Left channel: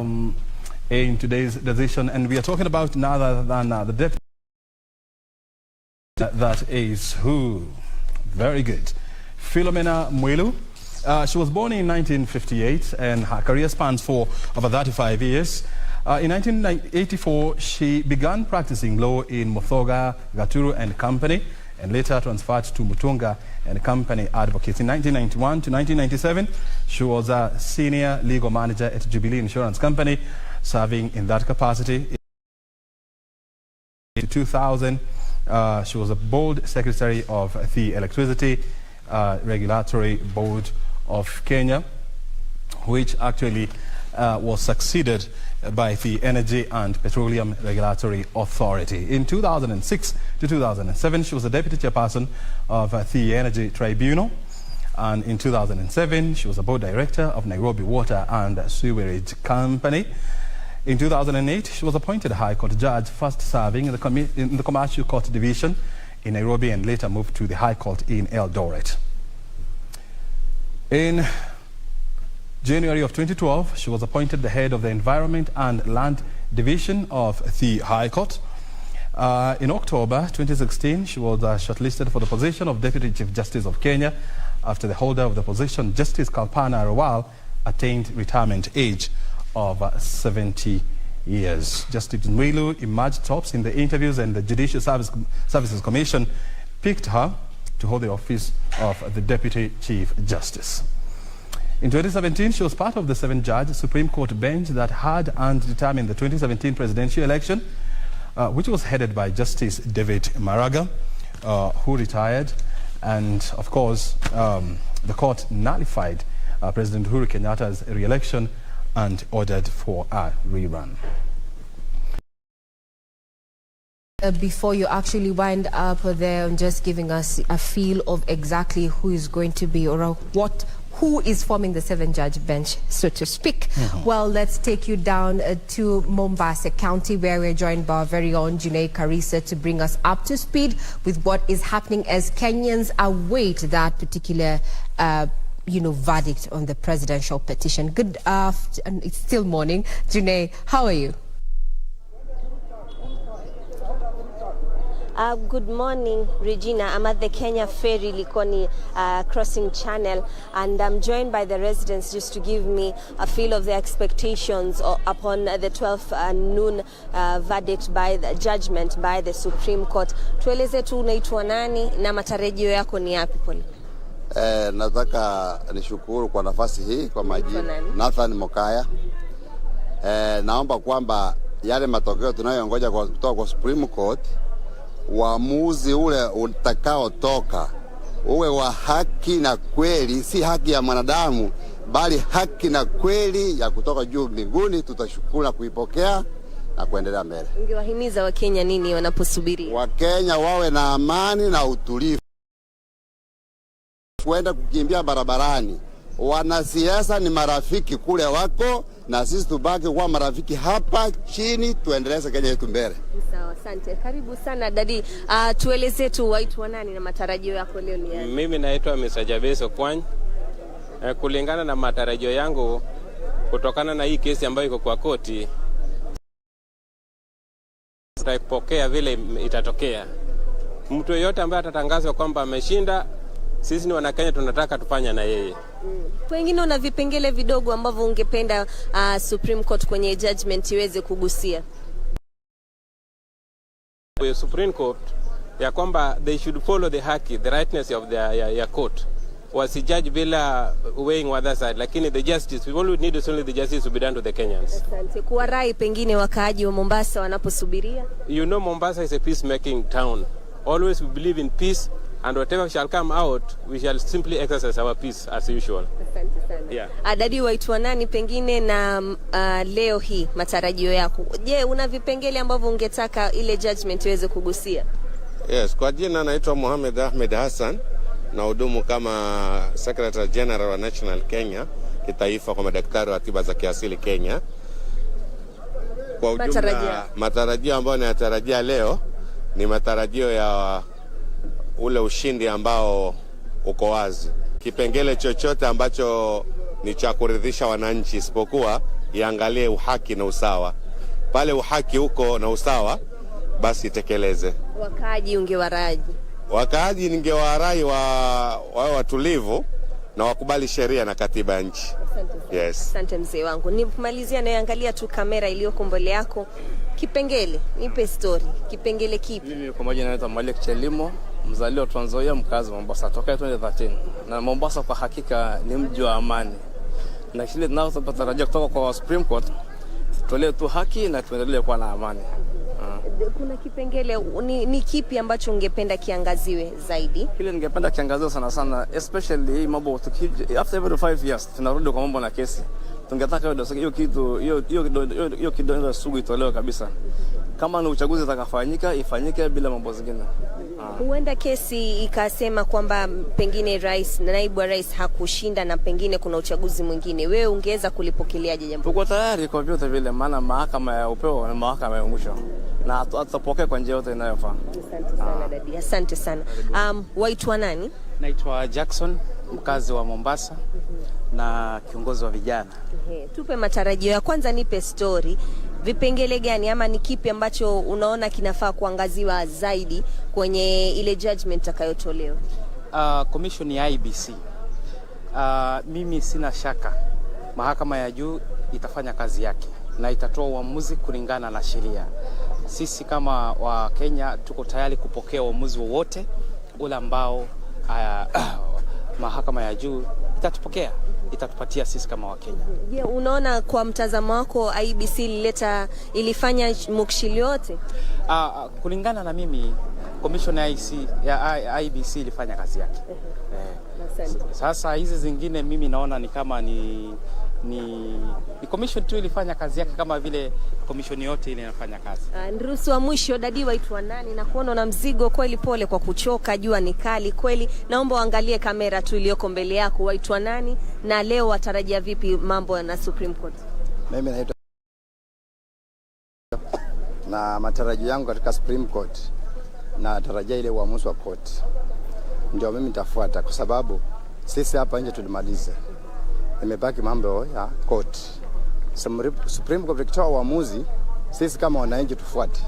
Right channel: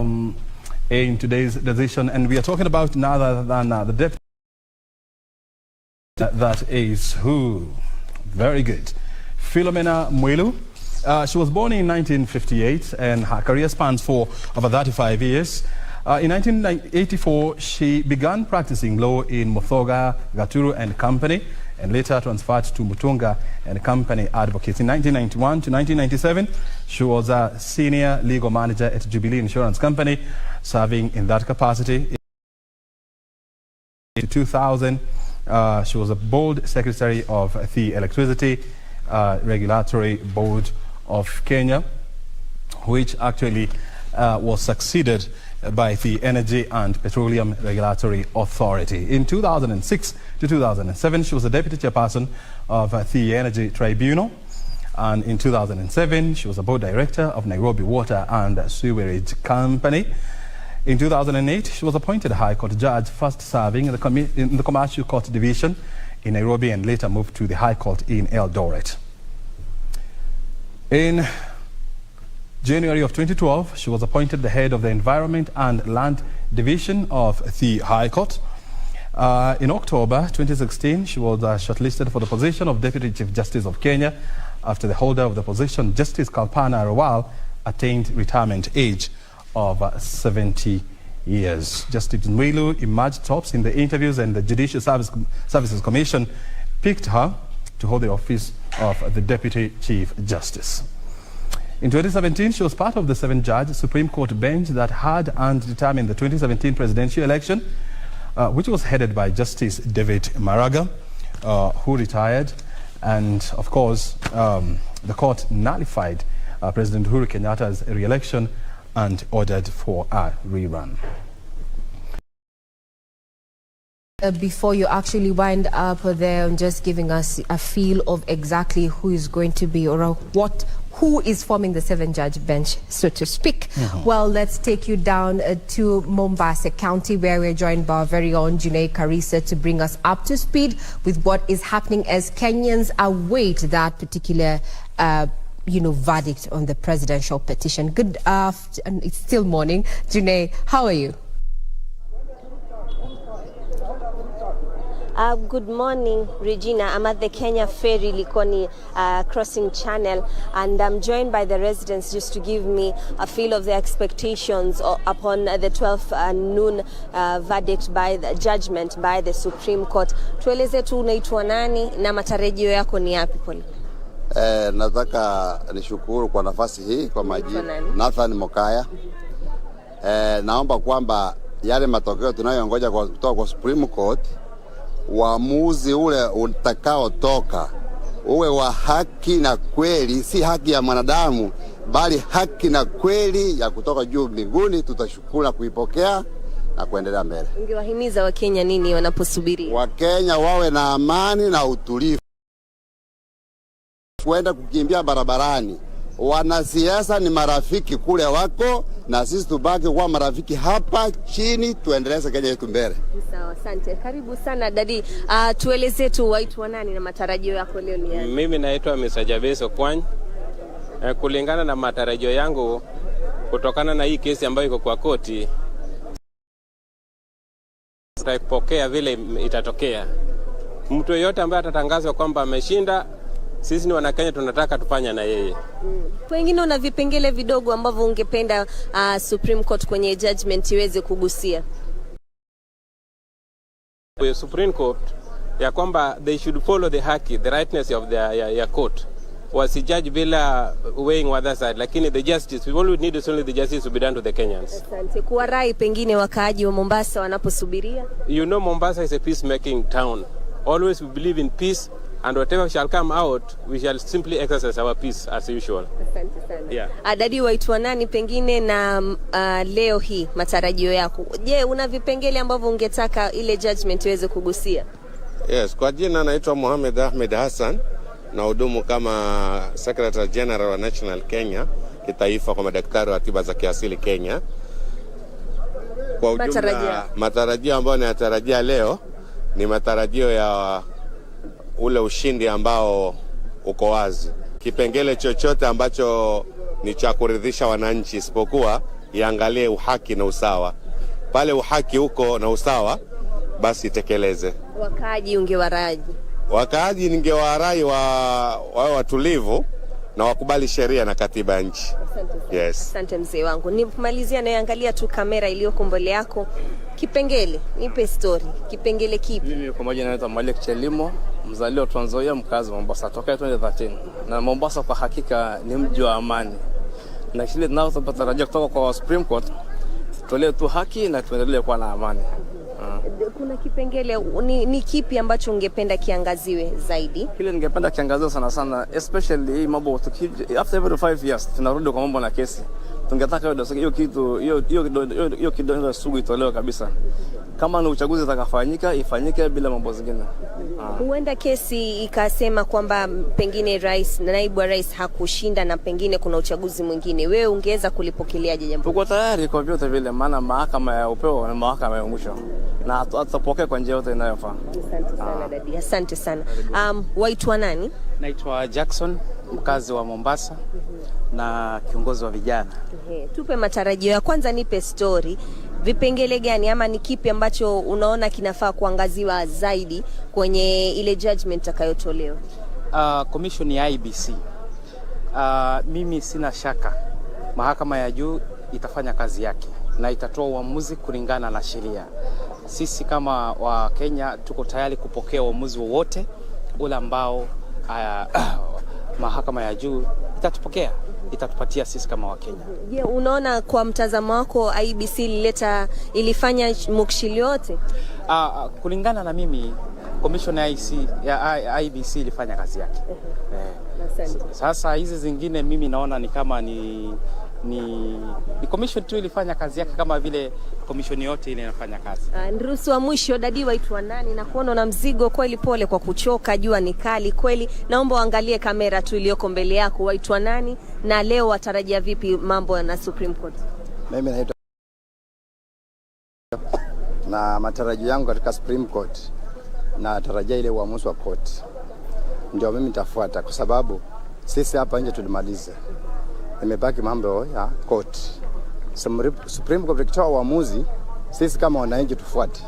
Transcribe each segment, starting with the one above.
in today's decision, and we are talking about none other than the deputy. That is who? Very good. Philomena Mwilu. She was born in 1958 and her career spans for over 35 years. In 1984, she began practicing law in Muthoga, Gaturu and Company, and later transferred to Mutunga and Company Advocates. In 1991 to 1997, she was a senior legal manager at Jubilee Insurance Company, serving in that capacity. In 2000, she was a board secretary of the Electricity Regulatory Board of Kenya, which actually was succeeded by the Energy and Petroleum Regulatory Authority. In 2006 to 2007, she was the deputy chairperson of the Energy Tribunal. And in 2007, she was a board director of Nairobi Water and Sewerage Company. In 2008, she was appointed High Court judge, first serving in the Commercial Court Division in Nairobi and later moved to the High Court in Eldoret. In January of 2012, she was appointed the head of the Environment and Land Division of the High Court. In October 2016, she was shortlisted for the position of Deputy Chief Justice of Kenya after the holder of the position, Justice Kalpana Rawal, attained retirement age of 70 years. Justice Mwilu emerged tops in the interviews, and the Judicial Services Commission picked her to hold the office of the Deputy Chief Justice. In 2017, she was part of the 7-judge Supreme Court bench that had and determined the 2017 presidential election, which was headed by Justice David Maraga, who retired. And of course, the court nullified President Uhuru Kenyatta's re-election and ordered for a rerun. Before you actually wind up there, just giving us a feel of exactly who is going to be or who is forming the 7-judge bench, so to speak. Well, let's take you down to Mombasa County, where we're joined by our very own Junaid Karisa to bring us up to speed with what is happening as Kenyans await that particular verdict on the presidential petition. Good afternoon. It's still morning. Junaid, how are you? Good morning, Regina. I'm at the Kenya Ferry Likoni crossing channel, and I'm joined by the residents just to give me a feel of the expectations upon the 12 noon verdict by the judgment by the Supreme Court. Tueleze tu unaitwa nani na matarajio yako ni yapi pole? Nataka nishukuru kwa nafasi hii kwa majina Nathan Mokaya. Naomba kwamba yale matokeo tunayongoja kutoka kwa Supreme Court, uamuzi ule utakao toka uwe wa haki na kweli, si haki ya mwanadamu bali haki na kweli ya kutoka juu mbinguni. Tutashukuru na kuipokea na kuendelea mbele. Ungewahimiza Wakenya nini wanaposubiri? Wakenya wawe na amani na utulivu, kwenda kukimbia barabarani. Wanasiasa ni marafiki kule wako, na sisi tubaki kuwa marafiki hapa chini, tuendeleze Kenya yetu mbele. Sawa, asante. Karibu sana dadi. Tueleze tu waitwa nani na matarajio yako leo ni yapi? Mimi naitwa Mr. Jabeso Kwany. Kulingana na matarajio yangu kutokana na hii kesi ambayo iko kwa koti, tutapokea vile itatokea. Mtu yeyote ambaye atatangazwa kwamba ameshinda, sisi ni Wanakenya tunataka tufanya na yeye. Wengine una vipengele vidogo ambavyo ungependa Supreme Court kwenye judgment iweze kugusia? The Supreme Court ya kwamba they should follow the haki, the rightness of the court. Wasijudge bila weighing other side, lakini the justice, we need is only the justice to be done to the Kenyans. Asante. Kwa rai pengine wakaaji wa Mombasa wanaposubiria? You know, Mombasa is a peacemaking town. Always we believe in peace, and whatever shall come out, we shall simply exercise our peace as usual. Asante sana. Yeah. Dadi, waitwa nani pengine na leo hii matarajio yako? Je, una vipengele ambavyo ungetaka ile judgment iweze kugusia? Yes, kwa jina naitwa Mohamed Ahmed Hassan, na hudumu kama Secretary General wa National Kenya kitaifa kwa madaktari wa tiba za kiasili Kenya. Kwa ujumla, matarajio ambayo nayatarajia leo ni matarajio ya ule ushindi ambao uko wazi. Kipengele chochote ambacho ni cha kuridhisha wananchi isipokuwa iangalie uhaki na usawa. Pale uhaki huko na usawa, basi itekeleze. Wakaaji ungewaraji? Wakaaji ningewarai wawe watulivu na wakubali sheria na katiba ya nchi. Yes. Asante mzee wangu. Nimalizia naangalia tu kamera iliyoko mbele yako. Kipengele, nipe story. Kipengele kipi? Mimi kwa majina naitwa Malik Chelimo, mzaliwa Trans Nzoia, mkazi wa Mombasa toka 2013. Na Mombasa kwa hakika ni mji wa amani. Na kile tunachotarajia kutoka kwa Supreme Court, tutolee tu haki na tuendelee kuwa na amani. Kuna kipengele ni kipi ambacho ungependa kiangaziwe zaidi? Kile ningependa kiangaziwe sana sana, especially hii mambo after every 5 years tunarudi kwa mambo na kesi. Tungetaka hiyo kitu hiyo kidonda sugu itolewe kabisa. Kama ni uchaguzi utakafanyika ifanyike bila mambo zingine. Huenda kesi ikasema kwamba pengine rais na naibu wa rais hakushinda na pengine kuna uchaguzi mwingine. Wewe ungeweza kulipokeleaje jambo? Tuko tayari kwa vyote vile, maana mahakama ya upeo na mahakama ya mwisho. Na tutapokea kwa njia yote inayofaa. Asante sana dadi. Asante sana. Waitwa nani? Naitwa Jackson, mkazi wa Mombasa na kiongozi wa vijana. Tupe matarajio ya kwanza, nipe story. Vipengele gani ama ni kipi ambacho unaona kinafaa kuangaziwa zaidi kwenye ile judgment itakayotolewa? Commission ya IBC. Mimi sina shaka mahakama ya juu itafanya kazi yake na itatoa uamuzi kulingana na sheria. Sisi kama wa Kenya tuko tayari kupokea uamuzi wowote ule ambao mahakama ya juu itatupatia sisi kama wa Kenya. Je, unaona kwa mtazamo wako IBC ilifanya mukshili yote? Kulingana na mimi commission ya IBC ilifanya kazi yake. Sasa hizi zingine mimi naona ni kama ni commission tu ilifanya kazi yake kama vile commission yote ile inafanya kazi. Nruhusu wa mwisho, dadi waitwa nani? Na kuona na mzigo kweli, pole kwa kuchoka, jua ni kali kweli. Naomba uangalie kamera tu iliyoko mbele yako. Waitwa nani na leo watarajia vipi mambo na Supreme Court? Mimi naitwa na matarajio yangu katika Supreme Court na tarajia ile uamuzi wa court. Ndio mimi nitafuata kwa sababu sisi hapa nje tulimaliza. Imebaki mambo ya court. Supreme Court ikitoa uamuzi, sisi kama wananchi tufuate.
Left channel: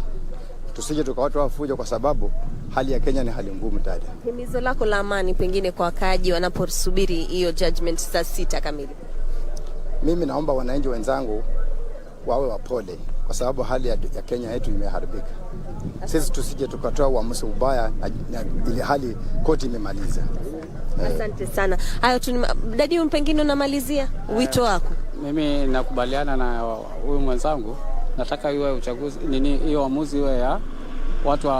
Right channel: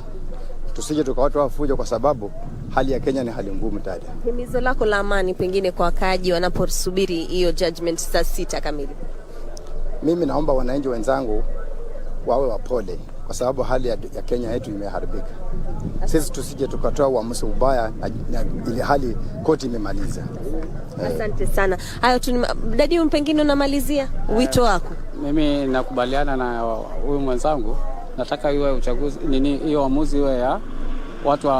Tusije tukawatoa fujo kwa sababu hali ya Kenya ni hali ngumu dada. Himizo lako la amani pengine kwa wakaaji wanaposubiri hiyo judgment saa 6 kamili? Mimi naomba wananchi wenzangu wawe wapole kwa sababu hali ya Kenya yetu imeharibika. Sisi tusije tukatoa uamuzi ubaya na ile hali koti imemaliza. Asante sana. Hayo tu dadi, pengine unamalizia wito wako? Mimi nakubaliana na huyu mwenzangu, nataka iwe uchaguzi hiyo uamuzi iwe ya watu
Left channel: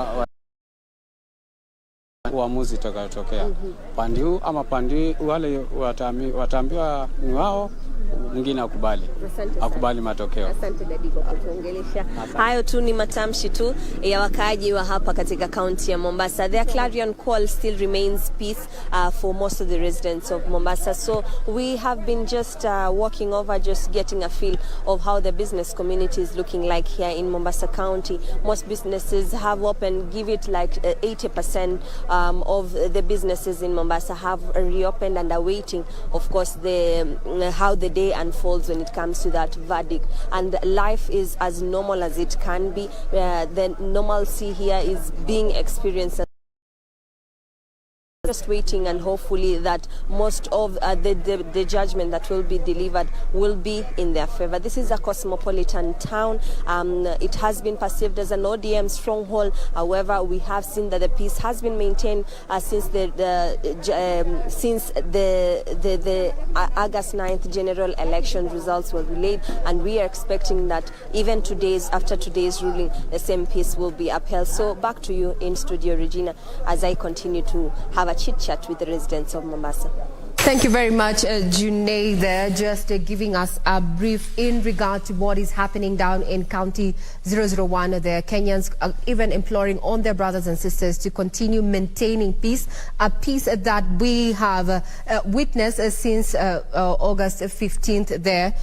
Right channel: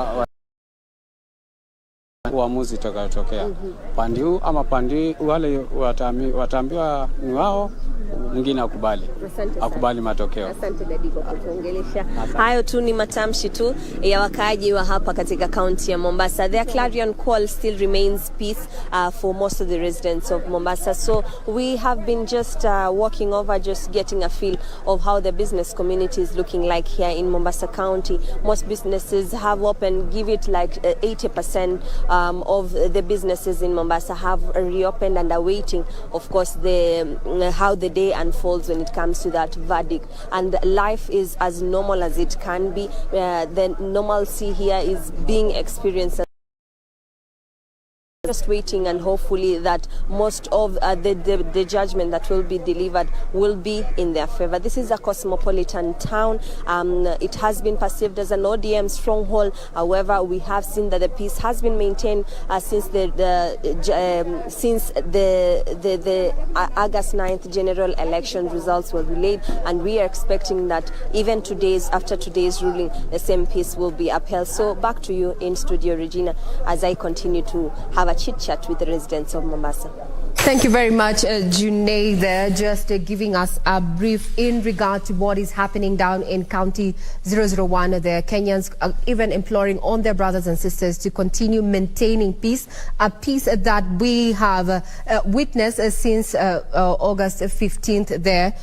uamuzi utakayotokea. Pande huu ama pande wale wataambiwa ni wao, mwingine akubali matokeo. Asante dadi kwa kutuongelesha. Hayo tu ni matamshi tu ya wakaaji wa hapa katika kaunti ya Mombasa. Their clarion call still remains peace for most of the residents of Mombasa. So we have been just walking over, just getting a feel of how the business community is looking like here in Mombasa County. Most businesses have opened, give it like 80% of the businesses in Mombasa have reopened and are waiting, of course, how the day unfolds when it comes to that verdict. And life is as normal as it can be. The normalcy here is being experienced. Just waiting and hopefully that most of the judgment that will be delivered will be in their favor. This is a cosmopolitan town. It has been perceived as an ODM stronghold. However, we have seen that the peace has been maintained since the August 9th general election results were relayed, and we are expecting that even after today's ruling, the same peace will be upheld. So back to you in studio, Regina, as I continue to have a chit-chat with the residents of Mombasa. Thank you very much, Junaid, there, just giving us a brief in regard to what is happening down in County 001. The Kenyans are even imploring on their brothers and sisters to continue maintaining peace, a peace that we have witnessed since August 15th there,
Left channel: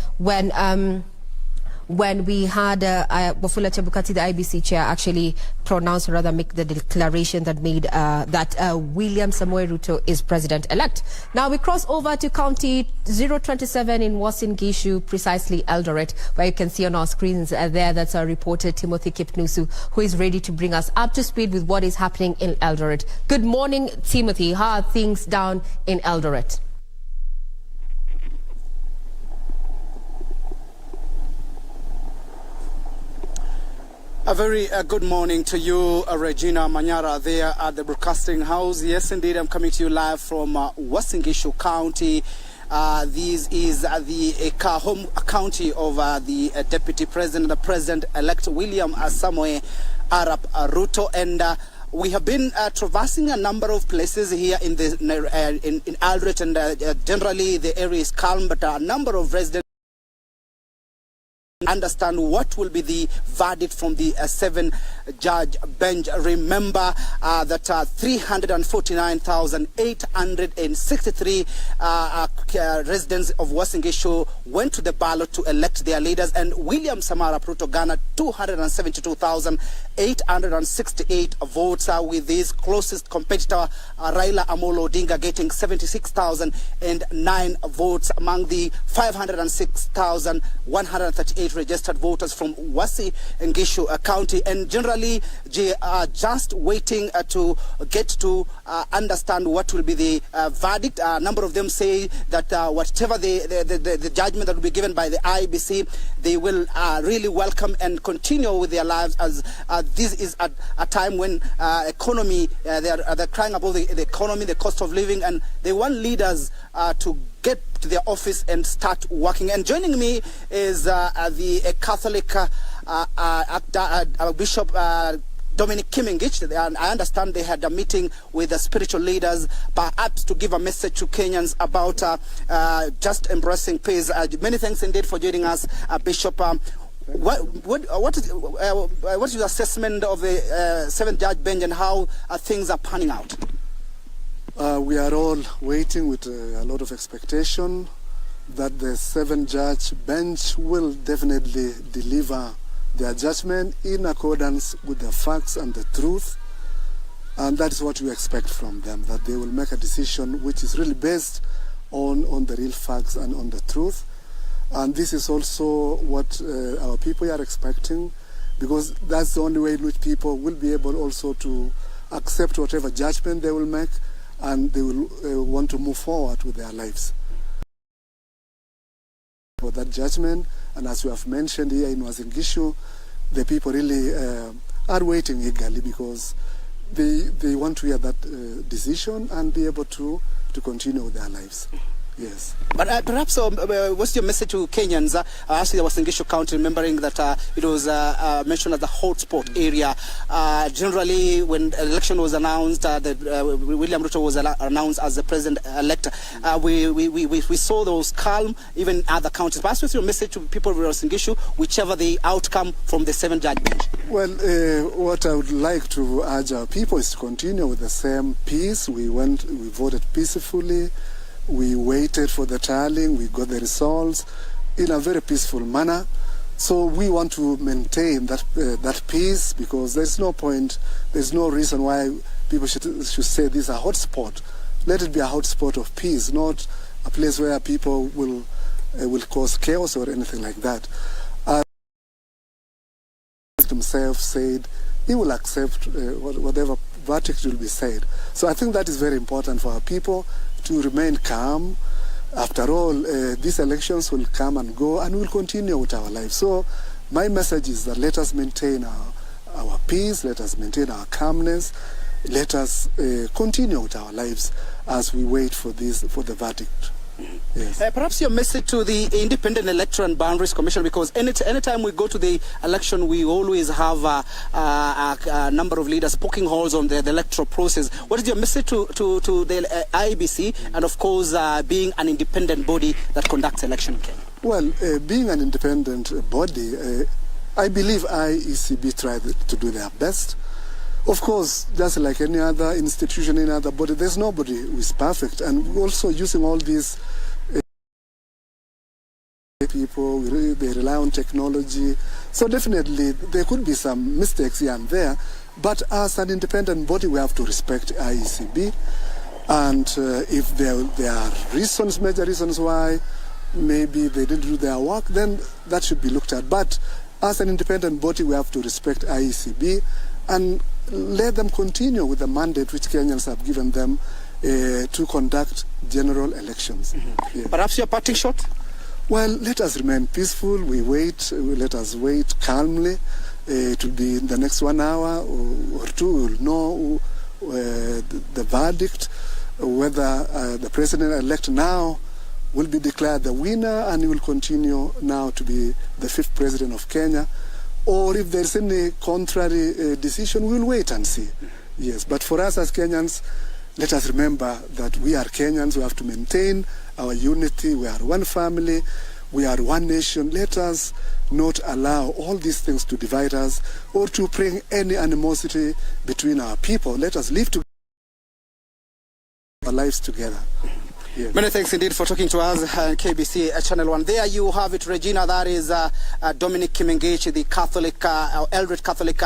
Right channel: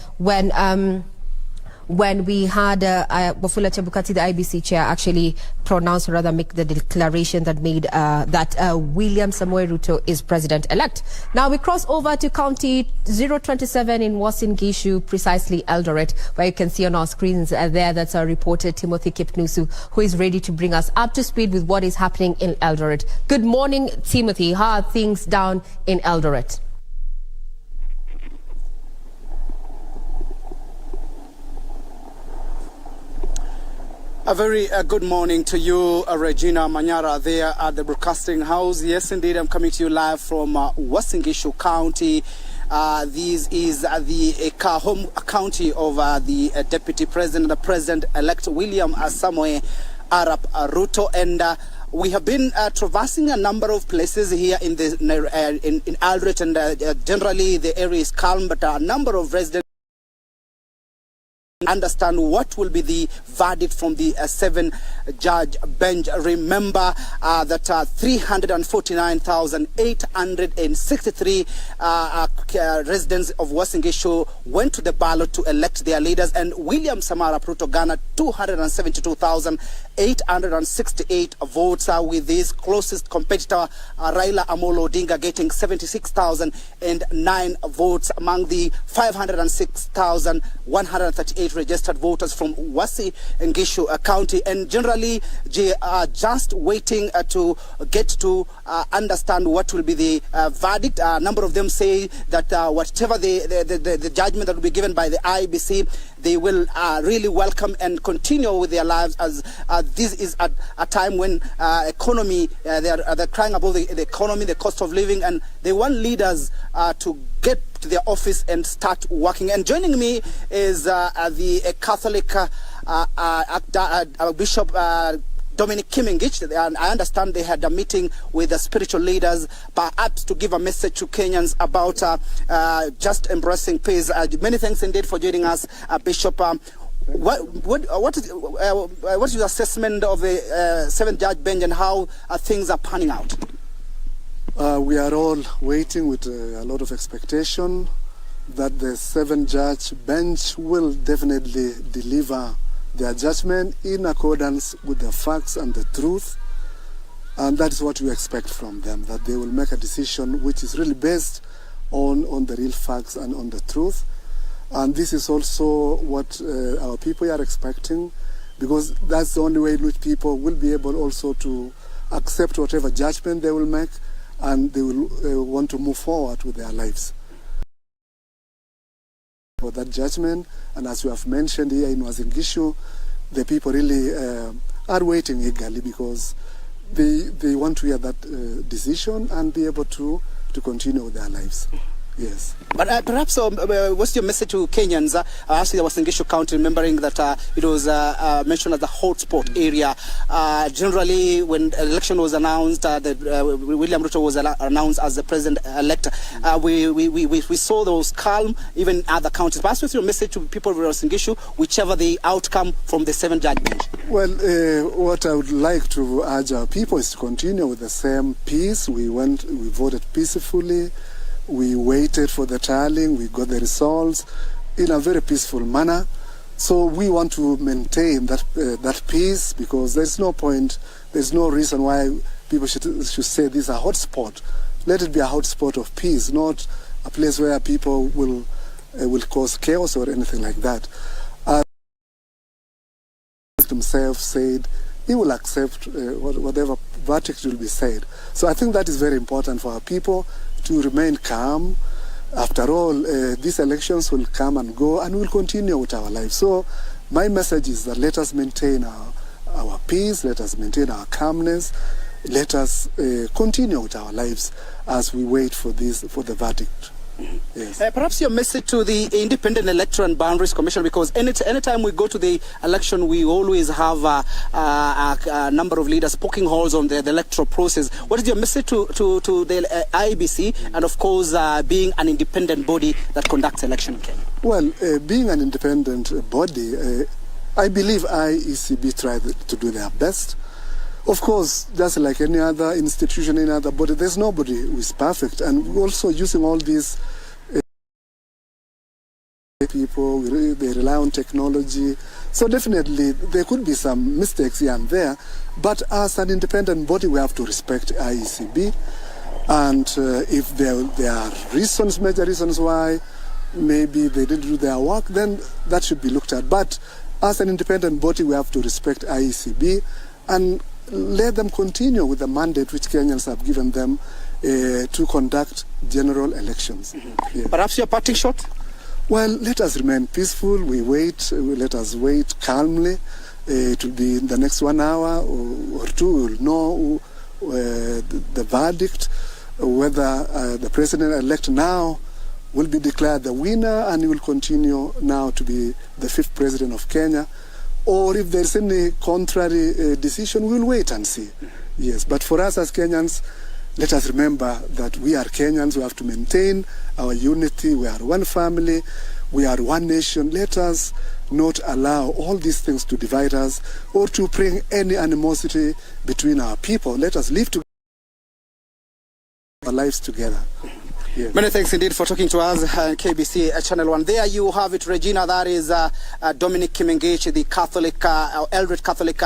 when we had Wafula Chebukati, the IBC chair, actually pronounce, or rather make the declaration that made that William Samoei Ruto is president-elect. Now we cross over to County 027 in Uasin Gishu, precisely Eldoret, where you can see on our screens there that's our reporter Timothy Kipnusu, who is ready to bring us up to speed with what is happening in Eldoret. Good morning, Timothy. How are things down in Eldoret? A very good morning to you, Regina Manyara, there at the Broadcasting House. Yes, indeed, I'm coming to you live from Uasin Gishu County. This is the home county of the Deputy President, the President-elect William Samoei Arap Ruto, and we have been traversing a number of places here in Eldoret, and generally the area is calm, but a number of residents understand what will be the verdict from the 7-judge bench. Remember that 349,863 residents of Uasin Gishu went to the ballot to elect their leaders, and William Samoei Arap Ruto garnered 272,868 votes, with his closest competitor Raila Amolo Odinga getting 76,009 votes among the 506,138 registered voters from Uasin Gishu County. And generally, they are just waiting to get to understand what will be the verdict. A number of them say that whatever the judgment that will be given by the IBC, they will really welcome and continue with their lives, as this is a time when economy, they're crying about the economy, the cost of living, and they want leaders to get to their office and start working. And joining me is the Catholic Bishop Dominic Kimingich, and I understand they had a meeting with the spiritual leaders, perhaps to give a message to Kenyans about just embracing peace. Many thanks indeed for joining us, Bishop. What is your assessment of the 7th-judge bench and how things are panning out? We are all waiting with a lot of expectation that the 7-judge bench will definitely deliver their judgment in accordance with the facts and the truth. And that is what we expect from them, that they will make a decision which is really based on the real facts and on the truth. And this is also what our people are expecting, because that's the only way in which people will be able also to accept whatever judgment they will make, and they will want to move forward with their lives. For that judgment, and as you have mentioned here in Uasin Gishu, the people really are waiting eagerly, because they want to hear that decision and be able to continue with their lives. Yes. But perhaps what's your message to Kenyans? Actually, Uasin Gishu County, remembering that it was mentioned as the hotspot area. Generally, when election was announced, that William Ruto was announced as the president-elect, we saw those calm, even other counties. Perhaps what's your message to people of Uasin Gishu, whichever the outcome from the 7th-judge bench? Well, what I would like to urge our people is to continue with the same peace. We voted peacefully. We waited for the tallying, we got the results in a very peaceful manner. So we want to maintain that peace, because there's no point, there's no reason why people should say this is a hotspot. Let it be a hotspot of peace, not a place where people will cause chaos or anything like that. Himself said he will accept whatever verdict will be said. So I think that is very important for our people to remain calm. After all, these elections will come and go, and we'll continue with our lives. So my message is that let us maintain our peace, let us maintain our calmness, let us continue with our lives as we wait for the verdict. Yes. Perhaps your message to the Independent Electoral and Boundaries Commission, because anytime we go to the election, we always have a number of leaders poking holes on the electoral process. What is your message to the IBC, and of course being an independent body that conducts election in Kenya? Well, being an independent body, I believe IECB tried to do their best. Of course, just like any other institution, any other body, there's nobody who is perfect. And we're also using all these people, they rely on technology. So definitely there could be some mistakes here and there, but as an independent body we have to respect IECB, and if there are reasons, major reasons why maybe they didn't do their work, then that should be looked at. But as an independent body we have to respect IECB and let them continue with the mandate which Kenyans have given them to conduct general elections. Mm-hmm. Yeah. Perhaps your parting shot? Well, let us remain peaceful. We wait. Let us wait calmly. It will be in the next 1 hour or two. We will know the verdict, whether the president-elect now will be declared the winner and he will continue now to be the 5th president of Kenya, or if there's any contrary decision, we'll wait and see. Yes, but for us as Kenyans, let us remember that we are Kenyans. We have to maintain our unity. We are one family. We are one nation. Let us not allow all these things to divide us or to bring any animosity between our people. Let us live together, our lives together. Yes. Many thanks indeed for talking to us, KBC Channel 1. There you have it, Regina. That is Dominic Kimengechi, the Catholic, Eldred Catholic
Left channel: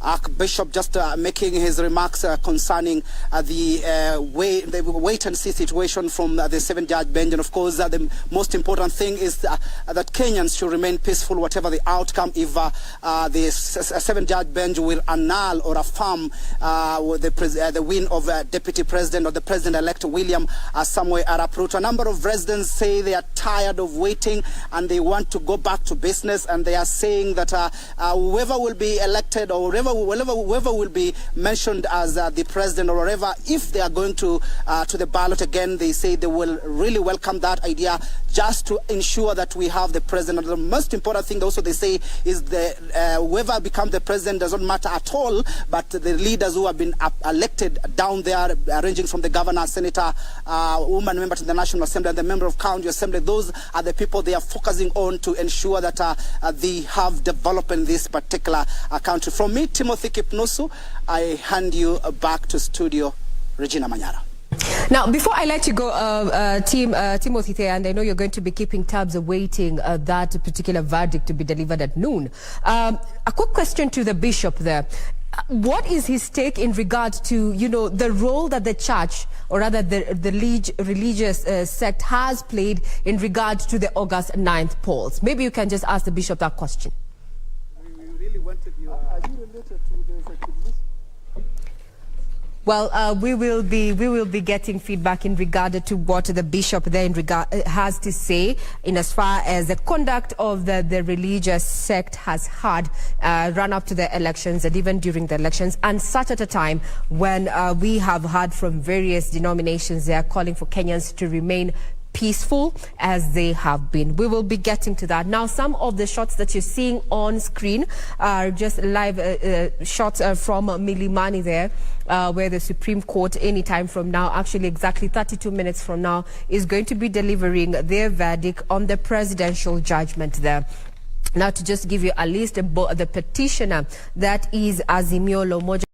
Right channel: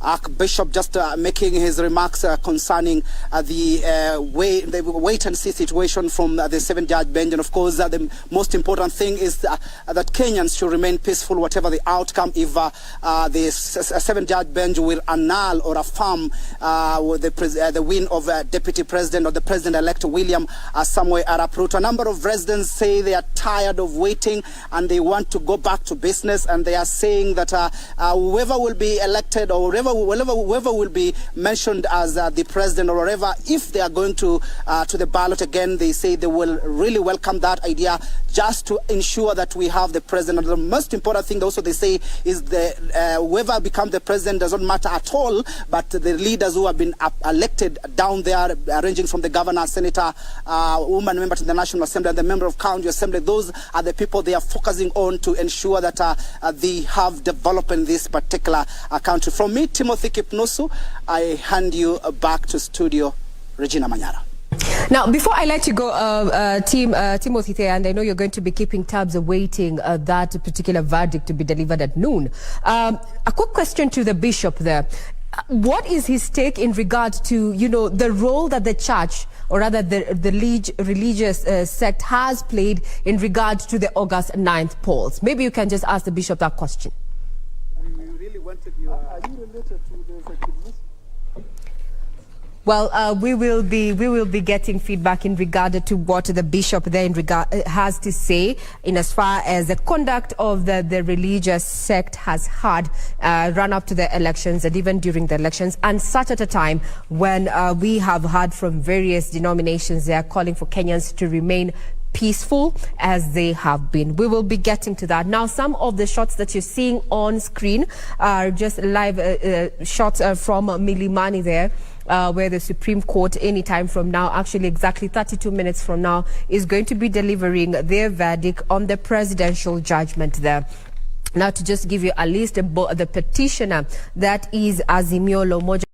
Archbishop, just making his remarks concerning the wait-and-see situation from the 7-judge bench. And of course, the most important thing is that Kenyans should remain peaceful, whatever the outcome. If the 7-judge bench will annul or affirm the win of Deputy President or the President-elect William Samoei Arap Ruto. A number of residents say they are tired of waiting and they want to go back to business, and they are saying that whoever will be elected or whoever will be mentioned as the president or whatever, if they are going to the ballot again, they say they will really welcome that idea, just to ensure that we have the president. The most important thing also they say is whoever becomes the president doesn't matter at all, but the leaders who have been elected down there, ranging from the governor, senator, woman member to the National Assembly, and the member of County Assembly, those are the people they are focusing on to ensure that they have development in this particular country. From me, Timothy Kipnusu, I hand you back to studio, Regina Manyara. Now, before I let you go, Timothy, and I know you're going to be keeping tabs awaiting that particular verdict to be delivered at noon. A quick question to the bishop there. What is his take in regard to, the role that the church, or rather the religious sect has played in regard to the August 9th polls? Maybe you can just ask the bishop that question. We really wanted you... Are you related to the effectiveness? Well, we will be getting feedback in regard to what the bishop there has to say in as far as the conduct of the religious sect has had run up to the elections and even during the elections, and such at a time when we have heard from various denominations they are calling for Kenyans to remain peaceful as they have been. We will be getting to that. Now, some of the shots that you're seeing on screen are just live shots from Milimani there, where the Supreme Court anytime from now, actually exactly 32 minutes from now, is going to be delivering their verdict on the presidential judgment there. Now, to just give you a list, the petitioner, that is Azimio la Umoja,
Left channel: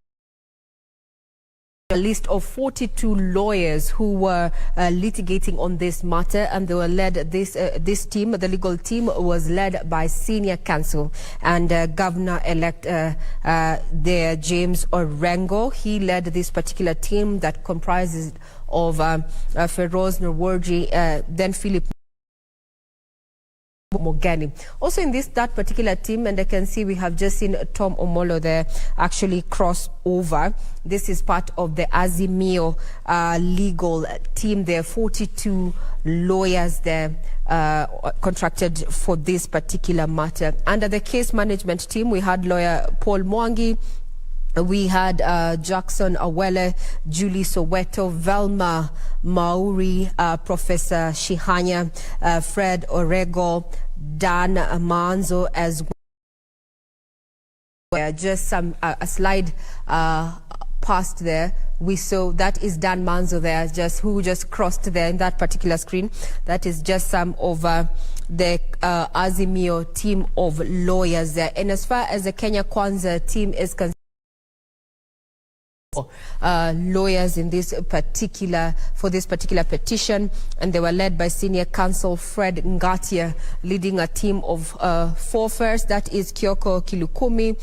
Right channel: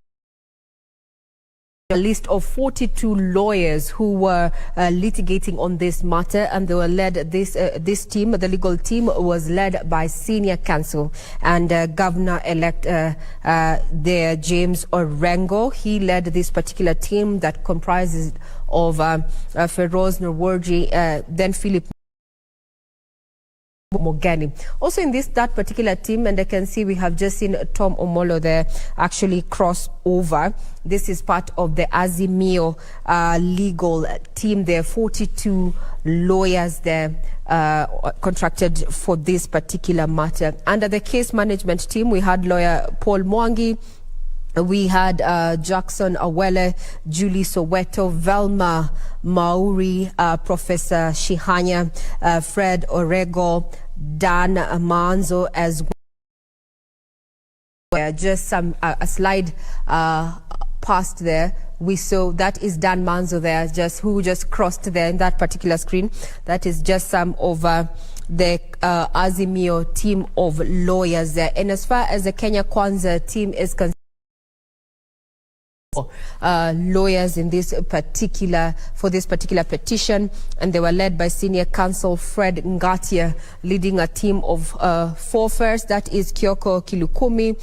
a list of 42 lawyers who were litigating on this matter, and they were led, this team, the legal team, was led by senior counsel and Governor-elect there, James Orengo. He led this particular team that comprises of Feroz Nurwarji, then Philip Mogani. Also in that particular team, and I can see we have just seen Tom Omolo there actually cross over. This is part of the Azimio legal team. There are 42 lawyers there contracted for this particular matter. Under the case management team, we had lawyer Paul Mwangi, we had Jackson Awele, Julie Soweto, Velma Mauri, Professor Shihanya, Fred Orego, Dan Manzo as well. Just a slide past there. We saw that is Dan Manzo there, who just crossed there in that particular screen. That is just some of the Azimio team of lawyers there. And as far as the Kenya Kwanza team is concerned, lawyers in this particular petition, and they were led by senior counsel Fred Ngatia, leading a team of 4 first. That is Kioko Kilukumi,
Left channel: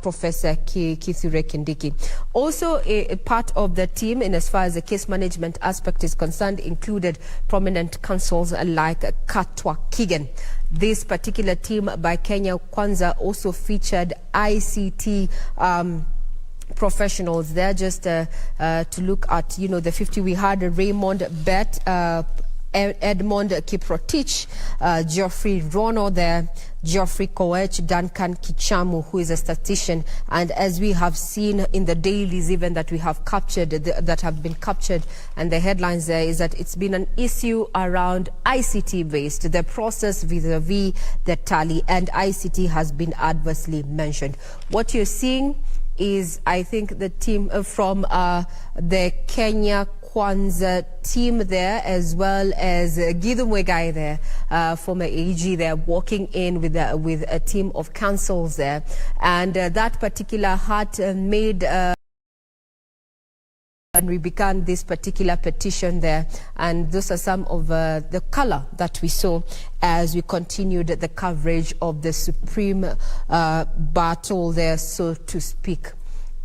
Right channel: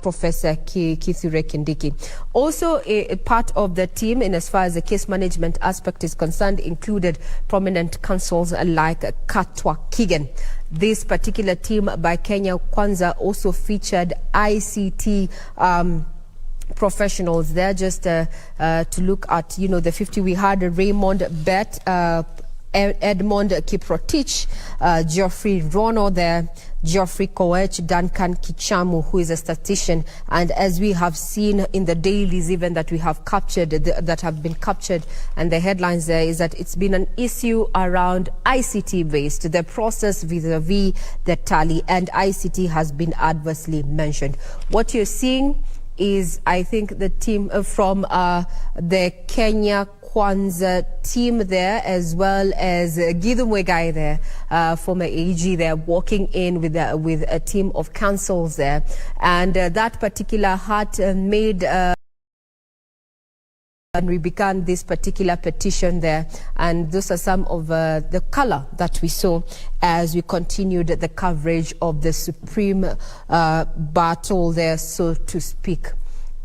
Professor Kithure Kindiki. Also, a part of the team, in as far as the case management aspect is concerned, included prominent counsels like Katwa Kigen. This particular team by Kenya Kwanza also featured ICT professionals there. Just to look at, the 50, we had Raymond Bet, Edmond Kiprotich, Geoffrey Rono there, Geoffrey Koech, Duncan Kichamu, who is a statistician. And as we have seen in the dailies even that we have captured, that have been captured, and the headlines there is that it's been an issue around ICT based, the process vis-a-vis the tally, and ICT has been adversely mentioned. What you're seeing is, I think, the team from the Kenya Kwanza team there, as well as Gideon Wegai there, former AG there, walking in with a team of counsels there. And that particular hat made... and we began this particular petition there, and those are some of the color that we saw as we continued the coverage of the supreme battle there, so to speak.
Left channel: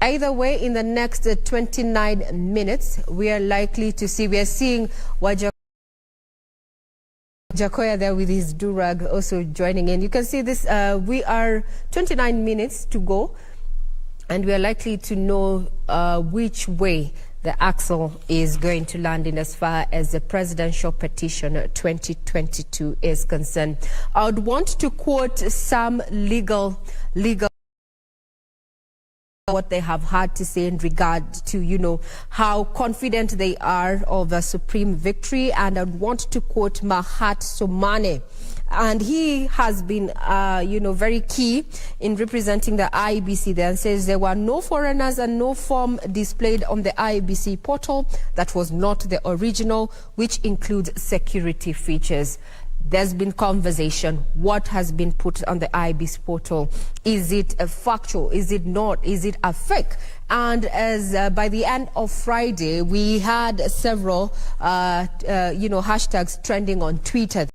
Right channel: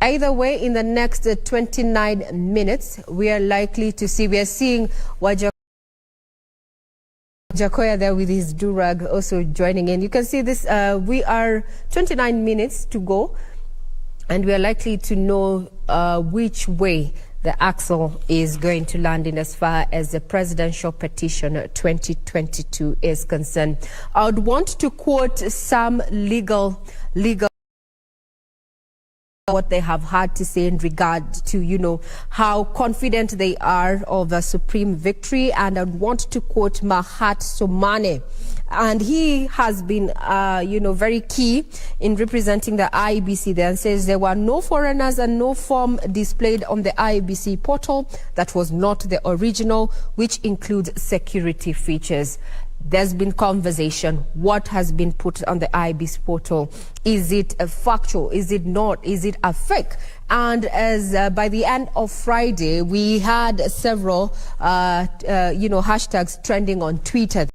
Either way, in the next 29 minutes, we are likely to see, we are seeing Wajakoya there with his durag also joining in. You can see this, we are 29 minutes to go, and we are likely to know which way the axle is going to land in as far as the presidential petition 2022 is concerned. I would want to quote some legal what they have had to say in regard to, how confident they are of a supreme victory. And I would want to quote Mahat Somane. And he has been, very key in representing the IEBC there, and says there were no foreigners and no form displayed on the IEBC portal that was not the original, which includes security features. There's been conversation. What has been put on the IEBC portal? Is it a factual? Is it not? Is it a fake? And as by the end of Friday, we had several, hashtags trending on Twitter.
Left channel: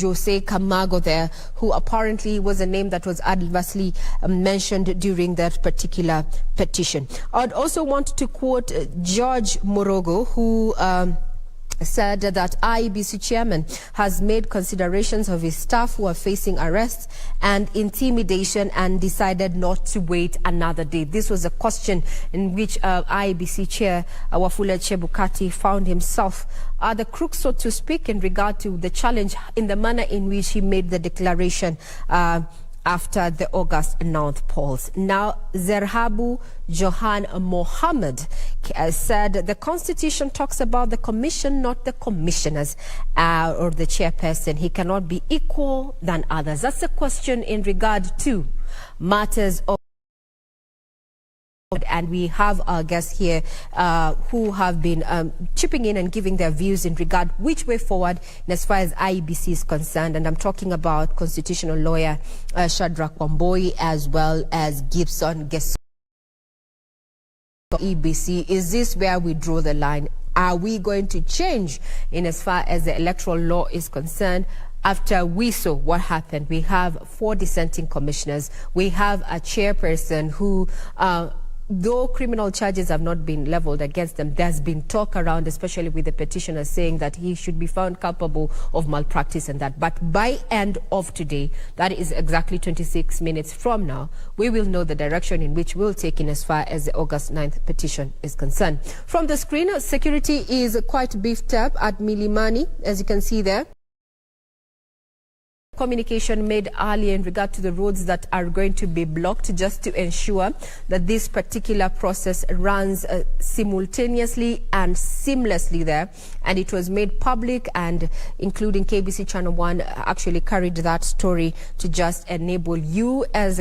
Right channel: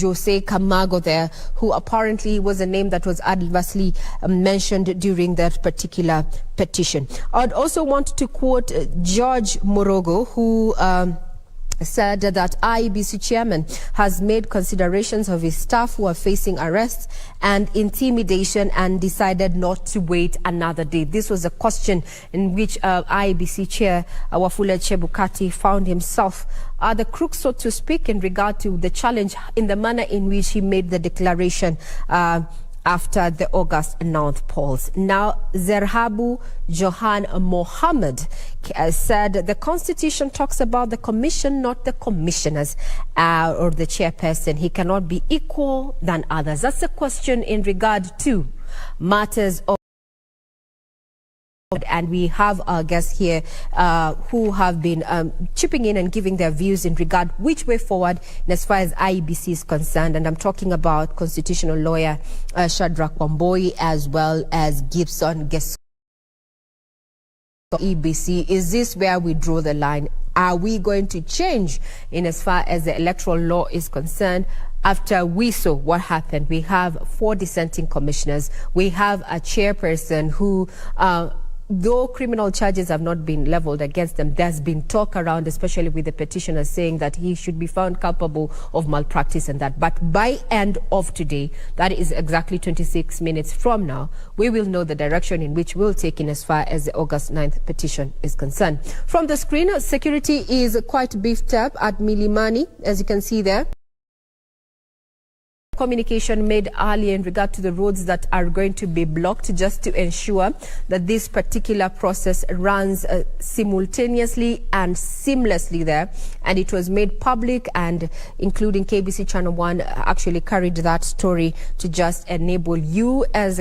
Jose Camargo there, who apparently was a name that was adversely mentioned during that particular petition. I'd also want to quote George Morogo, who said that IEBC chairman has made considerations of his staff who are facing arrests and intimidation and decided not to wait another day. This was a question in which IEBC chair Wafula Chebukati found himself the crook, so to speak, in regard to the challenge in the manner in which he made the declaration after the August 9th polls. Now, Zerhabu Johan Mohammed said the Constitution talks about the commission, not the commissioners or the chairperson. He cannot be equal than others. That's a question in regard to matters of... And we have our guests here who have been chipping in and giving their views in regard which way forward as far as IEBC is concerned. And I'm talking about constitutional lawyer Shadrach Wamboi, as well as Gibson Gesso. IEBC, is this where we draw the line? Are we going to change in as far as the electoral law is concerned? After we saw what happened, we have 4 dissenting commissioners. We have a chairperson who... though criminal charges have not been leveled against them, there's been talk around, especially with the petitioner, saying that he should be found culpable of malpractice and that. But by end of today, that is exactly 26 minutes from now, we will know the direction in which we'll take in as far as the August 9th petition is concerned. From the screen, security is quite beefed up at Milimani, as you can see there. Communication made earlier in regard to the roads that are going to be blocked, just to ensure that this particular process runs simultaneously and seamlessly there. And it was made public, and including KBC Channel 1 actually carried that story to just enable you as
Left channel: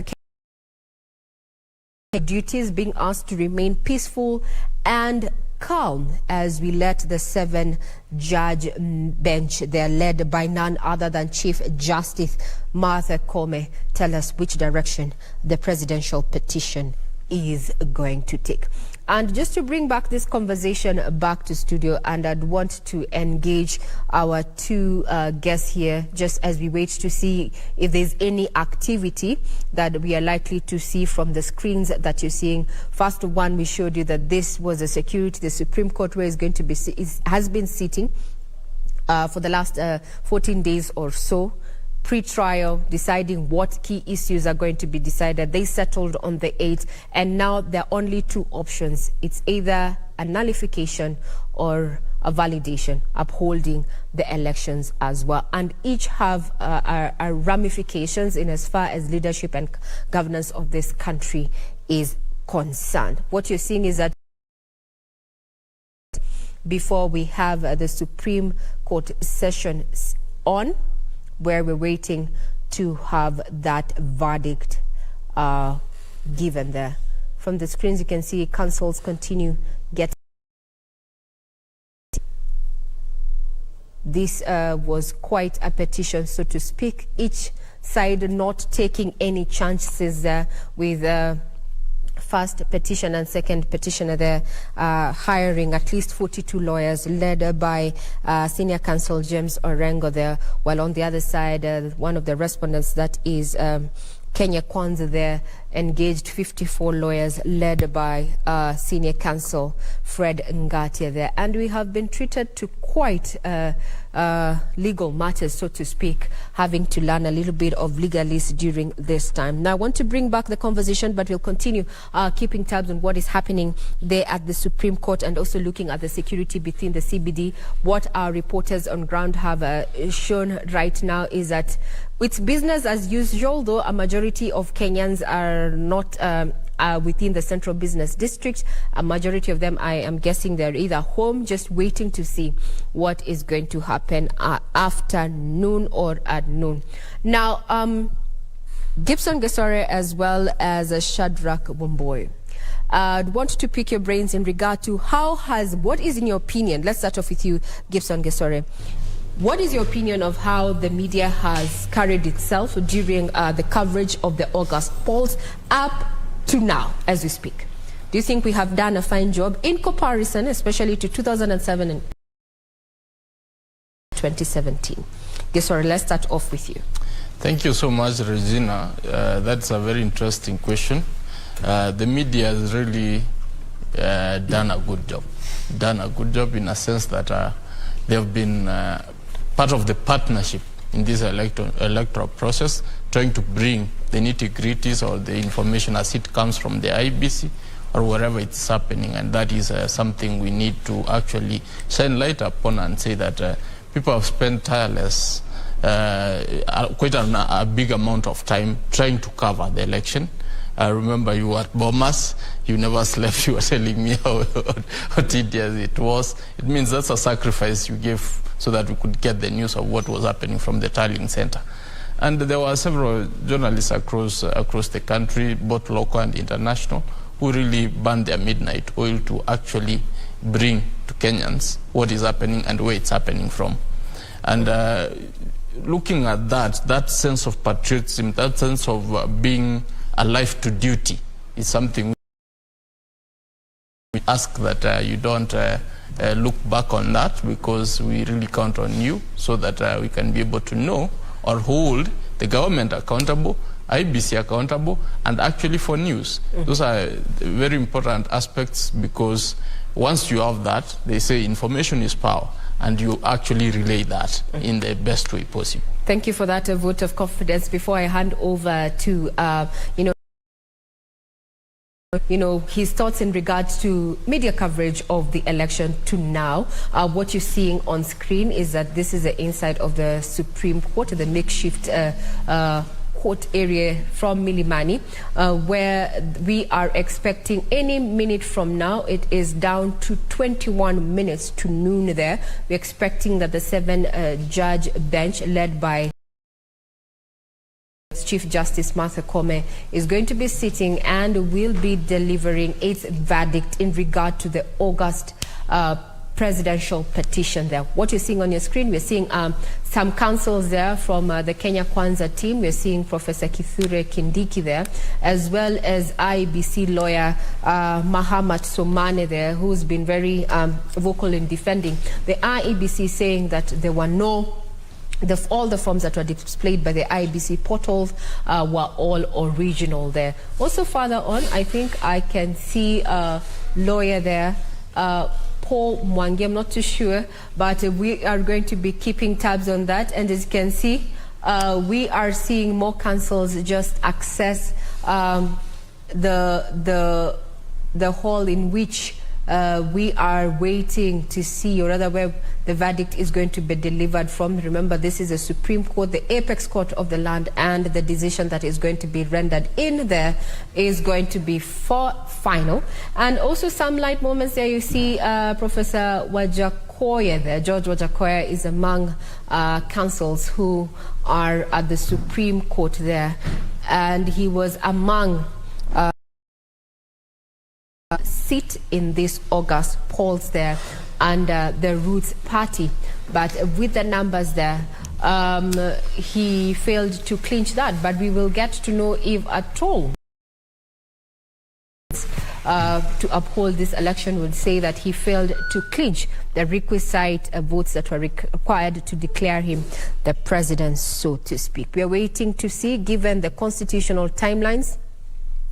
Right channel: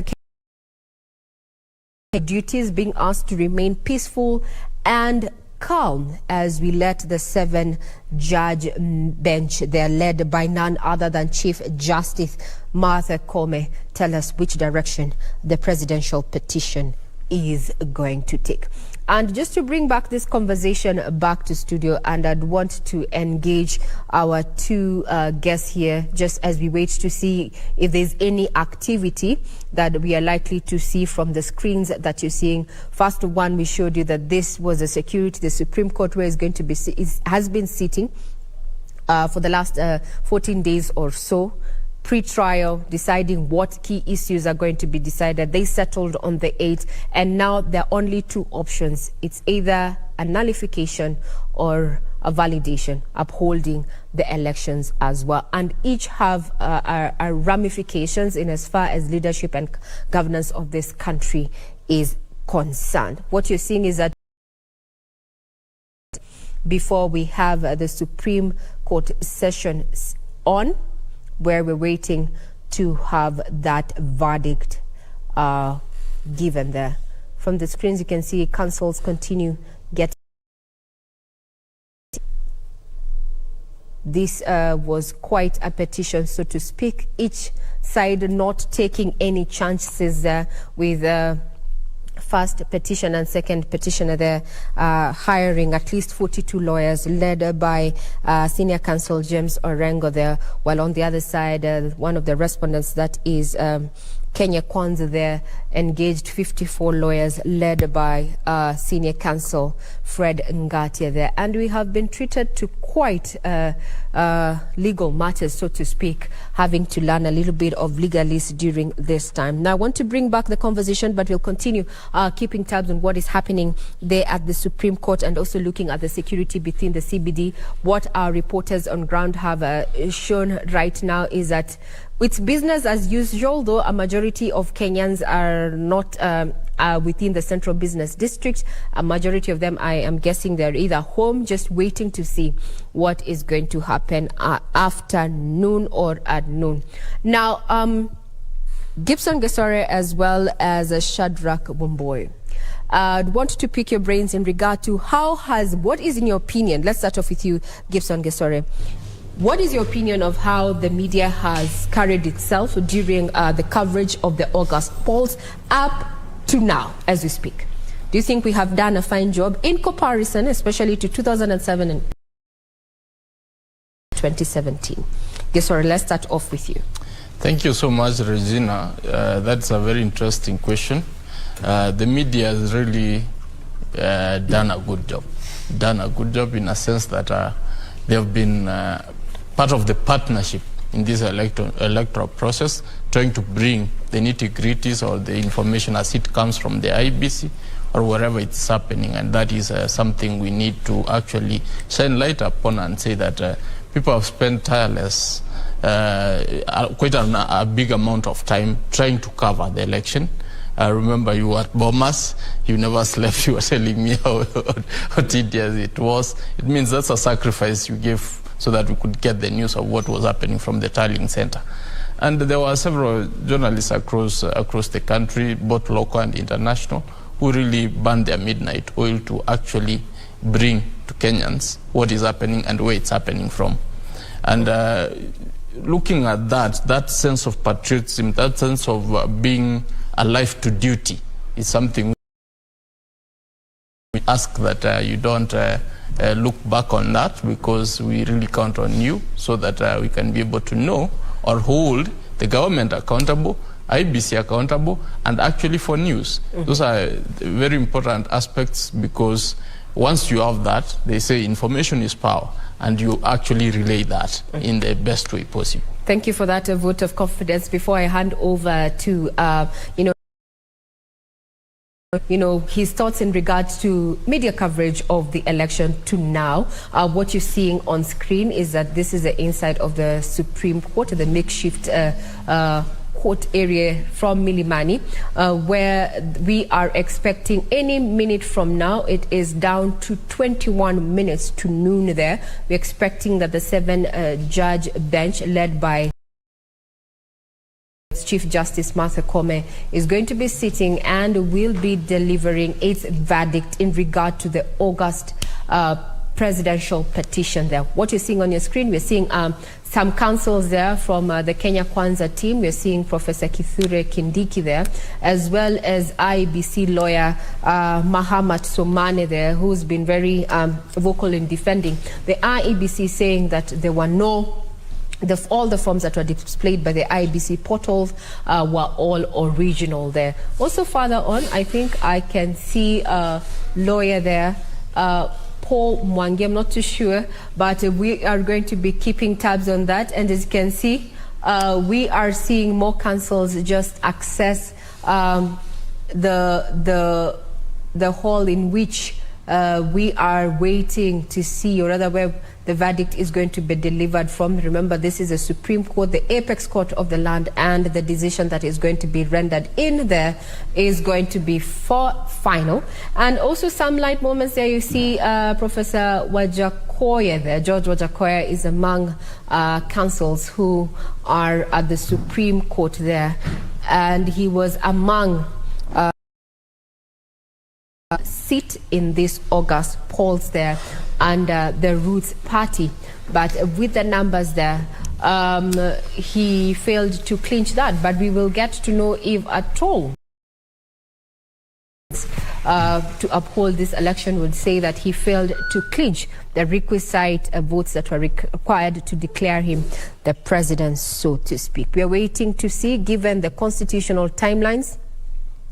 a duties being asked to remain peaceful and calm as we let the 7-judge bench there, led by none other than Chief Justice Martha Koome, tell us which direction the presidential petition is going to take. And just to bring back this conversation back to studio, and I'd want to engage our two guests here just as we wait to see if there's any activity that we are likely to see from the screens that you're seeing. First one, we showed you that this was a security, the Supreme Court, where is going to be has been sitting for the last 14 days or so, pre-trial, deciding what key issues are going to be decided. They settled on the 8th, and now there are only two options. It's either a nullification or a validation, upholding the elections as well. And each have ramifications in as far as leadership and governance of this country is concerned. What you're seeing is that before we have the Supreme Court session on, where we're waiting to have that verdict given there. From the screens, you can see councils continue getting. This was quite a petition, so to speak, each side not taking any chances with first petition and second petitioner there, hiring at least 42 lawyers led by senior counsel James Orengo there, while on the other side, one of the respondents, that is Kenya Kwanza there, engaged 54 lawyers led by senior counsel Fred Ngatia there. And we have been treated to quite legal matters, so to speak, having to learn a little bit of legalese during this time. Now, I want to bring back the conversation, but we'll continue keeping tabs on what is happening there at the Supreme Court, and also looking at the security between the CBD. What our reporters on ground have shown right now is that it's business as usual, though a majority of Kenyans are not within the central business district. A majority of them, I am guessing, they're either home just waiting to see what is going to happen after noon or at noon. Now, Gibson Gesore as well as Shadrach Womboy, I'd want to pick your brains in regard to what is in your opinion, let's start off with you, Gibson Gesore. What is your opinion of how the media has carried itself during the coverage of the August polls up to now, as we speak? Do you think we have done a fine job in comparison, especially to 2007 and 2017? Gesore, let's start off with you. Thank you so much, Regina. That's a very interesting question. The media has really done a good job. Done a good job in a sense that they have been part of the partnership in this electoral process, trying to bring the nitty-gritties or the information as it comes from the IBC or wherever it's happening. And that is something we need to actually shine light upon and say that people have spent tireless, quite a big amount of time trying to cover the election. I remember you were at Bomas, you never slept, you were telling me how tedious it was. It means that's a sacrifice you gave so that we could get the news of what was happening from the tallying center. And there were several journalists across the country, both local and international, who really burned their midnight oil to actually bring to Kenyans what is happening and where it's happening from. And looking at that sense of patriotism, that sense of being alive to duty is something we ask that you don't look back on that, because we really count on you so that we can be able to know or hold the government accountable, IBC accountable, and actually for news. Those are very important aspects, because once you have that, they say information is power, and you actually relay that in the best way possible. Thank you for that vote of confidence. Before I hand over to, his thoughts in regards to media coverage of the election to now. What you're seeing on screen is that this is the inside of the Supreme Court, the makeshift court area from Milimani, where we are expecting any minute from now. It is down to 21 minutes to noon there. We're expecting that the 7-judge bench led by Chief Justice Martha Koome is going to be sitting and will be delivering its verdict in regard to the August presidential petition there. What you're seeing on your screen, we're seeing some counsels there from the Kenya Kwanza team. We're seeing Professor Kithure Kindiki there, as well as IEBC lawyer Mahamat Somane there, who's been very vocal in defending the IEBC, saying that there were all the forms that were displayed by the IEBC portals were all original there. Also further on, I think I can see a lawyer there, Paul Mwangi, I'm not too sure, but we are going to be keeping tabs on that. And as you can see, we are seeing more councils just access the hall in which we are waiting to see, or rather where the verdict is going to be delivered from. Remember, this is a Supreme Court, the apex court of the land, and the decision that is going to be rendered in there is going to be final. And also some light moments there. You see Professor Wajakoya there. George Wajakoya is among counsels who are at the Supreme Court there, and he was among sit in this August polls there under the Roots Party, but with the numbers there, he failed to clinch that. But we will get to know if at all to uphold this election would say that he failed to clinch the requisite votes that were required to declare him the president, so to speak. We are waiting to see, given the constitutional timelines.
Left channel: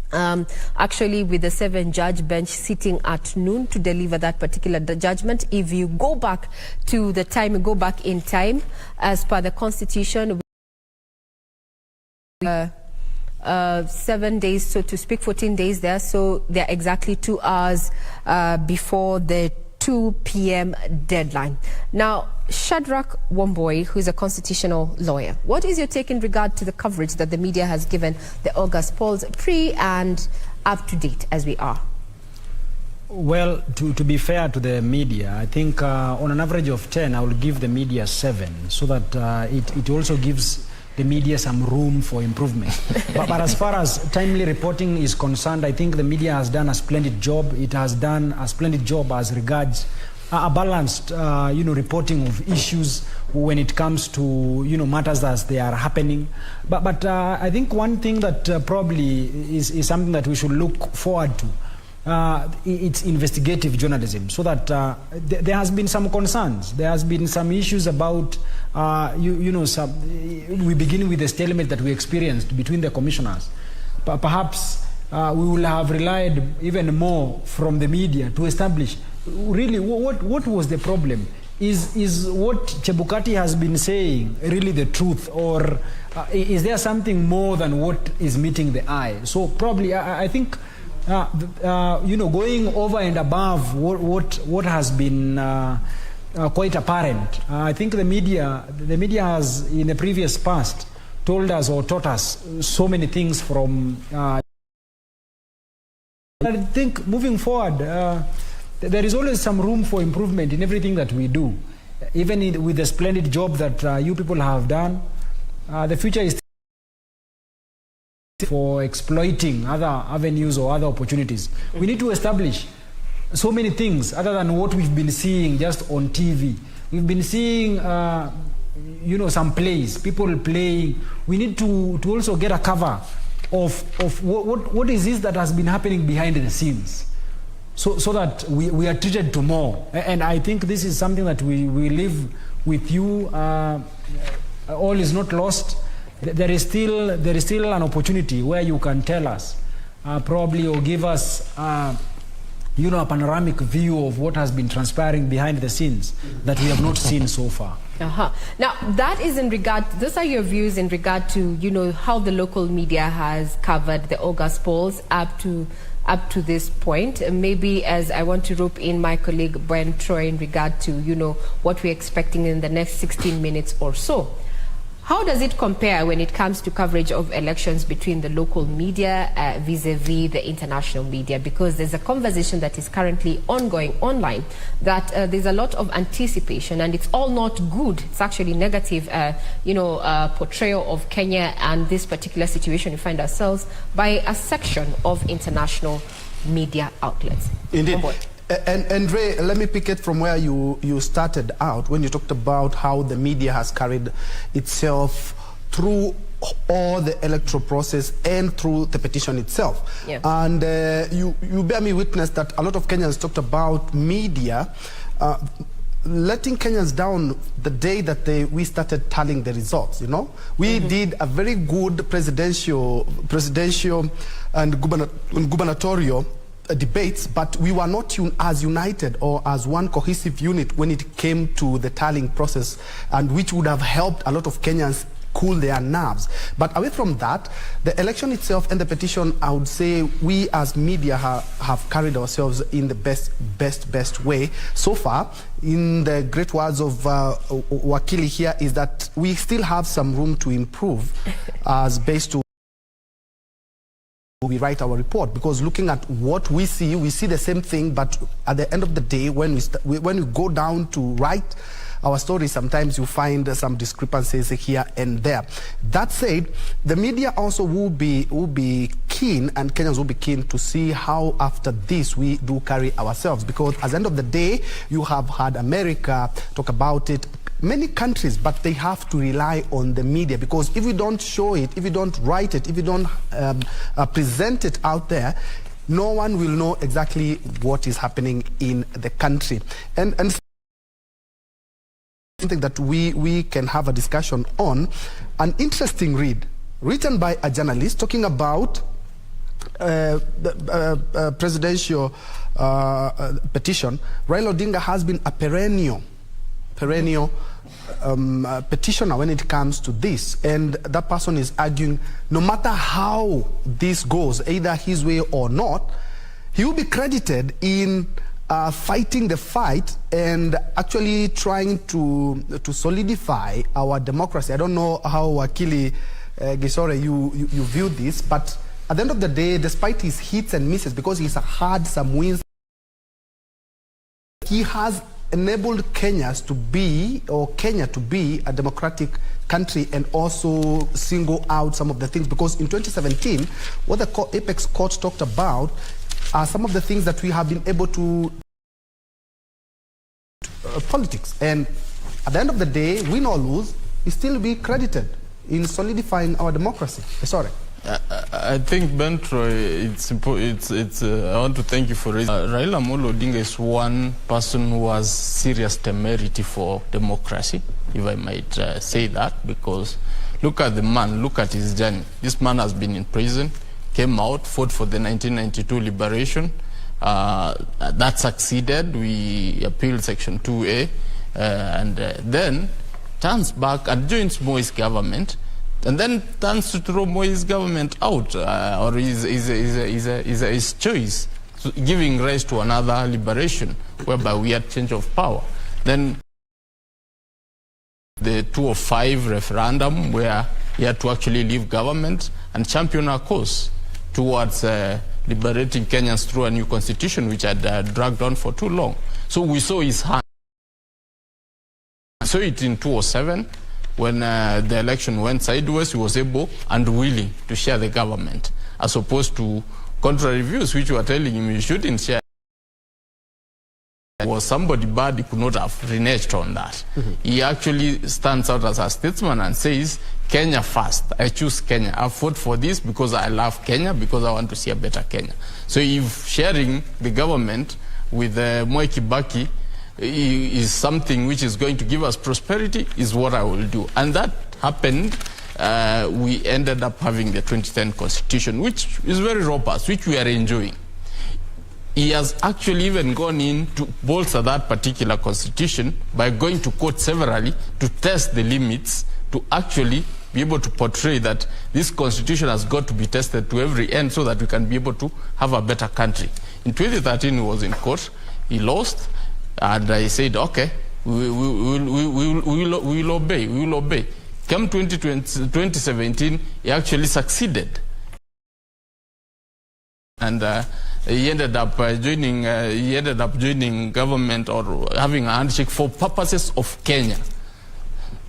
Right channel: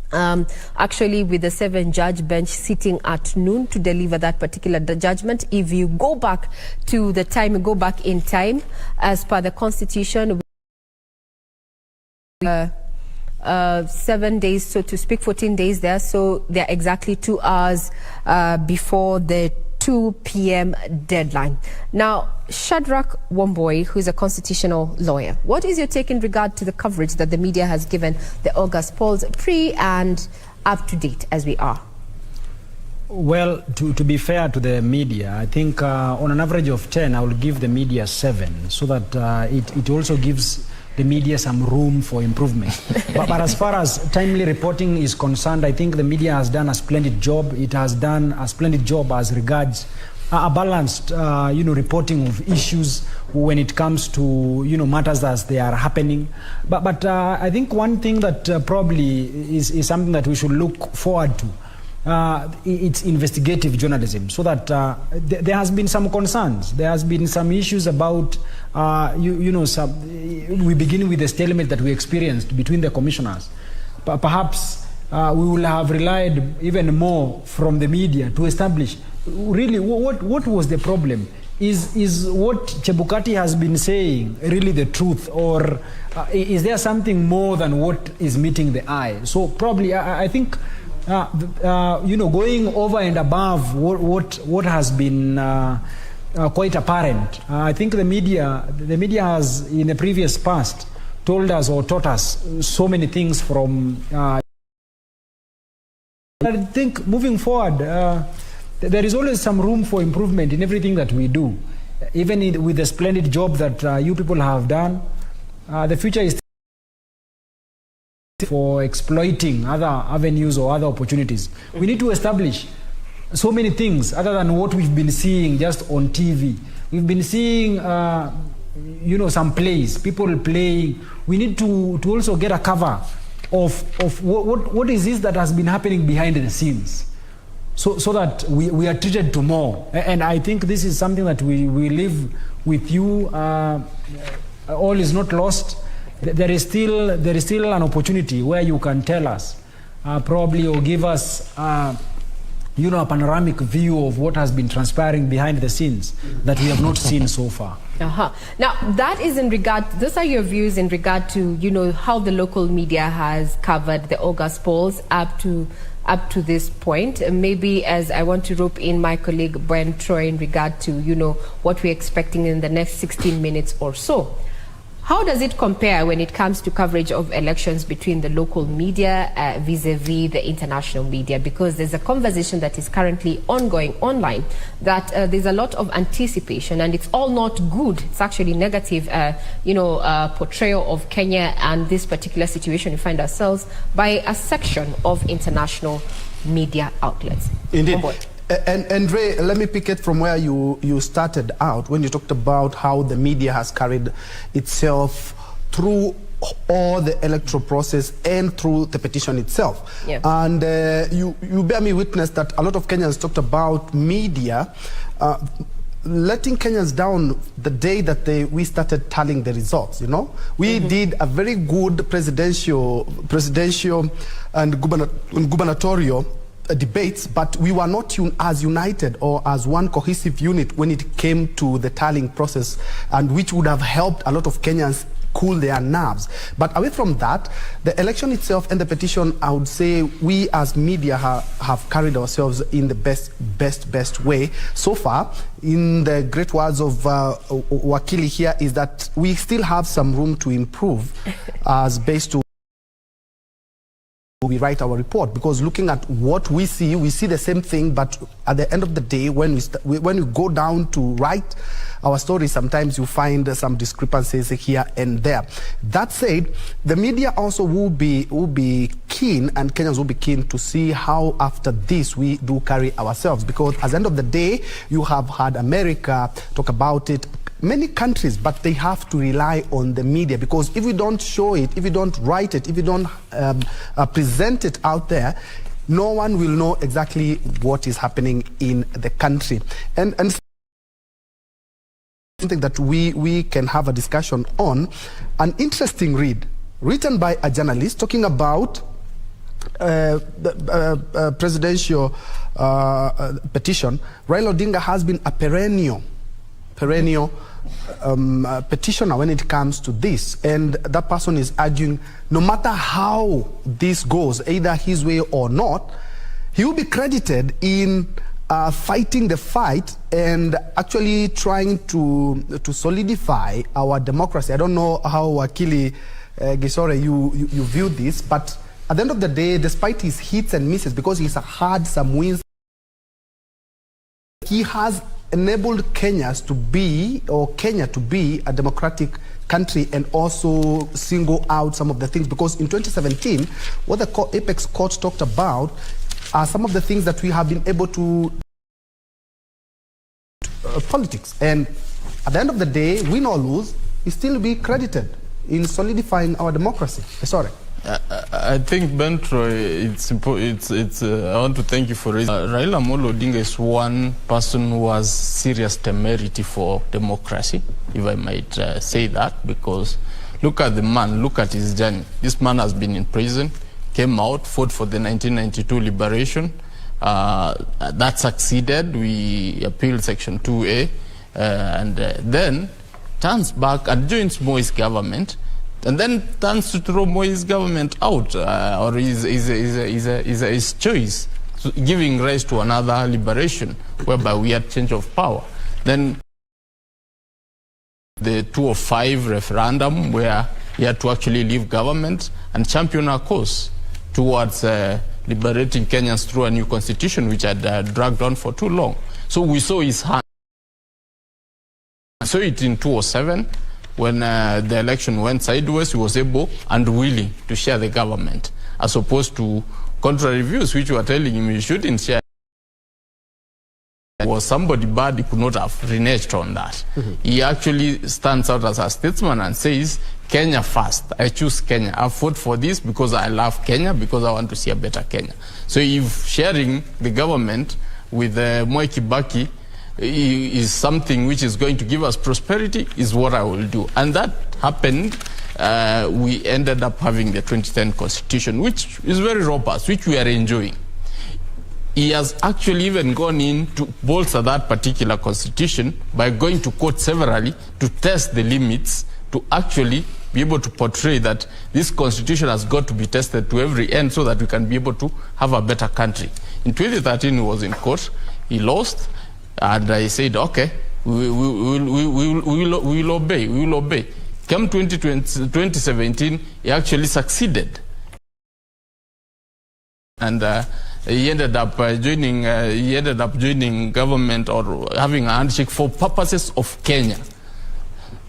Actually, with the 7-judge bench sitting at noon to deliver that particular judgment, if you go back to the time, go back in time, as per the Constitution, 7 days, so to speak, 14 days there. So they're exactly 2 hours before the 2 p.m. deadline. Now, Shadrach Wamboi, who is a constitutional lawyer, what is your take in regard to the coverage that the media has given the August polls, pre and up to date as we are? Well, to be fair to the media, I think on an average of 10, I will give the media 7, so that it also gives the media some room for improvement. but as far as timely reporting is concerned, I think the media has done a splendid job. It has done a splendid job as regards a balanced, reporting of issues when it comes to, matters as they are happening. But I think one thing that probably is something that we should look forward to, it's investigative journalism, so that there has been some concerns. There has been some issues about, we begin with the stalemate that we experienced between the commissioners. Perhaps we will have relied even more from the media to establish really what was the problem. Is what Chebukati has been saying really the truth, or is there something more than what is meeting the eye? So probably I think going over and above what has been quite apparent. I think the media has in the previous past told us or taught us so many things from. I think moving forward, there is always some room for improvement in everything that we do. Even with the splendid job that you people have done, the future is for exploiting other avenues or other opportunities. We need to establish so many things other than what we've been seeing just on TV. We've been seeing, some plays, people playing. We need to also get a cover of what is this that has been happening behind the scenes. So that we are treated to more. And I think this is something that we live with you. All is not lost. There is still an opportunity where you can tell us, probably, or give us, a panoramic view of what has been transpiring behind the scenes that we have not seen so far. Now, that is in regard, those are your views in regard to, how the local media has covered the August polls up to this point. Maybe as I want to rope in my colleague Brian Troy in regard to, what we're expecting in the next 16 minutes or so. How does it compare when it comes to coverage of elections between the local media vis-a-vis the international media? Because there's a conversation that is currently ongoing online that there's a lot of anticipation, and it's all not good. It's actually negative, portrayal of Kenya and this particular situation we find ourselves by a section of international media outlets. Indeed. And Ray, let me pick it from where you started out when you talked about how the media has carried itself through all the electoral process and through the petition itself. Yeah. And you bear me witness that a lot of Kenyans talked about media letting Kenyans down the day that we started tallying the results. We did a very good presidential and gubernatorial debates, but we were not as united or as one cohesive unit when it came to the tallying process, and which would have helped a lot of Kenyans cool their nerves. But away from that, the election itself and the petition, I would say we as media have carried ourselves in the best way so far. In the great words of Wakili here, is that we still have some room to improve as based to we write our report, because looking at what we see the same thing, but at the end of the day, when we go down to write our story, sometimes you find some discrepancies here and there. That said, the media also will be keen, and Kenyans will be keen to see how after this we do carry ourselves, because at the end of the day, you have had America talk about it, many countries, but they have to rely on the media, because if we don't show it, if we don't write it, if we don't present it out there, no one will know exactly what is happening in the country. And something that we can have a discussion on, an interesting read written by a journalist talking about the presidential petition. Raila Odinga has been a perennial petitioner when it comes to this, and that person is arguing no matter how this goes, either his way or not, he will be credited in fighting the fight and actually trying to solidify our democracy. I don't know how Wakili Gisore you view this, but at the end of the day, despite his hits and misses, because he's had some wins, he has enabled Kenya to be a democratic country, and also single out some of the things, because in 2017, what the Apex Court talked about are some of the things that we have been able to politics, and at the end of the day, win or lose, he still be credited in solidifying our democracy. Sorry. I think, Bentro, I want to thank you for raising. Raila Amolo Odinga is one person who has serious temerity for democracy, if I might say that, because look at the man, look at his journey. This man has been in prison, came out, fought for the 1992 liberation. That succeeded. We appealed Section 2A, and then turns back and joins Moi's government, and then turns to throw Moi's government out, or his choice, giving rise to another liberation, whereby we had change of power. Then the 205 referendum, where he had to actually leave government and champion our cause towards liberating Kenyans through a new constitution, which had dragged on for too long. So we saw his hand. We saw it in 2007, when the election went sideways. He was able and willing to share the government, as opposed to contrary views, which were telling him he shouldn't share. Was somebody bad, he could not have reneged on that. He actually stands out as a statesman and says, Kenya first. I choose Kenya. I fought for this because I love Kenya, because I want to see a better Kenya. So if sharing the government with Moi Kibaki is something which is going to give us prosperity, is what I will do. And that happened. We ended up having the 2010 constitution, which is very robust, which we are enjoying. He has actually even gone in to bolster that particular constitution by going to court severally to test the limits, to actually be able to portray that this constitution has got to be tested to every end, so that we can be able to have a better country. In 2013, he was in court. He lost, and I said, okay, we will obey. Come 2017, he actually succeeded. And he ended up joining government or having a handshake for purposes of Kenya.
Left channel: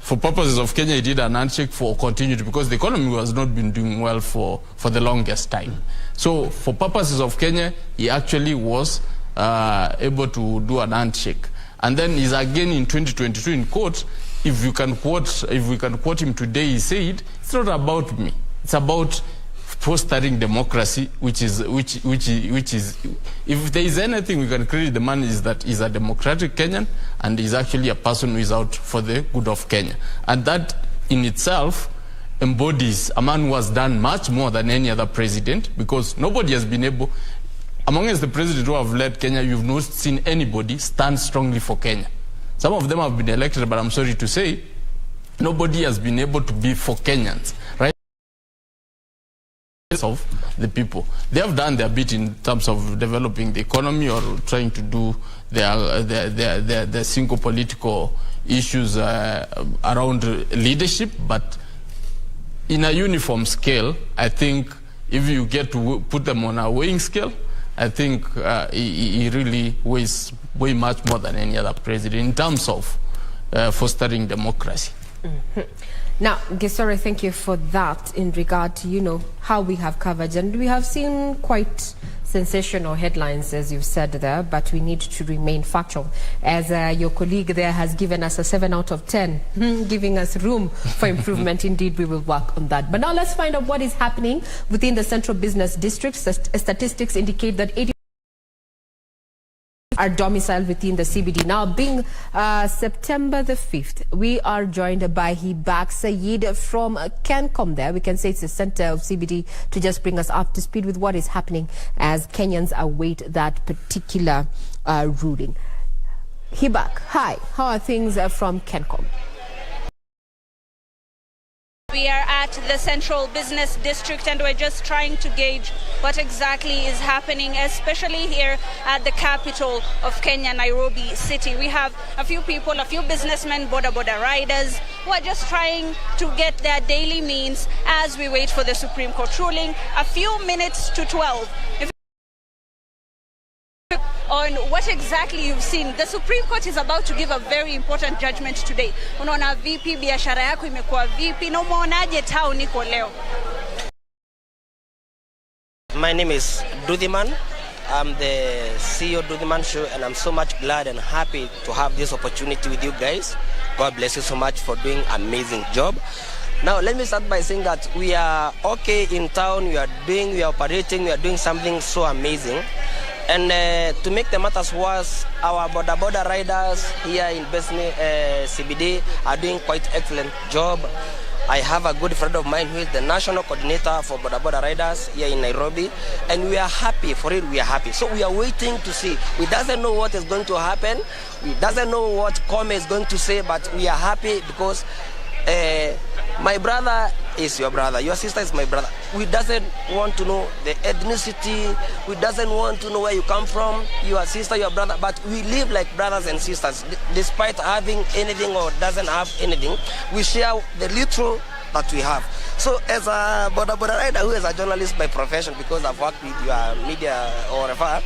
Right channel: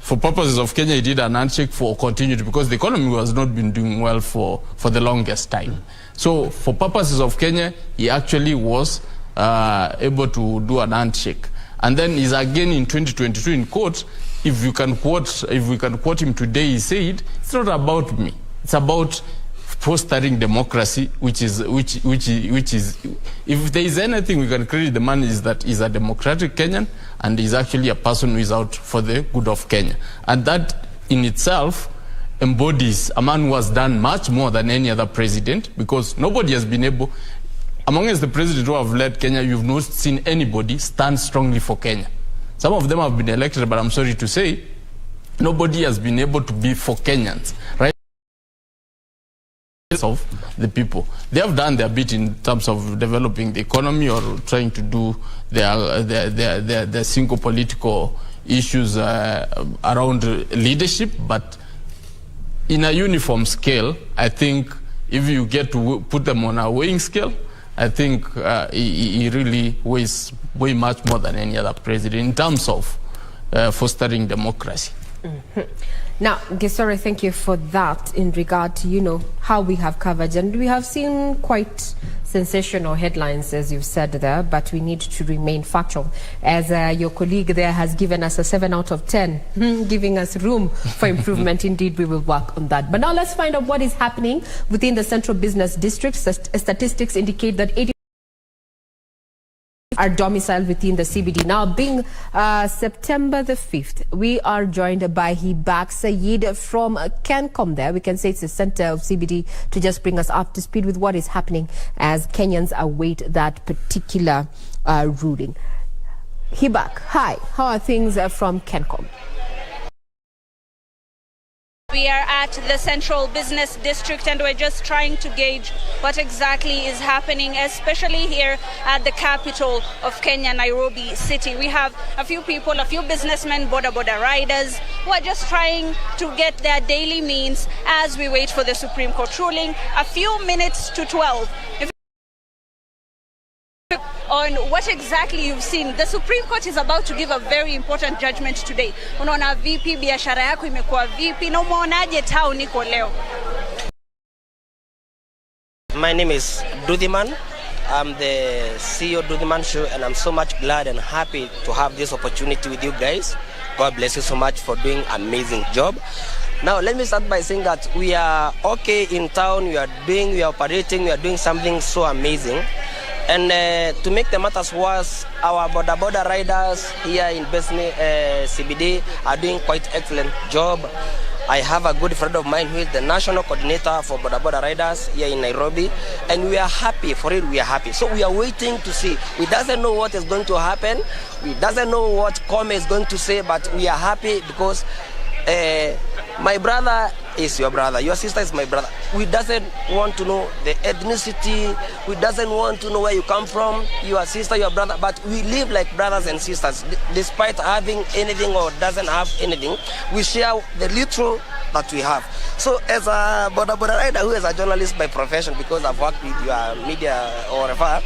For purposes of Kenya, he did an handshake for continuity because the economy has not been doing well for the longest time. So for purposes of Kenya, he actually was able to do an handshake. And then he's again in 2022 in court. If we can quote him today, he said, "It's not about me. It's about fostering democracy, which is if there is anything we can credit the man is that he's a democratic Kenyan and he's actually a person who is out for the good of Kenya. And that in itself embodies a man who has done much more than any other president, because nobody has been able, amongst the presidents who have led Kenya, you've not seen anybody stand strongly for Kenya. Some of them have been elected, but I'm sorry to say, nobody has been able to be for Kenyans, right? Of the people. They have done their bit in terms of developing the economy or trying to do their single political issues around leadership, but in a uniform scale, I think if you get to put them on a weighing scale, I think he really weighs way much more than any other president in terms of fostering democracy. Mm-hmm. Now, Gesore, thank you for that in regard to, how we have covered. And we have seen quite sensational headlines, as you've said there, but we need to remain factual. As your colleague there has given us a 7 out of 10, giving us room for improvement. Indeed, we will work on that. But now let's find out what is happening within the Central Business District. Statistics indicate that 80% are domiciled within the CBD. Now, being September the 5th, we are joined by Hibak Sayed from Kencom there. We can say it's the center of CBD, to just bring us up to speed with what is happening as Kenyans await that particular ruling. Hibak, hi. How are things from Kencom? We are at the Central Business District and we're just trying to gauge what exactly is happening, especially here at the capital of Kenya, Nairobi City. We have a few people, a few businessmen, boda riders, who are just trying to get their daily means as we wait for the Supreme Court ruling. A few minutes to 12. On what exactly you've seen. The Supreme Court is about to give a very important judgment today. Unaona vipi, biashara yako imekuwa vipi, na umeonaje town iko leo? My name is Dudhiman. I'm the CEO of Dudhiman Show, and I'm so much glad and happy to have this opportunity with you guys. God bless you so much for doing an amazing job. Now, let me start by saying that we are okay in town, we are operating, we are doing something so amazing. And to make the matters worse, our border riders here in Besni CBD are doing quite excellent job. I have a good friend of mine who is the national coordinator for border riders here in Nairobi, and we are happy, for it we are happy. So we are waiting to see. We doesn't know what is going to happen. We doesn't know what Kome is going to say, but we are happy because my brother is your brother, your sister is my brother. We doesn't want to know the ethnicity, we doesn't want to know where you come from, your sister, your brother, but we live like brothers and sisters. Despite having anything or doesn't have anything, we share the little that we have. So as a border rider who is a journalist by profession, because I've worked with your media or whatever,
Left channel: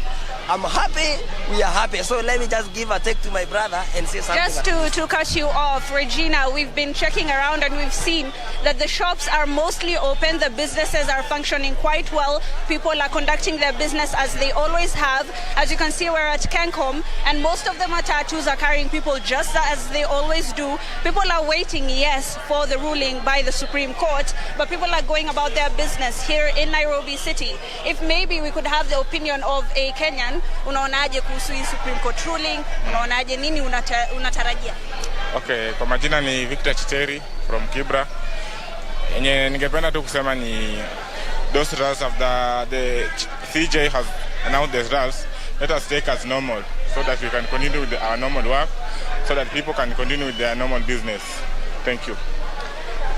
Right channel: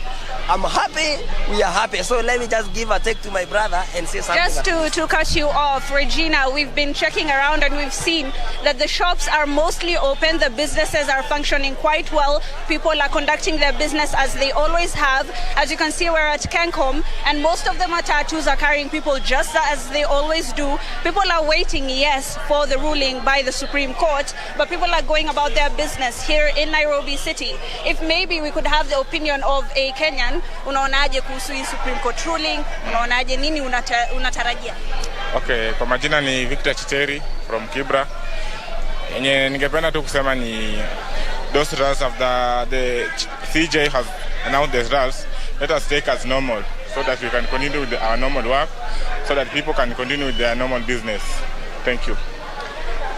I'm happy, we are happy. So let me just give a take to my brother and say something. Just to cut you off, Regina, we've been checking around and we've seen that the shops are mostly open, the businesses are functioning quite well, people are conducting their business as they always have. As you can see, we're at Kencom, and most of the matatus are carrying people just as they always do. People are waiting, yes, for the ruling by the Supreme Court, but people are going about their business here in Nairobi City. If maybe we could have the opinion of a Kenyan, unaonaje kuhusu hii Supreme Court ruling? Unaonaje, nini unatarajia? Okay, kwa majina ni Victor Chiteri from Kibra. Yenye ningependa tu kusema ni those results of the CJ has announced the results. Let us take as normal so that we can continue with our normal work, so that people can continue with their normal business. Thank you.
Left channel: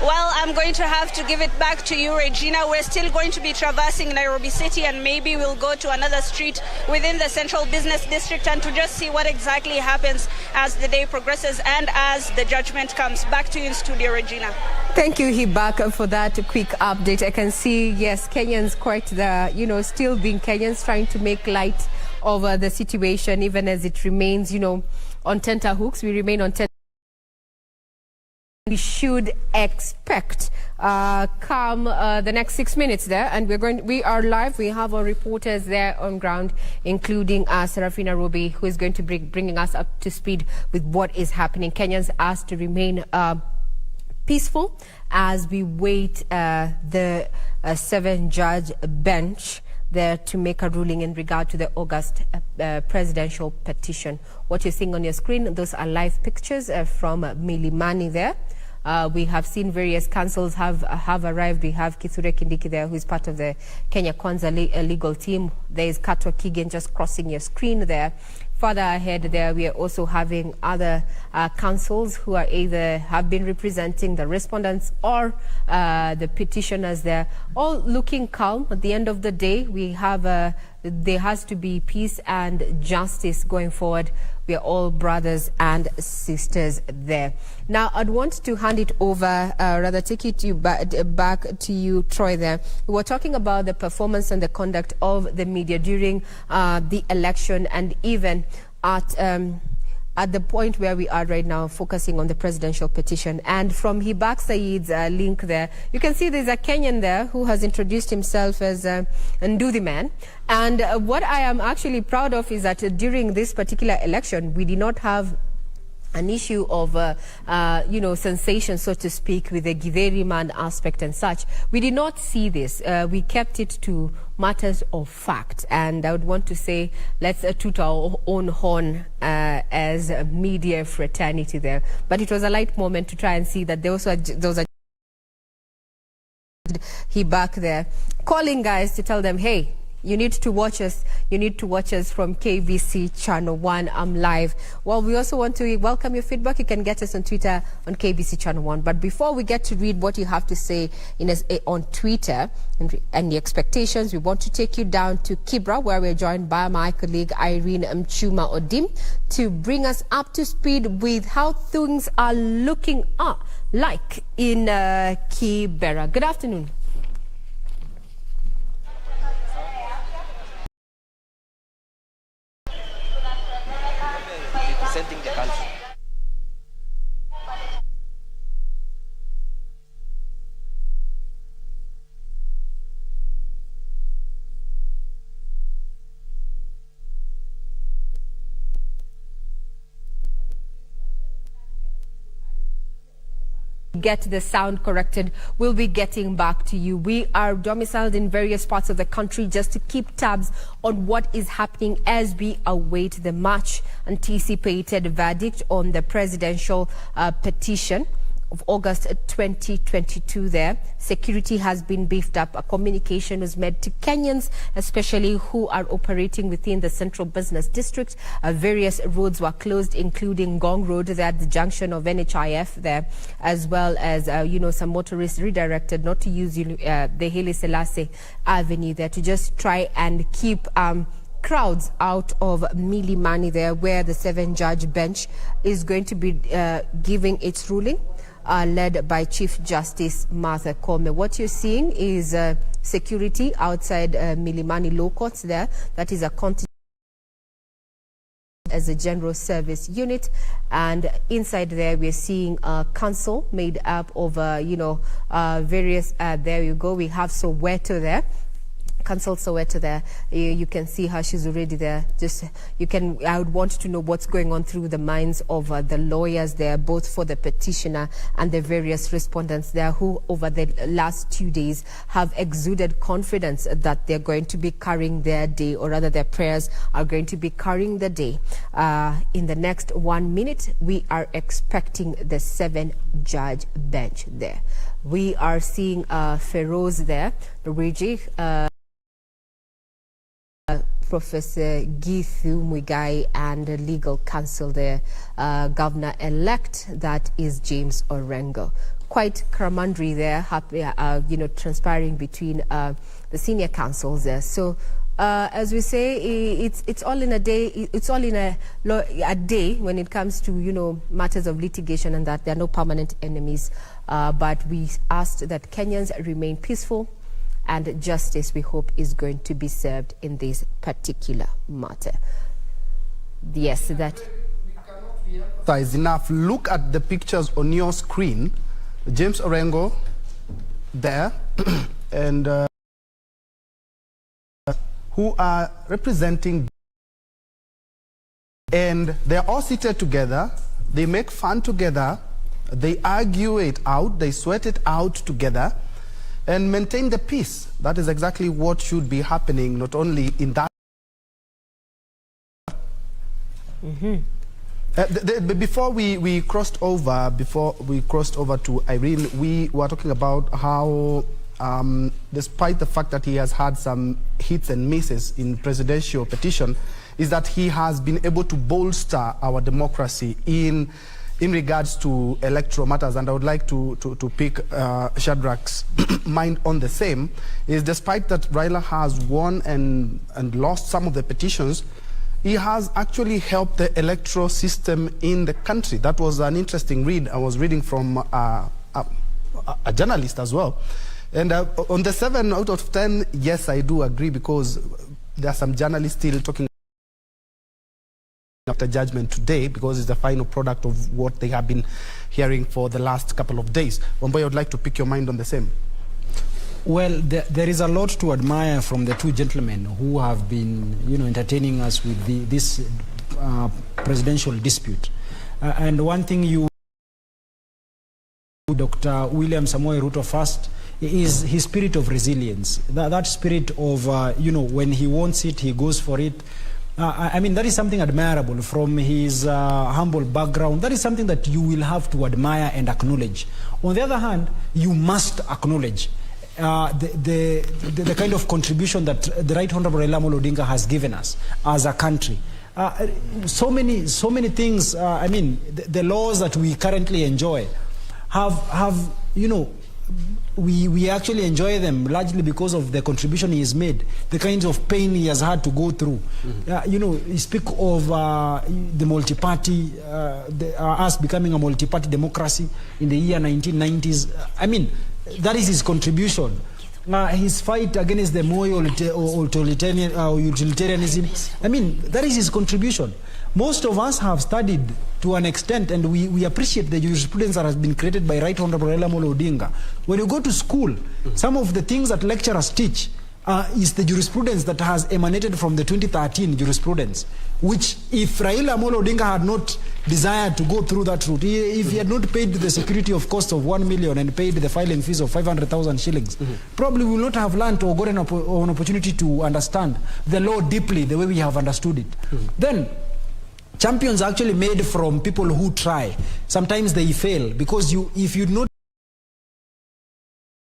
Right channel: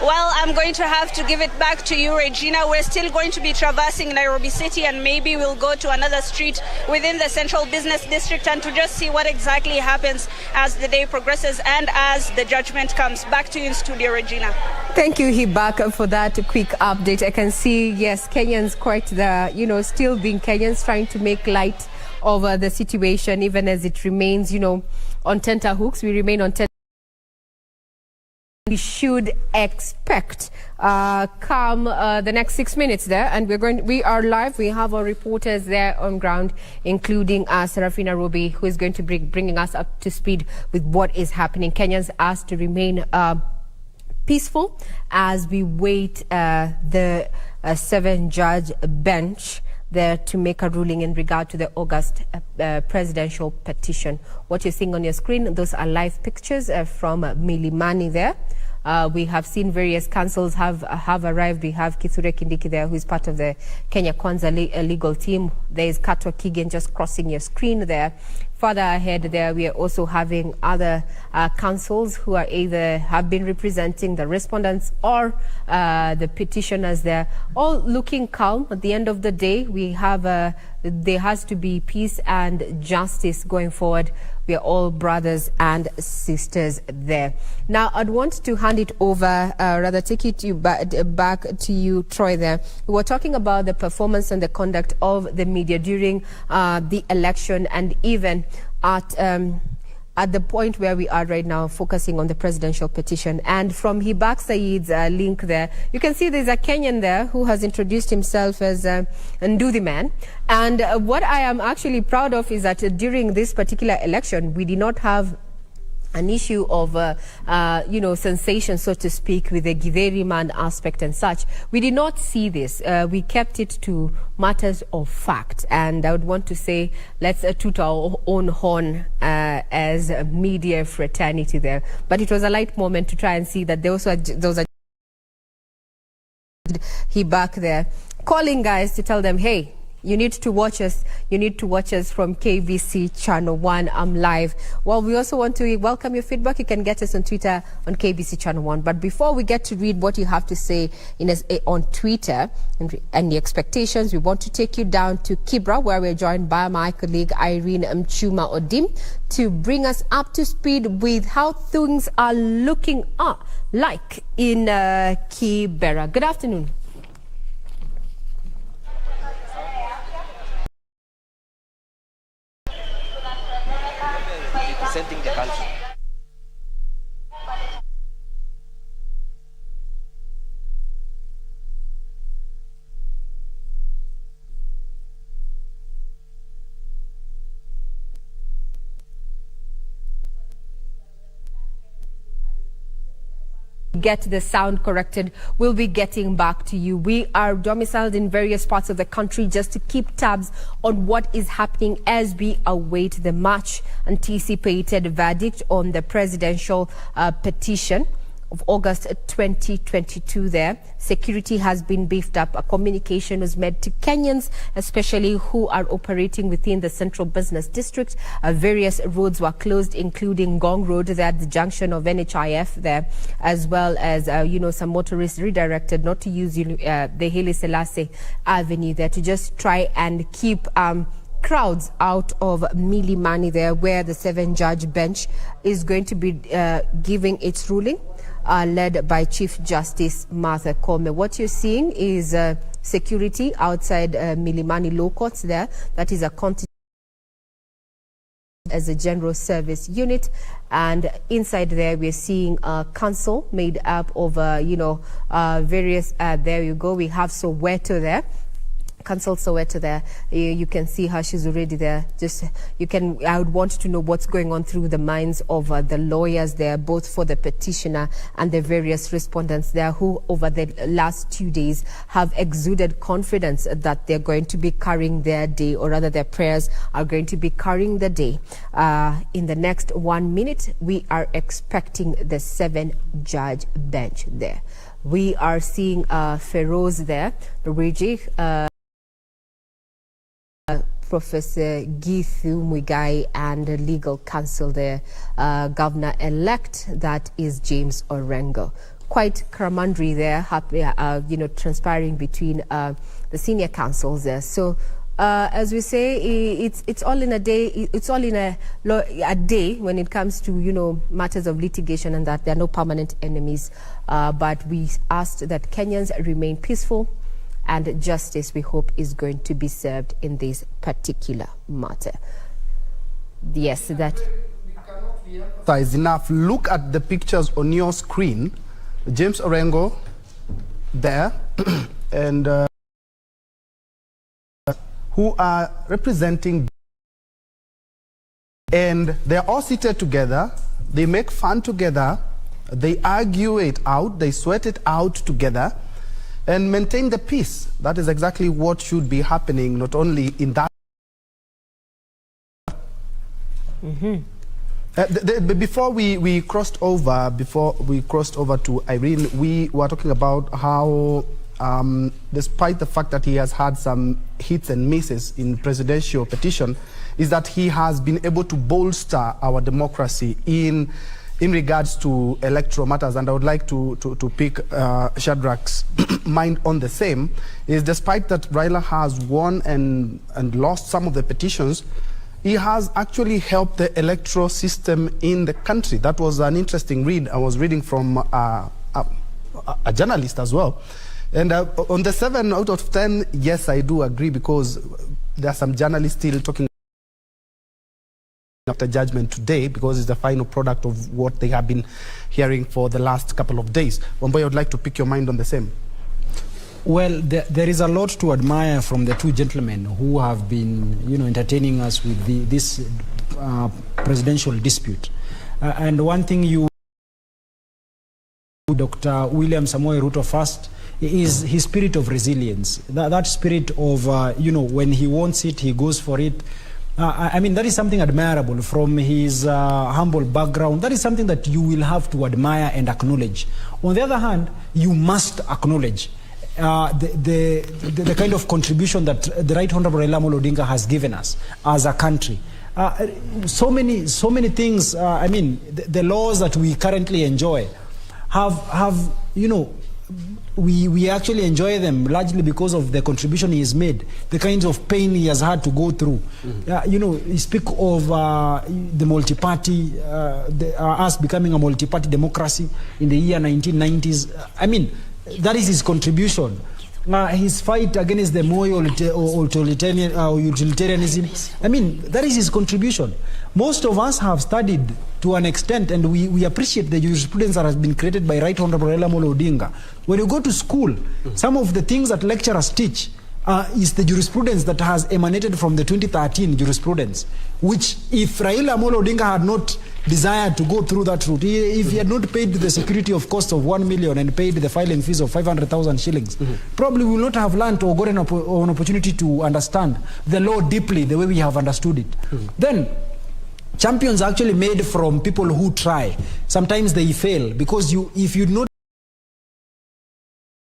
Well, I'm going to have to give it back to you, Regina. We're still going to be traversing Nairobi City, and maybe we'll go to another street within the Central Business District and to just see what exactly happens as the day progresses and as the judgment comes. Back to you in studio, Regina. Thank you, Hibak, for that quick update. I can see, yes, Kenyans quite still being Kenyans, trying to make light of the situation, even as it remains, on tenterhooks. We remain on tenterhooks. We should expect come the next 6 minutes there, and we are live. We have our reporters there on ground, including Serafina Ruby, who is going to be bringing us up to speed with what is happening. Kenyans asked to remain peaceful as we wait the 7-judge bench there to make a ruling in regard to the August presidential petition. What you're seeing on your screen, those are live pictures from Milimani there. We have seen various councils have arrived. We have Kithure Kindiki there, who is part of the Kenya Kwanza legal team. There is Katwa Kigen just crossing your screen there. Further ahead there, we are also having other councils who are either have been representing the respondents or the petitioners there, all looking calm. At the end of the day, we have there has to be peace and justice going forward. We are all brothers and sisters there. Now, I'd want to hand it over, rather take it to you back to you, Troy, there. We were talking about the performance and the conduct of the media during the election, and even at the point where we are right now, focusing on the presidential petition. And from Hibak Said's link there, you can see there's a Kenyan there who has introduced himself as Nduthi Man. And what I am actually proud of is that during this particular election, we did not have an issue of, sensation, so to speak, with the Githeri man aspect and such. We did not see this. We kept it to matters of fact. And I would want to say, let's toot our own horn as a media fraternity there. But it was a light moment to try and see that those are he back there calling guys to tell them, hey, you need to watch us. You need to watch us from KBC Channel 1. I'm live. Well, we also want to welcome your feedback. You can get us on Twitter on KBC Channel 1. But before we get to read what you have to say on Twitter and the expectations, we want to take you down to Kibra, where we're joined by my colleague Irene Mchuma Odim to bring us up to speed with how things are looking like in Kibera. Good afternoon. Representing the country. Get the sound corrected. We'll be getting back to you. We are domiciled in various parts of the country just to keep tabs on what is happening as we await the much anticipated verdict on the presidential petition of August 2022 there. Security has been beefed up. A communication was made to Kenyans, especially who are operating within the central business district. Various roads were closed, including Gong Road there at the junction of NHIF there, as well as, some motorists redirected not to use the Haile Selassie Avenue there to just try and keep crowds out of Milimani there, where the 7-judge bench is going to be giving its ruling. Led by Chief Justice Martha Koome. What you're seeing is security outside Milimani Law Courts there. That is a contingent as a general service unit, and inside there we're seeing a council made up of various. There you go. We have Soweto there. Council Soweto there. You can see how she's already there. I would want to know what's going on through the minds of the lawyers there, both for the petitioner and the various respondents there, who over the last 2 days have exuded confidence that they're going to be carrying their day, or rather their prayers are going to be carrying the day. In the next 1 minute, we are expecting the 7-judge bench there. We are seeing Feroz there, Luigi, Professor Githu Muigai, and legal counsel there, Governor-elect, that is James Orengo. Quite camaraderie there, transpiring between the senior counsels there. So as we say, it's all in a day. It's all in a day when it comes to, you know, matters of litigation, and that there are no permanent enemies. But we asked that Kenyans remain peaceful, and justice, we hope, is going to be served in this particular matter. Yes, that. Is enough. Look at the pictures on your screen. James Orengo there, and who are representing, and they're all seated together. They make fun together. They argue it out. They sweat it out together and maintain the peace. That is exactly what should be happening, not only in that. Before we crossed over to Irene, we were talking about how, despite the fact that he has had some hits and misses in presidential petition, is that he has been able to bolster our democracy in regards to electoral matters. And I would like to pick Shadrach's mind on the same, is despite that Raila has won and lost some of the petitions, he has actually helped the electoral system in the country. That was an interesting read. I was reading from a journalist as well. And on the 7 out of 10, yes, I do agree, because there are some journalists still talking after judgment today, because it's the final product of what they have been hearing for the last couple of days. Wamboy, I would like to pick your mind on the same. Well, there is a lot to admire from the two gentlemen who have been, you know, entertaining us with this presidential dispute. And one thing Dr. William Samoei Ruto first is his spirit of resilience. That spirit of, you know, when he wants it, he goes for it. I mean, that is something admirable from his humble background. That is something that you will have to admire and acknowledge. On the other hand, you must acknowledge the kind of contribution that the Right Honorable Raila Amolo Odinga has given us as a country. So many things. I mean, the laws that we currently enjoy have you know, we actually enjoy them largely because of the contribution he has made, the kinds of pain he has had to go through. You know, you speak of the multi-party, us becoming a multi-party democracy in the year 1990s. I mean, that is his contribution. His fight against the Moi utilitarianism, I mean, that is his contribution. Most of us have studied to an extent, and we appreciate the jurisprudence that has been created by Right Honorable Raila Amolo Odinga. When you go to school, some of the things that lecturers teach is the jurisprudence that has emanated from the 2013 jurisprudence, which if Raila Amolo Odinga had not desired to go through that route, if he had not paid the security of cost of 1 million and paid the filing fees of 500,000 shillings, probably we will not have learned or gotten an opportunity to understand the law deeply the way we have understood it. Then, champions are actually made from people who try. Sometimes they fail, because if you not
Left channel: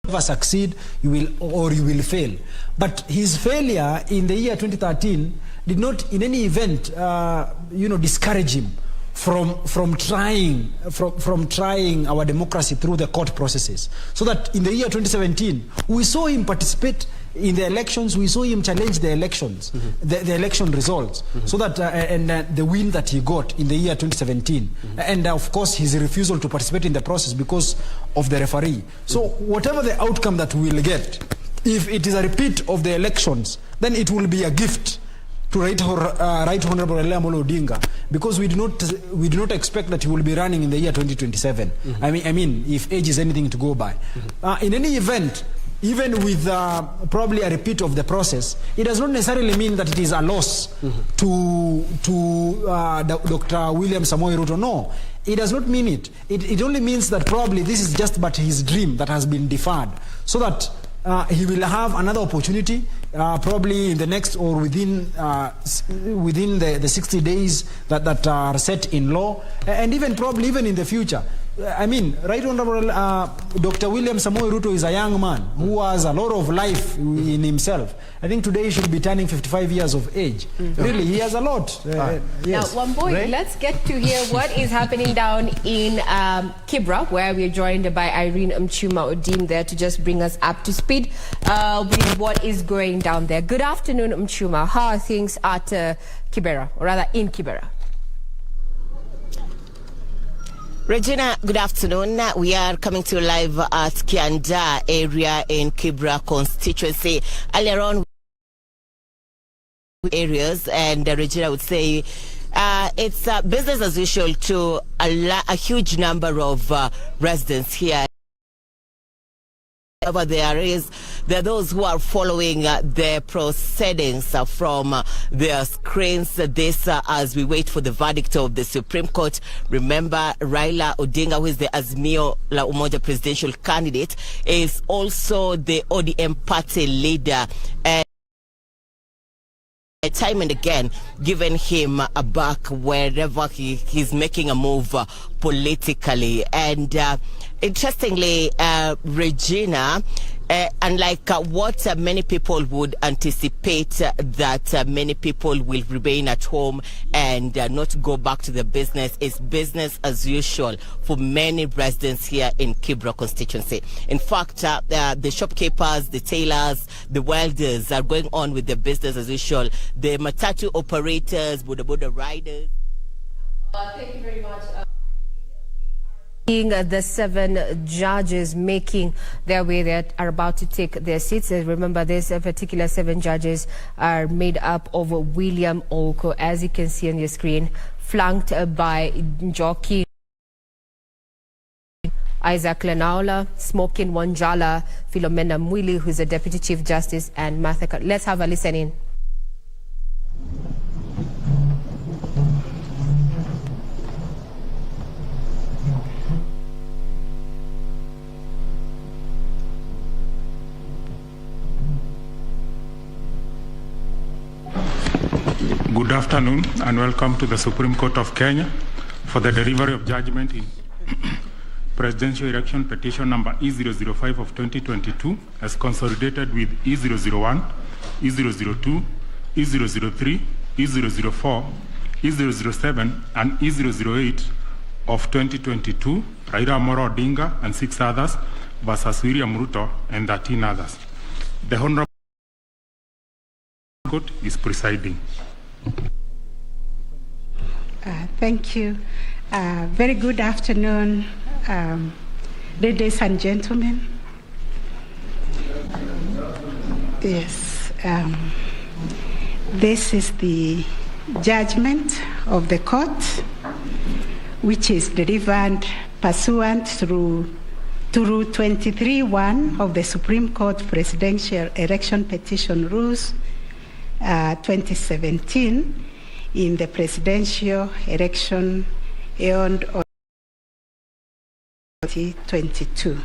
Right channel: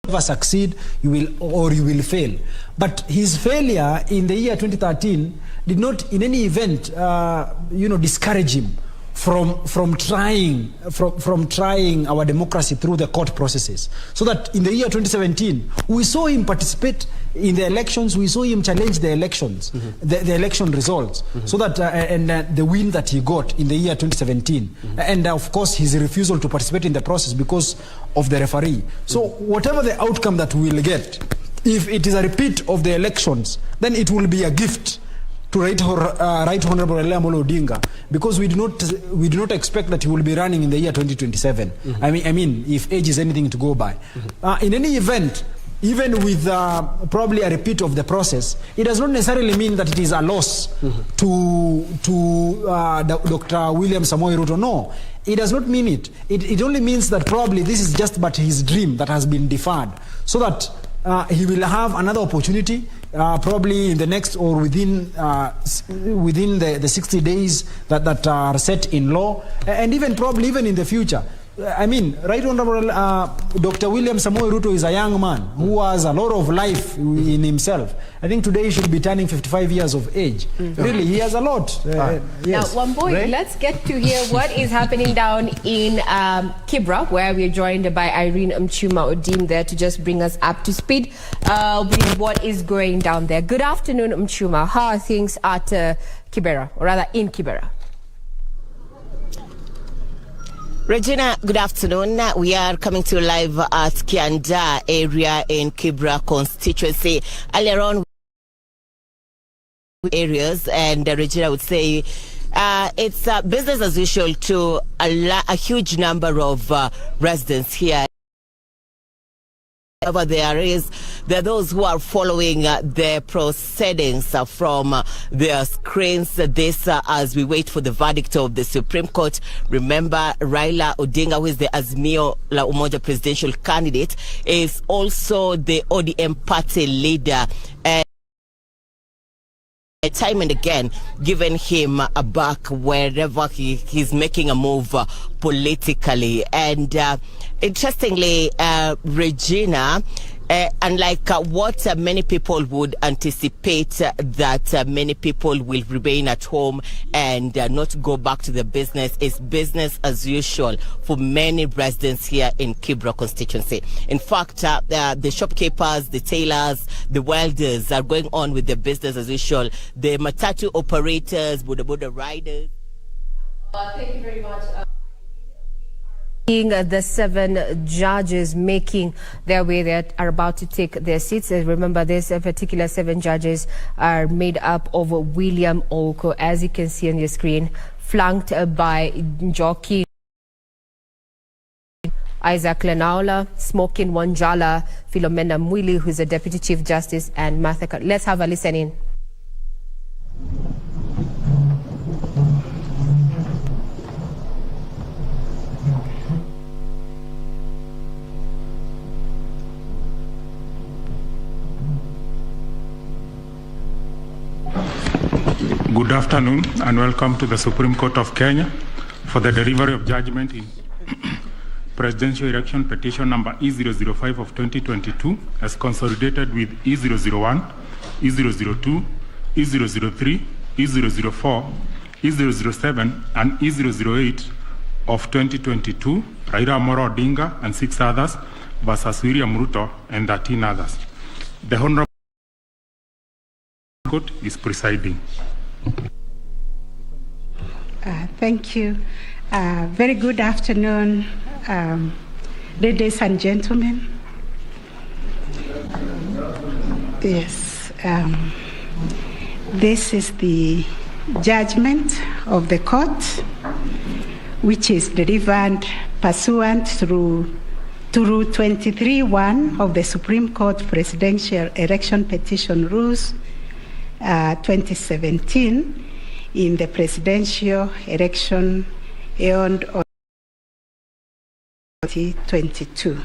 ever succeed, you will fail. But his failure in the year 2013 did not in any event you know, discourage him from trying our democracy through the court processes. So that in the year 2017 we saw him participate in the elections, we saw him challenge the elections, the election results, so that the win that he got in the year 2017, and of course his refusal to participate in the process because of the referee. So whatever the outcome that we will get, if it is a repeat of the elections, then it will be a gift to Right Honorable Raila Amolo Odinga, because we do not expect that he will be running in the year 2027. I mean, if age is anything to go by. In any event, even with probably a repeat of the process, it does not necessarily mean that it is a loss to Dr. William Samoei Ruto. No, it does not mean it. It only means that probably this is just but his dream that has been deferred, so that he will have another opportunity, probably in the next or within the 60 days that are set in law, and even probably even in the future. I mean, Right Honorable Dr. William Samoei Ruto is a young man who has a lot of life in himself. I think today he should be turning 55 years of age. Really, he has a lot. Yes. Now, one boy, right? Let's get to hear what is happening down in Kibra, where we're joined by Irene Mchuma-Odim there to just bring us up to speed with what is going down there. Good afternoon, Mchuma. How are things at Kibera, or rather in Kibera? Regina, good afternoon. We are coming to you live at Kianda area in Kibra constituency. Earlier on, areas, and Regina would say it's business as usual to a huge number of residents here. However, there are those who are following the proceedings from their screens. This as we wait for the verdict of the Supreme Court. Remember, Raila Odinga, who is the Azimio la Umoja presidential candidate, is also the ODM party leader. Time and again, giving him a back wherever he's making a move politically. And interestingly, Regina, unlike what many people would anticipate, that many people will remain at home and not go back to the business, is business as usual for many residents here in Kibra constituency. In fact, the shopkeepers, the tailors, the welders are going on with the business as usual. The matatu operators, boda riders. Thank you very much. The 7 judges making their way that are about to take their seats. Remember, these particular 7 judges are made up of William Olko, as you can see on your screen, flanked by Njoki, Isaac Lenaola, Smokin Wanjala, Philomena Mwili, who's a Deputy Chief Justice, and Martha. Let's have a listen in. Good afternoon and welcome to the Supreme Court of Kenya for the delivery of judgment in Presidential Election Petition number E005 of 2022 as consolidated with E001, E002, E003, E004, E007 and E008 of 2022, Raila Amolo Odinga and 6 others versus William Ruto and 13 others. The Honorable Court is presiding. Thank you. Very good afternoon, ladies and gentlemen. Yes, this is the judgment of the court, which is delivered pursuant to Rule 23(1) of the Supreme Court Presidential Election Petition Rules 2017 in the presidential election held on 2022.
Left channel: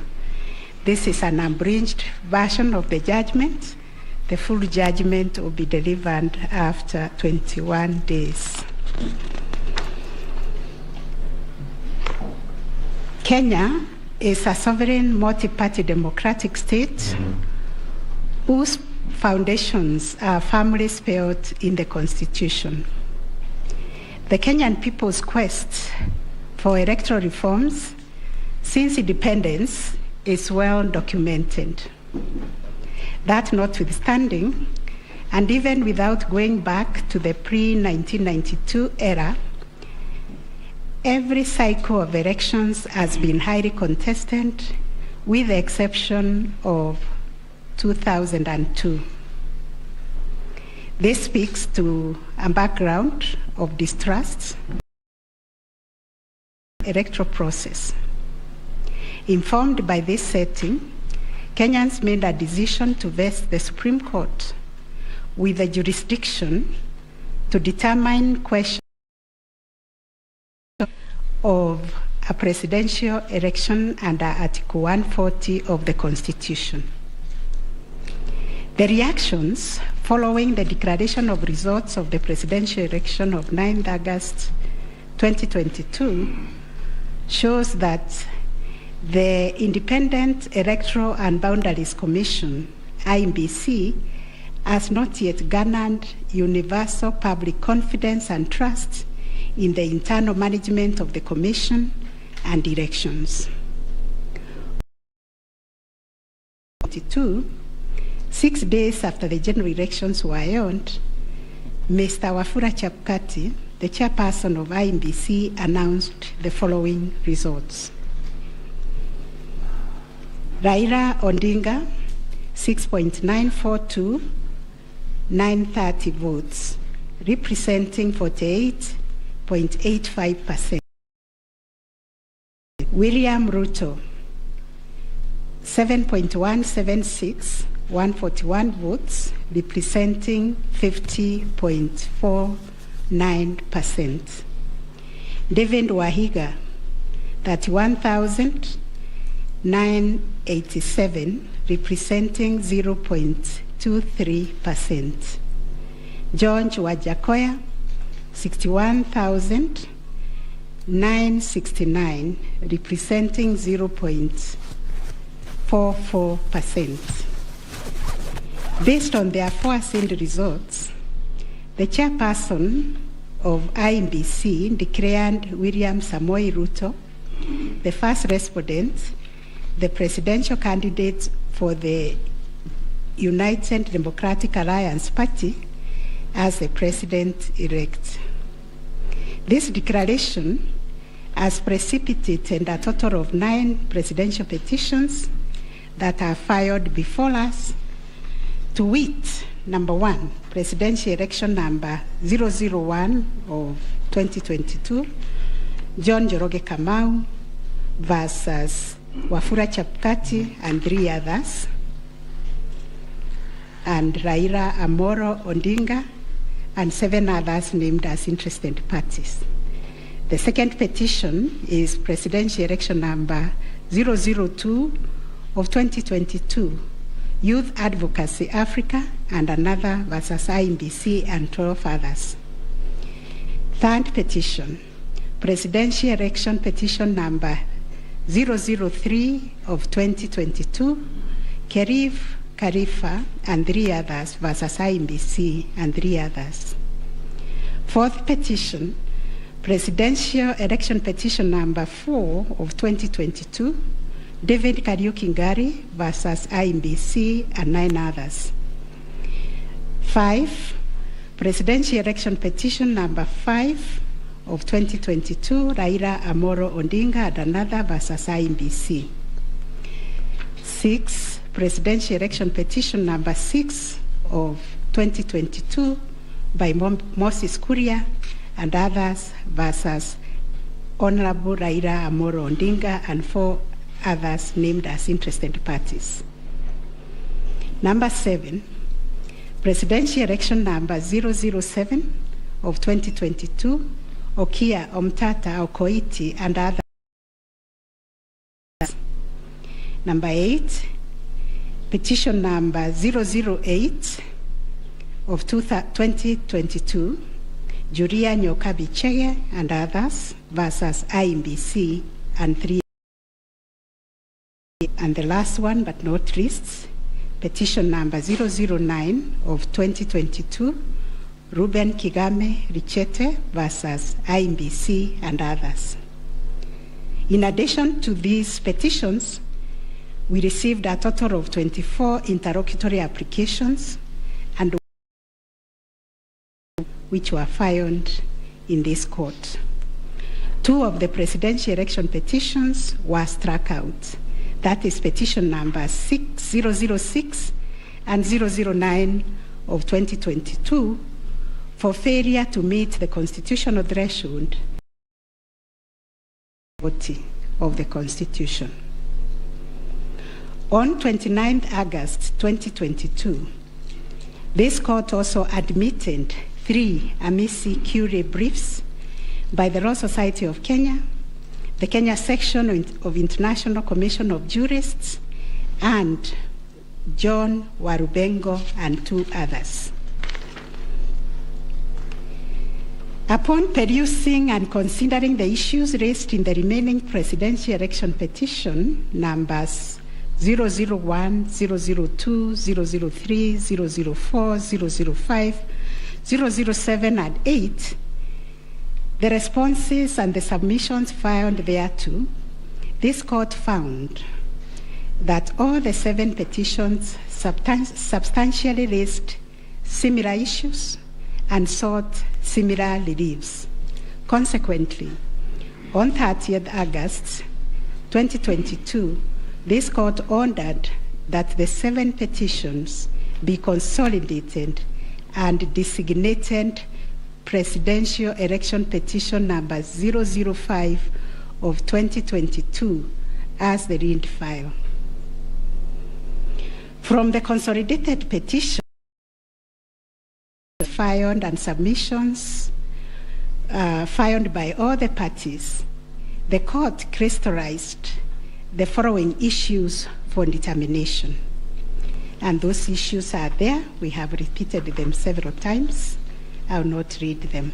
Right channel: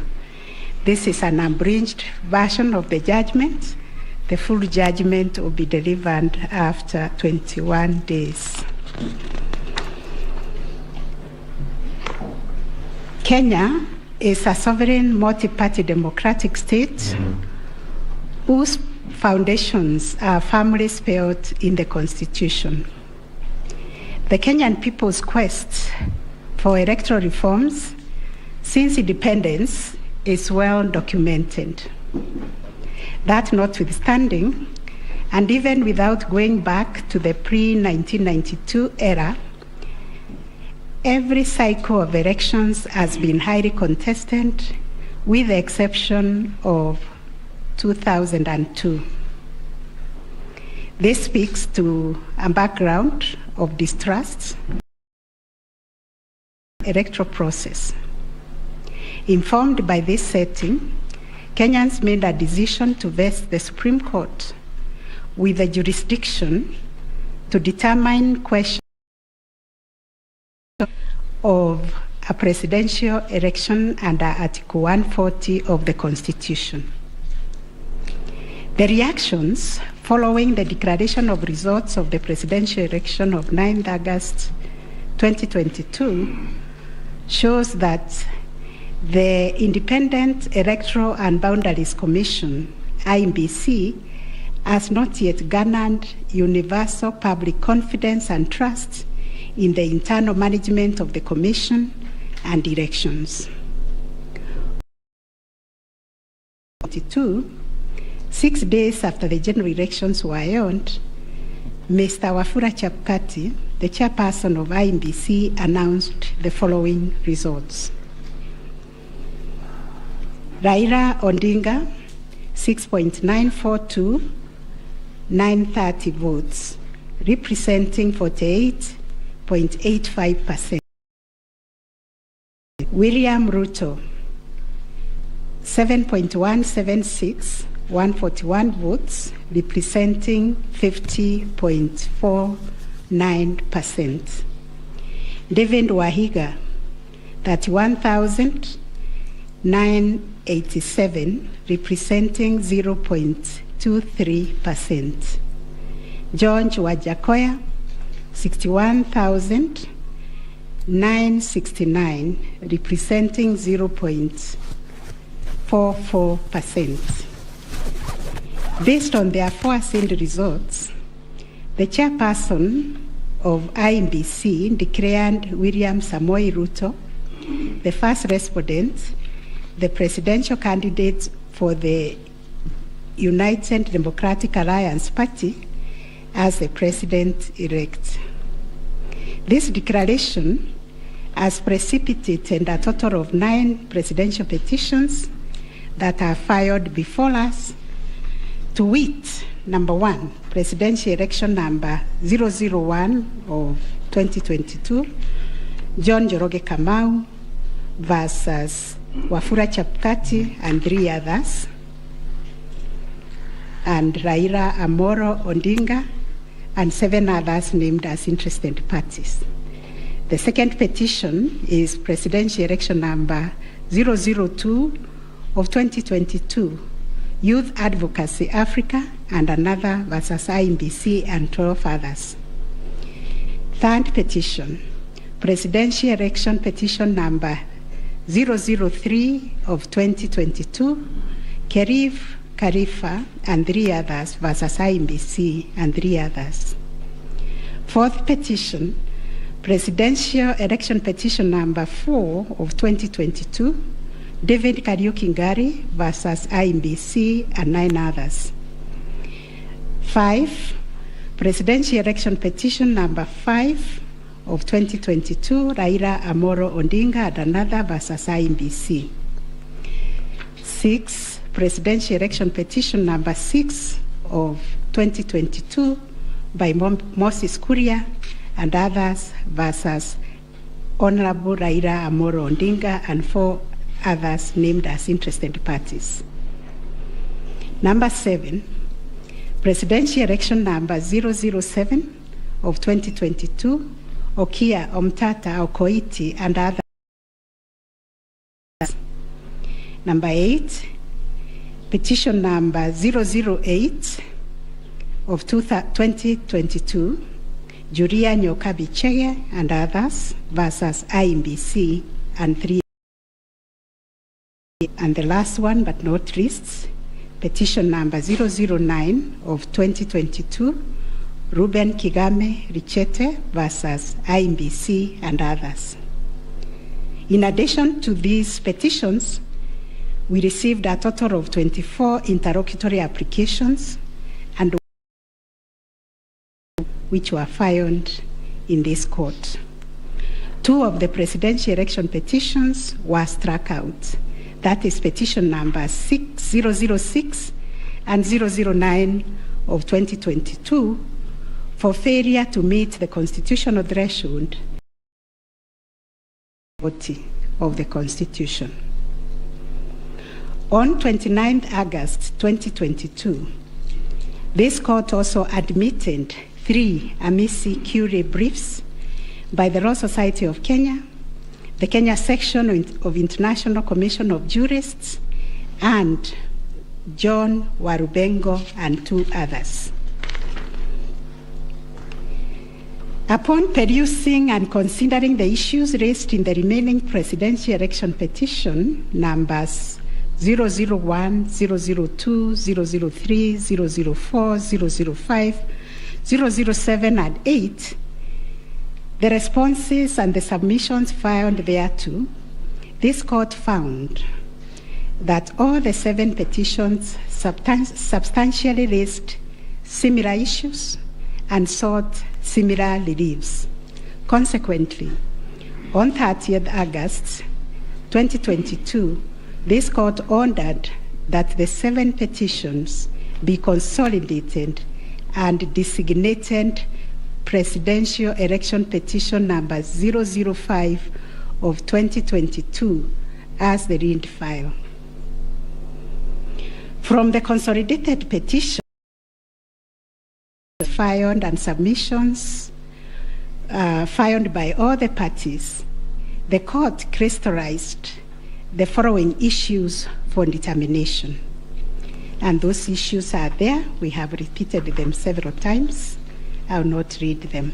This is an abridged version of the judgment. The full judgment will be delivered after 21 days. Kenya is a sovereign multi-party democratic state whose foundations are firmly spelled in the Constitution. The Kenyan people's quest for electoral reforms since independence is well documented. That notwithstanding, and even without going back to the pre-1992 era, every cycle of elections has been highly contested, with the exception of 2002. This speaks to a background of distrust electoral process. Informed by this setting, Kenyans made a decision to vest the Supreme Court with the jurisdiction to determine questions of a presidential election under Article 140 of the Constitution. The reactions following the declaration of results of the presidential election of 9th August 2022 shows that the Independent Electoral and Boundaries Commission, IEBC, has not yet garnered universal public confidence and trust in the internal management of the Commission and elections. 6 days after the general elections were held, Mr. Wafula Chebukati, the chairperson of IEBC, announced the following results. Raila Odinga, 6.942,930 votes, representing 48.85%. William Ruto, 7.176,141 votes, representing 50.49%. David Wahiga, 31,987, representing 0.23%. George Wajakoya, 61,969, representing 0.44%. Based on the aforesaid results, the chairperson of IEBC declared William Samoei Ruto the first respondent, the presidential candidate for the United Democratic Alliance Party, as the president-elect. This declaration has precipitated a total of 9 presidential petitions that are filed before us, to wit, number 1, presidential election number 001 of 2022, John Njoroge Kamau versus Wafula Chebukati and 3 others, and Raila Amolo Odinga and 7 others named as interested parties. The second petition is presidential election number 002 of 2022, Youth Advocacy Africa and another versus IEBC and 12 others. Third petition, presidential election petition number 003 of 2022, Kerif Khalifa and 3 others versus IEBC and 3 others. Fourth petition, presidential election petition number 4 of 2022, David Kariuki Ngari versus IEBC and 9 others. 5, presidential election petition number 5 of 2022, Raila Amolo Odinga and another versus IEBC. 6, presidential election petition number 6 of 2022 by Moses Kuria and others versus Honorable Raila Amolo Odinga and 4 others named as interested parties. Number 7, presidential election number 007 of 2022, Okia Omtata Okoiti and others. Number 8, petition number 008 of 2022, Julia Nyokabi Chege and others versus IEBC and 3. And the last one but not least, petition number 009 of 2022, Ruben Kigame Richete versus IEBC and others. In addition to these petitions, we received a total of 24 interlocutory applications and which were filed in this court. 2 of the presidential election petitions were struck out. That is petition number 006 and 009 of 2022 for failure to meet the constitutional threshold of the Constitution. On 29th August 2022, this court also admitted 3 amici curiae briefs by the Law Society of Kenya, the Kenya section of International Commission of Jurists, and John Warubengo and 2 others. Upon perusing and considering the issues raised in the remaining presidential election petition, numbers 001, 002, 003, 004, 005, 007, and 8, the responses and the submissions filed thereto, this court found that all the 7 petitions substantially raised similar issues and sought similar reliefs. Consequently, on 30th August 2022, this court ordered that the 7 petitions be consolidated and designated Presidential Election Petition number 005 of 2022 as the read file. From the consolidated petition filed and submissions filed by all the parties, the court crystallized the following issues for determination. And those issues are there. We have repeated them several times. I will not read them.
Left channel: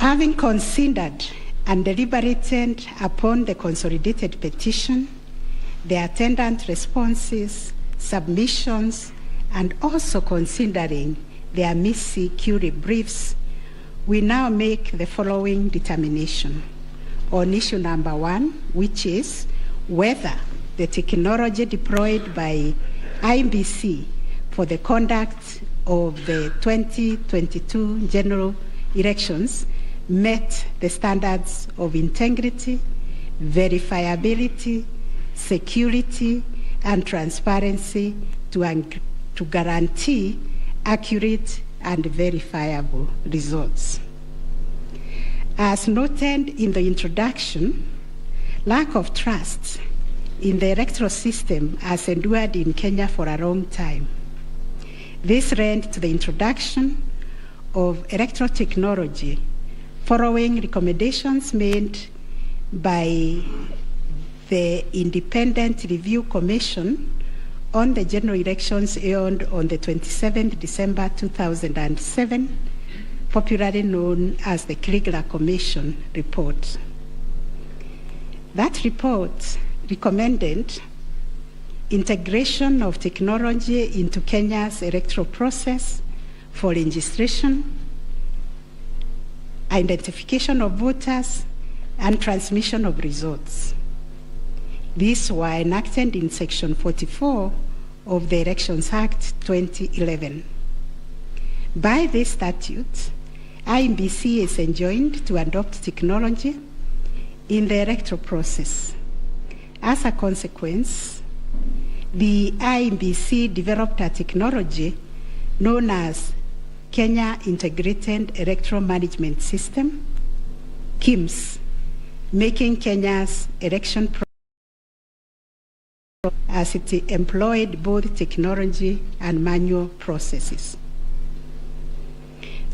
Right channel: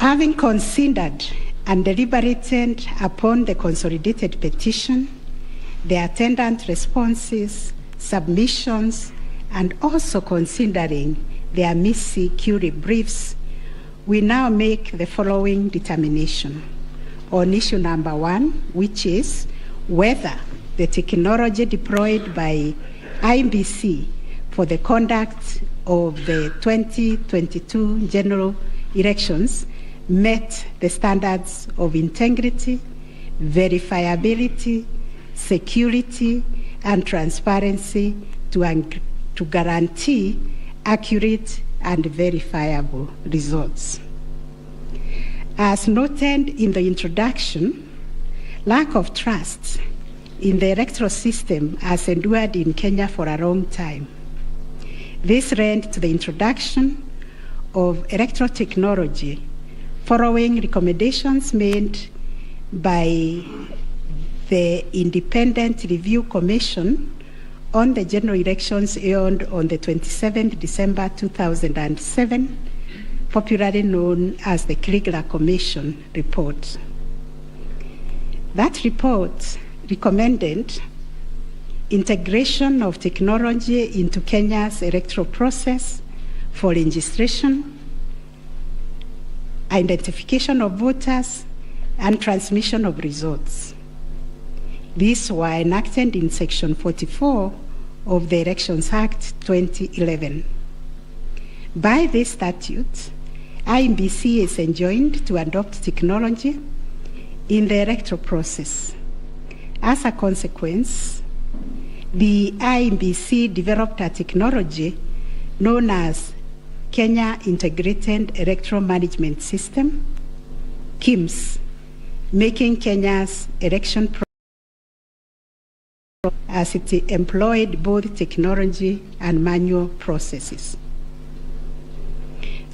Having considered and deliberated upon the consolidated petition, the attendant responses, submissions, and also considering the nmucui briefs, we now make the following determination on issue number 1, which is whether the technology deployed by IEBC for the conduct of the 2022 general elections met the standards of integrity, verifiability, security, and transparency to guarantee accurate and verifiable results. As noted in the introduction, lack of trust in the electoral system has endured in Kenya for a long time. This led to the introduction of electoral technology following recommendations made by the Independent Review Commission on the general elections held on the 27th December 2007, popularly known as the Kriegler Commission report. That report recommended integration of technology into Kenya's electoral process for registration, identification of voters, and transmission of results. These were enacted in Section 44 of the Elections Act 2011. By this statute, IEBC is enjoined to adopt technology in the electoral process. As a consequence, the IEBC developed a technology known as Kenya Integrated Electoral Management System, KIMS, making Kenya's election process as it employed both technology and manual processes.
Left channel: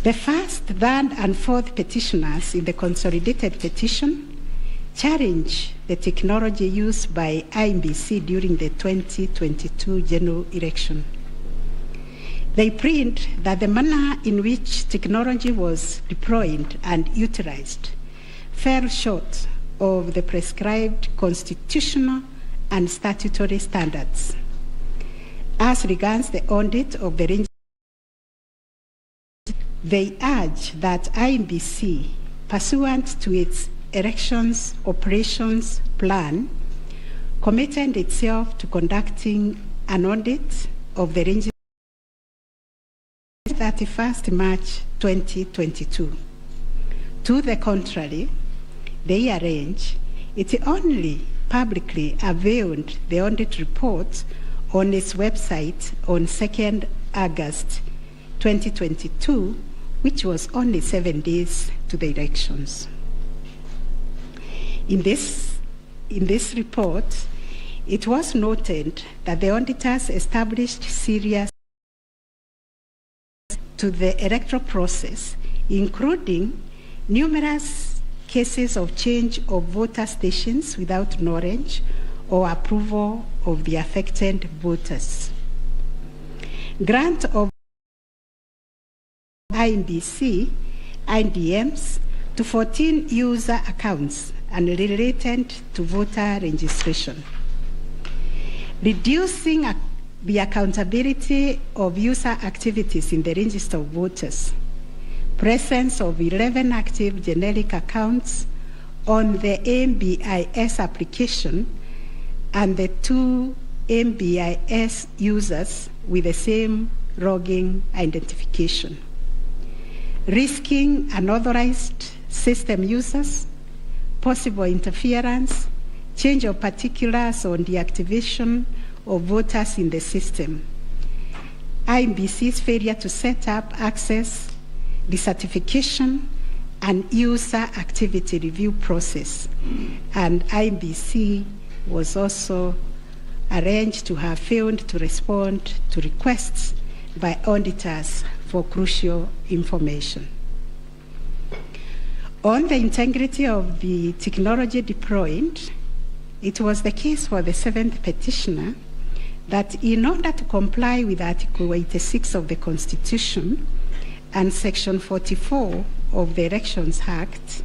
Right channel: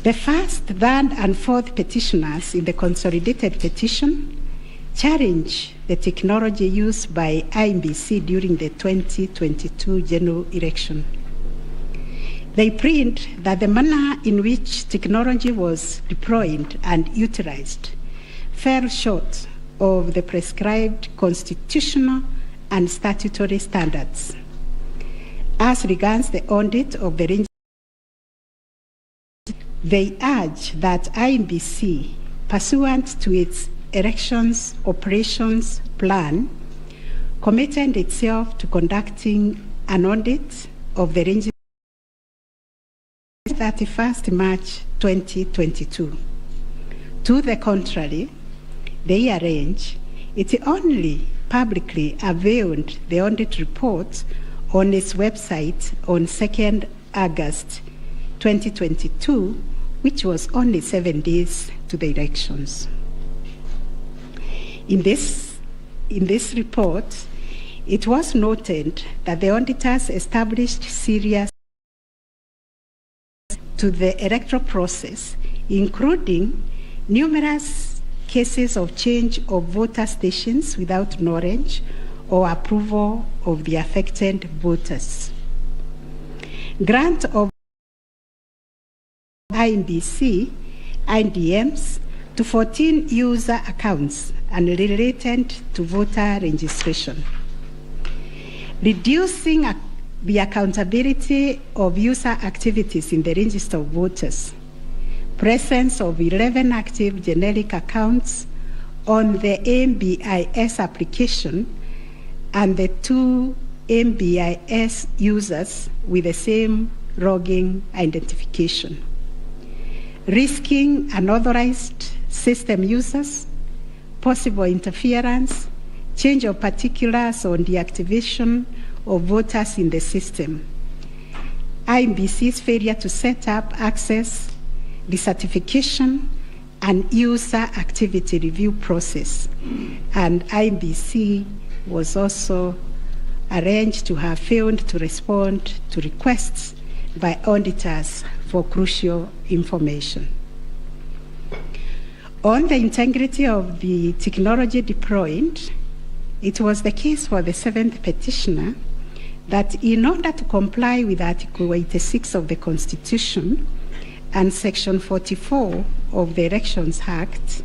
The first, third, and fourth petitioners in the consolidated petition challenge the technology used by IEBC during the 2022 general election. They plead that the manner in which technology was deployed and utilized fell short of the prescribed constitutional and statutory standards. As regards the audit of the range, they urge that IEBC, pursuant to its elections operations plan, committed itself to conducting an audit of the range 31st March 2022. To the contrary, they arrange it only publicly availed the audit report on its website on 2nd August 2022, which was only 7 days to the elections. In this report, it was noted that the auditors established serious to the electoral process, including numerous cases of change of voter stations without knowledge or approval of the affected voters. Grant of INBC, IDMs to 14 user accounts and related to voter registration. Reducing the accountability of user activities in the register of voters. Presence of 11 active generic accounts on the MBIS application and the 2 MBIS users with the same logging identification. Risking unauthorized system users, possible interference, change of particulars on the activation of voters in the system. INBC's failure to set up access, decertification, and user activity review process. And INBC was also arranged to have failed to respond to requests by auditors for crucial information. On the integrity of the technology deployed, it was the case for the 7th petitioner that in order to comply with Article 86 of the Constitution and Section 44 of the Elections Act,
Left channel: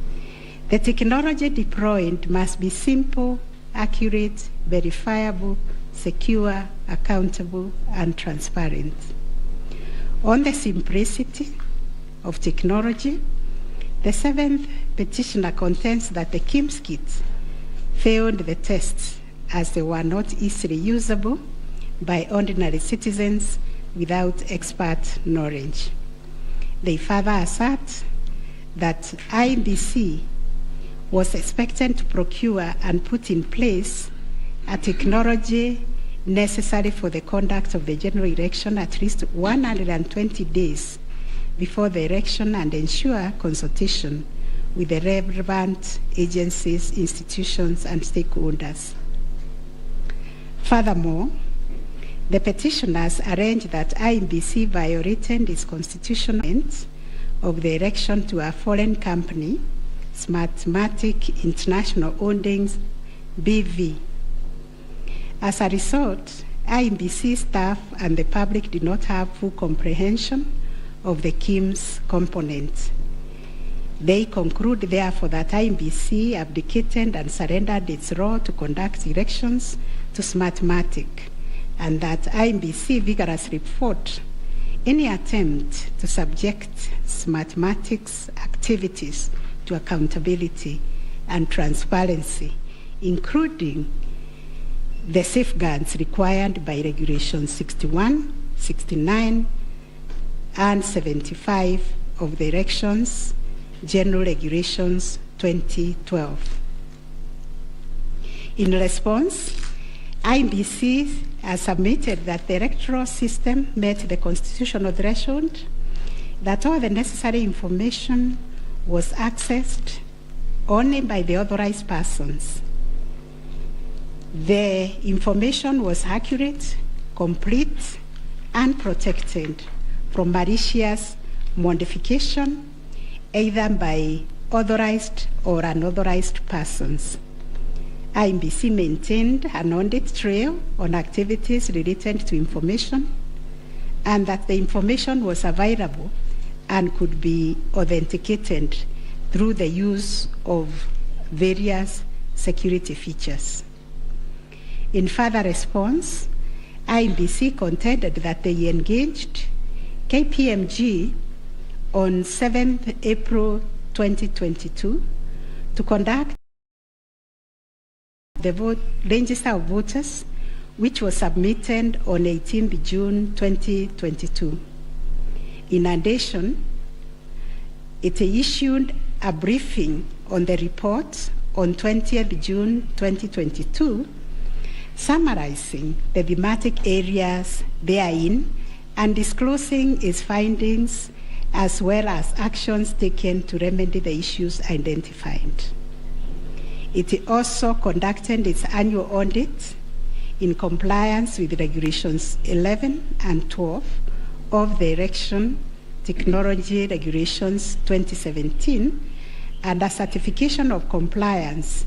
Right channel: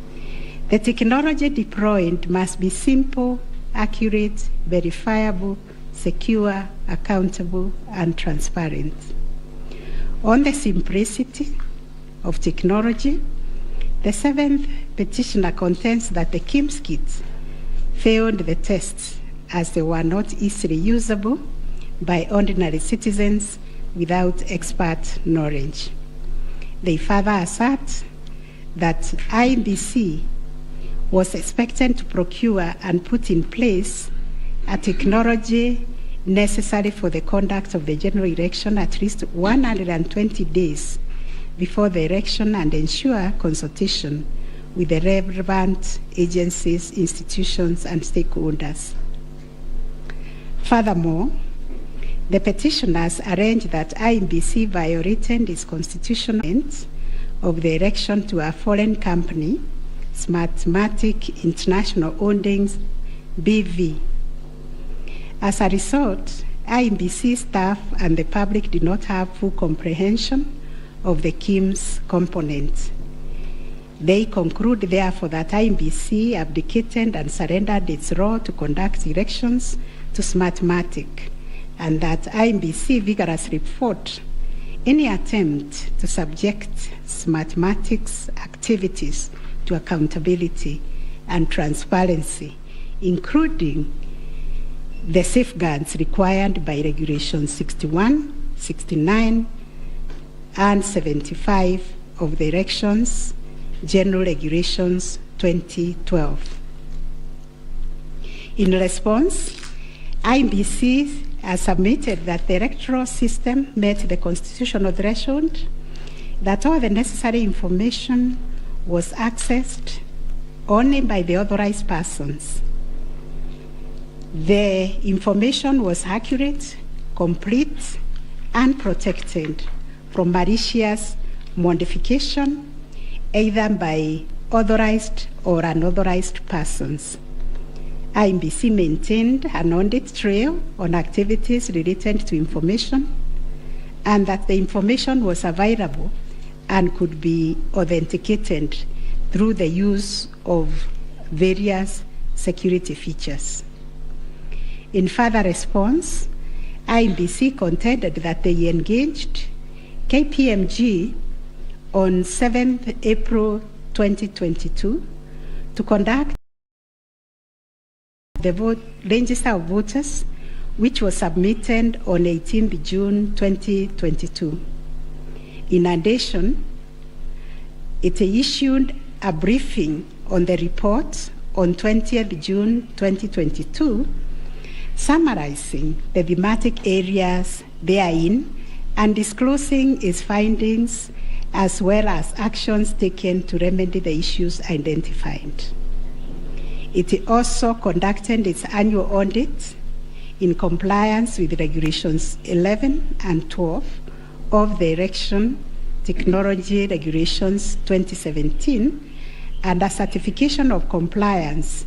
the technology deployed must be simple, accurate, verifiable, secure, accountable, and transparent. On the simplicity of technology, the 7th petitioner contends that the KIMS kits failed the tests as they were not easily usable by ordinary citizens without expert knowledge. They further assert that INBC was expected to procure and put in place a technology necessary for the conduct of the general election at least 120 days before the election and ensure consultation with the relevant agencies, institutions, and stakeholders. Furthermore, the petitioners arranged that INBC violated its constitutional end of the election to a foreign company, Smartmatic International Holdings, BV. As a result, INBC staff and the public did not have full comprehension of the KIMS component. They conclude, therefore, that INBC abdicated and surrendered its role to conduct elections to Smartmatic, and that INBC vigorously fought any attempt to subject Smartmatic's activities to accountability and transparency, including the safeguards required by Regulation 61, 69, and 75 of the Elections General Regulations 2012. In response, INBC has submitted that the electoral system met the constitutional threshold, that all the necessary information was accessed only by the authorized persons. The information was accurate, complete, and protected from malicious modification, either by authorized or unauthorized persons. INBC maintained an audit trail on activities related to information, and that the information was available and could be authenticated through the use of various security features. In further response, INBC contended that they engaged KPMG on 7th April 2022 to conduct the register of voters, which was submitted on 18th June 2022. In addition, it issued a briefing on the report on 20th June 2022, summarizing the thematic areas therein and disclosing its findings as well as actions taken to remedy the issues identified. It also conducted its annual audit in compliance with Regulations 11 and 12 of the Election Technology Regulations 2017 and a certification of compliance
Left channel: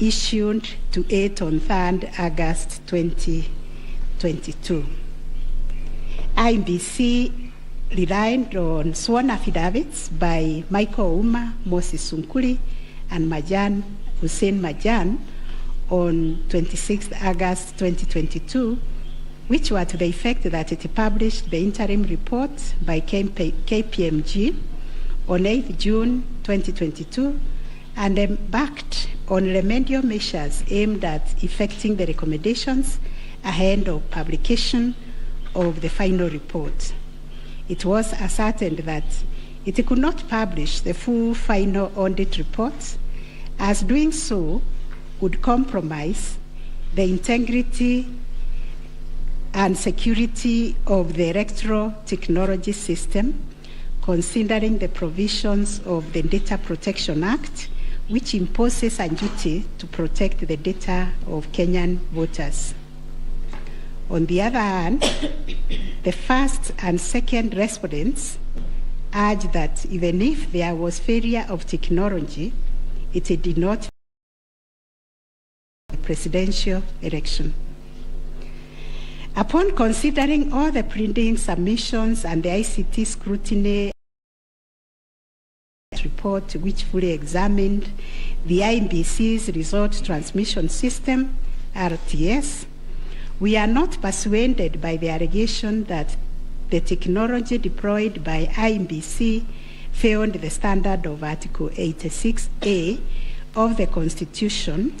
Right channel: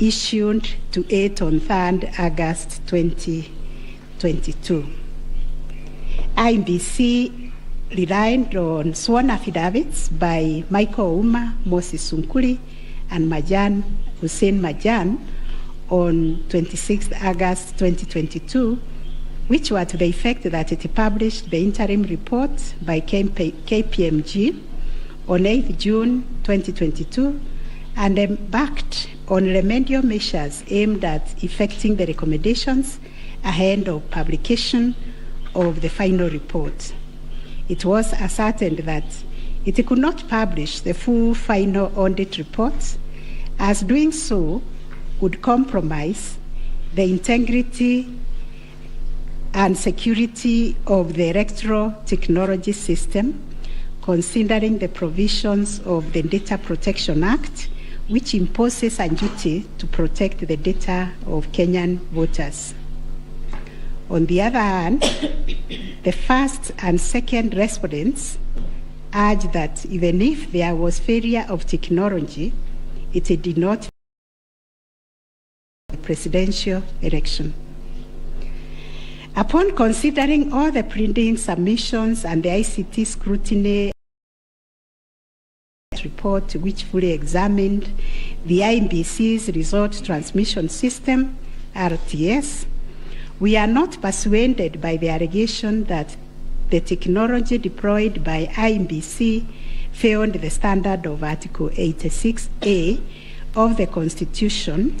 issued to it on 3rd August 2022. INBC relied on sworn affidavits by Michael Ouma, Moses Sunkuri, and Hussein Majan on 26 August 2022, which were to the effect that it published the interim report by KPMG on 8 June 2022 and embarked on remedial measures aimed at effecting the recommendations ahead of publication of the final report. It was ascertained that it could not publish the full final audit report, as doing so would compromise the integrity and security of the electoral technology system, considering the provisions of the Data Protection Act, which imposes a duty to protect the data of Kenyan voters. On the other hand, the first and second respondents urged that even if there was failure of technology, it did not the presidential election. Upon considering all the printing submissions and the ICT scrutiny report, which fully examined the IEBC's result transmission system, RTS, we are not persuaded by the allegation that the technology deployed by IEBC failed the standard of Article 86A of the Constitution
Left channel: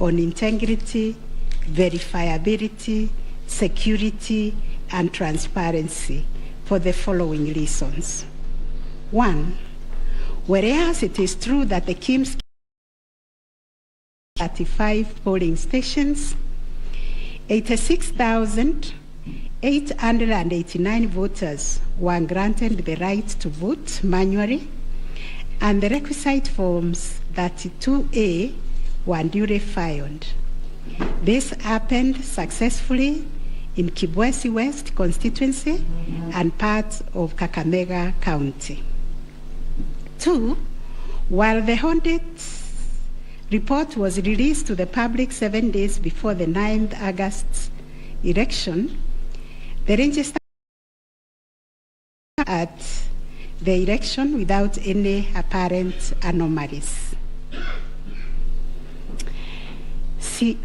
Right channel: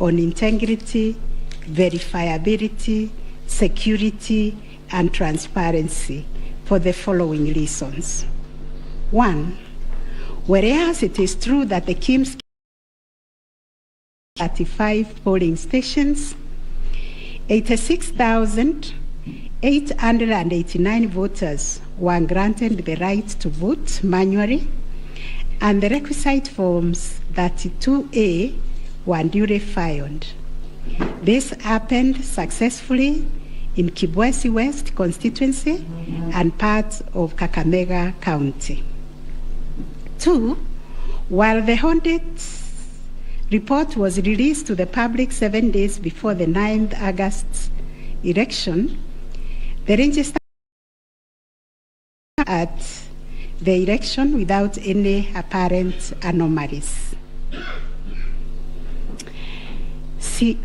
on integrity, verifiability, security, and transparency for the following reasons. One, whereas it is true that the KIMS 35 polling stations, 86,889 voters were granted the right to vote manually, and the requisite forms 32A were duly filed. This happened successfully in Kibwezi West constituency and parts of Kakamega County. Two, while the audit report was released to the public 7 days before the 9th August election, the register at the election without any apparent anomalies. 3,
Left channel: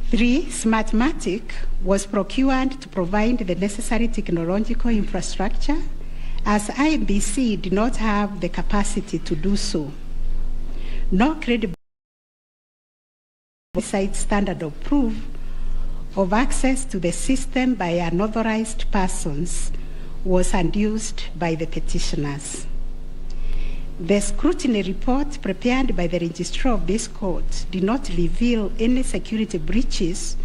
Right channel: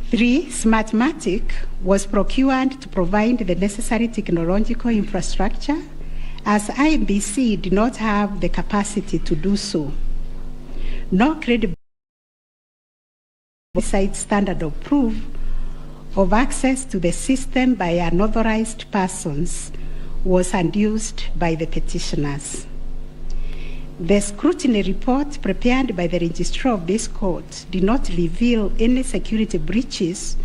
Smartmatic was procured to provide the necessary technological infrastructure, as IEBC did not have the capacity to do so. No credible standard of proof of access to the system by unauthorized persons was adduced by the petitioners. The scrutiny report prepared by the registrar of this court did not reveal any security breaches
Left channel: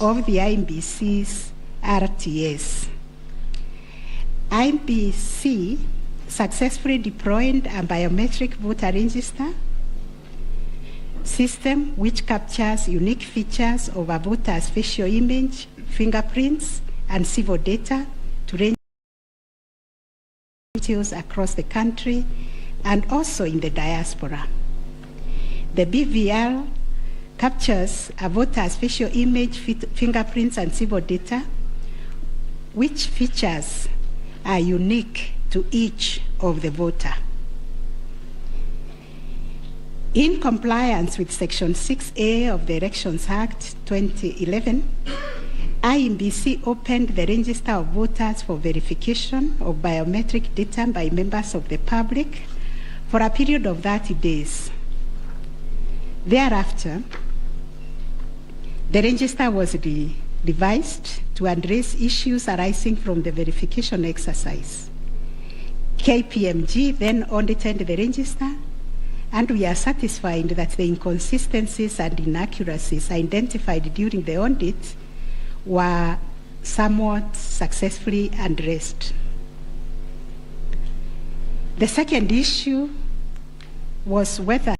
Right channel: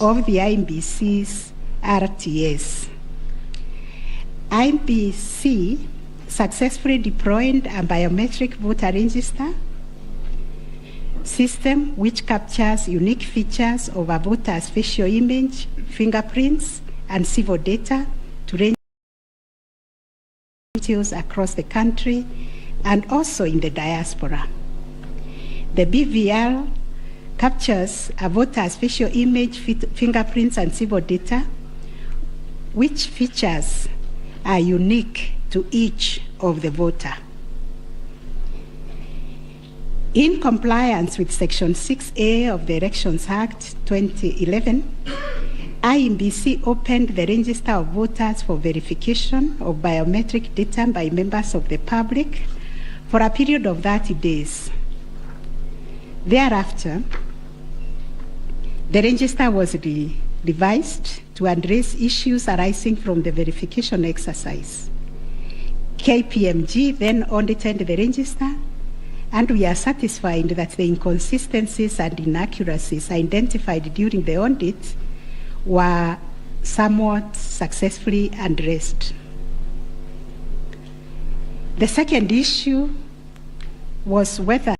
of the IEBC's RTS. IEBC successfully deployed a biometric voter register system which captures unique features of a voter's facial image, fingerprints, and civil data to range details across the country and also in the diaspora. The BVR captures a voter's facial image, fingerprints, and civil data, which features are unique to each of the voter. In compliance with Section 6A of the Elections Act 2011, IEBC opened the register of voters for verification of biometric data by members of the public for a period of 30 days. Thereafter, the register was revised to address issues arising from the verification exercise. KPMG then audited the register, and we are satisfied that the inconsistencies and inaccuracies identified during the audit were somewhat successfully addressed. The second issue was whether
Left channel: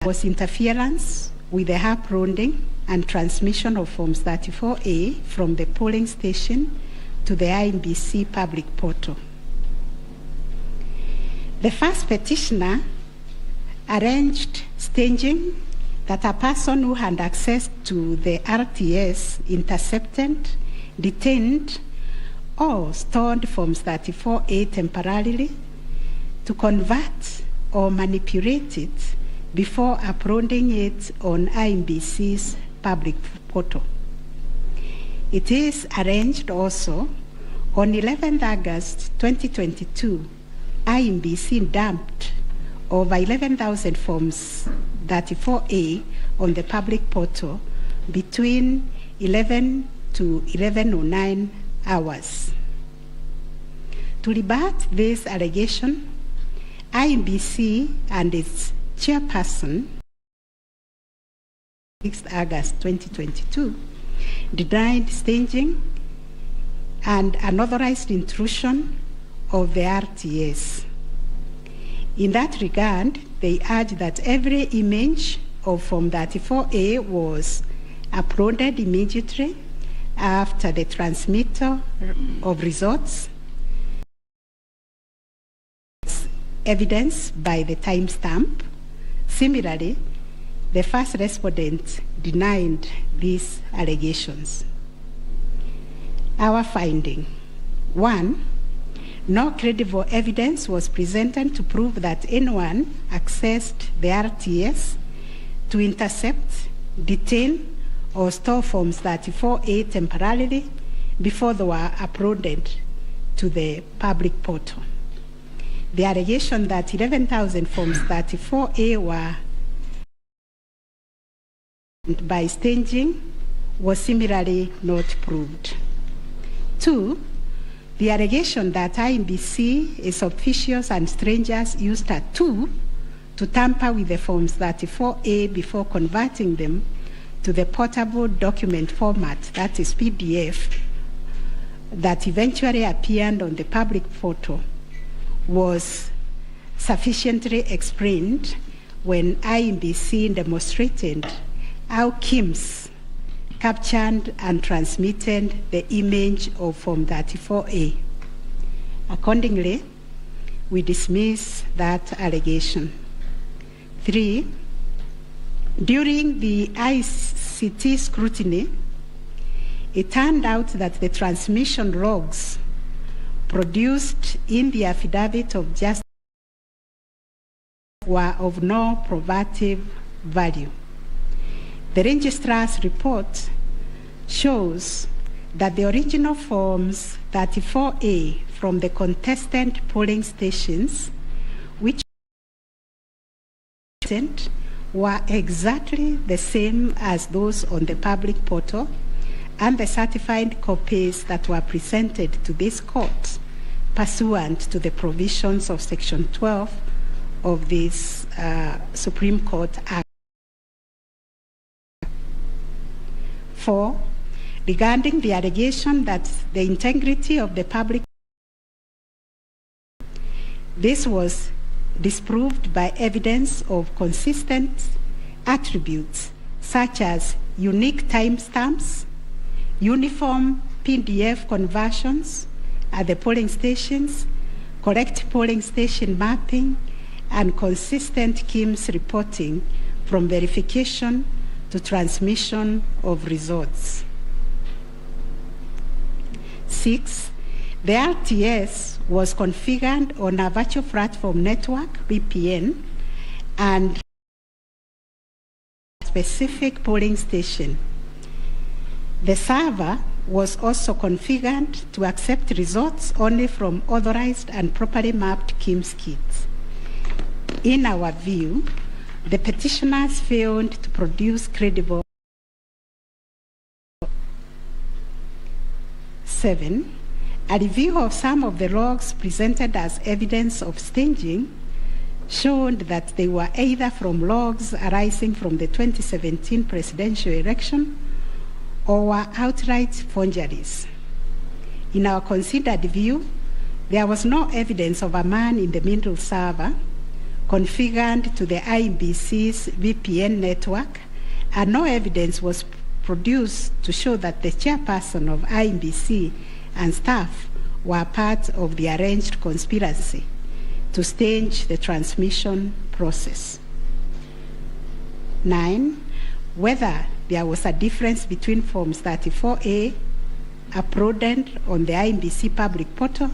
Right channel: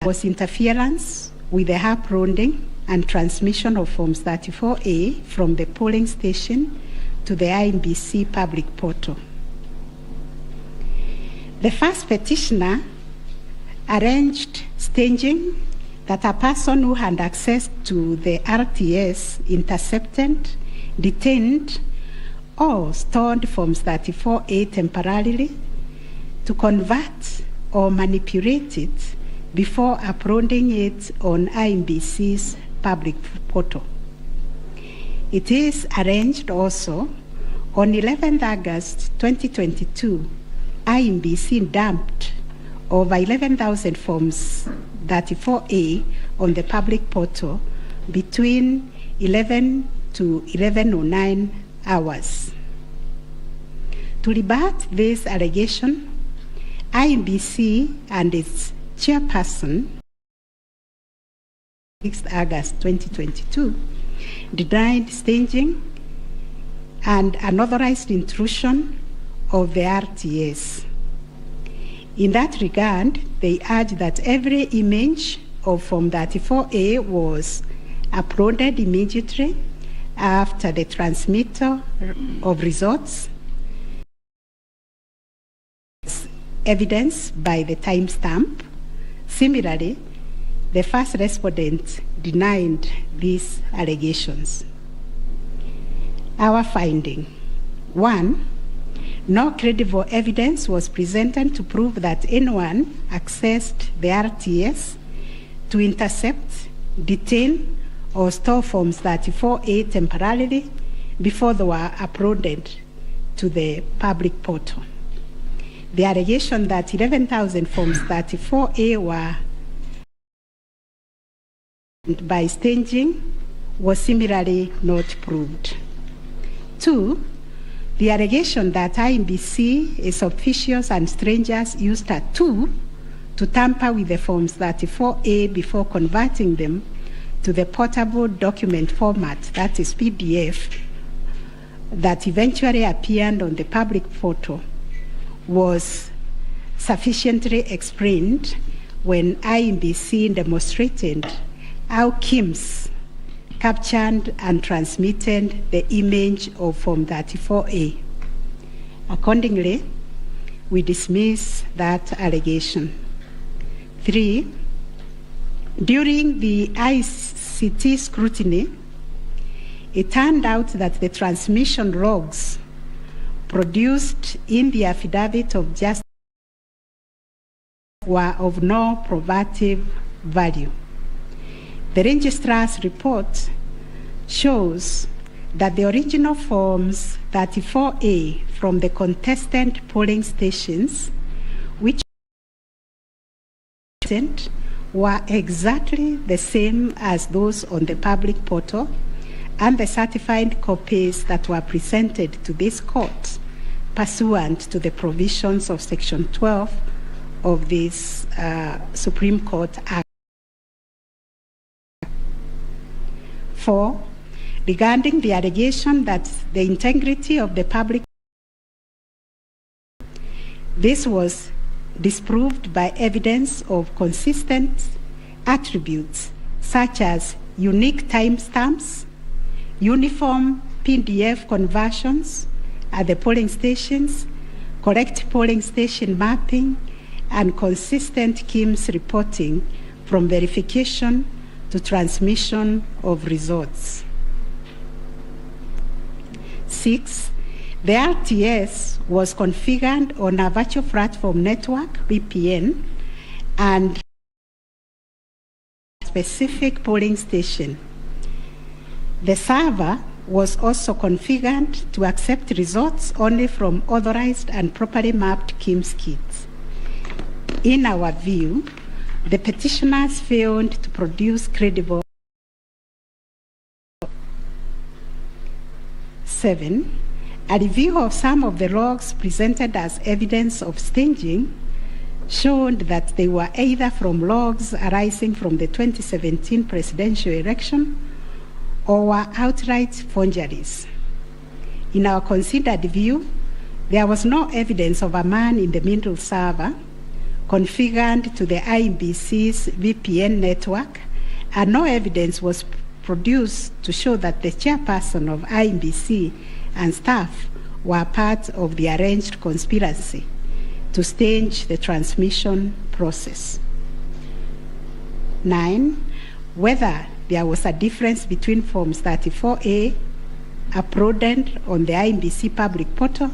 there was interference with the uploading and transmission of Forms 34A from the polling station to the IEBC public portal. The first petitioner arranged staging that a person who had access to the RTS intercepted, detained, or stored Forms 34A temporarily to convert or manipulate it before uploading it on IEBC's public portal. It is arranged also on 11th August 2022, IEBC dumped over 11,000 Forms 34A on the public portal between 11 to 11:09 hours. To rebut this allegation, IEBC and its chairperson, 6th August 2022, denied staging and unauthorized intrusion of the RTS. In that regard, they urge that every image of Form 34A was uploaded immediately after the transmittal of results, evidenced by the timestamp. Similarly, the first respondent denied these allegations. Our finding: 1, no credible evidence was presented to prove that anyone accessed the RTS to intercept, detain, or store Forms 34A temporarily before they were uploaded to the public portal. The allegation that 11,000 Forms 34A were by staging was similarly not proved. 2, the allegation that IEBC, its officials and strangers used a tool to tamper with the Forms 34A before converting them to the portable document format, that is PDF, that eventually appeared on the public portal, was sufficiently explained when IEBC demonstrated how KIMS captured and transmitted the image of Form 34A. Accordingly, we dismiss that allegation. 3, during the ICT scrutiny, it turned out that the transmission logs produced in the affidavit of justice were of no probative value. The registrar's report shows that the original Forms 34A from the contestant polling stations, which were exactly the same as those on the public portal, and the certified copies that were presented to this court pursuant to the provisions of Section 12 of this Supreme Court Act. 4, regarding the allegation that the integrity of the public, this was disproved by evidence of consistent attributes such as unique timestamps, uniform PDF conversions at the polling stations, correct polling station mapping, and consistent KIMS reporting from verification to transmission of results. 6, the RTS was configured on a virtual platform network, VPN, and specific polling station. The server was also configured to accept results only from authorized and properly mapped KIMS kits. In our view, the petitioners failed to produce credible. 7, a review of some of the logs presented as evidence of staging showed that they were either from logs arising from the 2017 presidential election or were outright forgeries. In our considered view, there was no evidence of a man-in-the-middle server configured to the IEBC's VPN network, and no evidence was produced to show that the chairperson of IEBC and staff were part of the arranged conspiracy to stage the transmission process. 9, whether there was a difference between Forms 34A uploaded on the IMBC public portal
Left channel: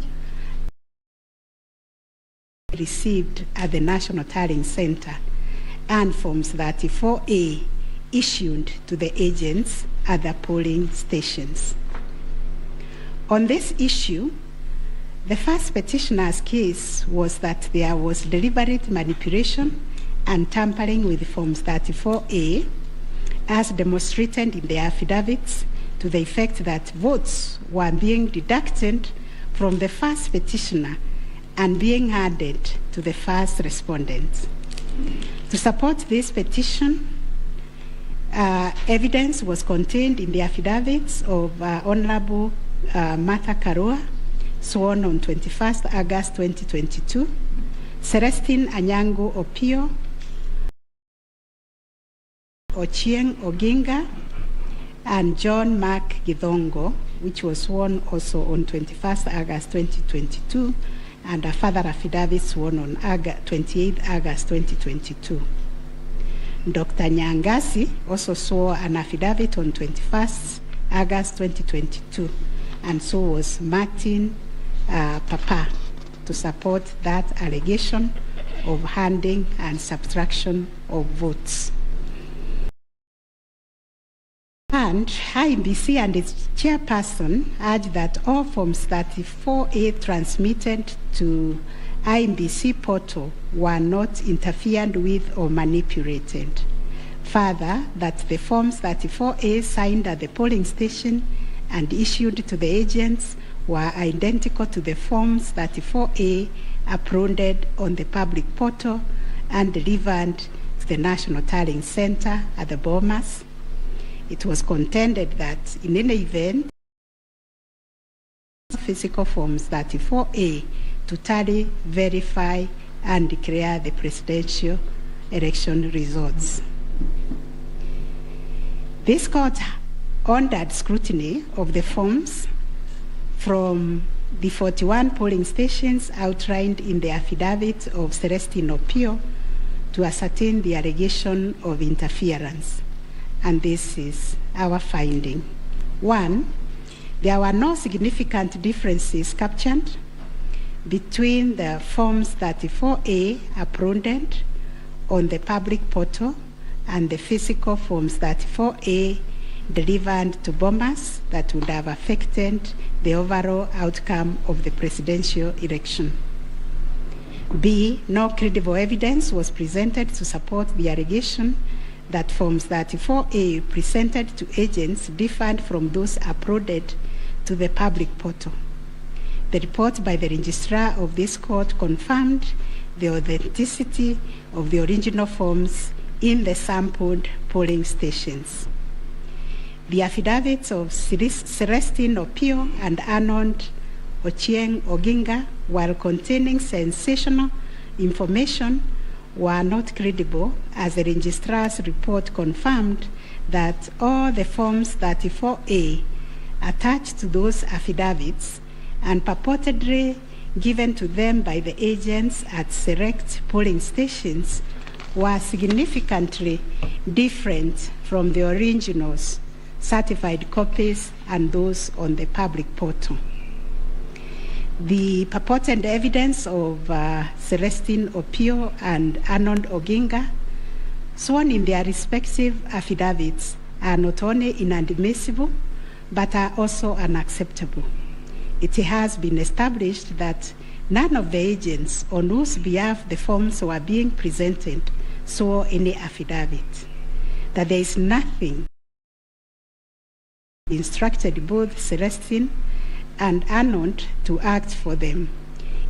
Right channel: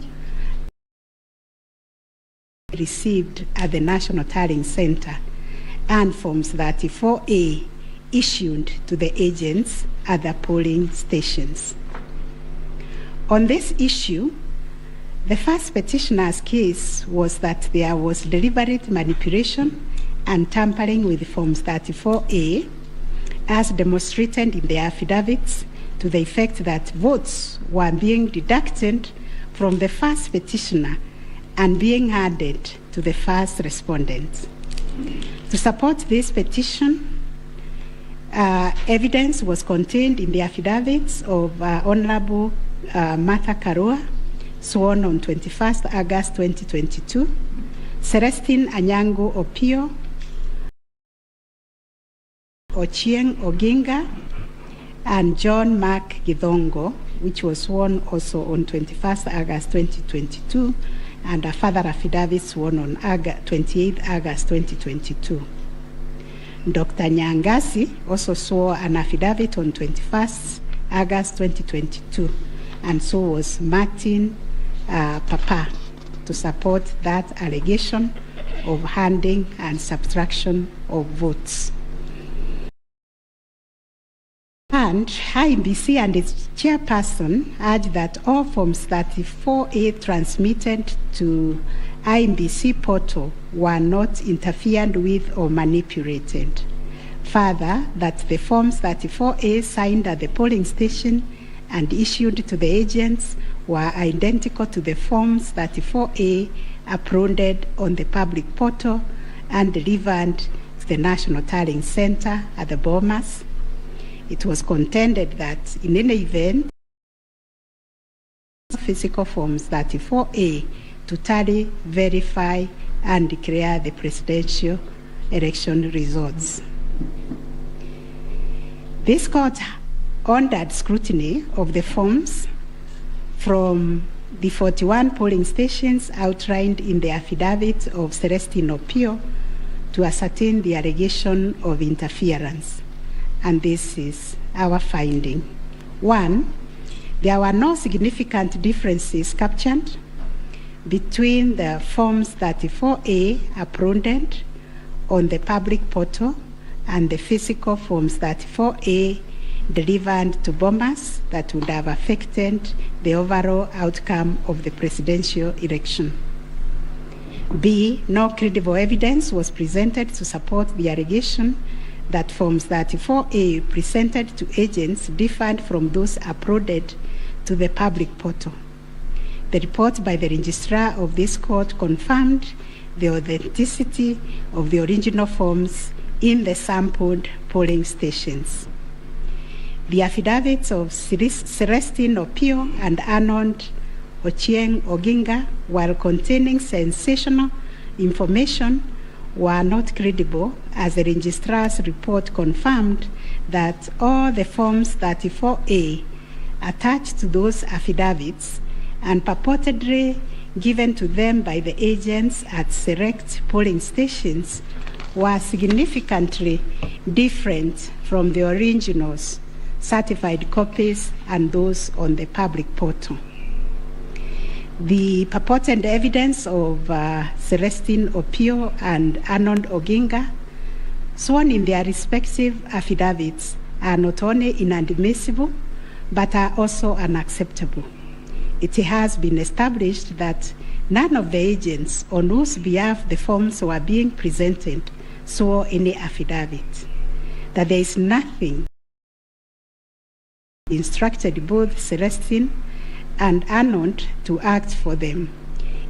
received at the National Tallying Center, and Forms 34A issued to the agents at the polling stations. On this issue, the first petitioner's case was that there was deliberate manipulation and tampering with Forms 34A, as demonstrated in the affidavits, to the effect that votes were being deducted from the first petitioner and being added to the first respondent. To support this petition, evidence was contained in the affidavits of Honorable Martha Karua, sworn on 21st August 2022, Celestine Anyango Opio, Ochieng Oginga, and John Mark Githongo, which was sworn also on 21st August 2022, and a further affidavit sworn on 28th August 2022. Dr. Nyangasi also swore an affidavit on 21st August 2022, and so was Martin Papa, to support that allegation of handing and subtraction of votes. And IMBC and its chairperson urged that all Forms 34A transmitted to IMBC portal were not interfered with or manipulated. Further, that the Forms 34A signed at the polling station and issued to the agents were identical to the Forms 34A uploaded on the public portal and delivered to the National Tallying Center at the Bomas. It was contended that in any event, physical Forms 34A to tally, verify, and declare the presidential election results. This court ordered scrutiny of the forms from the 41 polling stations outlined in the affidavit of Celestine Opio to ascertain the allegation of interference. And this is our finding. 1, there were no significant differences captured between the Forms 34A uploaded on the public portal and the physical Forms 34A delivered to Bomas that would have affected the overall outcome of the presidential election. B, no credible evidence was presented to support the allegation that Forms 34A presented to agents differed from those uploaded to the public portal. The report by the registrar of this court confirmed the authenticity of the original forms in the sampled polling stations. The affidavits of Celestine Opio and Arnold Ochieng Oginga, while containing sensational information, were not credible, as the registrar's report confirmed that all the Forms 34A attached to those affidavits and purportedly given to them by the agents at select polling stations were significantly different from the originals, certified copies, and those on the public portal. The purported evidence of Celestine Opio and Arnold Oginga, sworn in their respective affidavits, are not only inadmissible, but are also unacceptable. It has been established that none of the agents on whose behalf the forms were being presented swore any affidavit, that there is nothing instructed both Celestine and Arnold to act for them.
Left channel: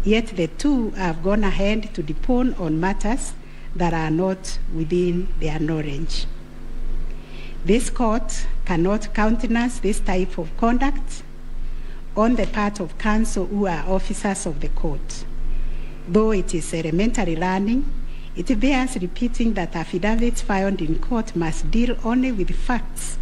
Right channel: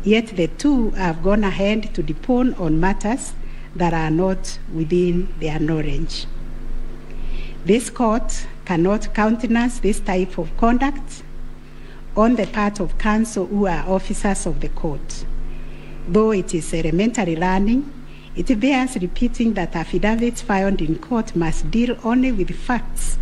Yet the two have gone ahead to depone on matters that are not within their knowledge. This court cannot countenance this type of conduct on the part of counsel who are officers of the court. Though it is elementary learning, it bears repeating that affidavits filed in court must deal only with facts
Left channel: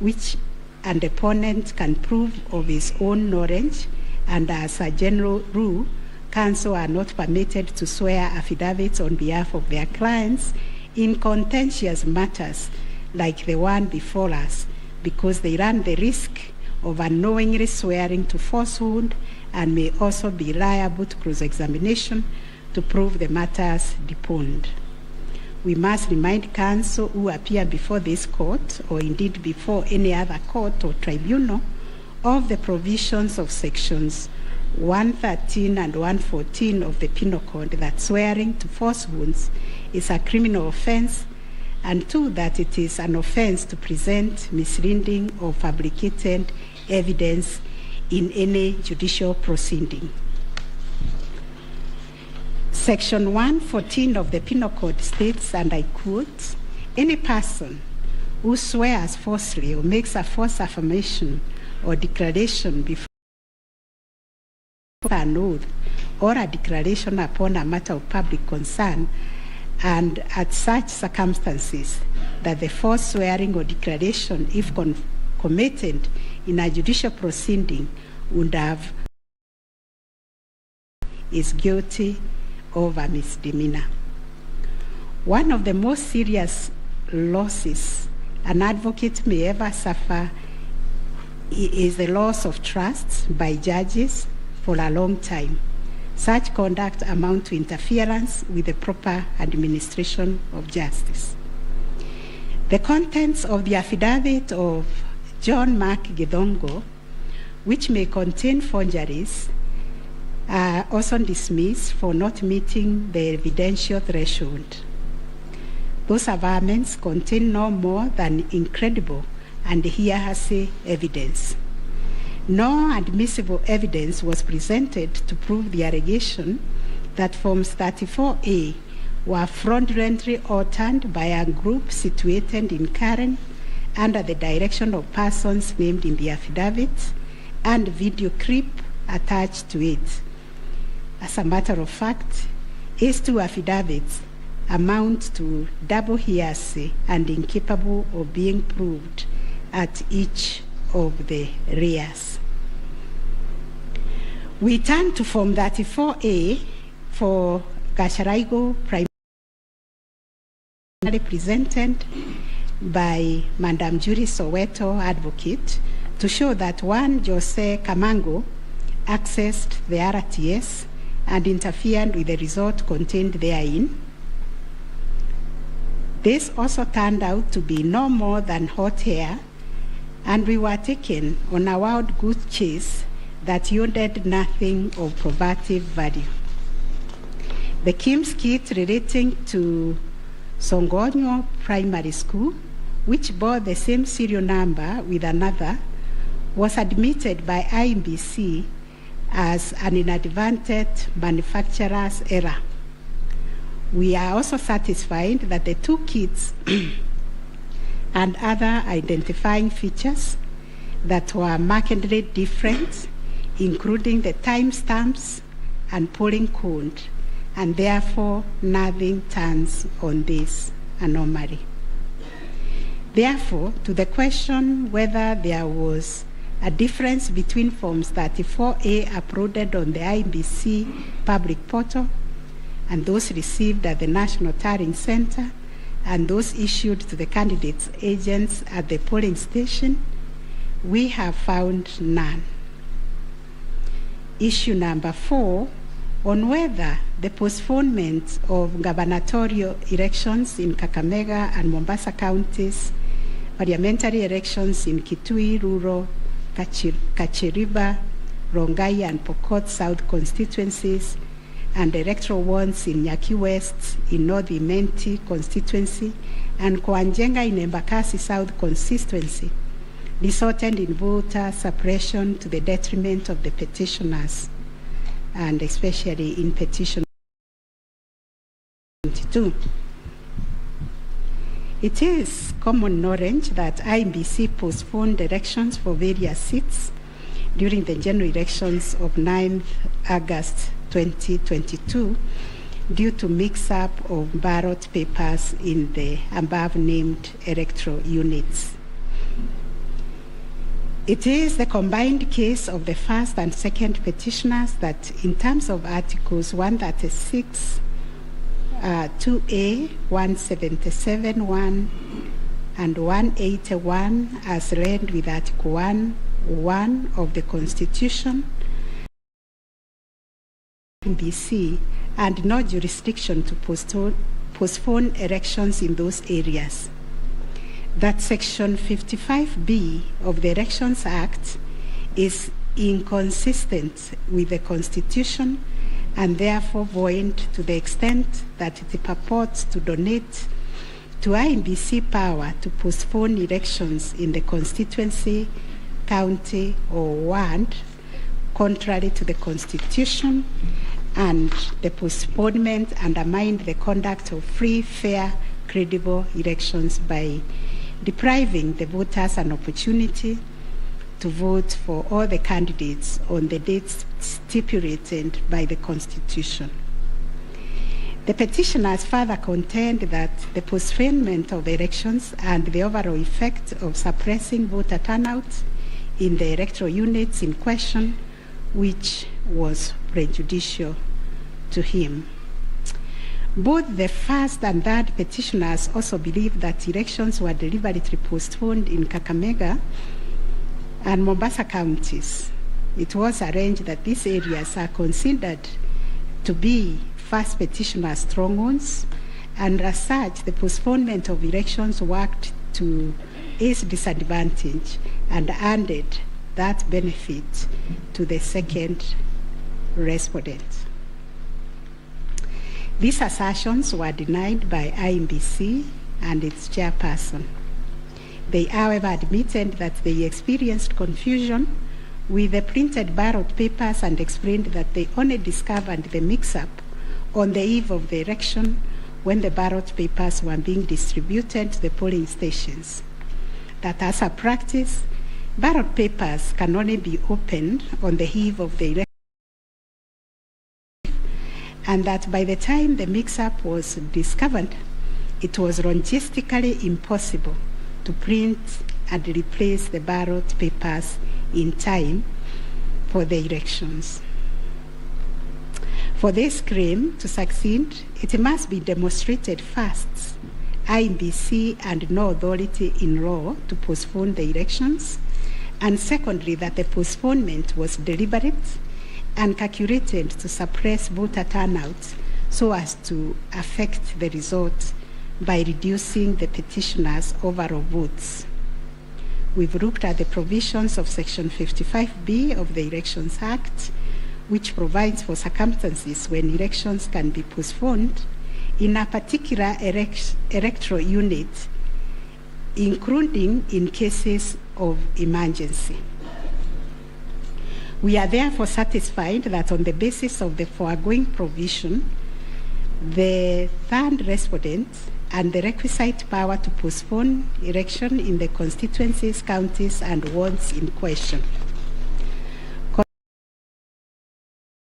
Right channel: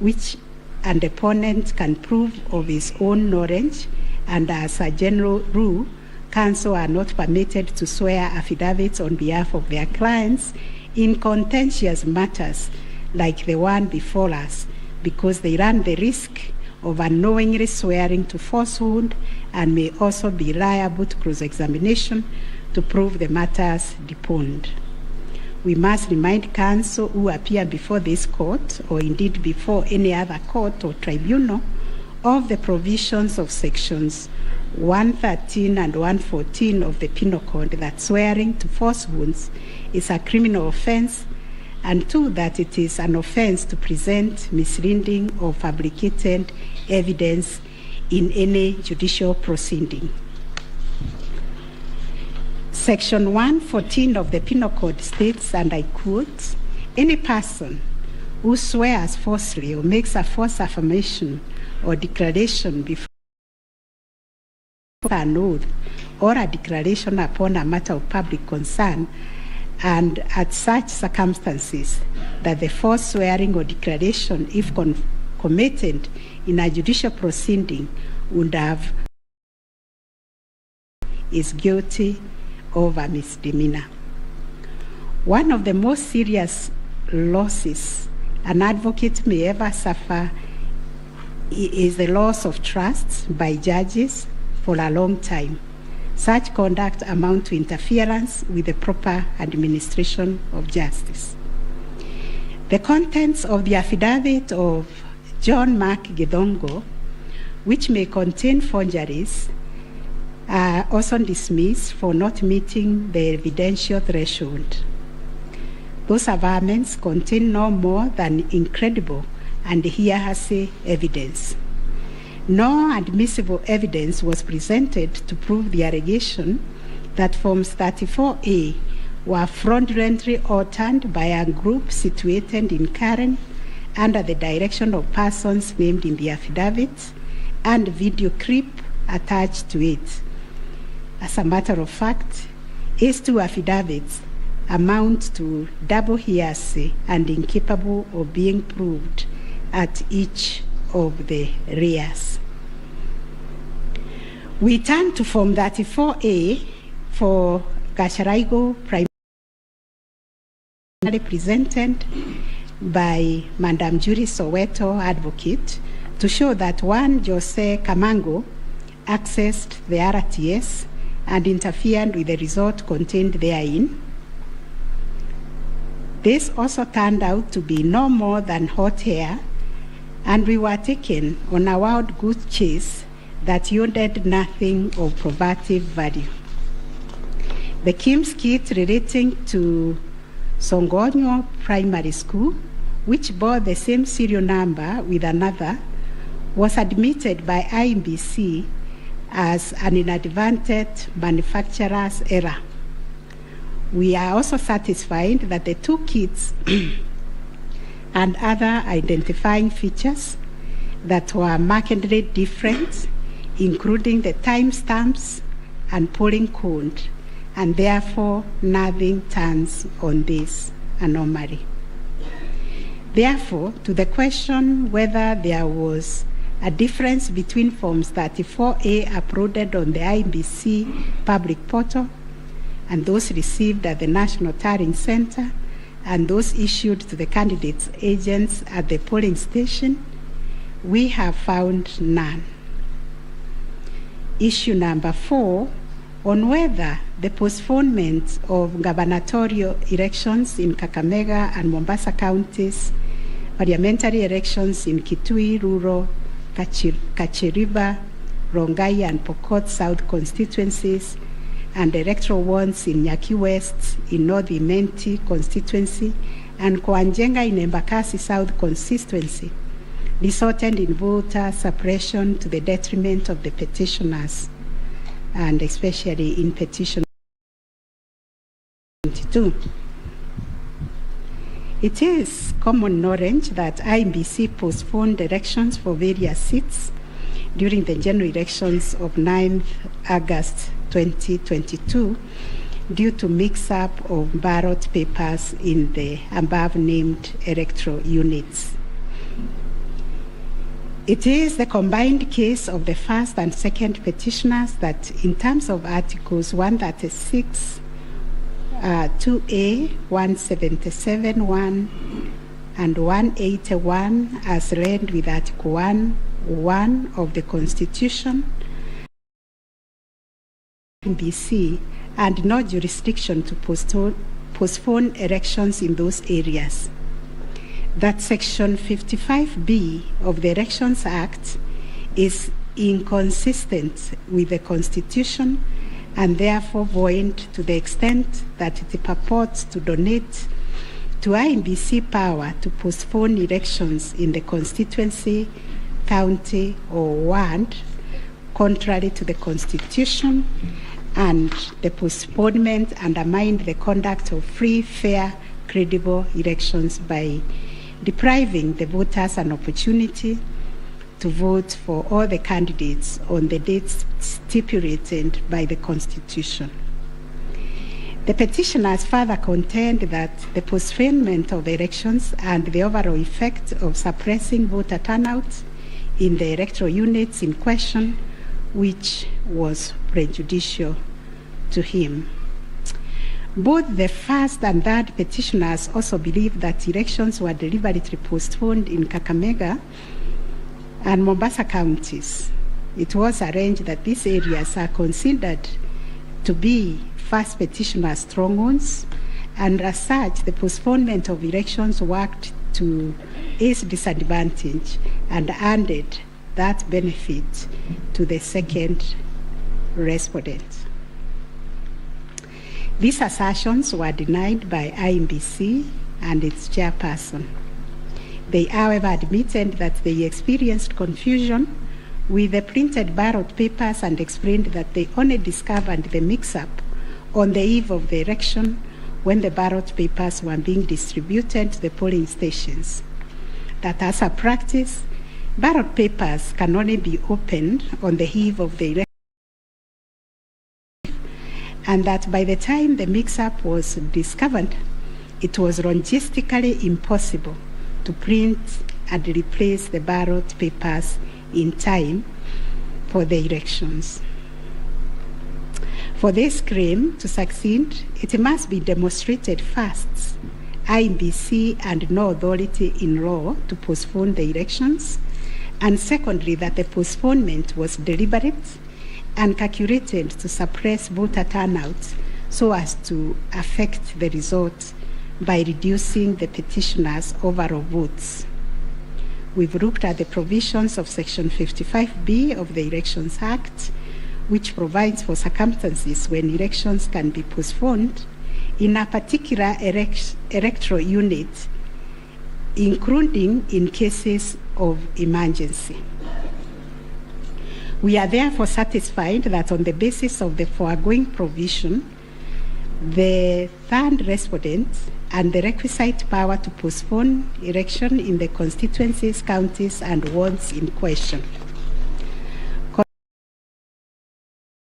which an opponent can prove of his own knowledge, and as a general rule, counsel are not permitted to swear affidavits on behalf of their clients in contentious matters like the one before us, because they run the risk of unknowingly swearing to falsehood and may also be liable to cross-examination to prove the matters deponed. We must remind counsel who appear before this court, or indeed before any other court or tribunal, of the provisions of sections 113 and 114 of the Penal Code that swearing to falsehoods is a criminal offense, and 2, that it is an offense to present misleading or fabricated evidence in any judicial proceeding. Section 114 of the Penal Code states, and I quote, "Any person who swears falsely or makes a false affirmation or declaration before an oath or a declaration upon a matter of public concern, and at such circumstances that the false swearing or declaration, if committed in a judicial proceeding, would have is guilty of a misdemeanor." One of the most serious losses an advocate may ever suffer is the loss of trust by judges for a long time. Such conduct amounts to interference with the proper administration of justice. The contents of the affidavit of John Mark Githongo, which may contain forgeries, are also dismissed for not meeting the evidential threshold. Those averments contain no more than incredible and hearsay evidence. No admissible evidence was presented to prove the allegation that Forms 34A were fraudulently altered by a group situated in Karen under the direction of persons named in the affidavit and video clip attached to it. As a matter of fact, these 2 affidavits amount to double hearsay and incapable of being proved at each of the rears. We turn to Form 34A for Gacharago, primarily presented by Madam Judy Soweto, advocate, to show that one Jose Kamango accessed the RTS and interfered with the result contained therein. This also turned out to be no more than hot air, and we were taken on a wild goose chase that yielded nothing of probative value. The Kim's kit relating to Songonyo Primary School, which bore the same serial number with another, was admitted by IBC as an inadvertent manufacturer's error. We are also satisfied that the 2 kits and other identifying features that were markedly different, including the timestamps and polling code, and therefore nothing turns on this anomaly. Therefore, to the question whether there was a difference between Forms 34A uploaded on the IBC public portal and those received at the National Tallying Center and those issued to the candidates' agents at the polling station, we have found none. Issue number 4, on whether the postponement of gubernatorial elections in Kakamega and Mombasa counties, parliamentary elections in Kitui, Rural, Kachiriba, Rongai and Pokot South constituencies, and electoral ones in Nyaki West, in North Imenti constituency, and Kwanjenga in Embakasi South constituency, resulted in voter suppression to the detriment of the petitioners, and especially in Petition 22. It is common knowledge that IBC postponed elections for various seats during the general elections of 9th August 2022 due to mix-up of ballot papers in the above-named electoral units. It is the combined case of the first and second petitioners that, in terms of Articles 136, 2A, 177, 1, and 181, as read with Article 1, 1 of the Constitution, BC, and no jurisdiction to postpone elections in those areas. That Section 55B of the Elections Act is inconsistent with the Constitution and therefore void to the extent that it purports to donate to IEBC power to postpone elections in the constituency, county, or ward, contrary to the Constitution, and the postponement undermined the conduct of free, fair, credible elections by depriving the voters an opportunity to vote for all the candidates on the dates stipulated by the Constitution. The petitioners further contend that the postponement of elections and the overall effect of suppressing voter turnout in the electoral units in question, which was prejudicial to him. Both the first and third petitioners also believe that elections were deliberately postponed in Kakamega and Mombasa counties. It was arranged that these areas are considered to be first petitioner strongholds, and as such, the postponement of elections worked to his disadvantage and handed that benefit to the second respondent. These assertions were denied by IEBC and its chairperson. They, however, admitted that they experienced confusion with the printed ballot papers and explained that they only discovered the mix-up on the eve of the election when the ballot papers were being distributed to the polling stations. That as a practice, ballot papers can only be opened on the eve of the election, and that by the time the mix-up was discovered, it was logistically impossible to print and replace the ballot papers in time for the elections. For this claim to succeed, it must be demonstrated first, IEBC and no authority in law to postpone the elections, and secondly, that the postponement was deliberate and calculated to suppress voter turnout so as to affect the result by reducing the petitioners' overall votes. We've looked at the provisions of Section 55B of the Elections Act, which provides for circumstances when elections can be postponed in a particular electoral unit, including in cases of emergency. We are therefore satisfied that on the basis of the foregoing provision, the third respondent and the requisite power to postpone election in the constituencies, counties, and wards in question.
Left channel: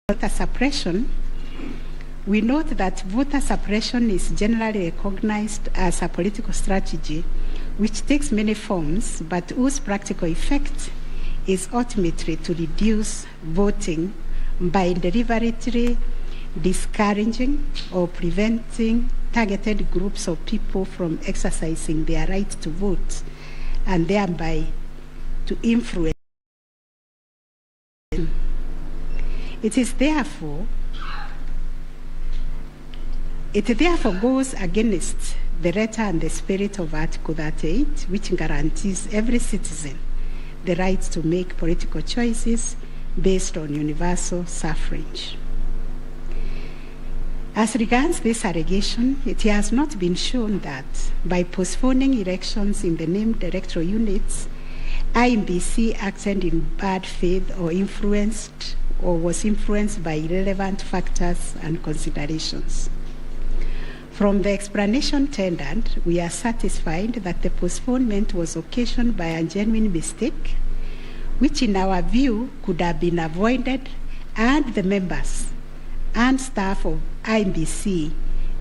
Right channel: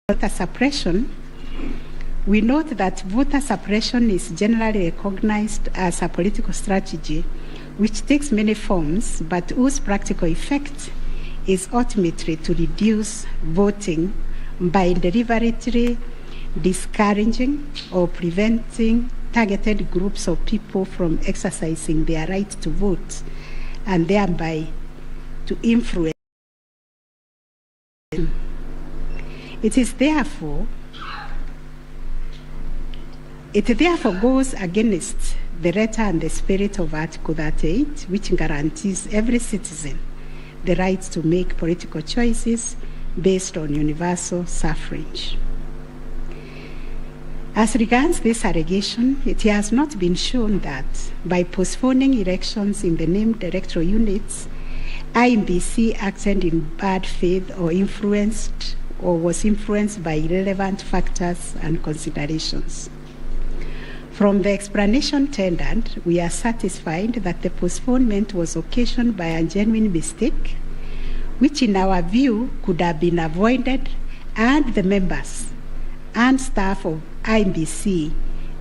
Voter suppression, we note that voter suppression is generally recognized as a political strategy which takes many forms, but whose practical effect is ultimately to reduce voting by deliberately discouraging or preventing targeted groups of people from exercising their right to vote and thereby to influence. It therefore goes against the letter and the spirit of Article 38, which guarantees every citizen the right to make political choices based on universal suffrage. As regards this allegation, it has not been shown that by postponing elections in the named electoral units, IEBC acted in bad faith or was influenced by irrelevant factors and considerations. From the explanation tendered, we are satisfied that the postponement was occasioned by a genuine mistake, which in our view could have been avoided and the members and staff of IEBC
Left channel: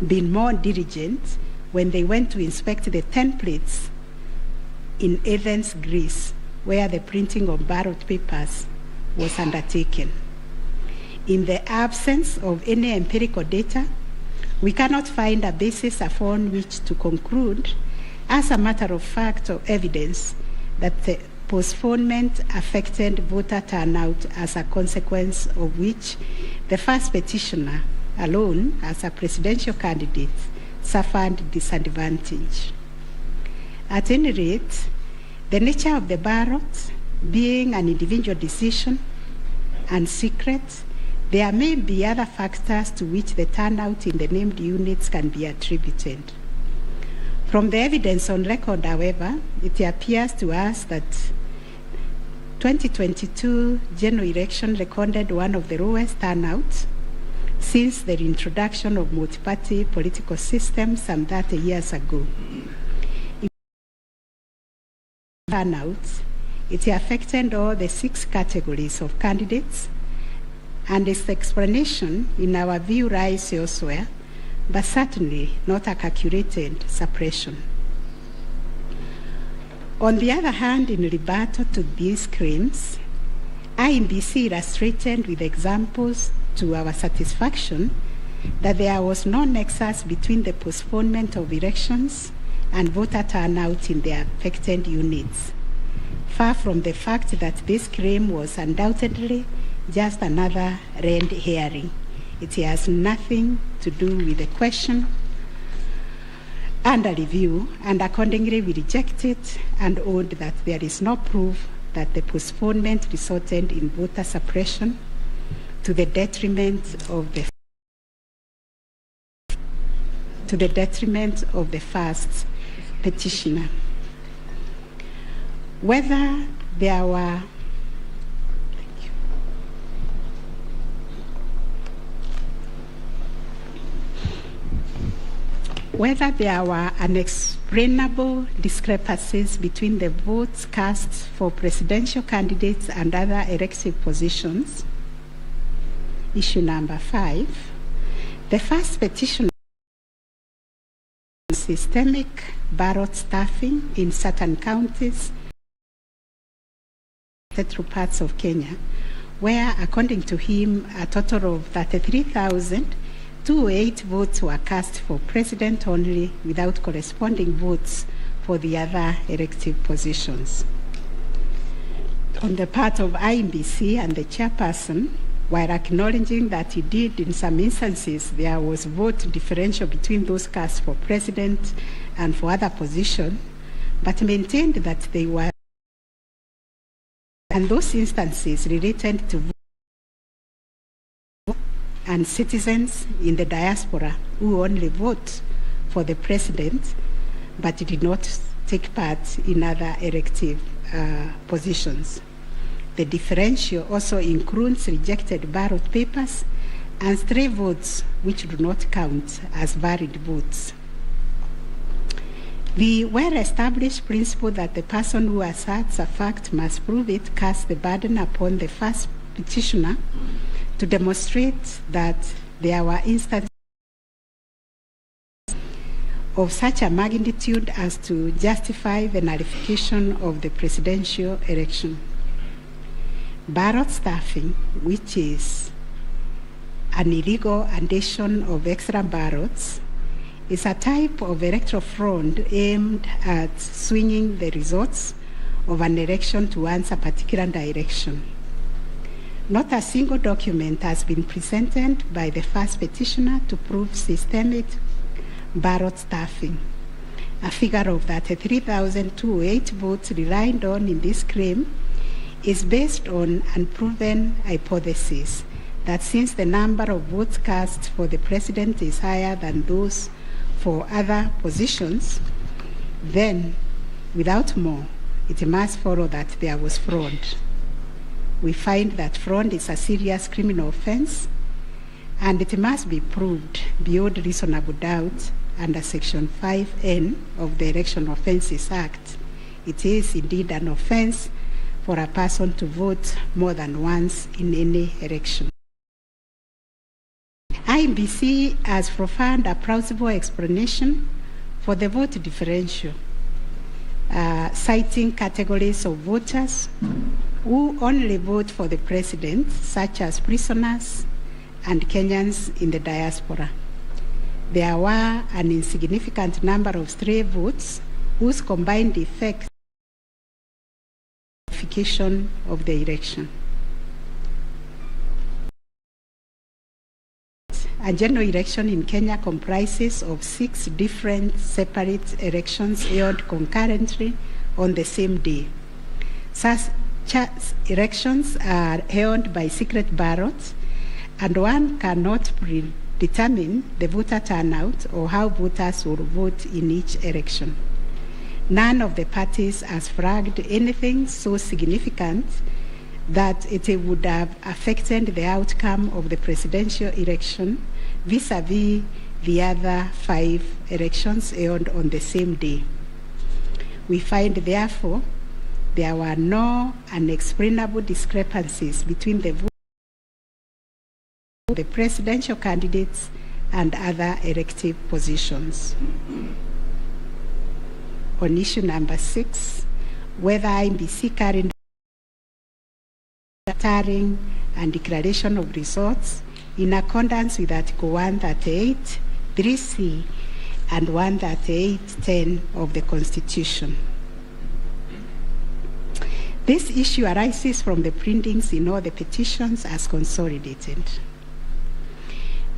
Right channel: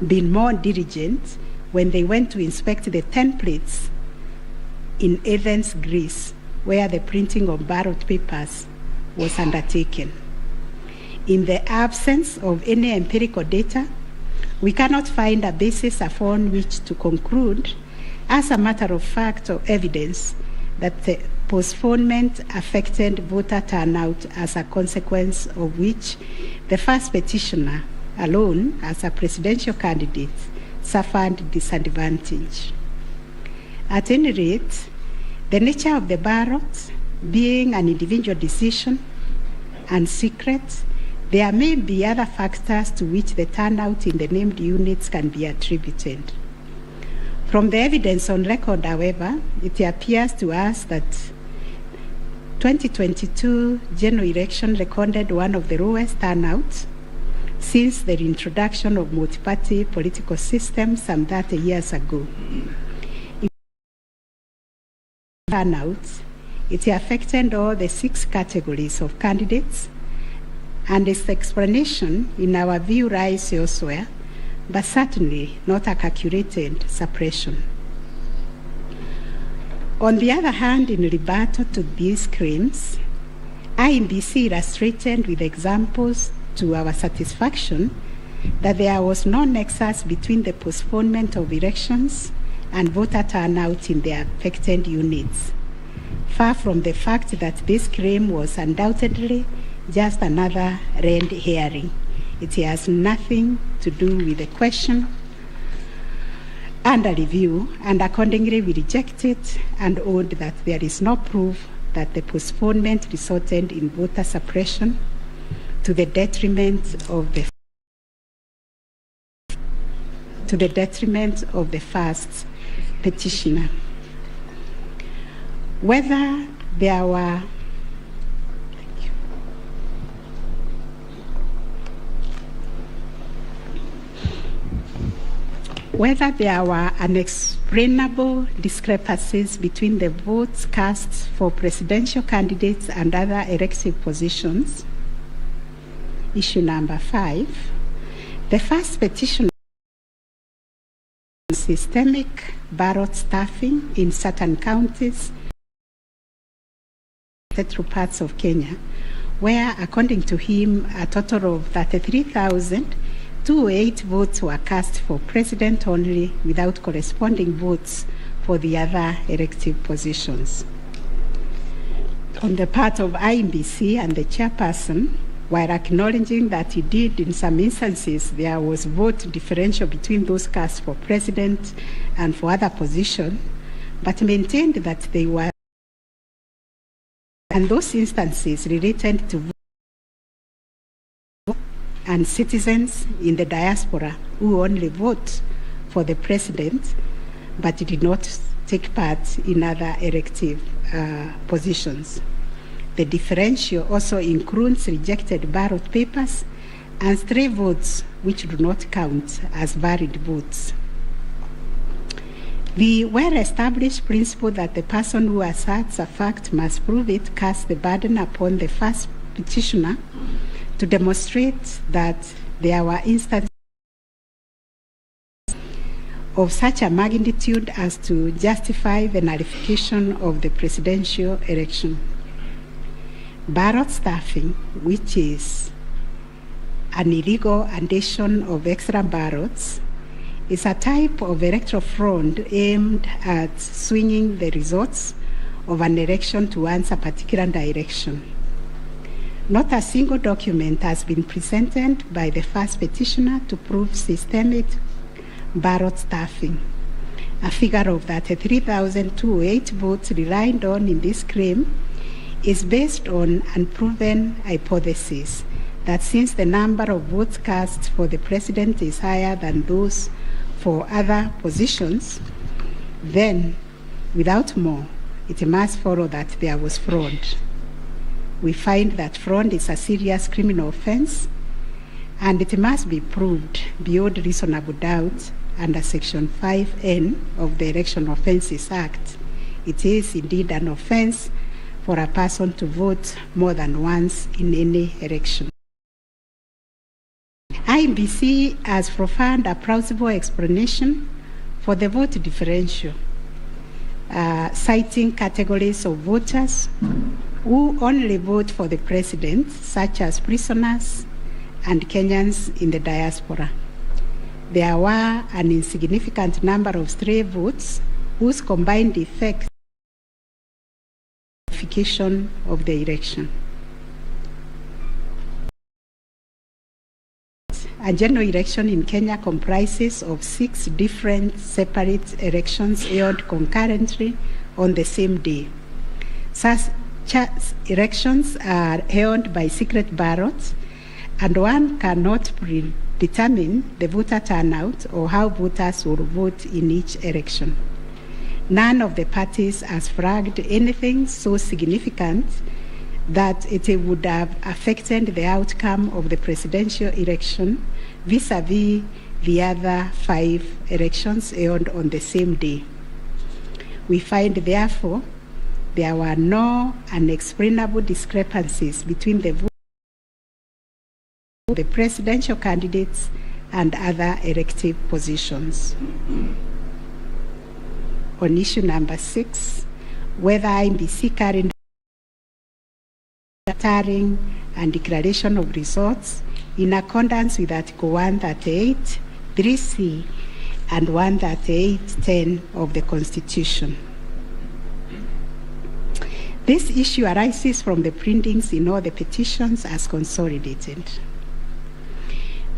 been more diligent when they went to inspect the templates in Athens, Greece, where the printing of ballot papers was undertaken. In the absence of any empirical data, we cannot find a basis upon which to conclude, as a matter of fact or evidence, that postponement affected voter turnout, as a consequence of which the first petitioner alone, as a presidential candidate, suffered disadvantage. At any rate, the nature of the ballot being an individual decision and secret, there may be other factors to which the turnout in the named units can be attributed. From the evidence on record, however, it appears to us that 2022 general election recorded one of the lowest turnouts since the introduction of multi-party political systems some 30 years ago. Turnout, it affected all the 6 categories of candidates, and its explanation, in our view, lies elsewhere, but certainly not a calculated suppression. On the other hand, in rebuttal to these claims, IEBC illustrated with examples to our satisfaction that there was no nexus between the postponement of elections and voter turnout in the affected units, far from the fact that this claim was undoubtedly just another red herring. It has nothing to do with the question under review, and accordingly we reject it and hold that there is no proof that the postponement resulted in voter suppression to the detriment of the first petitioner. Whether there were unexplainable discrepancies between the votes cast for presidential candidates and other elective positions. Issue number 5. The first petition, systemic ballot stuffing in certain counties, through parts of Kenya, where, according to him, a total of 33,208 votes were cast for president only, without corresponding votes for the other elective positions. On the part of IEBC and the chairperson, while acknowledging that indeed in some instances there was vote differential between those cast for president and for other positions, but maintained that they were, and those instances related to and citizens in the diaspora who only vote for the president but did not take part in other elective positions. The differential also includes rejected ballot papers and stray votes which do not count as valid votes. The well-established principle that the person who asserts a fact must prove it casts the burden upon the first petitioner to demonstrate that there were instances of such a magnitude as to justify the nullification of the presidential election. Ballot stuffing, which is an illegal addition of extra ballots, is a type of electoral fraud aimed at swinging the results of an election towards a particular direction. Not a single document has been presented by the first petitioner to prove systemic ballot stuffing. A figure of 33,208 votes relied on in this claim is based on unproven hypothesis that since the number of votes cast for the president is higher than those for other positions, then, without more, it must follow that there was fraud. We find that fraud is a serious criminal offense, and it must be proved beyond reasonable doubt under Section 5N of the Election Offences Act. It is indeed an offense for a person to vote more than once in any election. IEBC has provided a plausible explanation for the vote differential, citing categories of voters who only vote for the president, such as prisoners and Kenyans in the diaspora. There were an insignificant number of stray votes whose combined effect verification of the election. A general election in Kenya comprises of 6 different separate elections held concurrently on the same day. Such elections are held by secret ballots, and one cannot predetermine the voter turnout or how voters will vote in each election. None of the parties has flagged anything so significant that it would have affected the outcome of the presidential election vis-a-vis the other 5 elections held on the same day. We find, therefore, there were no unexplainable discrepancies between the presidential candidates and other elective positions. On issue number 6, whether IEBC carried tallying and declaration of results in accordance with Article 138, 3C, and 138(10) of the Constitution. This issue arises from the printings in all the petitions as consolidated.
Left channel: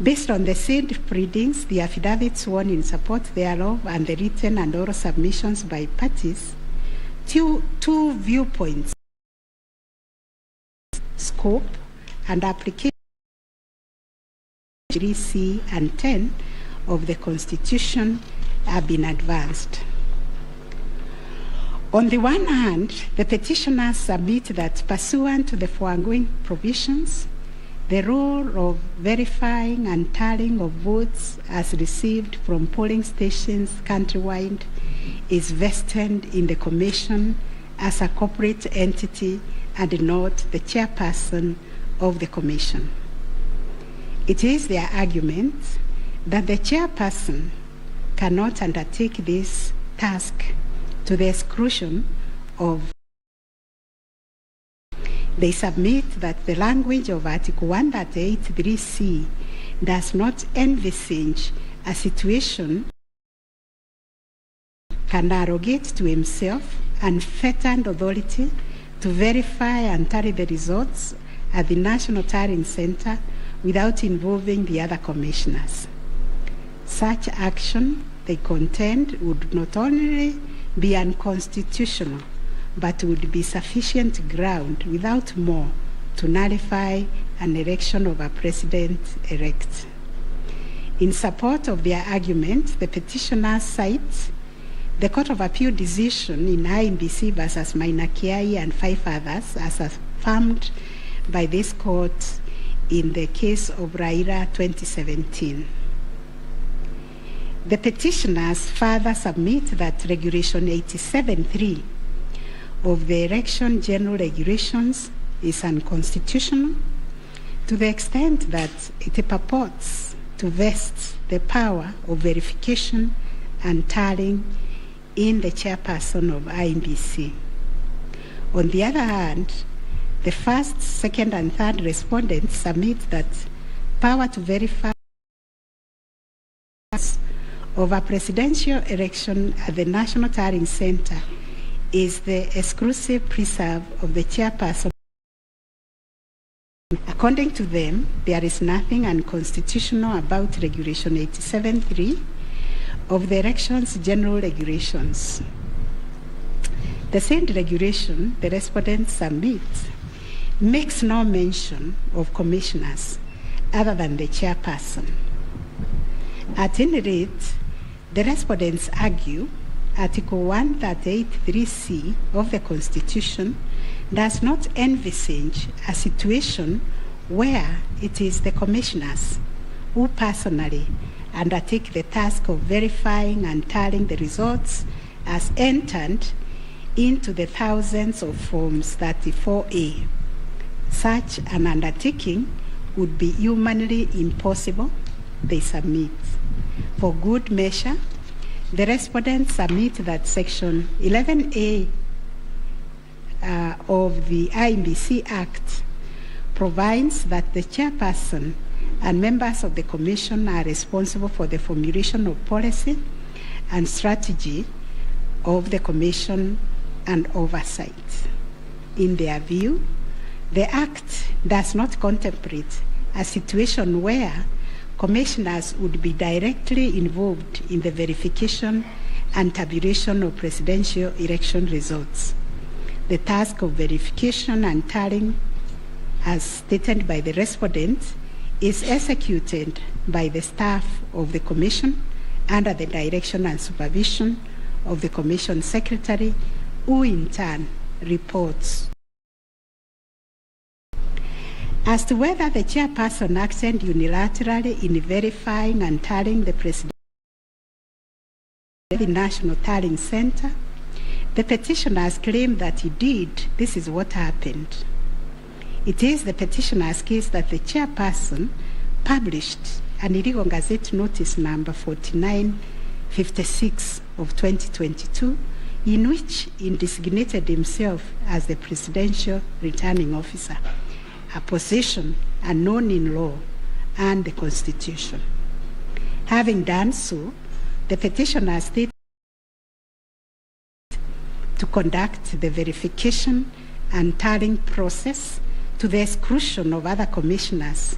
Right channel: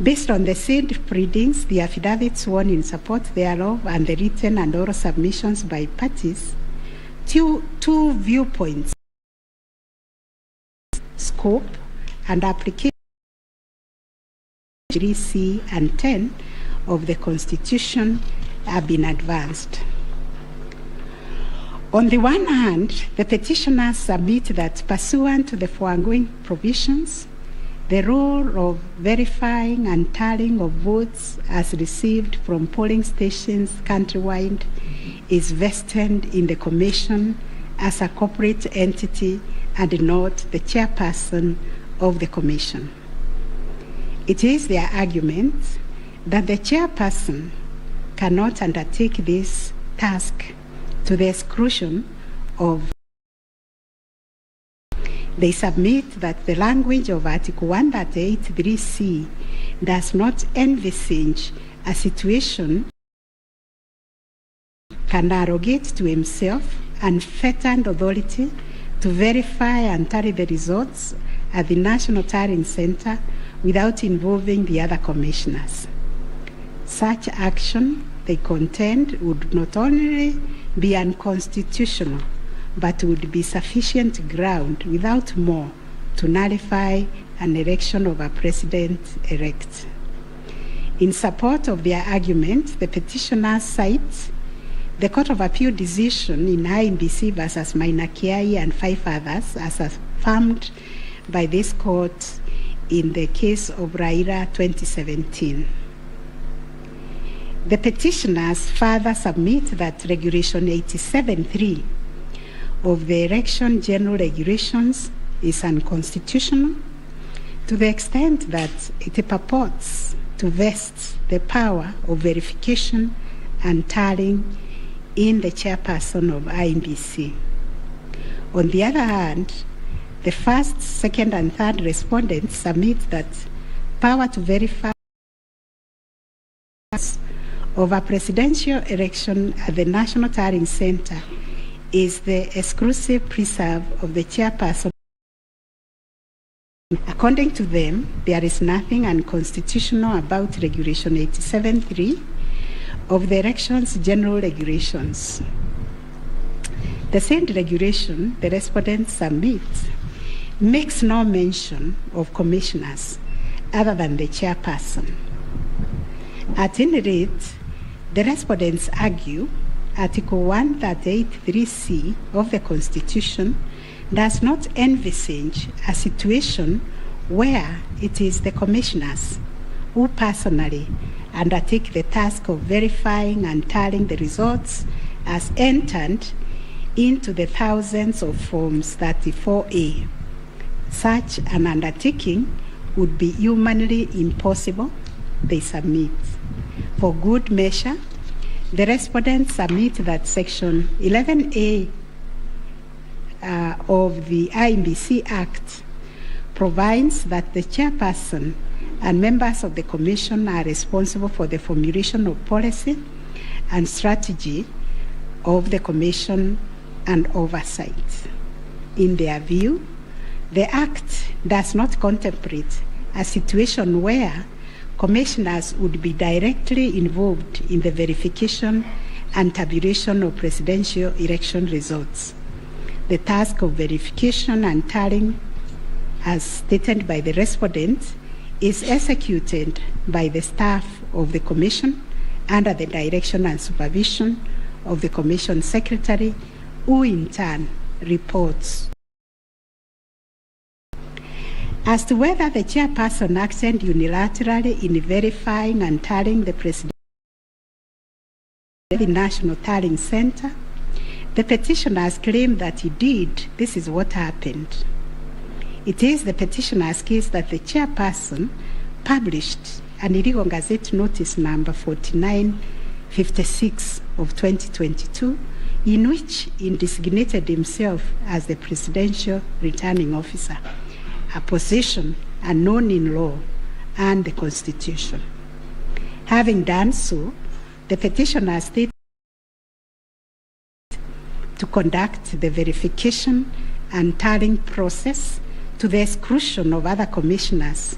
Based on the said printings, the affidavits sworn in support thereof, and the written and oral submissions by parties, two viewpoints, scope and application 3C and 10 of the Constitution have been advanced. On the one hand, the petitioners submit that pursuant to the foregoing provisions, the role of verifying and tallying of votes as received from polling stations countrywide is vested in the Commission as a corporate entity and not the chairperson of the Commission. It is their argument that the chairperson cannot undertake this task to the exclusion of. They submit that the language of Article 138(3)(c) does not envisage a situation can arrogate to himself unfettered authority to verify and tally the results at the National Tallying Center without involving the other commissioners. Such action, they contend, would not only be unconstitutional, but would be sufficient ground without more to nullify an election of a president-elect. In support of their argument, the petitioners cite the Court of Appeal decision in IEBC versus nmucui and 5 others as affirmed by this court in the case of Raila 2017. The petitioners further submit that Regulation 87(3) of the Election General Regulations is unconstitutional to the extent that it purports to vest the power of verification and tallying in the chairperson of IEBC. On the other hand, the first, second, and third respondents submit that power to verify of a presidential election at the National Tallying Center is the exclusive preserve of the chairperson. According to them, there is nothing unconstitutional about Regulation 87(3) of the Elections General Regulations. The said regulation, the respondents submit, makes no mention of commissioners other than the chairperson. At any rate, the respondents argue Article 138(3)(c) of the Constitution does not envisage a situation where it is the commissioners who personally undertake the task of verifying and tallying the results as entered into the thousands of Forms 34A. Such an undertaking would be humanly impossible, they submit. For good measure, the respondents submit that Section 11A of the IEBC Act provides that the chairperson and members of the Commission are responsible for the formulation of policy and strategy of the Commission and oversight. In their view, the Act does not contemplate a situation where commissioners would be directly involved in the verification and tabulation of presidential election results. The task of verification and tallying, as stated by the respondent, is executed by the staff of the Commission under the direction and supervision of the Commission Secretary, who in turn reports. As to whether the chairperson acted unilaterally in verifying and tallying the presidential National Tallying Center, the petitioners claim that he did. This is what happened. It is the petitioner's case that the chairperson published an illegal Gazette Notice number 4956 of 2022, in which he designated himself as the presidential returning officer, a position unknown in law and the Constitution. Having done so, the petitioner stated to conduct the verification and tallying process to the exclusion of other commissioners,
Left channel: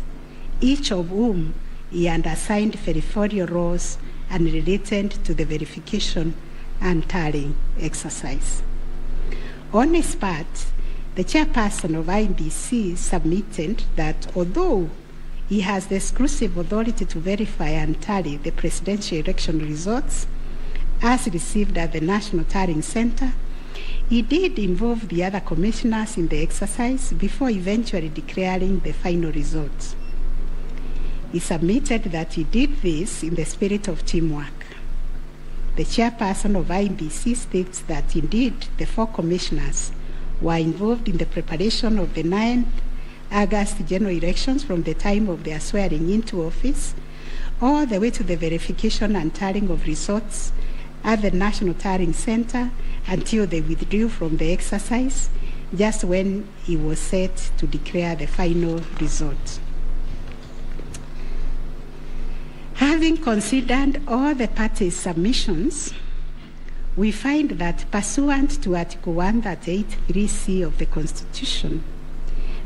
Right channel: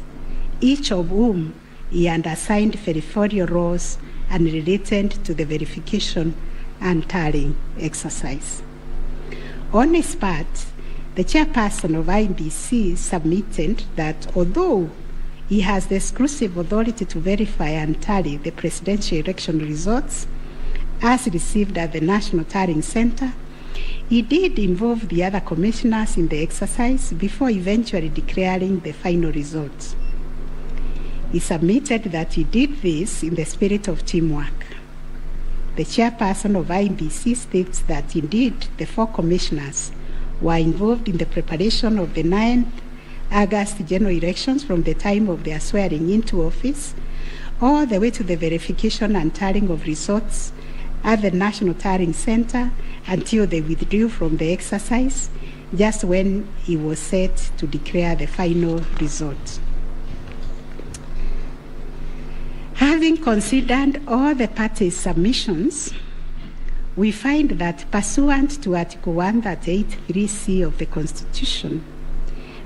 each of whom he had assigned territorial roles and related to the verification and tallying exercise. On his part, the chairperson of IBC submitted that although he has the exclusive authority to verify and tally the presidential election results as received at the National Tallying Center, he did involve the other commissioners in the exercise before eventually declaring the final results. He submitted that he did this in the spirit of teamwork. The chairperson of IBC states that indeed the 4 commissioners were involved in the preparation of the 9th August general elections from the time of their swearing into office all the way to the verification and tallying of results at the National Tallying Center until they withdrew from the exercise just when he was set to declare the final result. Having considered all the parties' submissions, we find that pursuant to Article 138(3)(c) of the Constitution,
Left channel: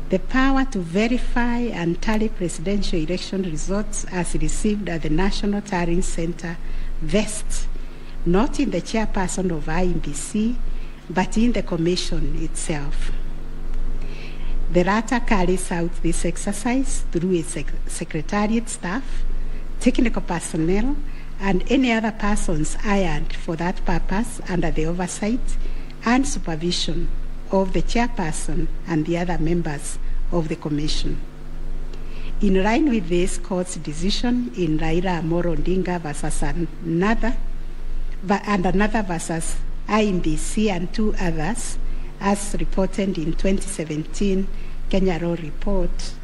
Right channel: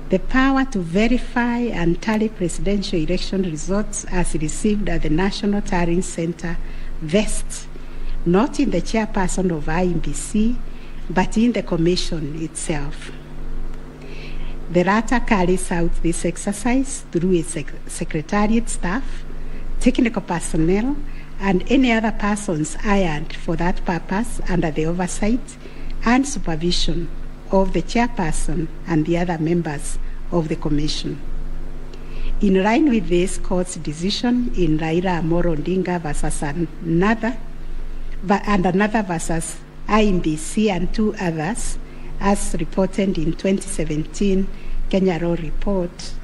the power to verify and tally presidential election results as received at the National Tallying Center vests not in the chairperson of IBC, but in the Commission itself. The latter carries out this exercise through its secretariat staff, technical personnel, and any other persons hired for that purpose under the oversight and supervision of the chairperson and the other members of the Commission. In line with this court's decision in Raila Amolo Odinga versus another versus IBC and 2 others, as reported in 2017 Kenya Law Report,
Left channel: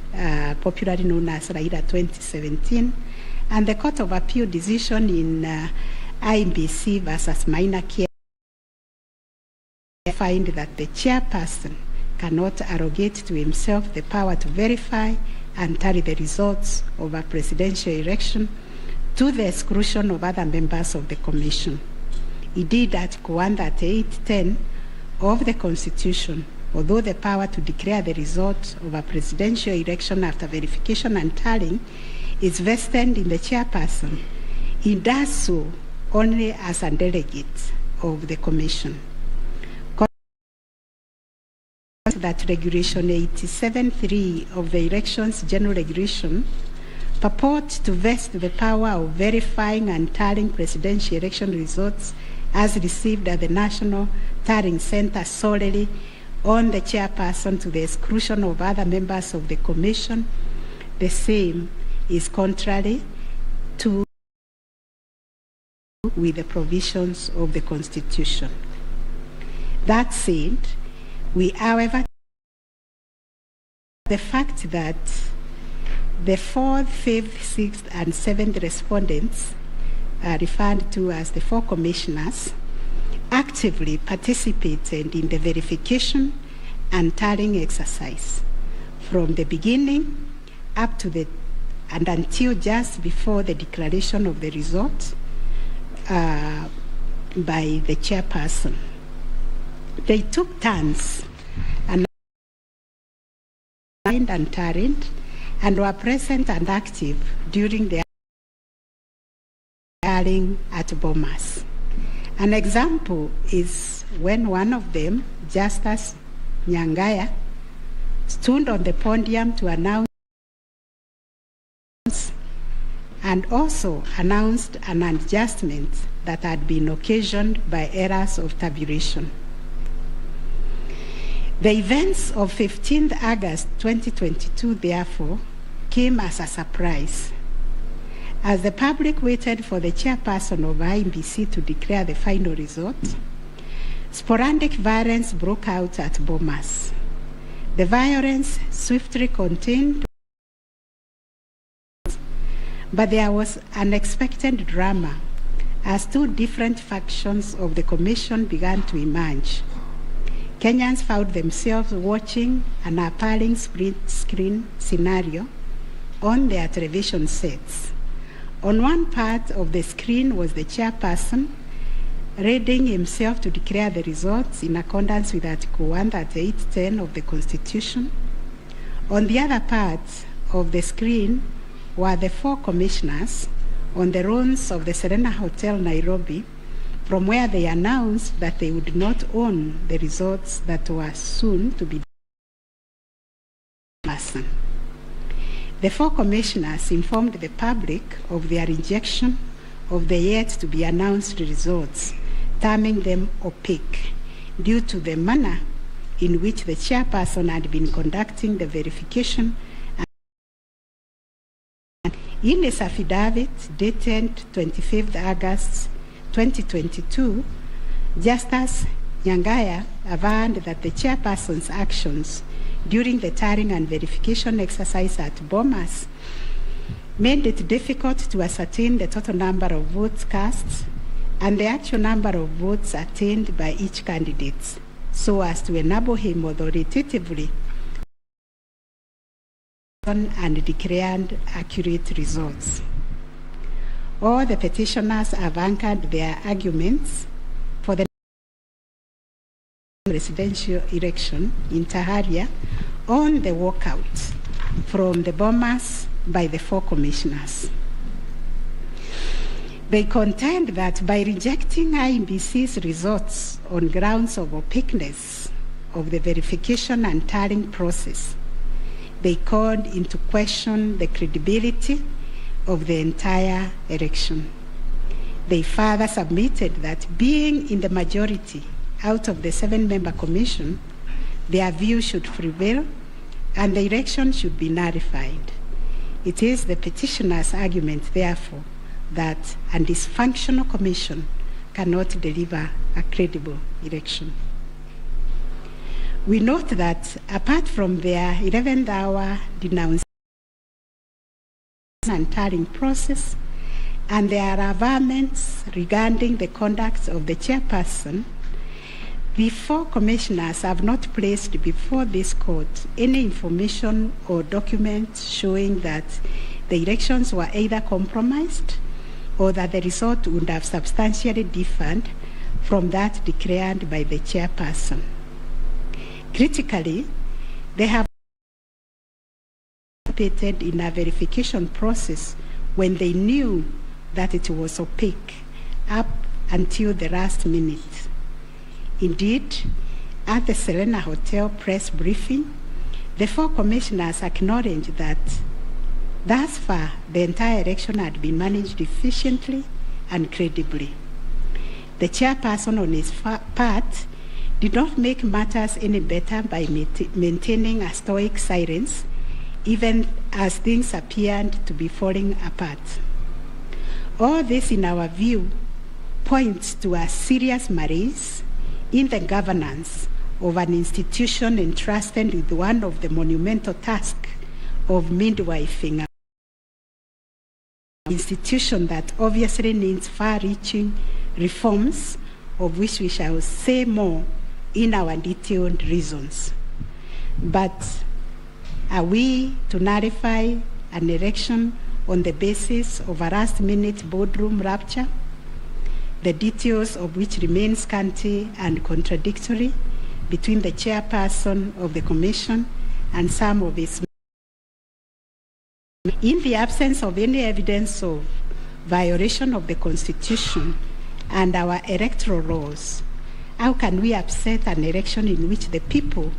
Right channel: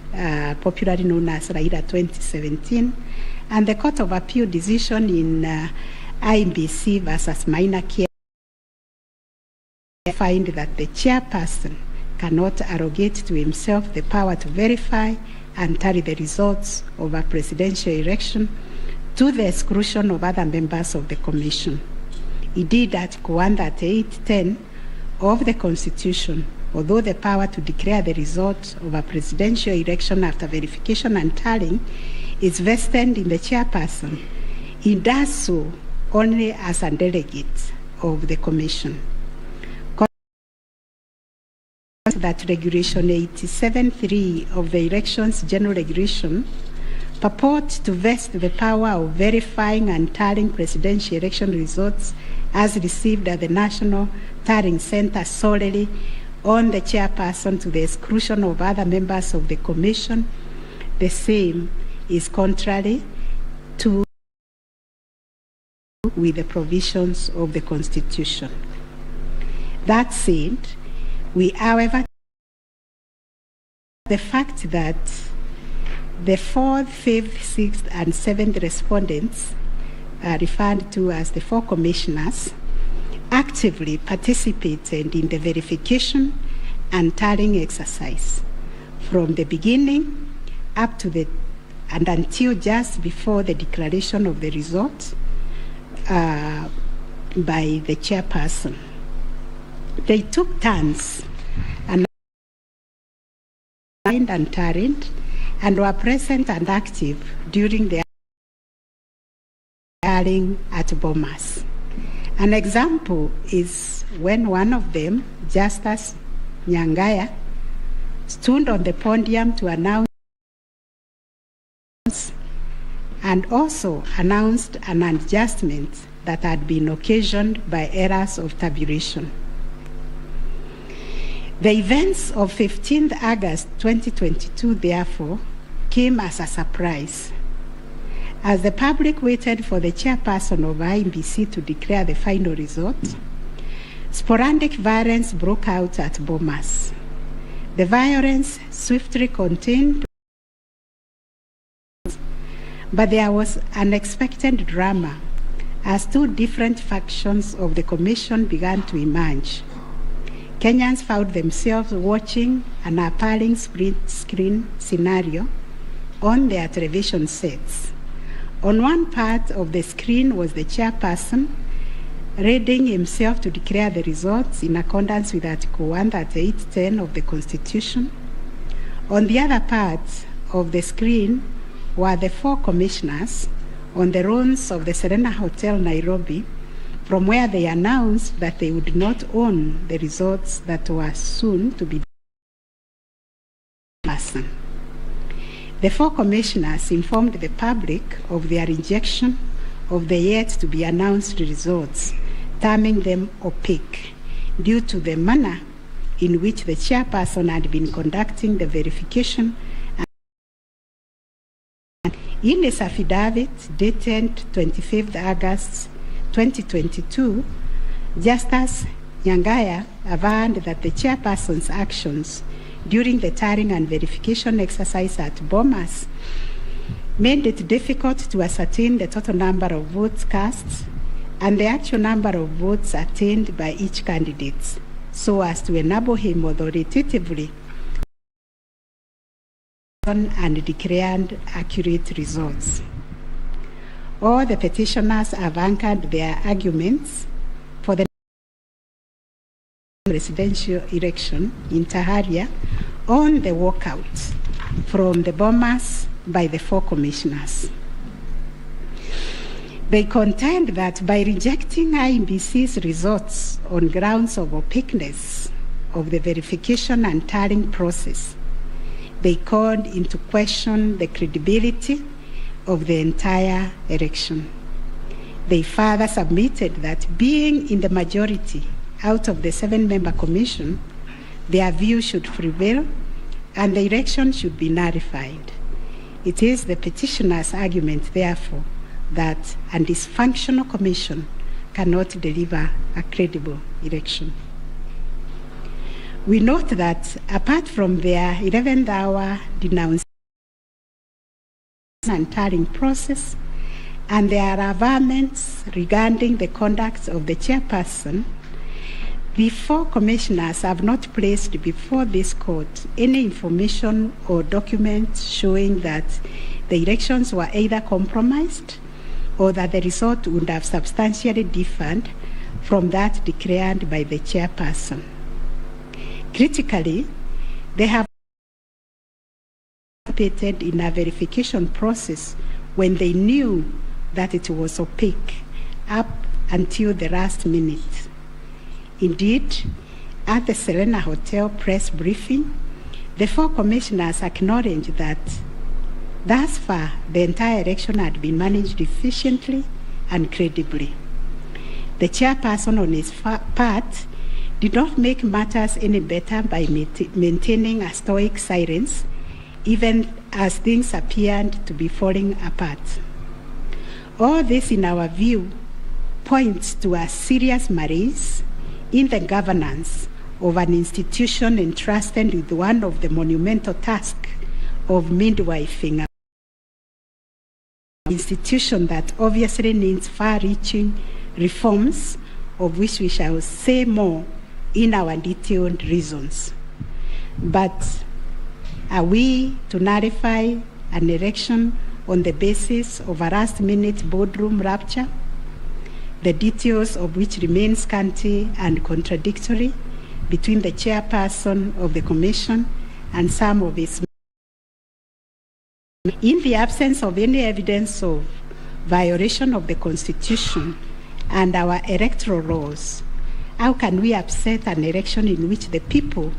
popularly known as Raila 2017, and the Court of Appeal decision in IBC versus Minor Care find that the chairperson cannot arrogate to himself the power to verify and tally the results of a presidential election to the exclusion of other members of the Commission. Indeed, Article 138(10) of the Constitution, although the power to declare the result of a presidential election after verification and tallying is vested in the chairperson, he does so only as a delegate of the Commission. That Regulation 87(3) of the Elections General Regulation purports to vest the power of verifying and tallying presidential election results as received at the National Tallying Center solely on the chairperson to the exclusion of other members of the Commission. The same is contrary to with the provisions of the Constitution. That said, we, however, the fact that the 4th, 5th, 6th, and 7th respondents are referred to as the 4 commissioners actively participated in the verification and tallying exercise from the beginning up to the and until just before the declaration of the result by the chairperson. They took turns and and Tarrant and were present and active during the hearing at Bomas. An example is when one of them, Justice Nyangaya, stood on the podium to announce and also announced an adjustment that had been occasioned by errors of tabulation. The events of 15th August 2022, therefore, came as a surprise. As the public waited for the chairperson of IEBC to declare the final result, sporadic violence broke out at Bomas. The violence swiftly contained, but there was unexpected drama as two different factions of the commission began to emerge. Kenyans found themselves watching an appalling split screen scenario on their television sets. On one part of the screen was the chairperson readying himself to declare the results in accordance with Article 138(10) of the Constitution. On the other part of the screen were the four commissioners on the runs of the Serena Hotel, Nairobi, from where they announced that they would not own the results that were soon to be person. The four commissioners informed the public of their rejection of the yet-to-be-announced results, terming them opaque due to the manner in which the chairperson had been conducting the verification. In his affidavit dated 25th August 2022, Justice Nyangaya averred that the chairperson's actions during the tallying and verification exercise at Bomas made it difficult to ascertain the total number of votes cast and the actual number of votes attained by each candidate, so as to enable him authoritatively and declared accurate results. All the petitioners have anchored their arguments for the presidential election in Taharia on the walkout from the Bomas by the four commissioners. They contend that by rejecting IEBC's results on grounds of opaqueness of the verification and tallying process, they called into question the credibility of the entire election. They further submitted that being in the majority out of the 7-member commission, their view should prevail and the election should be nullified. It is the petitioner's argument, therefore, that a dysfunctional commission cannot deliver a credible election. We note that apart from their 11th hour denouncement and tallying process and their averments regarding the conduct of the chairperson, the four commissioners have not placed before this court any information or documents showing that the elections were either compromised or that the result would have substantially differed from that declared by the chairperson. Critically, they have participated in a verification process when they knew that it was opaque up until the last minute. Indeed, at the Serena Hotel press briefing, the four commissioners acknowledged that thus far the entire election had been managed efficiently and credibly. The chairperson on his part did not make matters any better by maintaining a stoic silence, even as things appeared to be falling apart. All this, in our view, points to a serious malaise in the governance of an institution entrusted with one of the monumental tasks of midwifing, an institution that obviously needs far-reaching reforms, of which we shall say more in our detailed reasons. But are we to nullify an election on the basis of a last-minute boardroom rapture, the details of which remain scanty and contradictory between the chairperson of the commission and some of its. In the absence of any evidence of violation of the Constitution and our electoral laws, how can we upset an election in which the people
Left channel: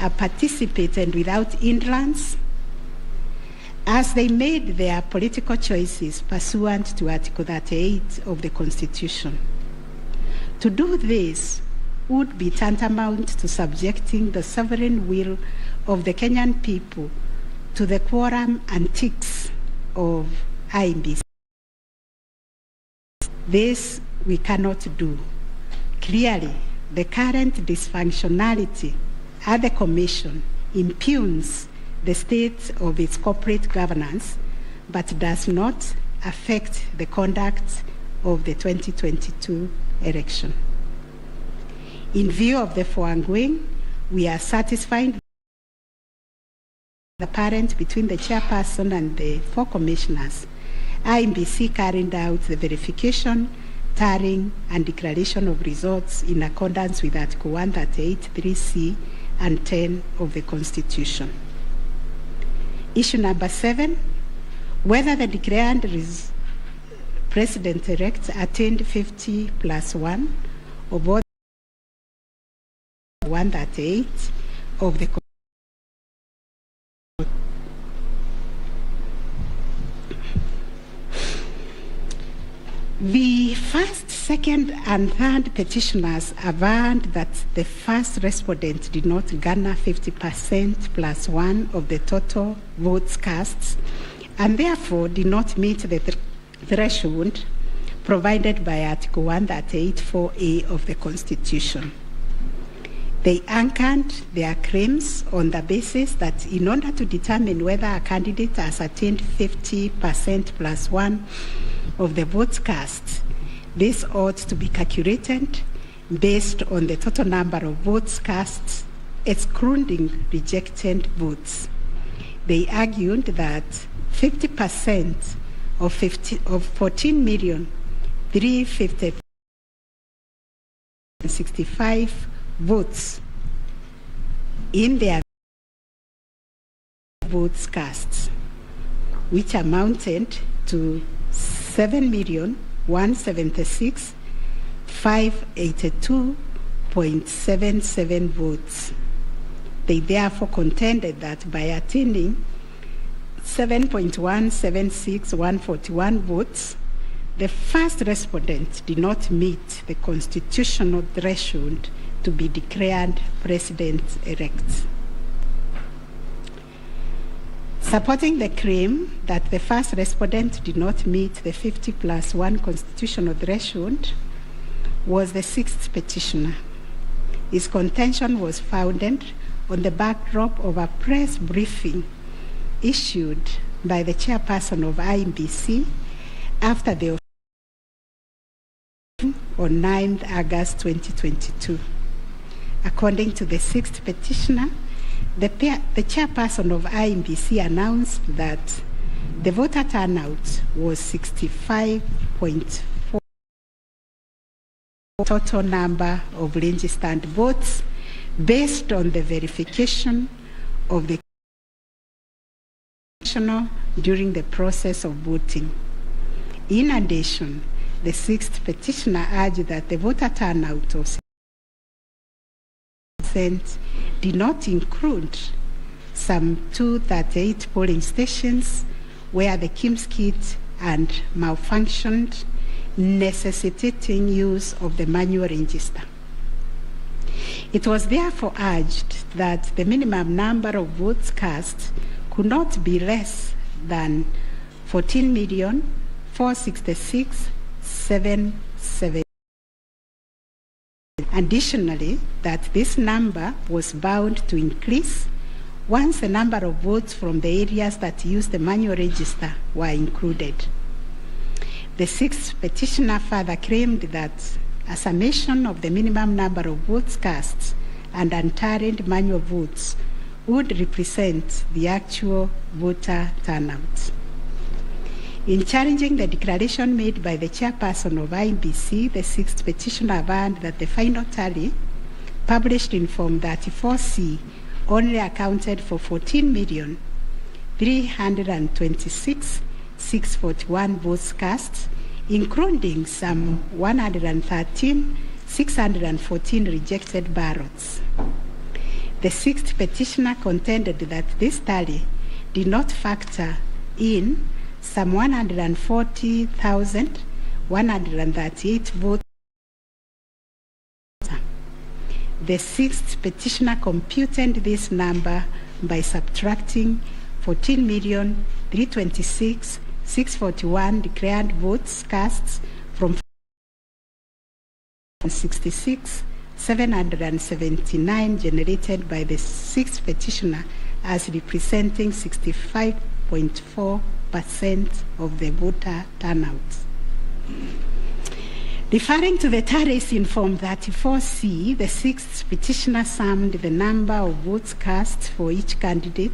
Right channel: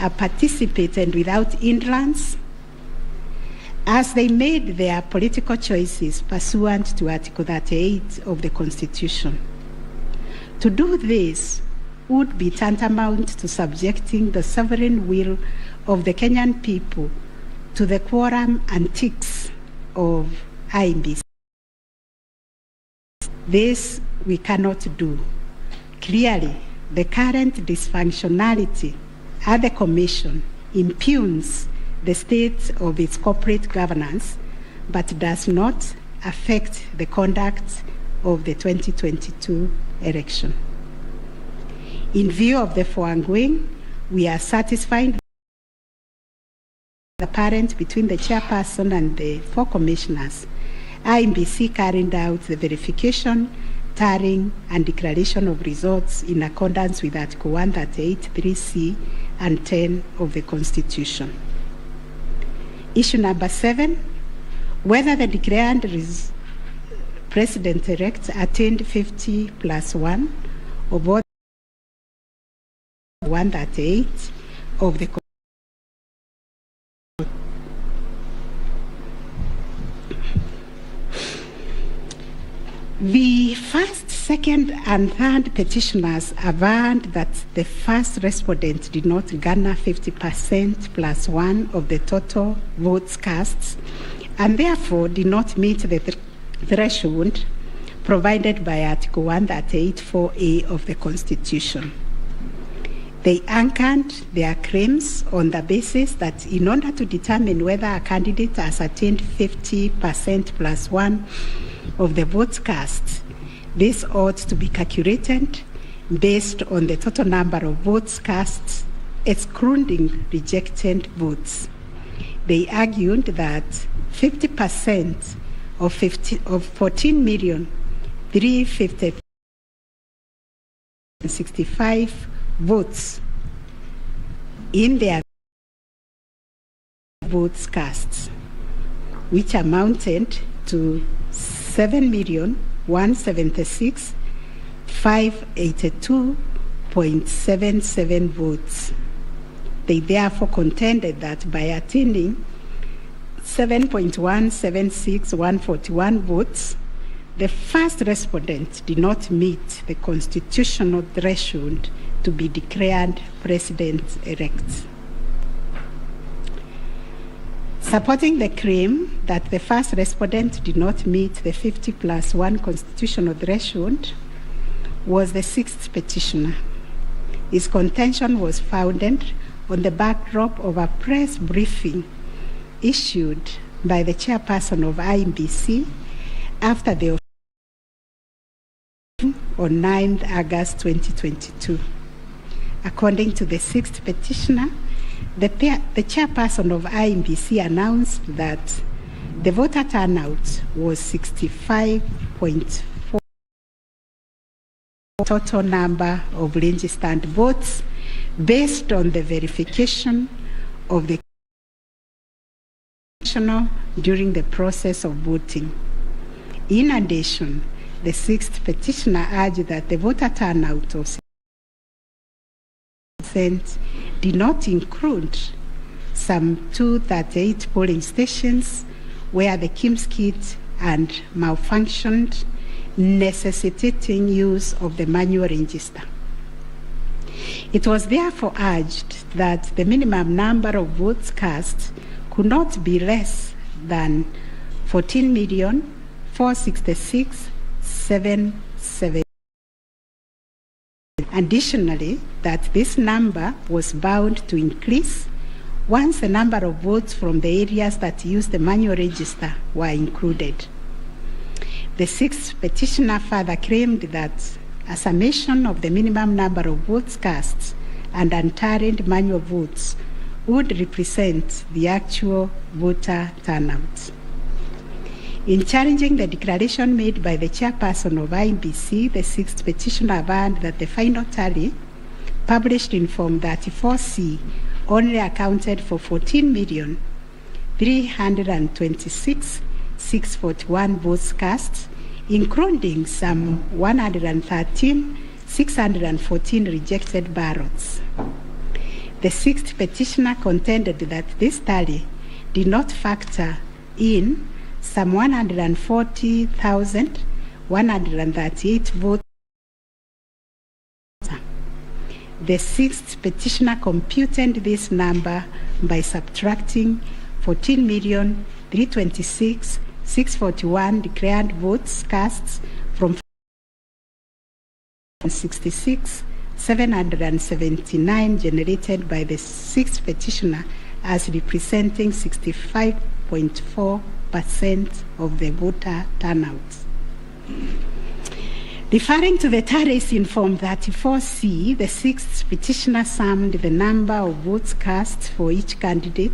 are participating without hindrance, as they made their political choices pursuant to Article 38 of the Constitution? To do this would be tantamount to subjecting the sovereign will of the Kenyan people to the quorum antics of IEBC. This we cannot do. Clearly, the current dysfunctionality at the Commission impugns the state of its corporate governance, but does not affect the conduct of the 2022 election. In view of the foregoing, we are satisfied the parent between the chairperson and the 4 commissioners. IEBC carried out the verification, tallying, and declaration of results in accordance with Article 138(3)(c) and 10 of the Constitution. Issue number 7, whether the declared President-elect attained 50+1 of all 138 of the Constitution. The first, second, and third petitioners averred that the first respondent did not garner 50%+1 of the total votes cast, and therefore did not meet the threshold provided by Article 138(4)(a) of the Constitution. They anchored their claims on the basis that in order to determine whether a candidate has attained 50%+1 of the votes cast, this ought to be calculated based on the total number of votes cast, excluding rejected votes. They argued that 50% of 14,350,65 votes in their votes cast, which amounted to 7,176,582.77 votes. They therefore contended that by attaining 7.176141 votes, the first respondent did not meet the constitutional threshold to be declared president-elect. Supporting the claim that the first respondent did not meet the 50+1 constitutional threshold was the 6th petitioner. His contention was founded on the backdrop of a press briefing issued by the chairperson of IEBC after the on 9th August 2022. According to the 6th petitioner, the chairperson of IEBC announced that the voter turnout was 65.4% total number of registered votes based on the verification of the during the process of voting. In addition, the 6th petitioner urged that the voter turnout of 6% did not include some 238 polling stations where the KIMS kit and malfunctioned, necessitating use of the manual register. It was therefore urged that the minimum number of votes cast could not be less than 14,466,770. Additionally, that this number was bound to increase once the number of votes from the areas that used the manual register were included. The 6th petitioner further claimed that a summation of the minimum number of votes cast and untallied manual votes would represent the actual voter turnout. In challenging the declaration made by the chairperson of IEBC, the 6th petitioner averred that the final tally, published in Form 34C only accounted for 14,326,641 votes cast, including some 113,614 rejected ballots. The sixth petitioner contended that this tally did not factor in some 140,138 votes. The sixth petitioner computed this number by subtracting 14,326,641 declared votes cast from 66,779 generated by the sixth petitioner, as representing 65.4% of the voter turnout. Referring to the tallies in Form 34C, the sixth petitioner summed the number of votes cast for each candidate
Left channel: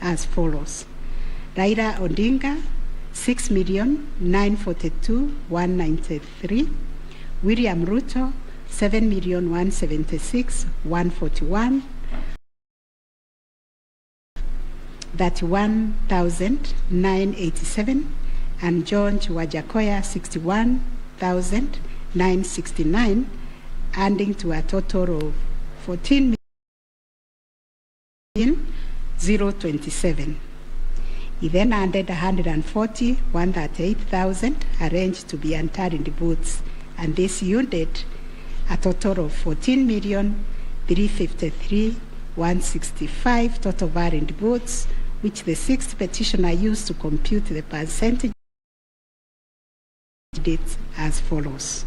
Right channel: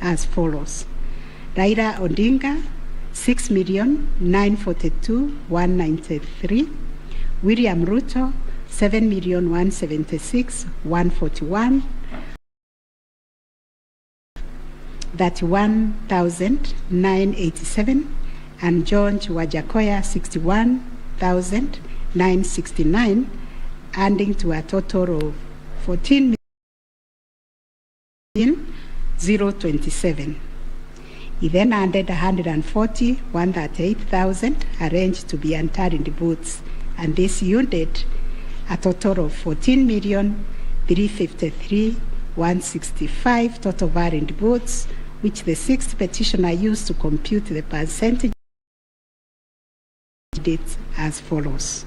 as follows: Raila Odinga, 6,942,193; William Ruto, 7,176,141; 31,987; and George Wajakoya, 61,969, adding to a total of 14,027. He then added 140,138,000 arranged to be untallied votes, and this yielded a total of 14,353,165 total valid votes, which the sixth petitioner used to compute the percentage as follows.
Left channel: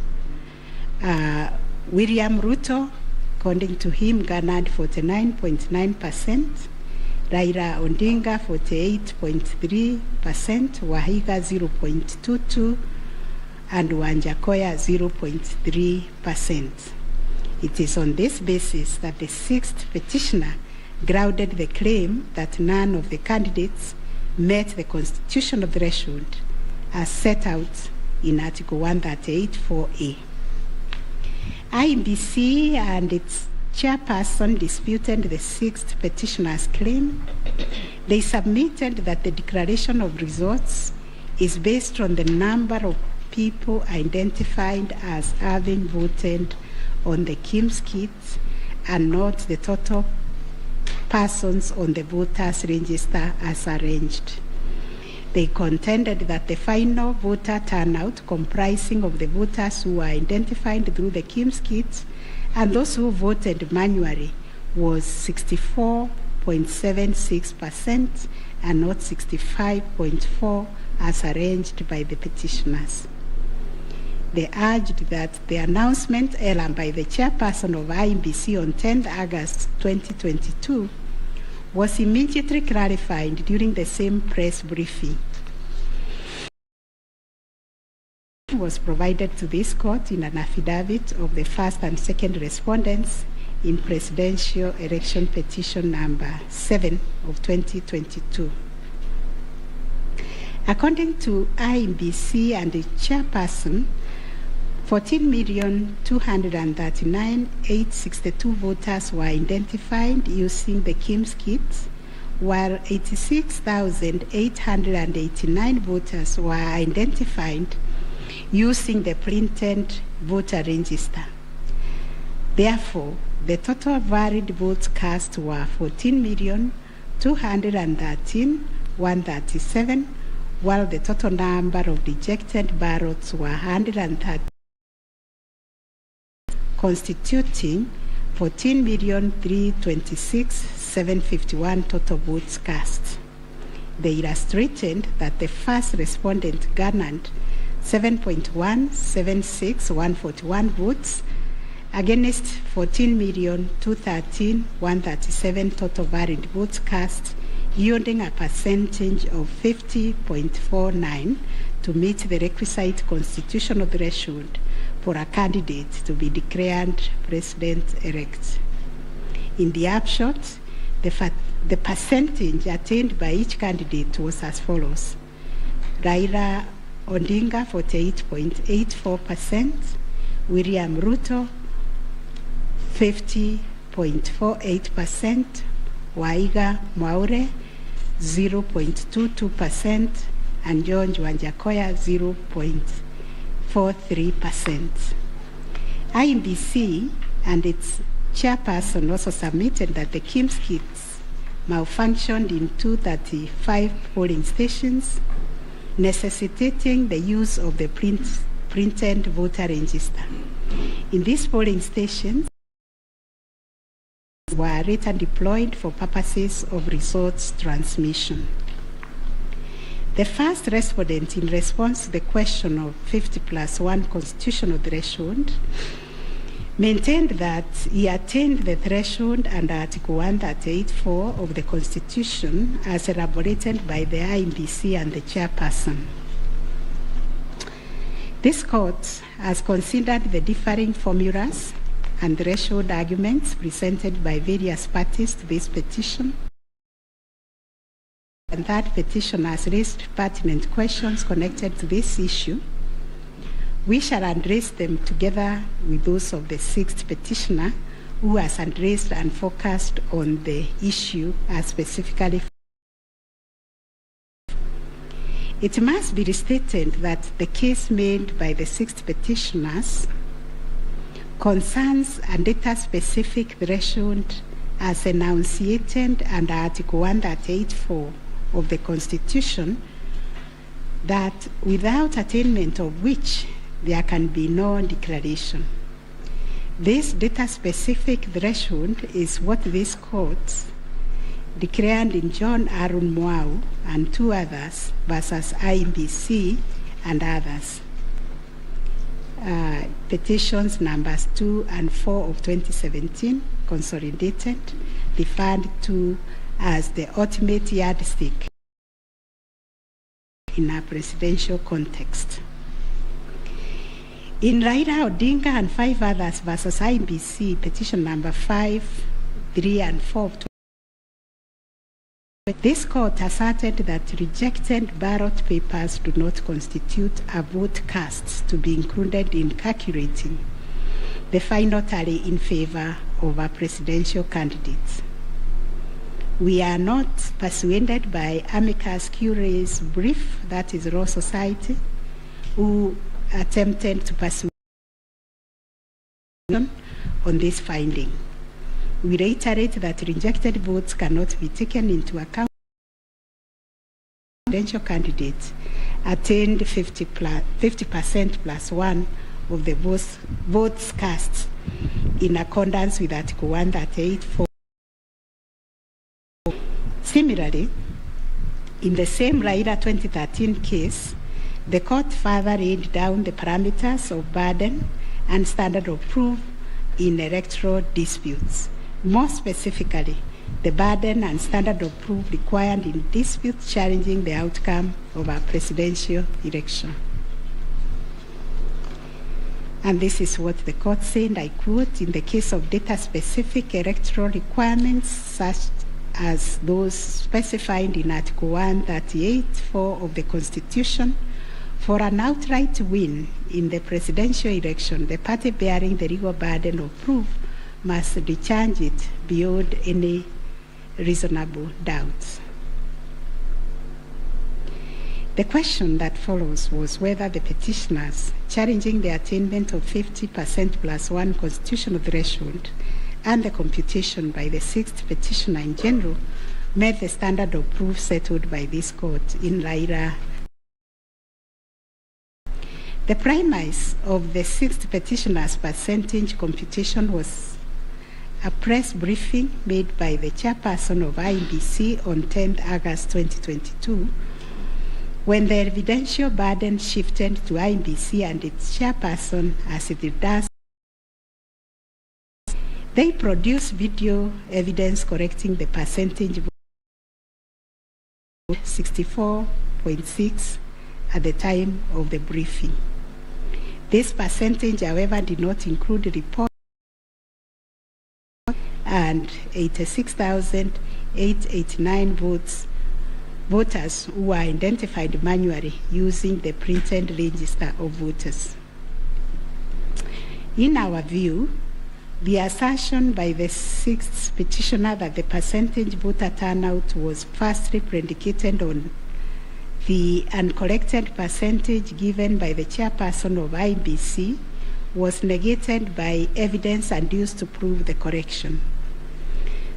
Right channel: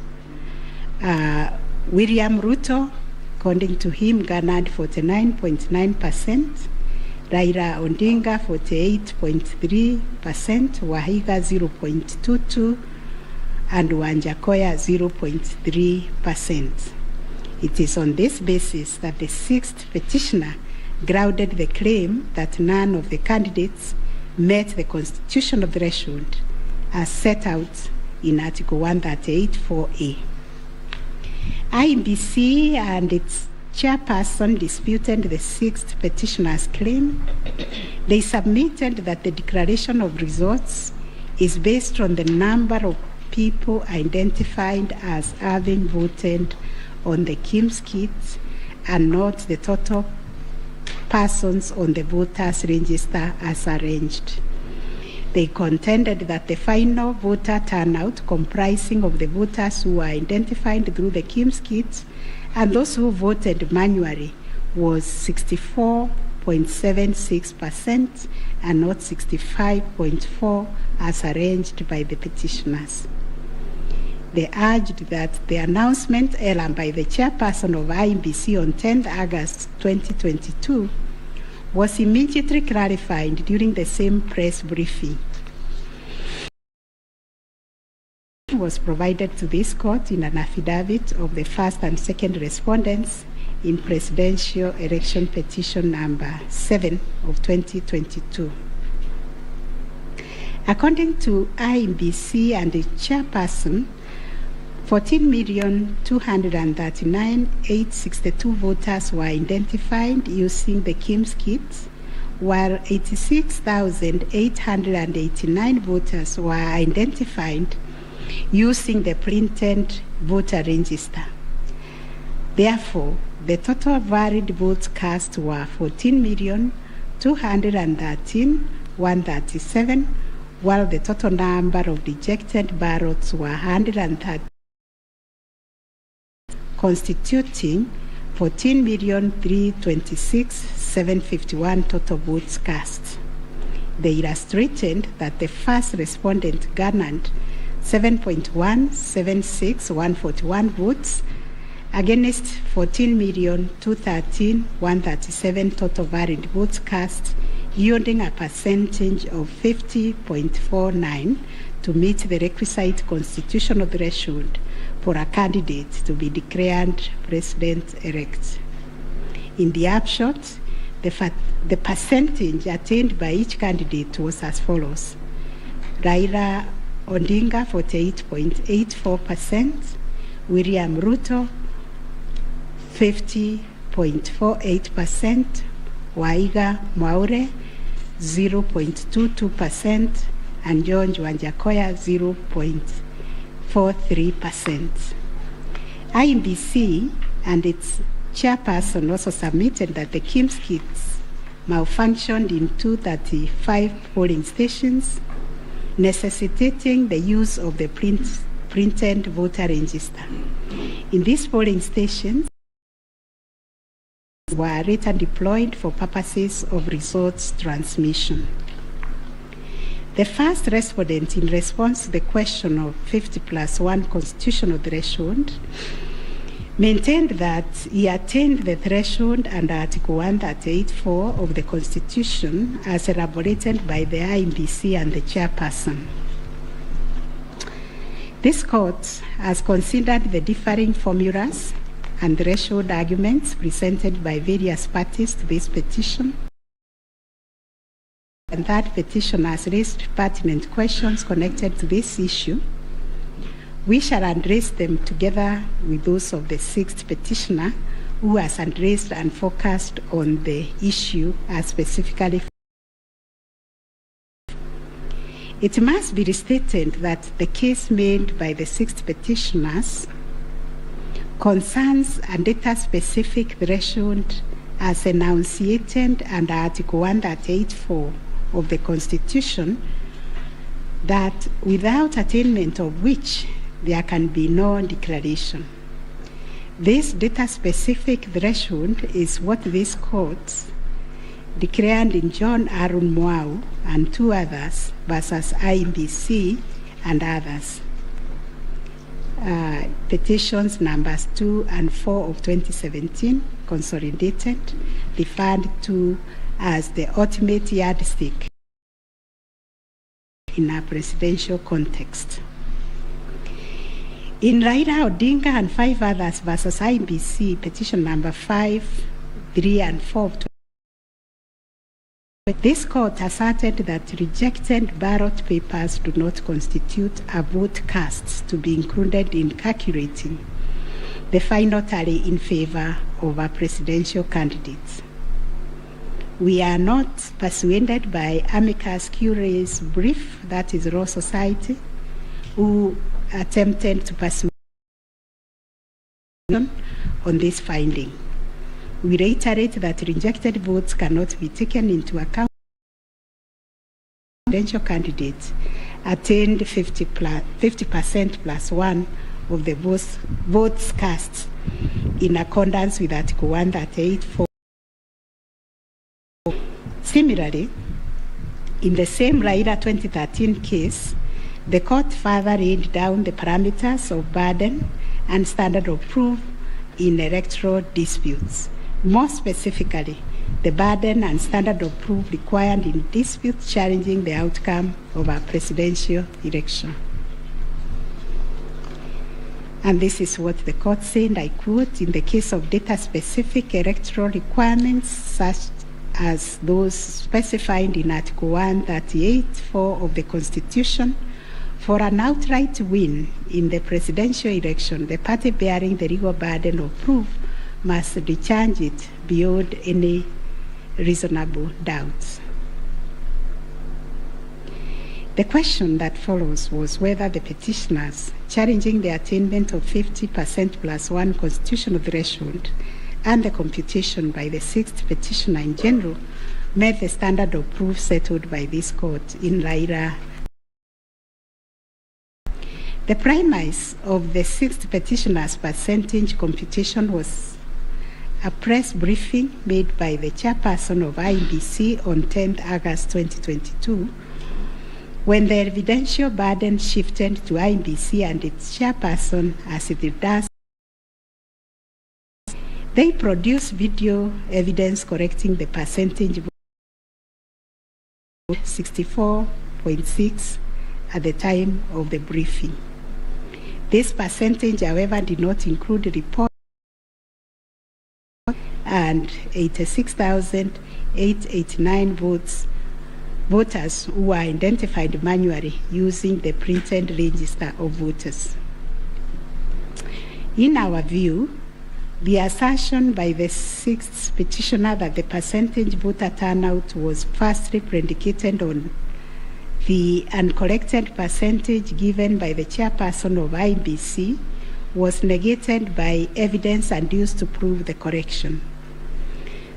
William Ruto, according to him, garnered 49.9%, Raila Odinga 48.3%, Wahiga 0.22%, and Wanjakoya 0.3%. It is on this basis that the sixth petitioner grounded the claim that none of the candidates met the constitutional threshold as set out in Article 138(4)(a). IEBC and its chairperson disputed the sixth petitioner's claim. They submitted that the declaration of results is based on the number of people identified as having voted on the KIMS kit and not the total persons on the voters register as arranged. They contended that the final voter turnout, comprising of the voters who were identified through the KIMS kit and those who voted manually, was 64.76% and not 65.4% as arranged by the petitioners. They urged that the announcement error by the chairperson of IEBC on 10th August 2022 was immediately clarified during the same press briefing. It was provided to this court in an affidavit of the first and second respondents in Presidential Election Petition number 7 of 2022. According to IEBC and the chairperson, 14,239,862 voters were identified using the KIMS kit, while 86,889 voters were identified using the printed voter register. Therefore, the total valid votes cast were 14,213,137, while the total number of rejected ballots were 130, constituting 14,326,751 total votes cast. They illustrated that the first respondent garnered 7.176,141 votes against 14,213,137 total valid votes cast, yielding a percentage of 50.49 to meet the requisite constitutional threshold for a candidate to be declared president-elect. In the upshot, the percentage attained by each candidate was as follows: Raila Odinga 48.84%, William Ruto 50.48%, Waiga Mwaure 0.22%, and John Wanjakoya 0.43%. IEBC and its chairperson also submitted that the KIMS kits malfunctioned in 235 polling stations, necessitating the use of the printed voter register. In these polling stations, were later deployed for purposes of results transmission. The first respondent, in response to the question of 50+1 constitutional threshold, maintained that he attained the threshold under Article 138(4) of the Constitution as elaborated by the IEBC and the chairperson. This court has considered the differing formulas and threshold arguments presented by various parties to this petition, and that petition has raised pertinent questions connected to this issue. We shall address them together with those of the sixth petitioner, who has addressed and focused on the issue as specifically. It must be restated that the case made by the sixth petitioners concerns a data-specific threshold as enunciated under Article 138(4) of the Constitution, that without attainment of which there can be no declaration. This data-specific threshold is what this court declared in John Arun Mwau and two others versus IEBC and others. Petitions numbers 2 and 4 of 2017, consolidated, referred to as the ultimate yardstick in a presidential context. In Raila Odinga and 5 others versus IEBC, petition number 5, 3, and 4 of 2017, this court asserted that rejected ballot papers do not constitute a vote cast to be included in calculating the final tally in favor of a presidential candidate. We are not persuaded by amicus curiae's brief, that is Law Society, who attempted to persuade on this finding. We reiterate that rejected votes cannot be taken into account. Presidential candidate attained 50% plus 1 of the votes cast in accordance with Article 138(4). Similarly, in the same Raila 2013 case, the court further laid down the parameters of burden and standard of proof in electoral disputes. More specifically, the burden and standard of proof required in disputes challenging the outcome of a presidential election. And this is what the court said, I quote, "In the case of data-specific electoral requirements, such as those specified in Article 138(4) of the Constitution, for an outright win in the presidential election, the party bearing the legal burden of proof must discharge it beyond any reasonable doubt." The question that follows was whether the petitioners challenging the attainment of 50% plus 1 constitutional threshold and the computation by the sixth petitioner in general met the standard of proof settled by this court in Raila. The premise of the sixth petitioner's percentage computation was a press briefing made by the chairperson of IEBC on 10th August 2022, when the evidential burden shifted to IEBC and its chairperson, as it does. They produced video evidence correcting the percentage 64.6 at the time of the briefing. This percentage, however, did not include reports and 86,889 voters who were identified manually using the printed register of voters. In our view, The assertion by the sixth petitioner that the percentage voter turnout was firstly predicated on the uncorrected percentage given by the chairperson of IBC was negated by evidence adduced to prove the correction.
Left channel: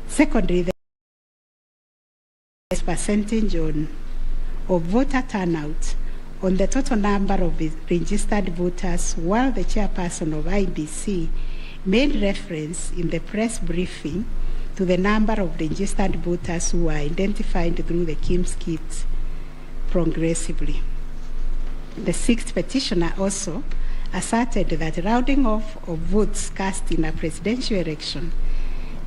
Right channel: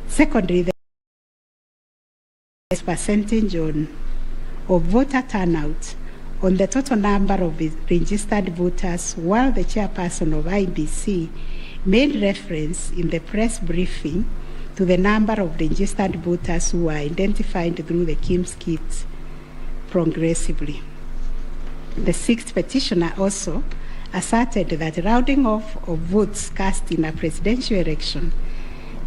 Secondly, the percentage of voter turnout on the total number of registered voters, while the chairperson of IBC made reference in the press briefing to the number of registered voters who were identified through the KIMS kit progressively. The sixth petitioner also asserted that rounding off of votes cast in a presidential election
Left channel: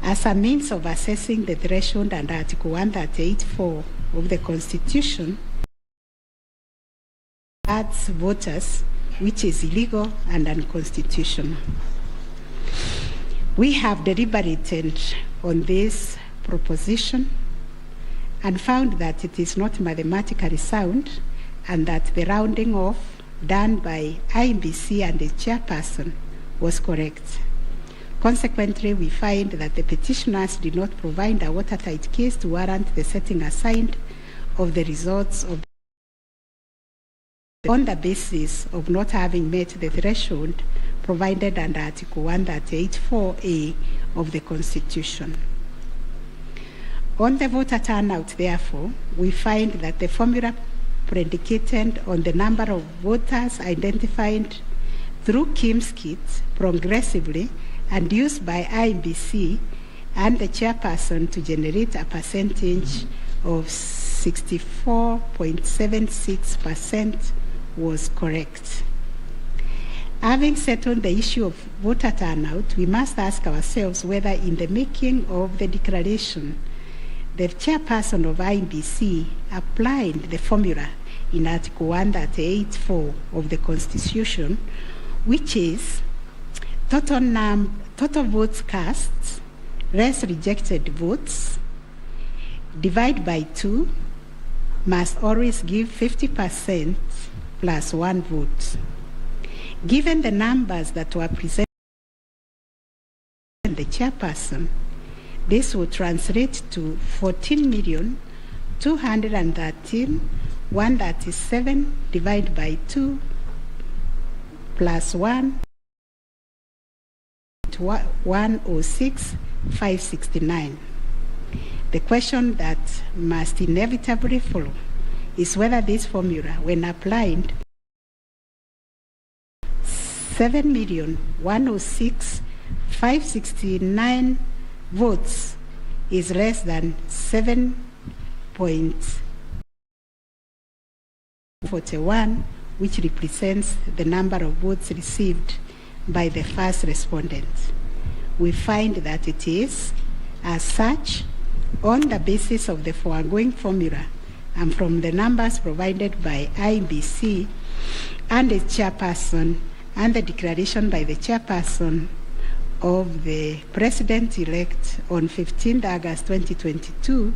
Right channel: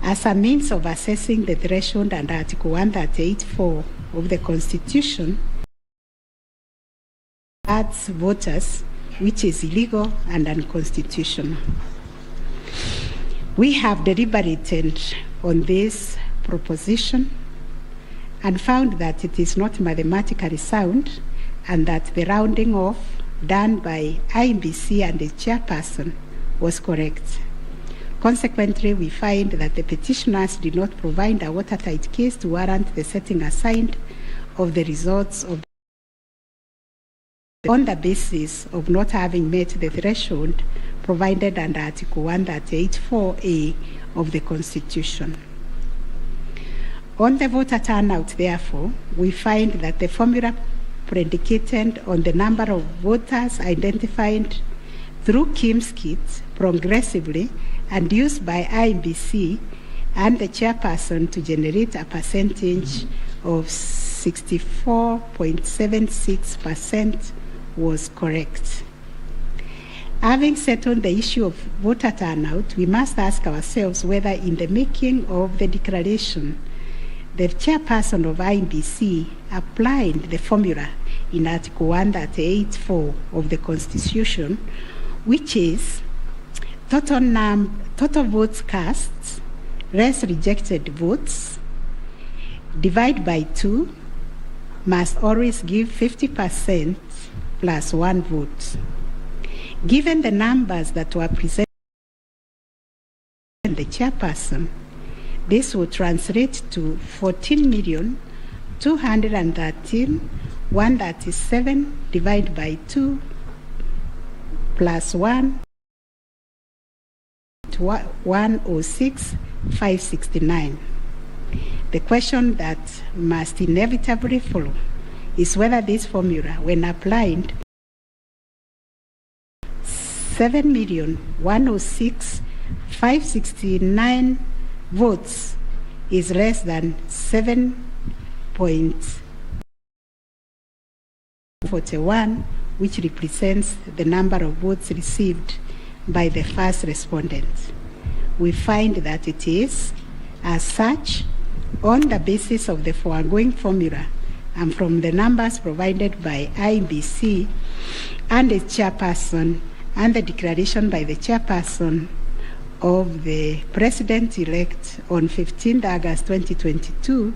as a means of assessing the threshold under Article 138(4) of the Constitution adds voters, which is illegal and unconstitutional. We have deliberated on this proposition and found that it is not mathematically sound and that the rounding off done by IBC and the chairperson was correct. Consequently, we find that the petitioners did not provide a watertight case to warrant the setting aside of the results of on the basis of not having met the threshold provided under Article 138(4)(a) of the Constitution. On the voter turnout, therefore, we find that the formula predicated on the number of voters identified through KIMS kits progressively and used by IBC and the chairperson to generate a percentage of 64.76% was correct. Having settled the issue of voter turnout, we must ask ourselves whether in the making of the declaration, the chairperson of IBC applied the formula in Article 138(4) of the Constitution, which is total votes cast less rejected votes divide by 2 must always give 50% plus 1 vote. Given the numbers that were presented by the chairperson, this would translate to 14,213,137 divided by 2 plus 1 to 106,569. The question that must inevitably follow is whether this formula, when applied, 7,106,569 votes is less than 7.41, which represents the number of votes received by the first respondent. We find that it is, as such, on the basis of the foregoing formula and from the numbers provided by IBC and its chairperson and the declaration by the chairperson of the president-elect on 15th August 2022,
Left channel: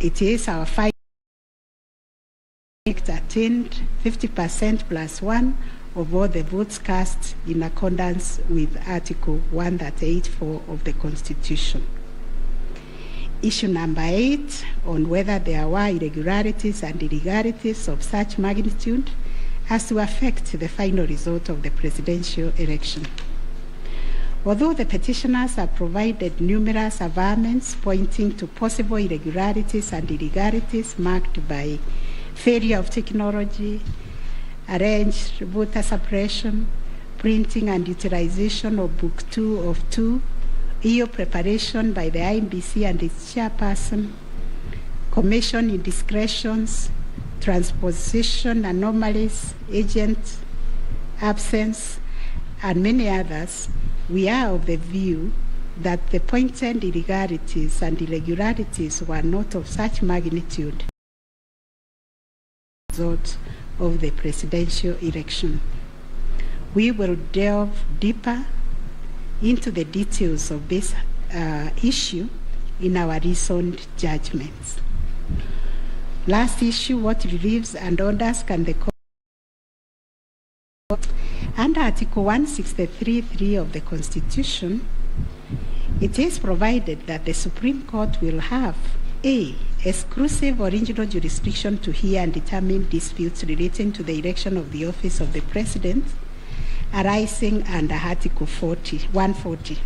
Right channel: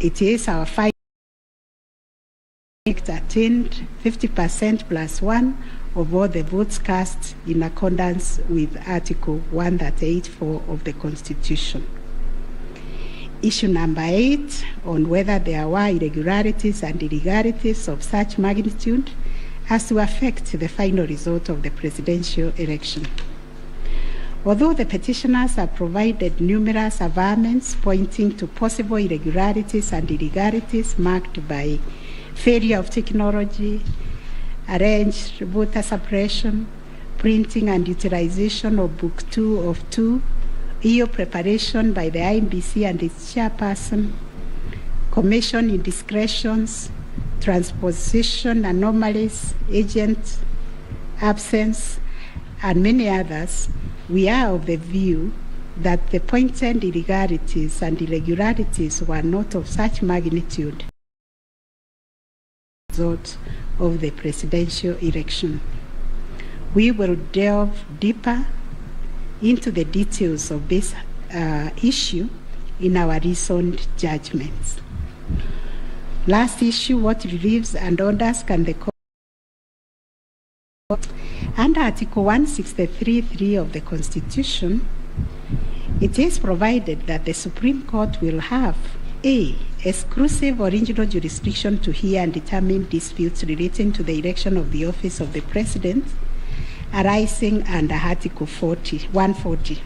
it is our finding attained 50% plus 1 of all the votes cast in accordance with Article 138(4) of the Constitution. Issue number 8 on whether there were irregularities and illegalities of such magnitude as to affect the final result of the presidential election. Although the petitioners have provided numerous averments pointing to possible irregularities and illegalities marked by failure of technology, arranged voter suppression, printing and utilization of Book 2 of 2, EU preparation by the IBC and its chairperson, commission indiscretions, transposition anomalies, agent absence, and many others, we are of the view that the pointed illegalities and irregularities were not of such magnitude as the result of the presidential election. We will delve deeper into the details of this issue in our recent judgments. Last issue, what reliefs and orders can the court Under Article 163(3) of the Constitution, it is provided that the Supreme Court will have A, exclusive original jurisdiction to hear and determine disputes relating to the election of the office of the President arising under Article 140.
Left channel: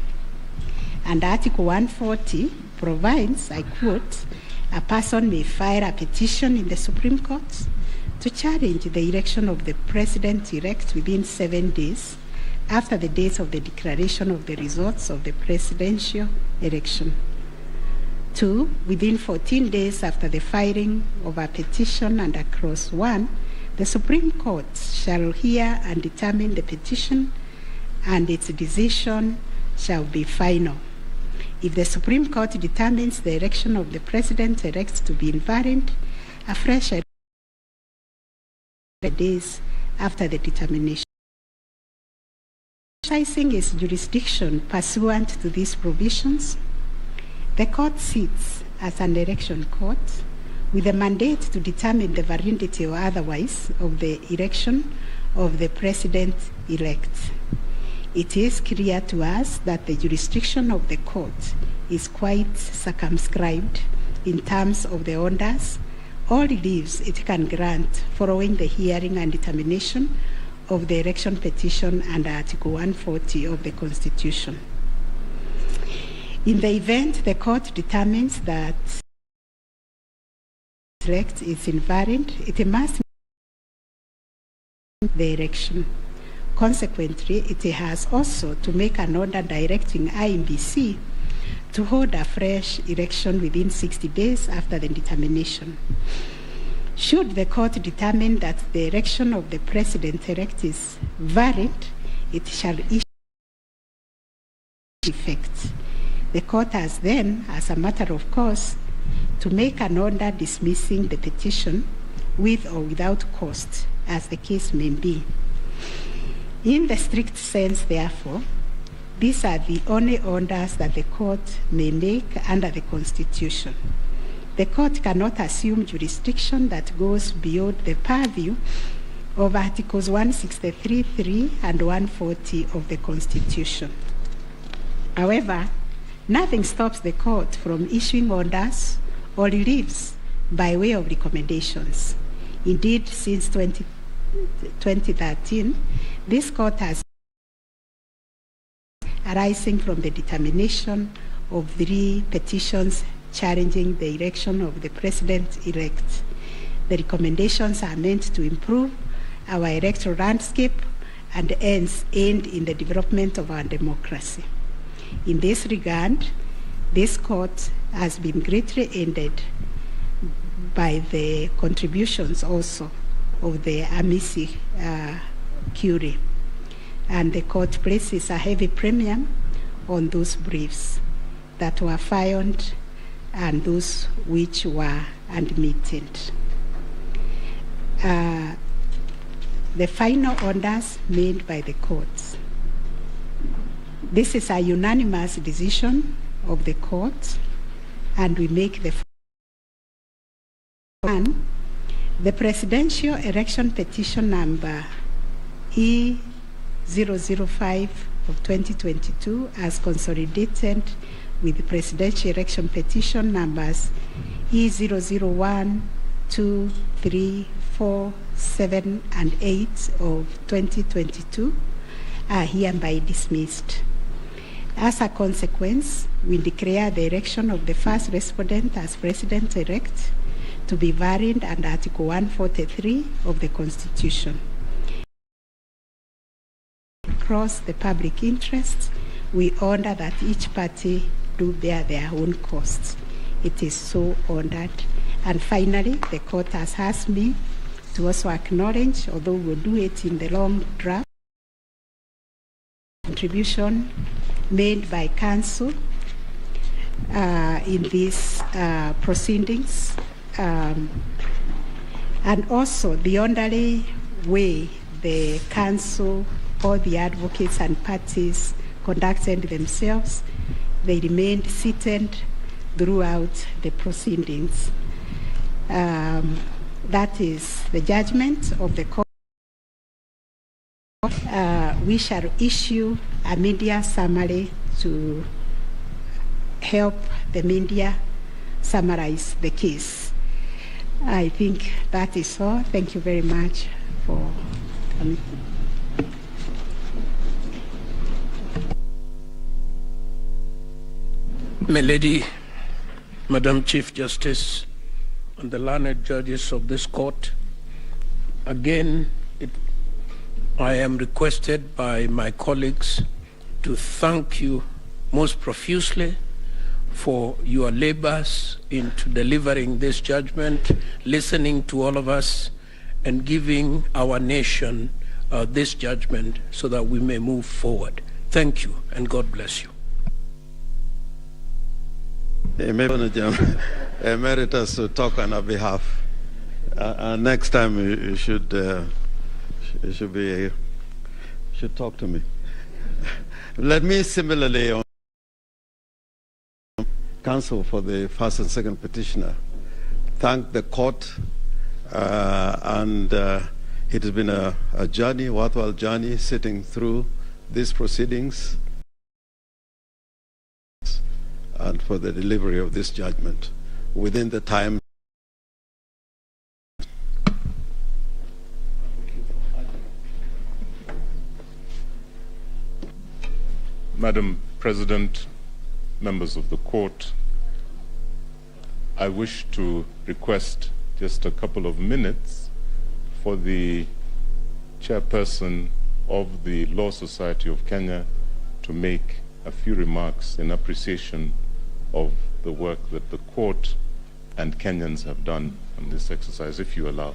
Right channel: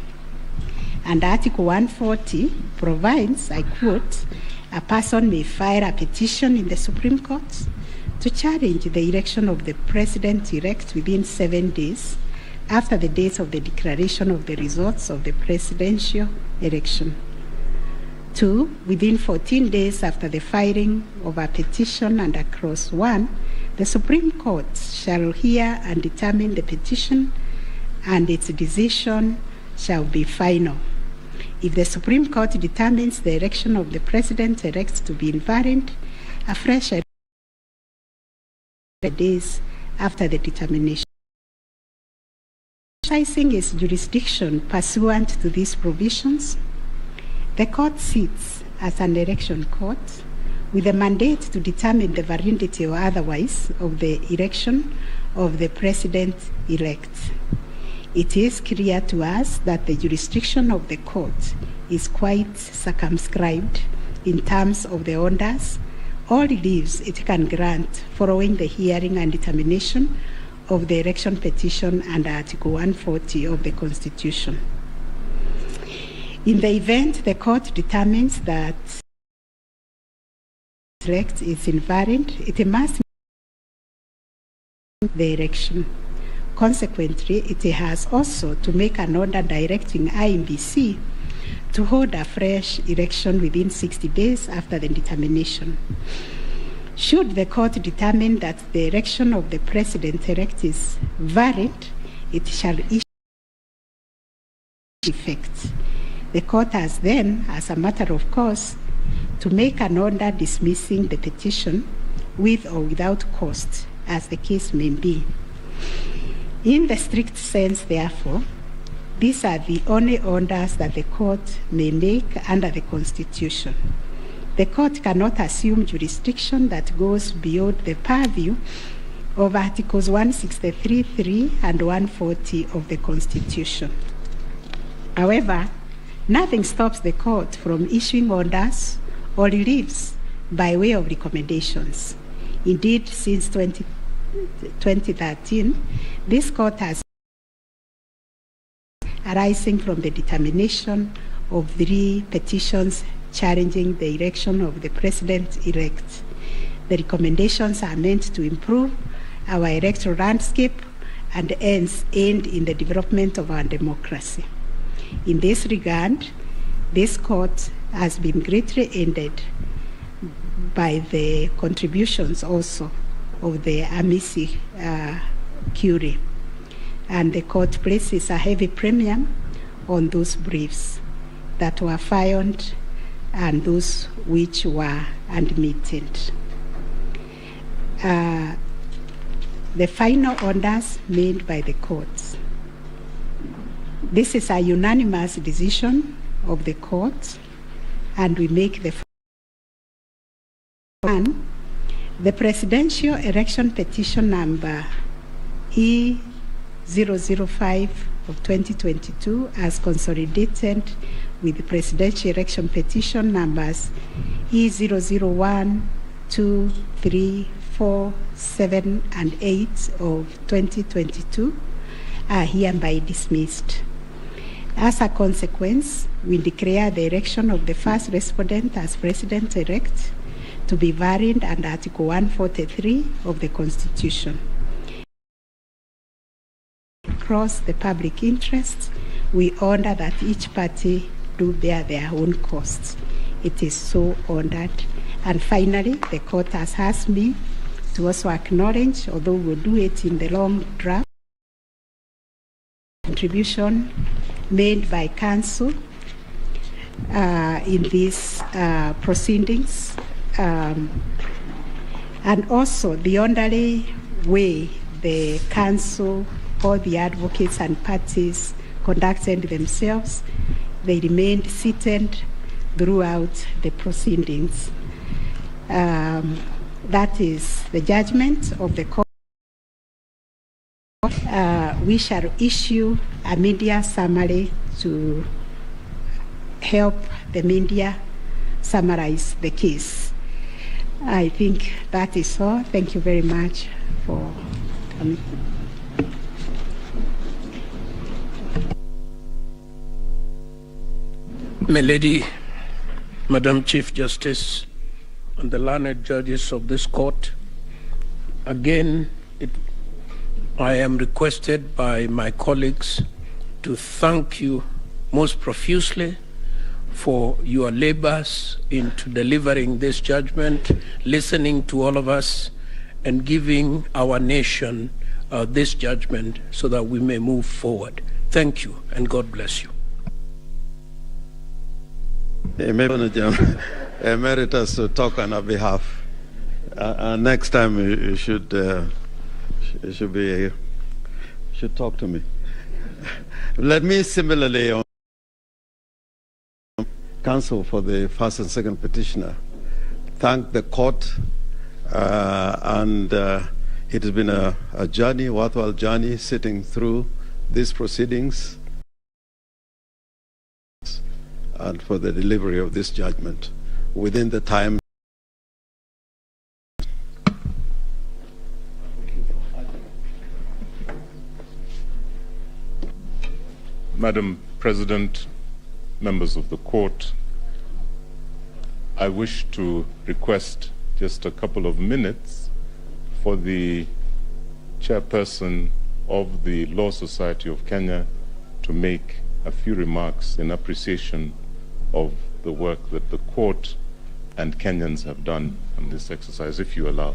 And Article 140 provides, I quote, a person may file a petition in the Supreme Court to challenge the election of the President-elect within 7 days after the date of the declaration of the results of the presidential election. 2, within 14 days after the filing of a petition under Clause 1, the Supreme Court shall hear and determine the petition, and its decision shall be final. If the Supreme Court determines the election of the President-elect to be invalid, a fresh days after the determination. Exercising its jurisdiction pursuant to these provisions, the court sits as an election court with a mandate to determine the validity or otherwise of the election of the President-elect. It is clear to us that the jurisdiction of the court is quite circumscribed in terms of the orders or reliefs it can grant following the hearing and determination of the election petition under Article 140 of the Constitution. In the event the court determines that the elect is invalid, it must make the election. Consequently, it has also to make an order directing IEBC to hold a fresh election within 60 days after the determination. Should the court determine that the election of the President-elect is valid, it shall issue effect. The court has then, as a matter of course, to make an order dismissing the petition with or without cost, as the case may be. In the strict sense, therefore, these are the only orders that the court may make under the Constitution. The court cannot assume jurisdiction that goes beyond the purview of Articles 163(3) and 140 of the Constitution. However, nothing stops the court from issuing orders or reliefs by way of recommendations. Indeed, since 2013, this court has arising from the determination of 3 petitions challenging the election of the President-elect. The recommendations are meant to improve our electoral landscape and hence aid in the development of our democracy. In this regard, this court has been greatly aided by the contributions also of the amici curiae, and the court places a heavy premium on those briefs that were filed and those which were admitted. The final orders made by the courts. This is a unanimous decision of the court, and we make the one. The presidential election petition number E005 of 2022 as consolidated with the presidential election petition numbers E001, 2, 3, 4, 7, and 8 of 2022 are hereby dismissed. As a consequence, we declare the election of the first respondent as President-elect to be valid under Article 143 of the Constitution. Across the public interest, we order that each party do bear their own costs. It is so ordered. And finally, the court has asked me to also acknowledge, although we'll do it in the long draft, contribution made by counsel in these proceedings, and also the only way the counsel or the advocates and parties conducted themselves, they remained seated throughout the proceedings. That is the judgment of the court we shall issue a media summary to help the media summarize the case. I think that is all. Thank you very much for coming. My Lady, Madam Chief Justice, and the learned judges of this court, again, I am requested by my colleagues to thank you most profusely for your labors into delivering this judgment, listening to all of us, and giving our nation this judgment so that we may move forward. Thank you, and God bless you. Emeritus to talk on our behalf. Next time you should talk to me. Let me similarly, counsel for the first and second petitioner, thank the court, and it has been a journey, worthwhile journey, sitting through these proceedings and for the delivery of this judgment within the time. Madam President, members of the court, I wish to request just a couple of minutes for the chairperson of the Law Society of Kenya to make a few remarks in appreciation of the work that the court and Kenyans have done on this exercise, if you allow.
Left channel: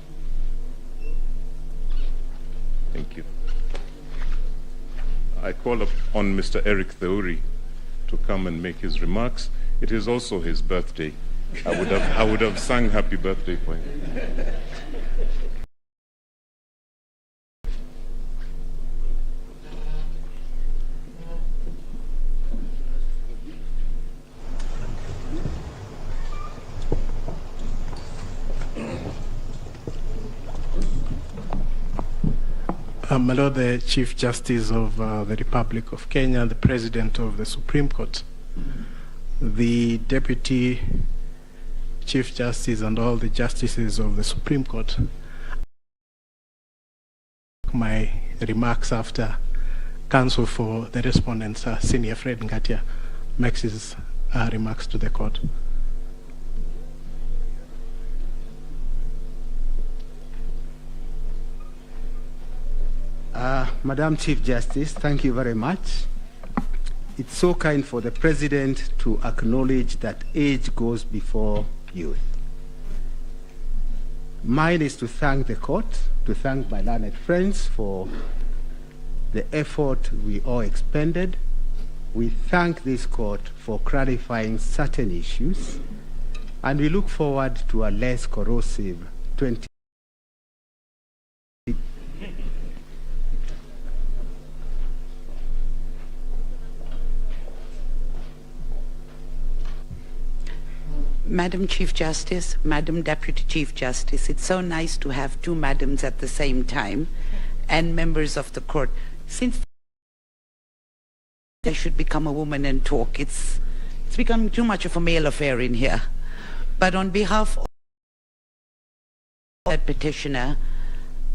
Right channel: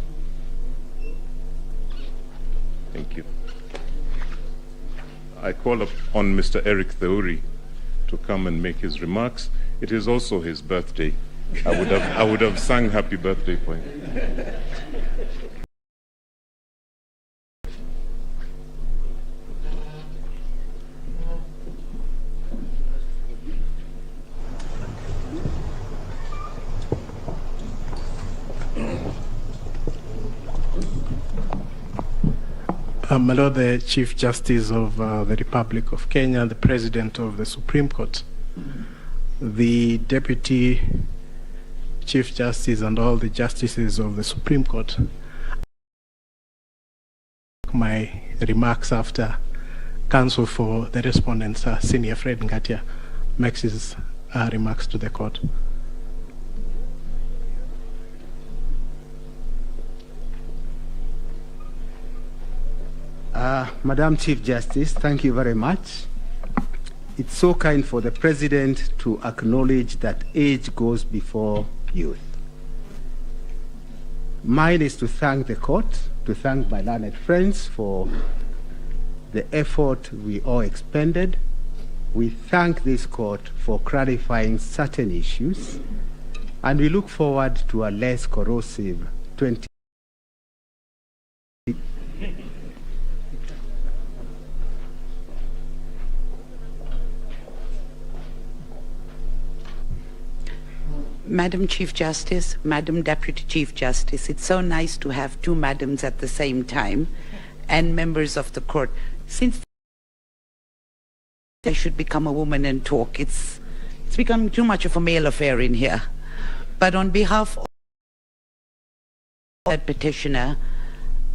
Thank you. I call upon Mr. Eric Theuri to come and make his remarks. It is also his birthday. I would have sung happy birthday for him. My Lord, the Chief Justice of the Republic of Kenya, the President of the Supreme Court, the Deputy Chief Justice and all the Justices of the Supreme Court, my remarks after counsel for the respondents, Senior Fred Ngatia, makes his remarks to the court. Madam Chief Justice, thank you very much. It's so kind for the President to acknowledge that age goes before youth. Mine is to thank the court, to thank my learned friends for the effort we all expended. We thank this court for clarifying certain issues, and we look forward to a less corrosive 20. Madam Chief Justice, Madam Deputy Chief Justice, it's so nice to have two madams at the same time, and members of the court. Since I should become a woman and talk, it's becoming too much of a male affair in here. But on behalf of that petitioner,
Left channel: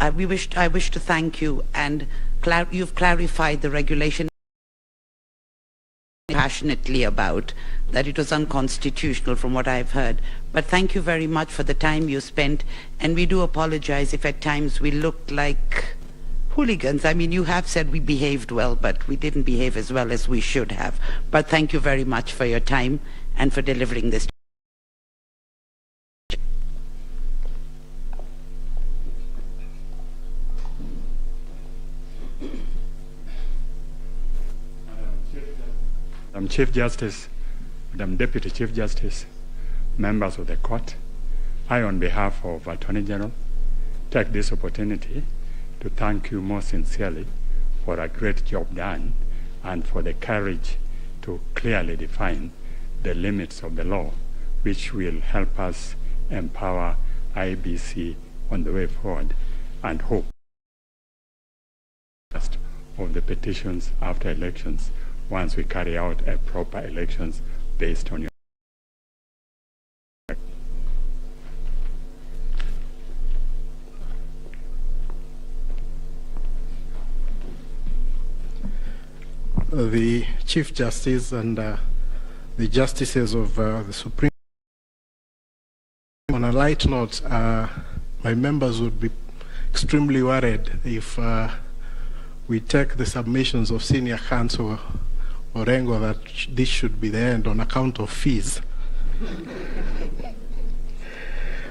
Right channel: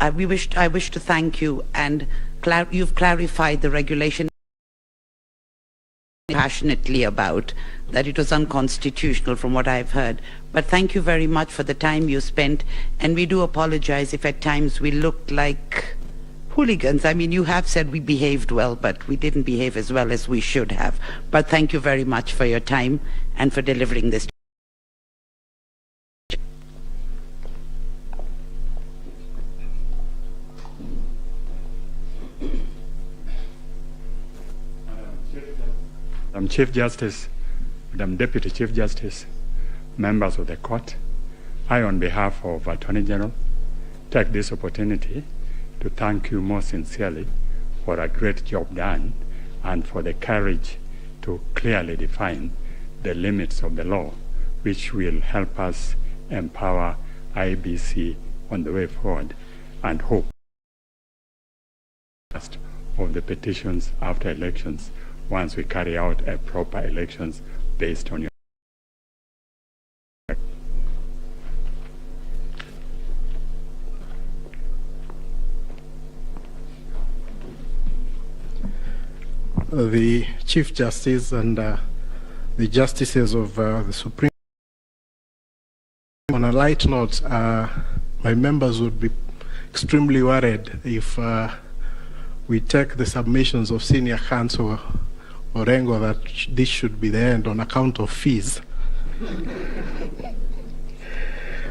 I wish to thank you, and you've clarified the regulation passionately about that it was unconstitutional from what I've heard. But thank you very much for the time you spent, and we do apologize if at times we looked like hooligans. I mean, you have said we behaved well, but we didn't behave as well as we should have. But thank you very much for your time and for delivering this. Madam Chief Justice, Madam Deputy Chief Justice, members of the court, I, on behalf of Attorney General, take this opportunity to thank you most sincerely for a great job done and for the courage to clearly define the limits of the law, which will help us empower IBC on the way forward and hope of the petitions after elections once we carry out a proper elections based on your the Chief Justice and the Justices of the Supreme. On a light note, my members would be extremely worried if we take the submissions of Senior Counsel Orengo that this should be the end on account of fees.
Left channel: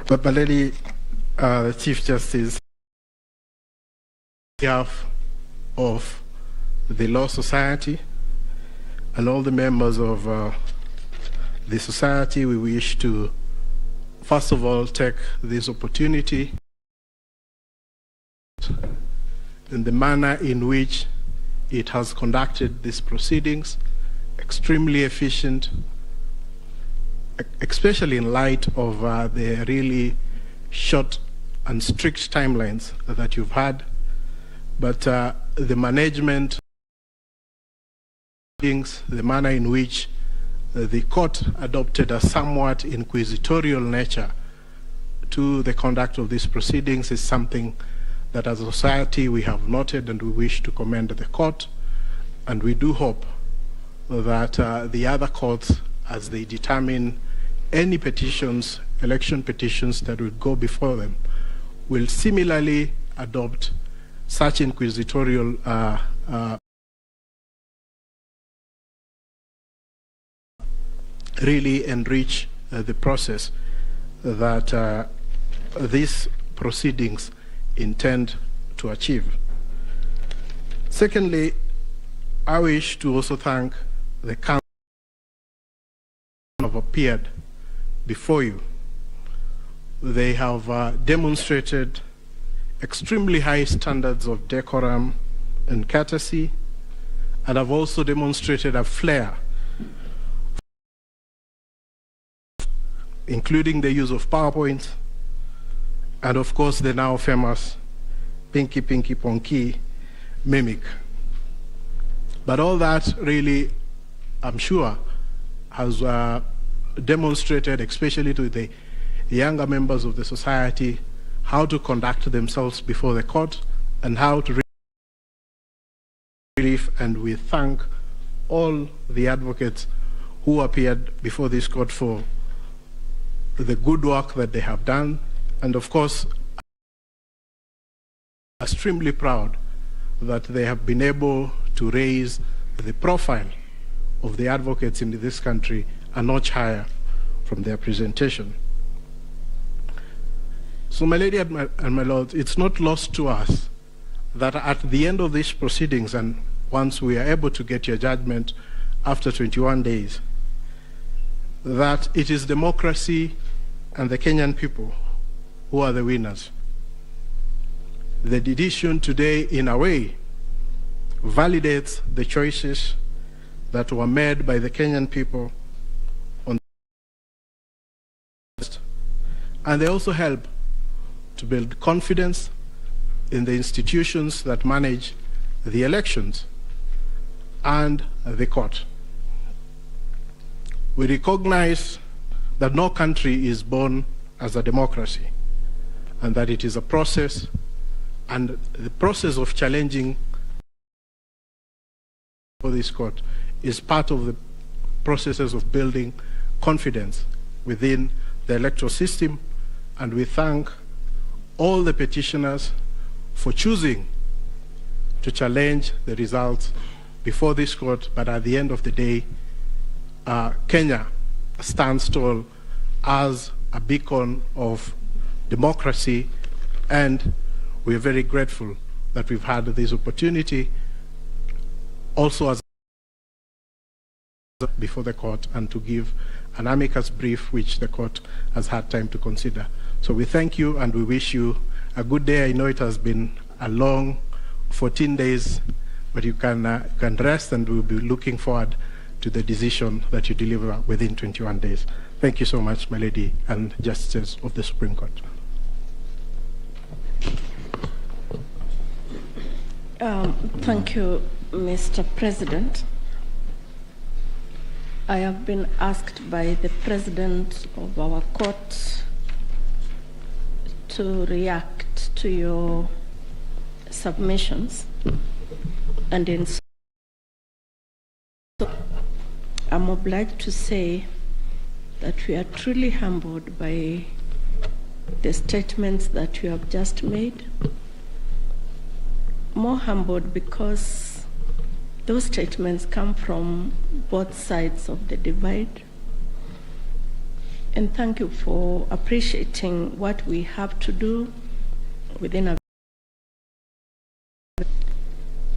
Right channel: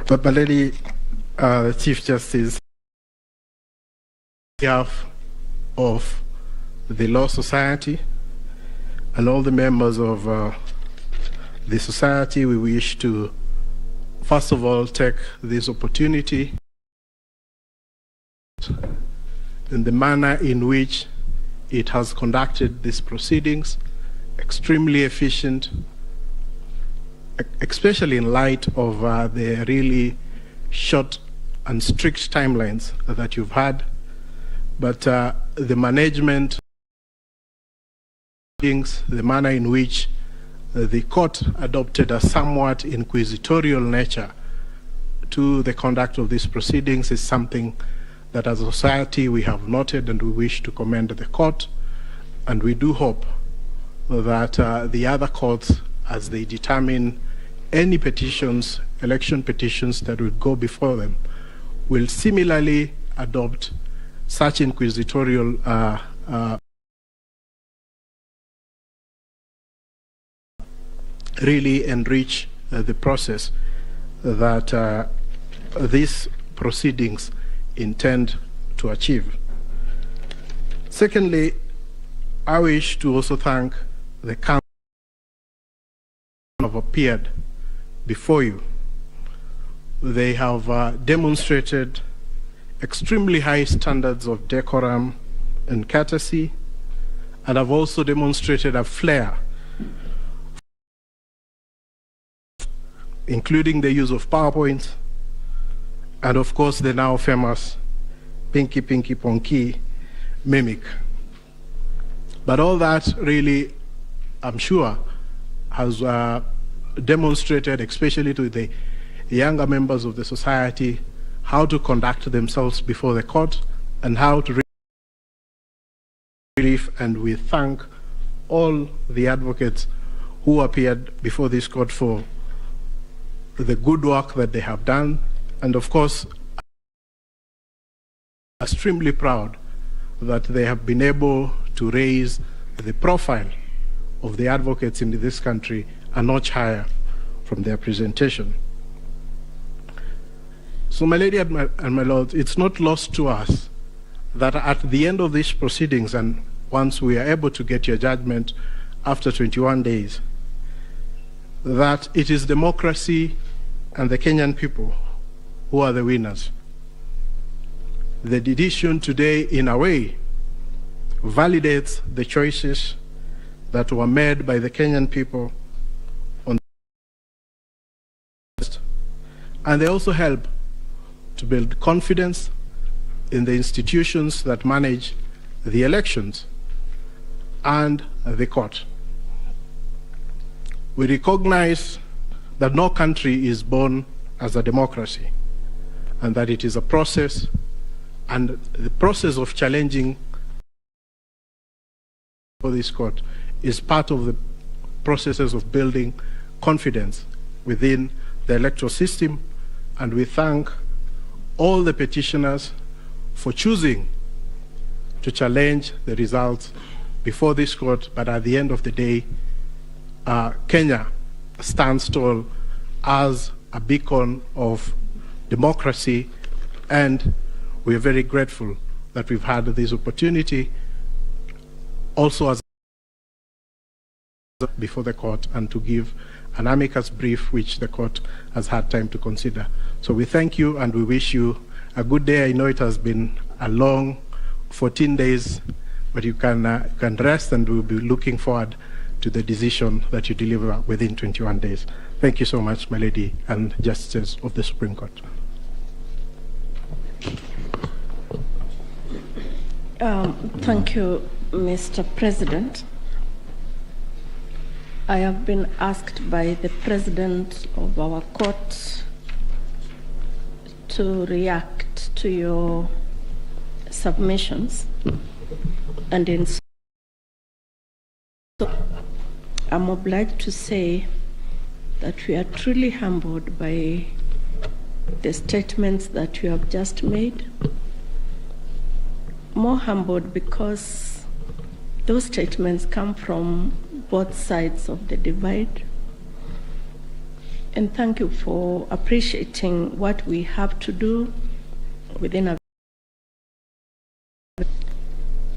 But my lady, the Chief Justice, on behalf of the Law Society and all the members of the society, we wish to first of all take this opportunity in the manner in which it has conducted these proceedings, extremely efficient, especially in light of the really short and strict timelines that you've had. But the management, the manner in which the court adopted a somewhat inquisitorial nature to the conduct of these proceedings is something that as a society we have noted, and we wish to commend the court. And we do hope that the other courts, as they determine any petitions, election petitions that will go before them, will similarly adopt such inquisitorial really enrich the process that these proceedings intend to achieve. Secondly, I wish to also thank the council who have appeared before you. They have demonstrated extremely high standards of decorum and courtesy, and have also demonstrated a flair, including the use of PowerPoint, and of course the now famous Pinky Pinky Ponky mimic. But all that really, I'm sure, has demonstrated, especially to the younger members of the society, how to conduct themselves before the court and how to relief. And we thank all the advocates who appeared before this court for the good work that they have done. And of course, I'm extremely proud that they have been able to raise the profile of the advocates in this country a notch higher from their presentation. So my lady and my lord, it's not lost to us that at the end of these proceedings, and once we are able to get your judgment after 21 days, that it is democracy and the Kenyan people who are the winners. The decision today, in a way, validates the choices that were made by the Kenyan people on and they also help to build confidence in the institutions that manage the elections and the court. We recognize that no country is born as a democracy, and that it is a process, and the process of challenging for this court is part of the processes of building confidence within the electoral system. And we thank all the petitioners for choosing to challenge the results before this court. But at the end of the day, Kenya stands tall as a beacon of democracy, and we are very grateful that we've had this opportunity also as before the court and to give an amicus brief which the court has had time to consider. So we thank you and we wish you a good day. I know it has been a long 14 days, but you can rest, and we'll be looking forward to the decision that you deliver within 21 days. Thank you so much, my lady and justices of the Supreme Court. Thank you, Mr. President. I have been asked by the President of our court to react to your submissions, and in so I'm obliged to say that we are truly humbled by the statements that you have just made. More humbled because those statements come from both sides of the divide. And thank you for appreciating what we have to do within our.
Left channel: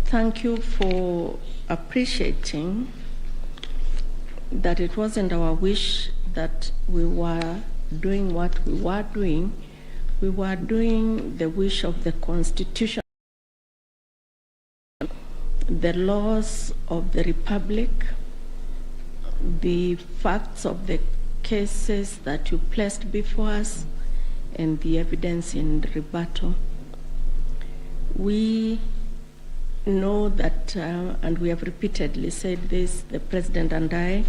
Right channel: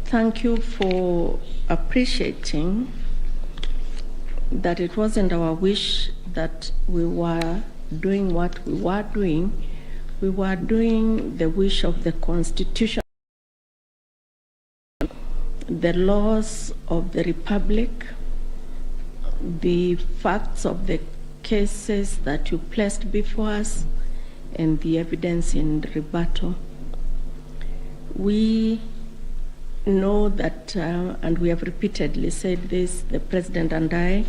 Thank you for appreciating that it wasn't our wish that we were doing what we were doing. We were doing the wish of the Constitution, the laws of the Republic, the facts of the cases that you placed before us, and the evidence in rebuttal. We know that, and we have repeatedly said this, the President and I,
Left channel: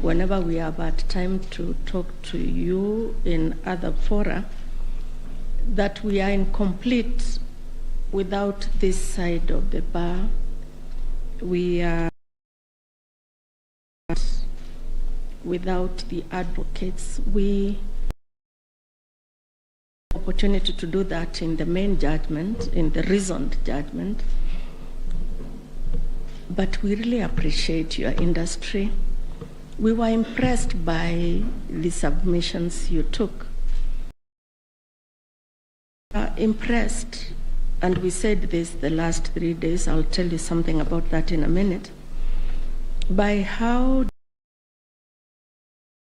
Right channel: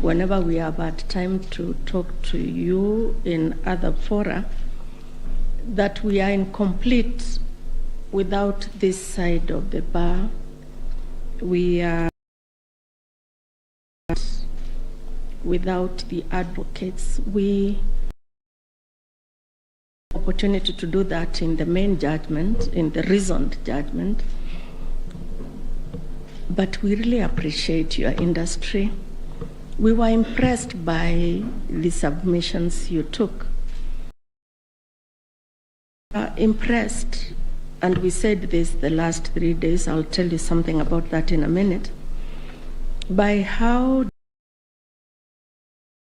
whenever we have had time to talk to you in other fora, that we are incomplete without this side of the bar. We are without the advocates. We have opportunity to do that in the main judgment, in the reasoned judgment. But we really appreciate your industry. We were impressed by the submissions you took. Impressed, and we said this the last 3 days, I'll tell you something about that in a minute, by how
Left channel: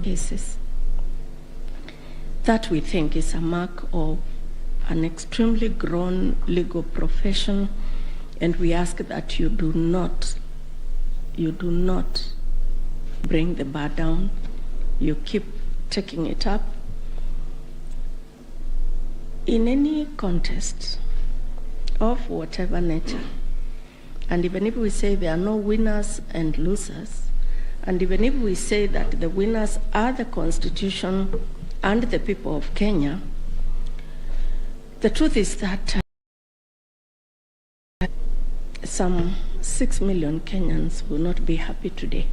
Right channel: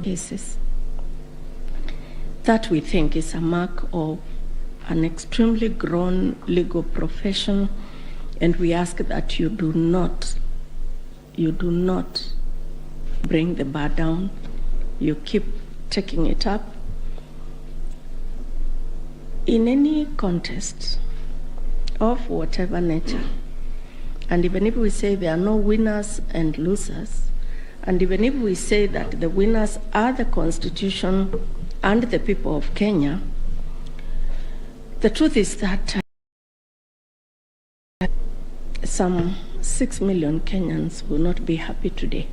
cases that we think is a mark of an extremely grown legal profession, and we ask that you do not bring the bar down. You keep taking it up. In any contest of whatever nature, and even if we say there are no winners and losers, and even if we say that the winners are the Constitution and the people of Kenya, the truth is that some 6 million Kenyans will not be happy today.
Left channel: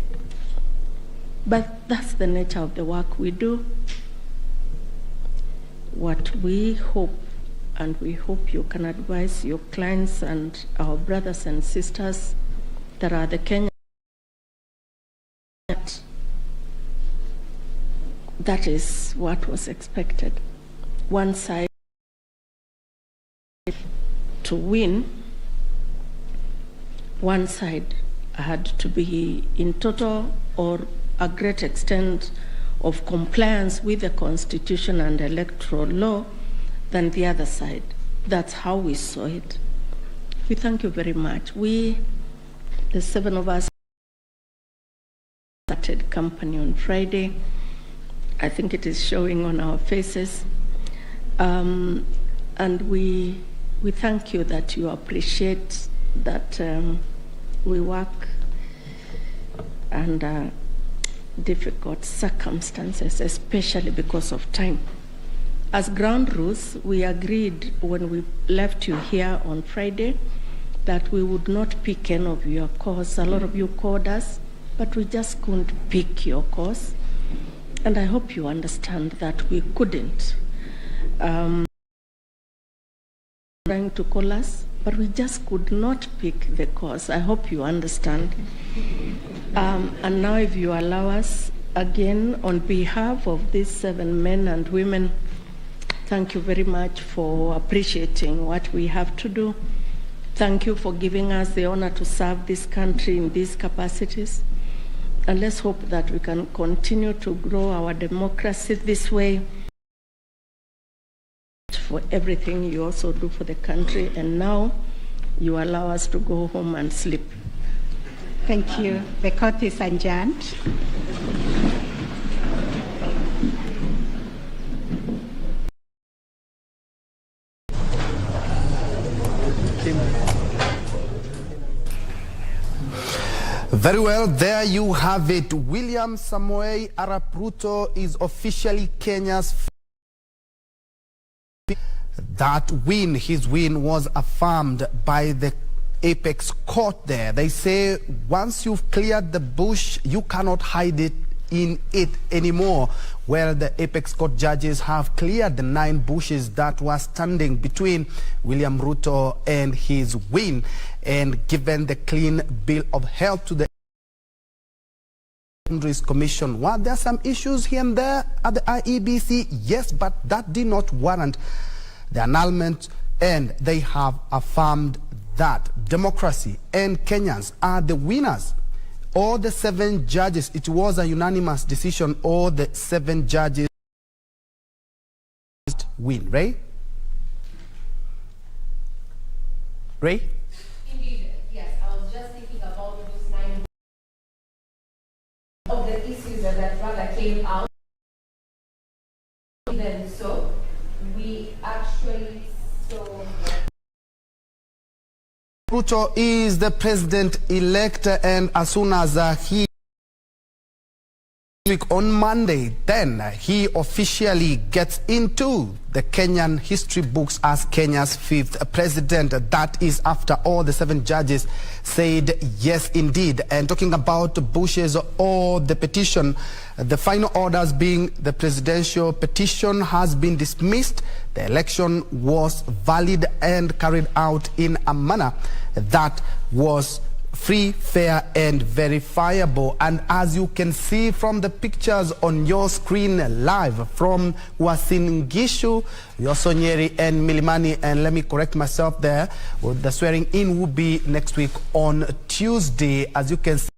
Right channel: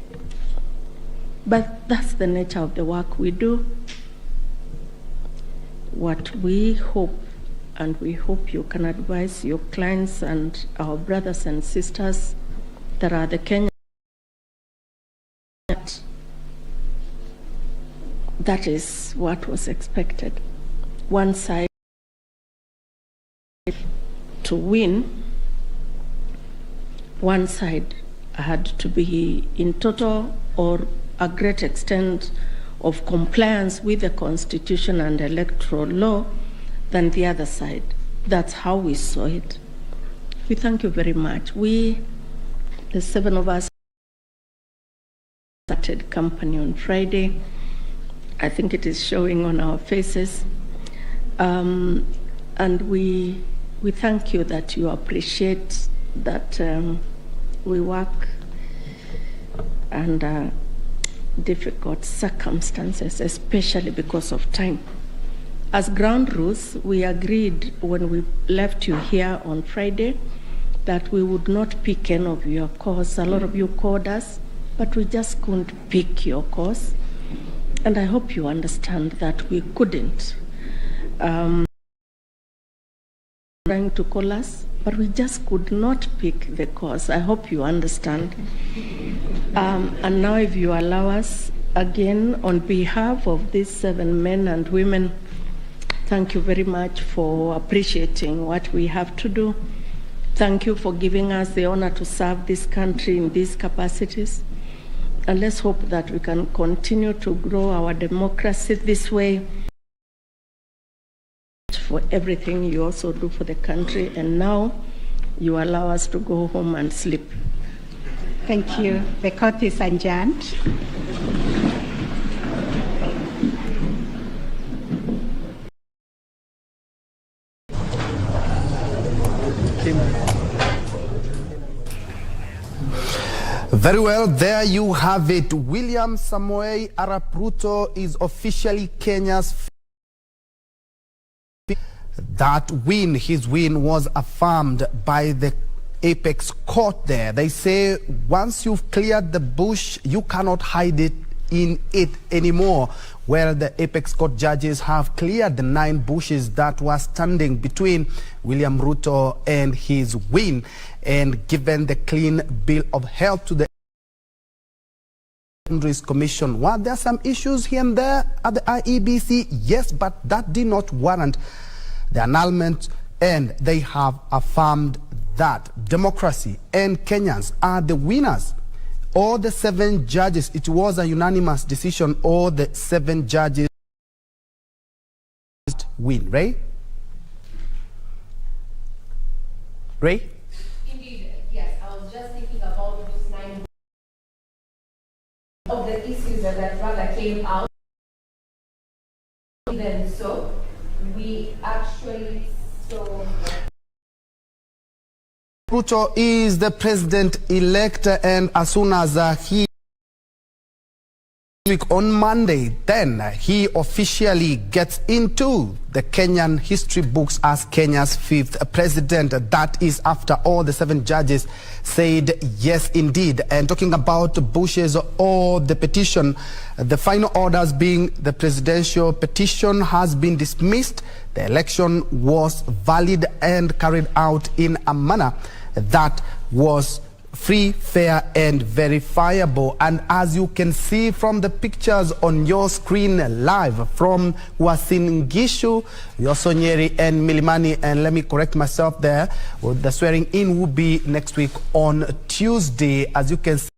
But that's the nature of the work we do. What we hope, and we hope you can advise your clients and our brothers and sisters that are the Kenyans, that is what was expected. One side to win, one side had to be in total or a great extent of compliance with the Constitution and electoral law than the other side. That's how we saw it. We thank you very much. We, the 7 of us, started company on Friday. I think it is showing on our faces. And we thank you that you appreciate that we work under difficult circumstances, especially because of time. As ground rules, we agreed when we left you here on Friday that we would not pick any of your calls. A lot of you called us, but we just couldn't pick your calls. And I hope you understand that we couldn't. Trying to call us, but we just could not pick the calls. I hope you understand. And now if you allow us, again, on behalf of these 7 men and women, thank you very much for appreciating what we have to do. Thank you for giving us the honor to serve this country in these capacities. And let's hope that we can continue to grow our democracy this way. For everything you also do for the country, and now you allow us to go home and sleep. Thank you. The court is adjourned. Very well, there you have it. William Samoei Arap Ruto is officially Kenya's. That win, his win, was affirmed by the apex court there. They say once you've cleared the bush, you cannot hide it in it anymore. Well, the apex court judges have cleared the 9 bushes that were standing between William Ruto and his win, and given the clean bill of health to the Commission. Were there some issues here and there at the IEBC? Yes, but that did not warrant the annulment, and they have affirmed that democracy and Kenyans are the winners. All the 7 judges, it was a unanimous decision, all the 7 judges win, right? Ray? Indeed, yes. I was just thinking about those 9 of the issues that rather came out. Even so, we actually saw Ruto is the president-elect, and as soon as he on Monday, then he officially gets into the Kenyan history books as Kenya's 5th president. That is after all the 7 judges said yes indeed. And talking about bushes or the petition, the final orders being the presidential petition has been dismissed. The election was valid and carried out in a manner that was free, fair, and verifiable. And as you can see from the pictures on your screen live from Uasin Gishu, Yosonyeri, and Milimani, and let me correct myself there, well, the swearing in will be next week on Tuesday. As you can see,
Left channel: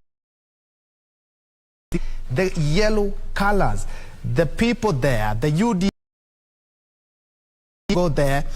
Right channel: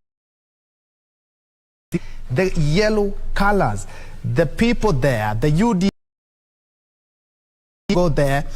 the yellow colors, the people there, the UD go there,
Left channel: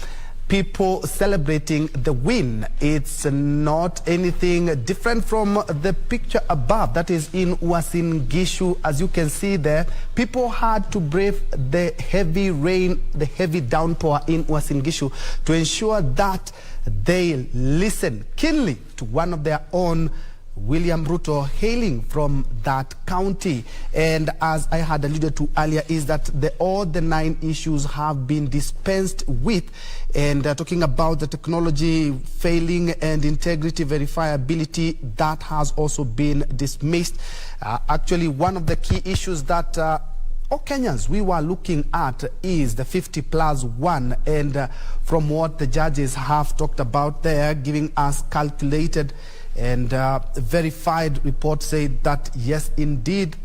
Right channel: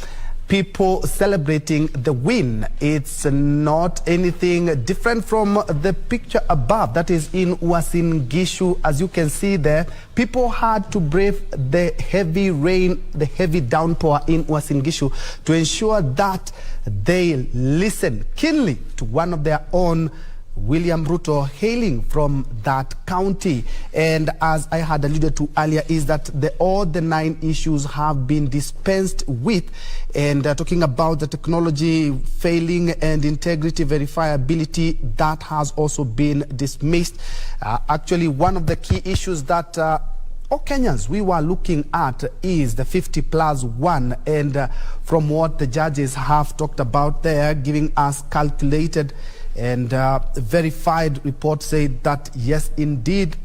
people celebrating the win. It's not anything different from the picture above that is in Uasin Gishu. As you can see there, people had to brave the heavy rain, the heavy downpour in Uasin Gishu to ensure that they listen keenly to one of their own, William Ruto, hailing from that county. And as I had alluded to earlier, is that all the 9 issues have been dispensed with. And talking about the technology failing and integrity verifiability, that has also been dismissed. Actually, one of the key issues that all Kenyans we were looking at is the 50+1. And from what the judges have talked about there, giving us calculated and verified reports say that yes, indeed,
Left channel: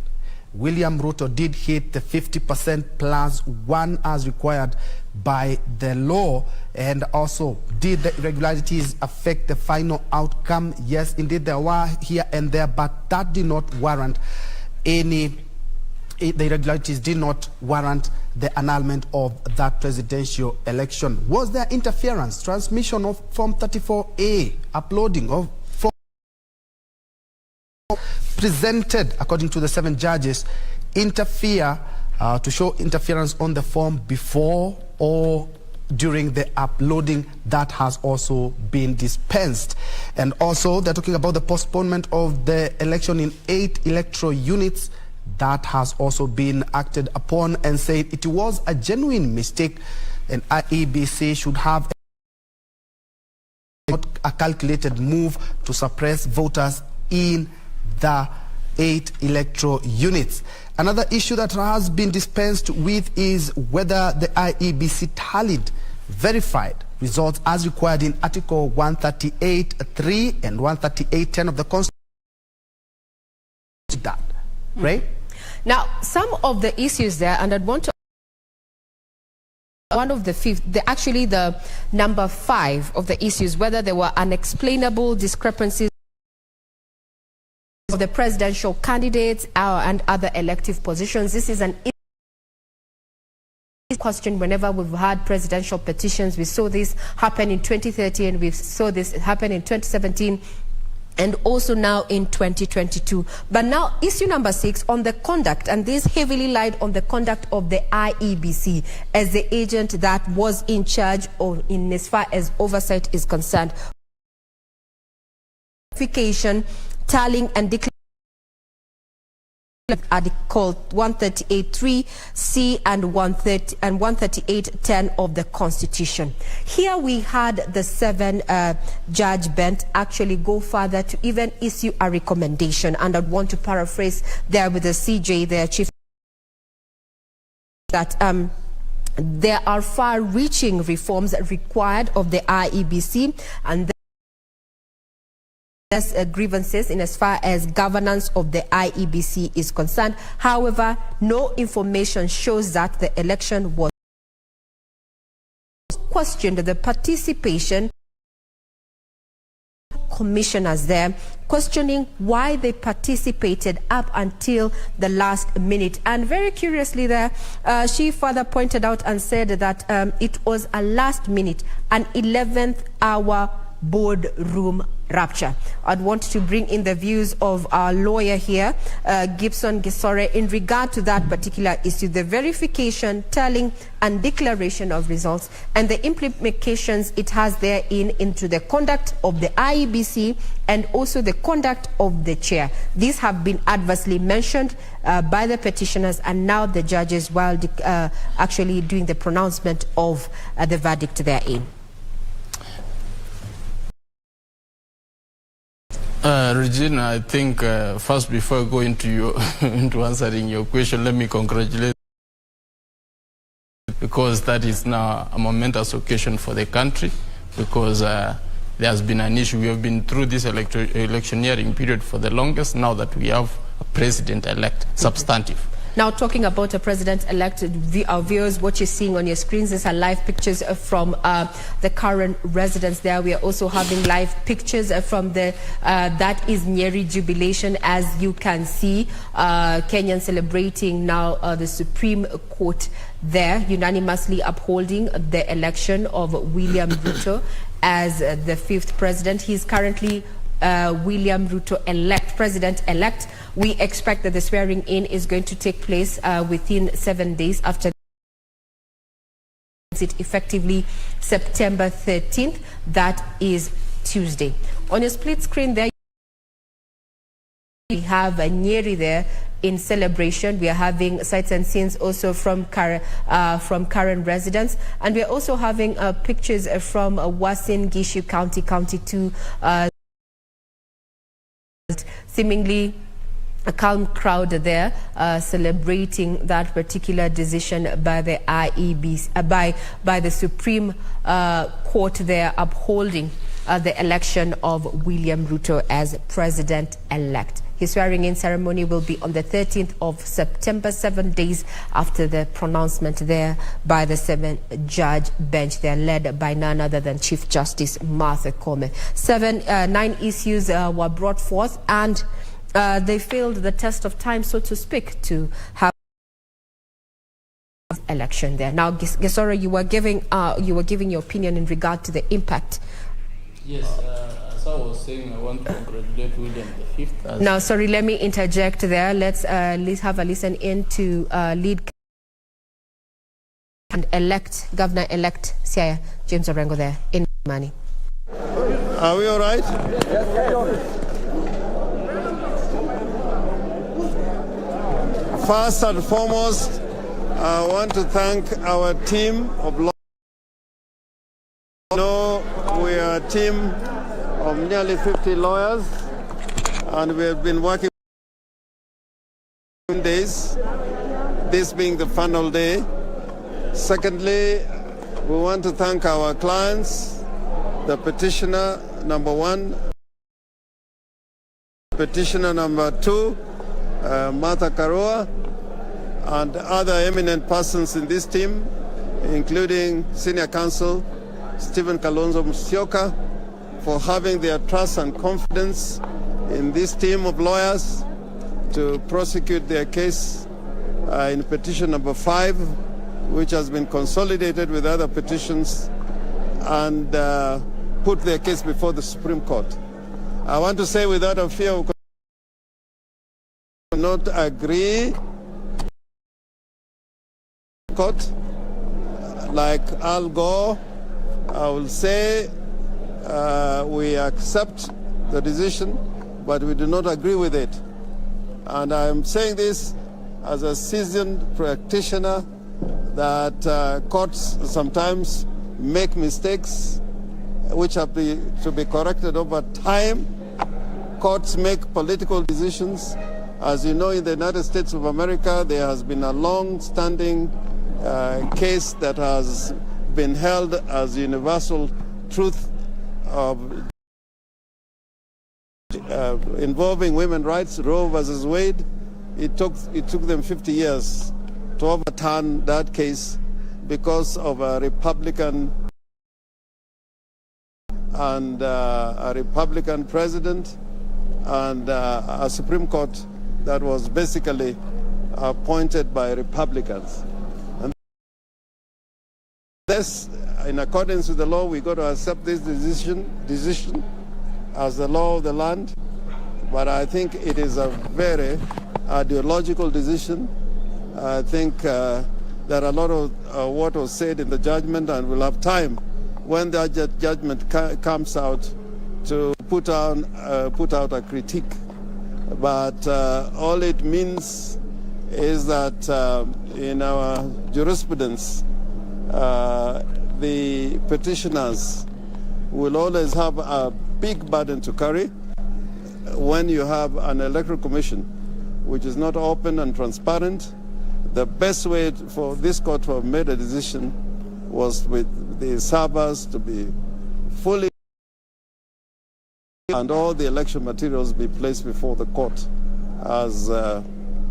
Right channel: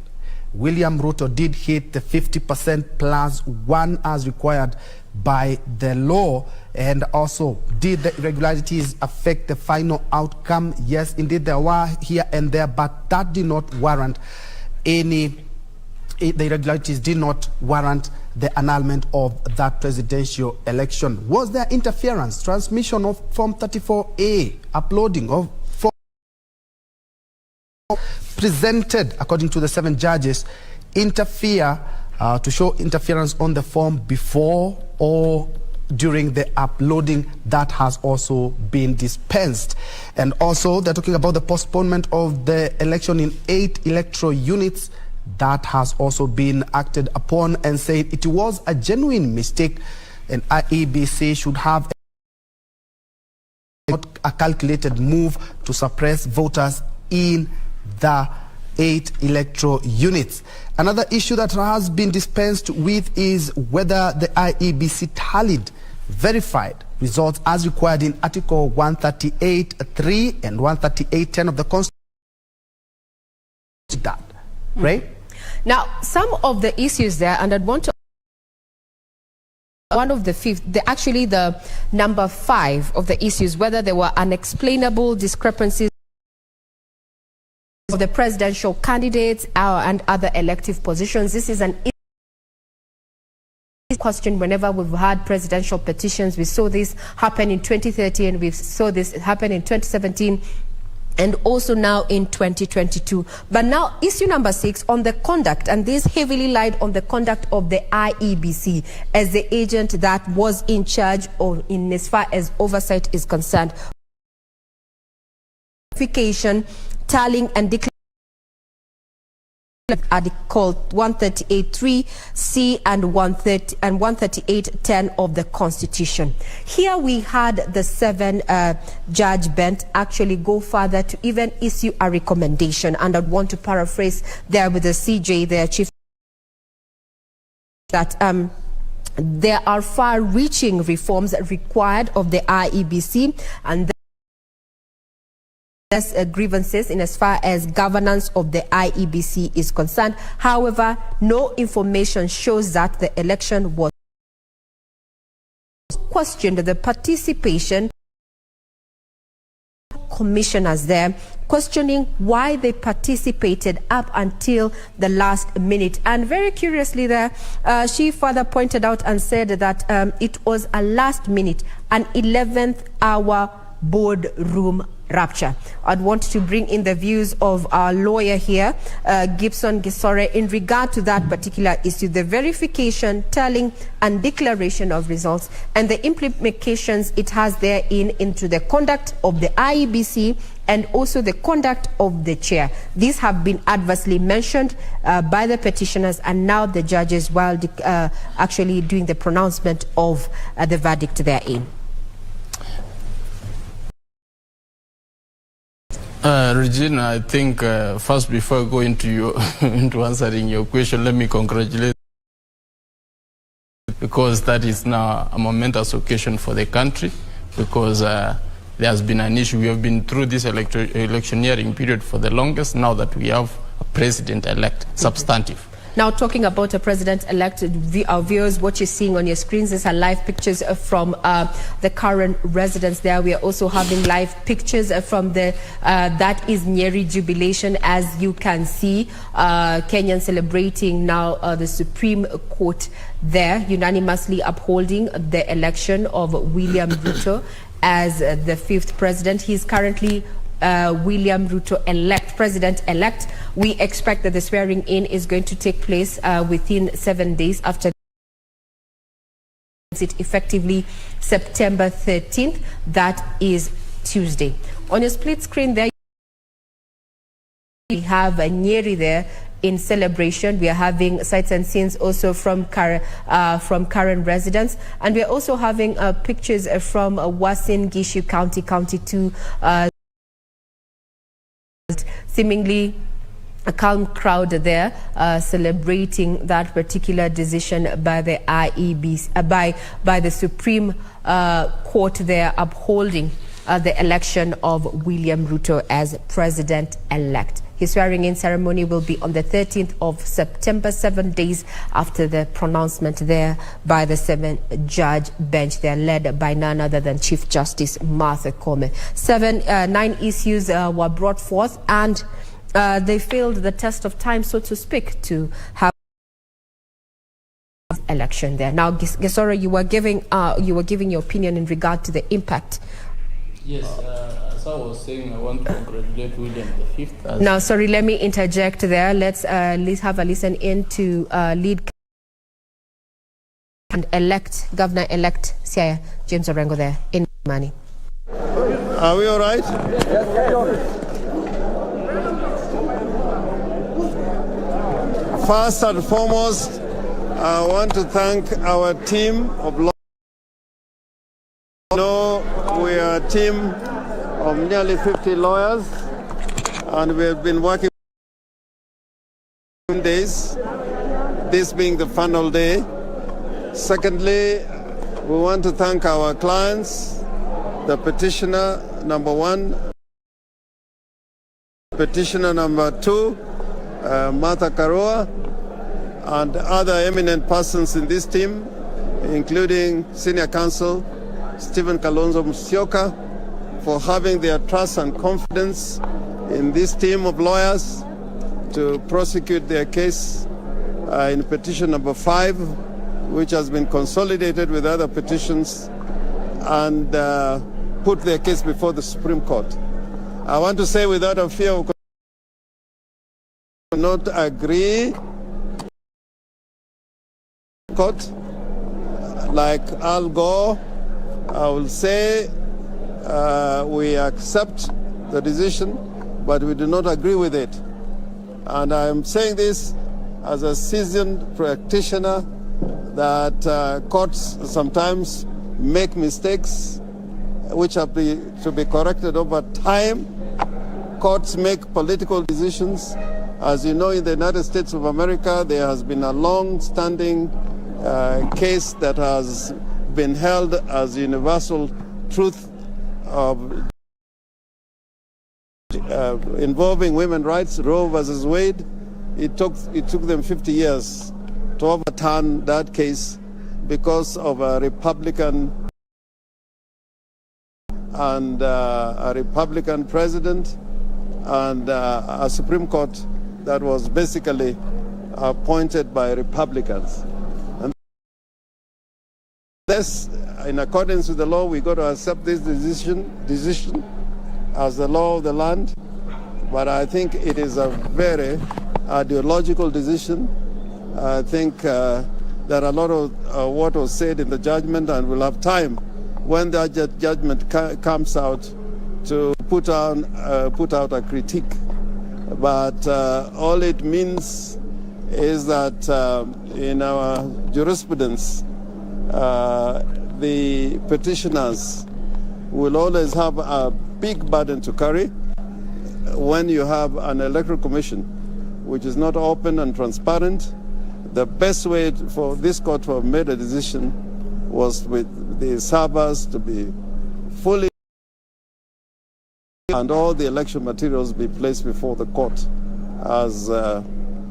William Ruto did hit the 50%+1 as required by the law. And also, did the irregularities affect the final outcome? Yes, indeed, there were here and there, but that did not warrant the irregularities did not warrant the annulment of that presidential election. Was there interference, transmission of Form 34A, uploading of presented, according to the 7 judges, to show interference on the form before or during the uploading? That has also been dispensed. And also, they're talking about the postponement of the election in 8 electoral units. That has also been acted upon, and said it was a genuine mistake, and IEBC should have a calculated move to suppress voters in the 8 electoral units. Another issue that has been dispensed with is whether the IEBC tallied verified results as required in Article 138.3 and 138.10 of the Constitution. That, right? Now, some of the issues there, and I'd want to one of the 5th, actually the number 5 of the issues, whether there were unexplainable discrepancies of the presidential candidates and other elective positions. This is an question whenever we've had presidential petitions. We saw this happen in 2013, we saw this happen in 2017, and also now in 2022. But now issue number 6 on the conduct, and this heavily lied on the conduct of the IEBC as the agent that was in charge of, in as far as oversight is concerned. tallying and declaring Article 138.3C and 138.10 of the Constitution. Here we had the 7-judge bench actually go further to even issue a recommendation, and I'd want to paraphrase there with the CJ, their chief, that there are far-reaching reforms required of the IEBC, and grievances in as far as governance of the IEBC is concerned. However, no information shows that the election was questioned. The participation commissioners there questioning why they participated up until the last minute, and very curiously there she further pointed out and said that it was a last minute, an 11th hour boardroom rapture. I'd want to bring in the views of our lawyer here, Gibson Gisore, in regard to that particular issue, the verification, tallying and declaration of results, and the implications it has therein into the conduct of the IEBC and also the conduct of the chair. These have been adversely mentioned by the petitioners and now the judges while actually doing the pronouncement of the verdict therein. Regina, I think first, before I go into into answering your question, let me congratulate, because that is now a momentous occasion for the country, because there has been an issue. We have been through this electioneering period for the longest, now that we have a president-elect, substantive. Now, talking about a president-elect, our viewers, what you're seeing on your screens is live pictures from the current residence there. We are also having live pictures from the, that is Nyeri jubilation, as you can see. Kenyan celebrating now the Supreme Court there, unanimously upholding the election of William Ruto as the 5th president. He's currently William Ruto president-elect. We expect that the swearing in is going to take place within 7 days after it, effectively September 13th. That is Tuesday. On your split screen there, we have Nyeri there in celebration. We are having sights and scenes also from current residents, and we are also having pictures from Uasin Gishu County, County 2. Seemingly a calm crowd there celebrating that particular decision by the IEBC, by the Supreme Court there, upholding the election of William Ruto as president-elect. His swearing-in ceremony will be on the 13th of September, 7 days after the pronouncement there by the 7-judge bench. They are led by none other than Chief Justice Martha Koome. 9 issues were brought forth, and they failed the test of time, so to speak, to have election there. Now, Gisora, you were giving your opinion in regard to the impact. Yes. As I was saying, I want to congratulate William V. Now, sorry, let me interject there. Let's have a listen in to lead and Governor-elect Siaya James Orengo there in Mani. Are we all right? First and foremost, I want to thank our team of lawyers. We are a team of nearly 50 lawyers, and we have been working days, this being the final day. Secondly, we want to thank our clients, the petitioner number 1, petitioner number 2, Martha Karua, and other eminent persons in this team, including Senior Counsel Stephen Kalonzo Musyoka, for having their trust and confidence in this team of lawyers to prosecute their case in petition number 5, which has been consolidated with other petitions, and put their case before the Supreme Court. I want to say without a fear of not agree court, like Al Gore, I will say we accept the decision but we do not agree with it. And I'm saying this as a seasoned practitioner that courts sometimes make mistakes which have to be corrected over time. Courts make political decisions. As you know, in the United States of America, there has been a long-standing case that has been held as universal truth of involving women's rights, Roe versus Wade. It took them 50 years to overturn that case because of a Republican and a Republican president and a Supreme Court that was basically appointed by Republicans. And this, in accordance with the law, we got to accept this decision as the law of the land. But I think it is a very ideological decision. I think there are a lot of what was said in the judgment, and we'll have time when that judgment comes out to put out a critique. But all it means is that in our jurisprudence, the petitioners will always have a big burden to carry when you have an electoral commission which is not open and transparent. The best way for this court to have made a decision was with the servers to be fully and all the election materials be placed before the court, as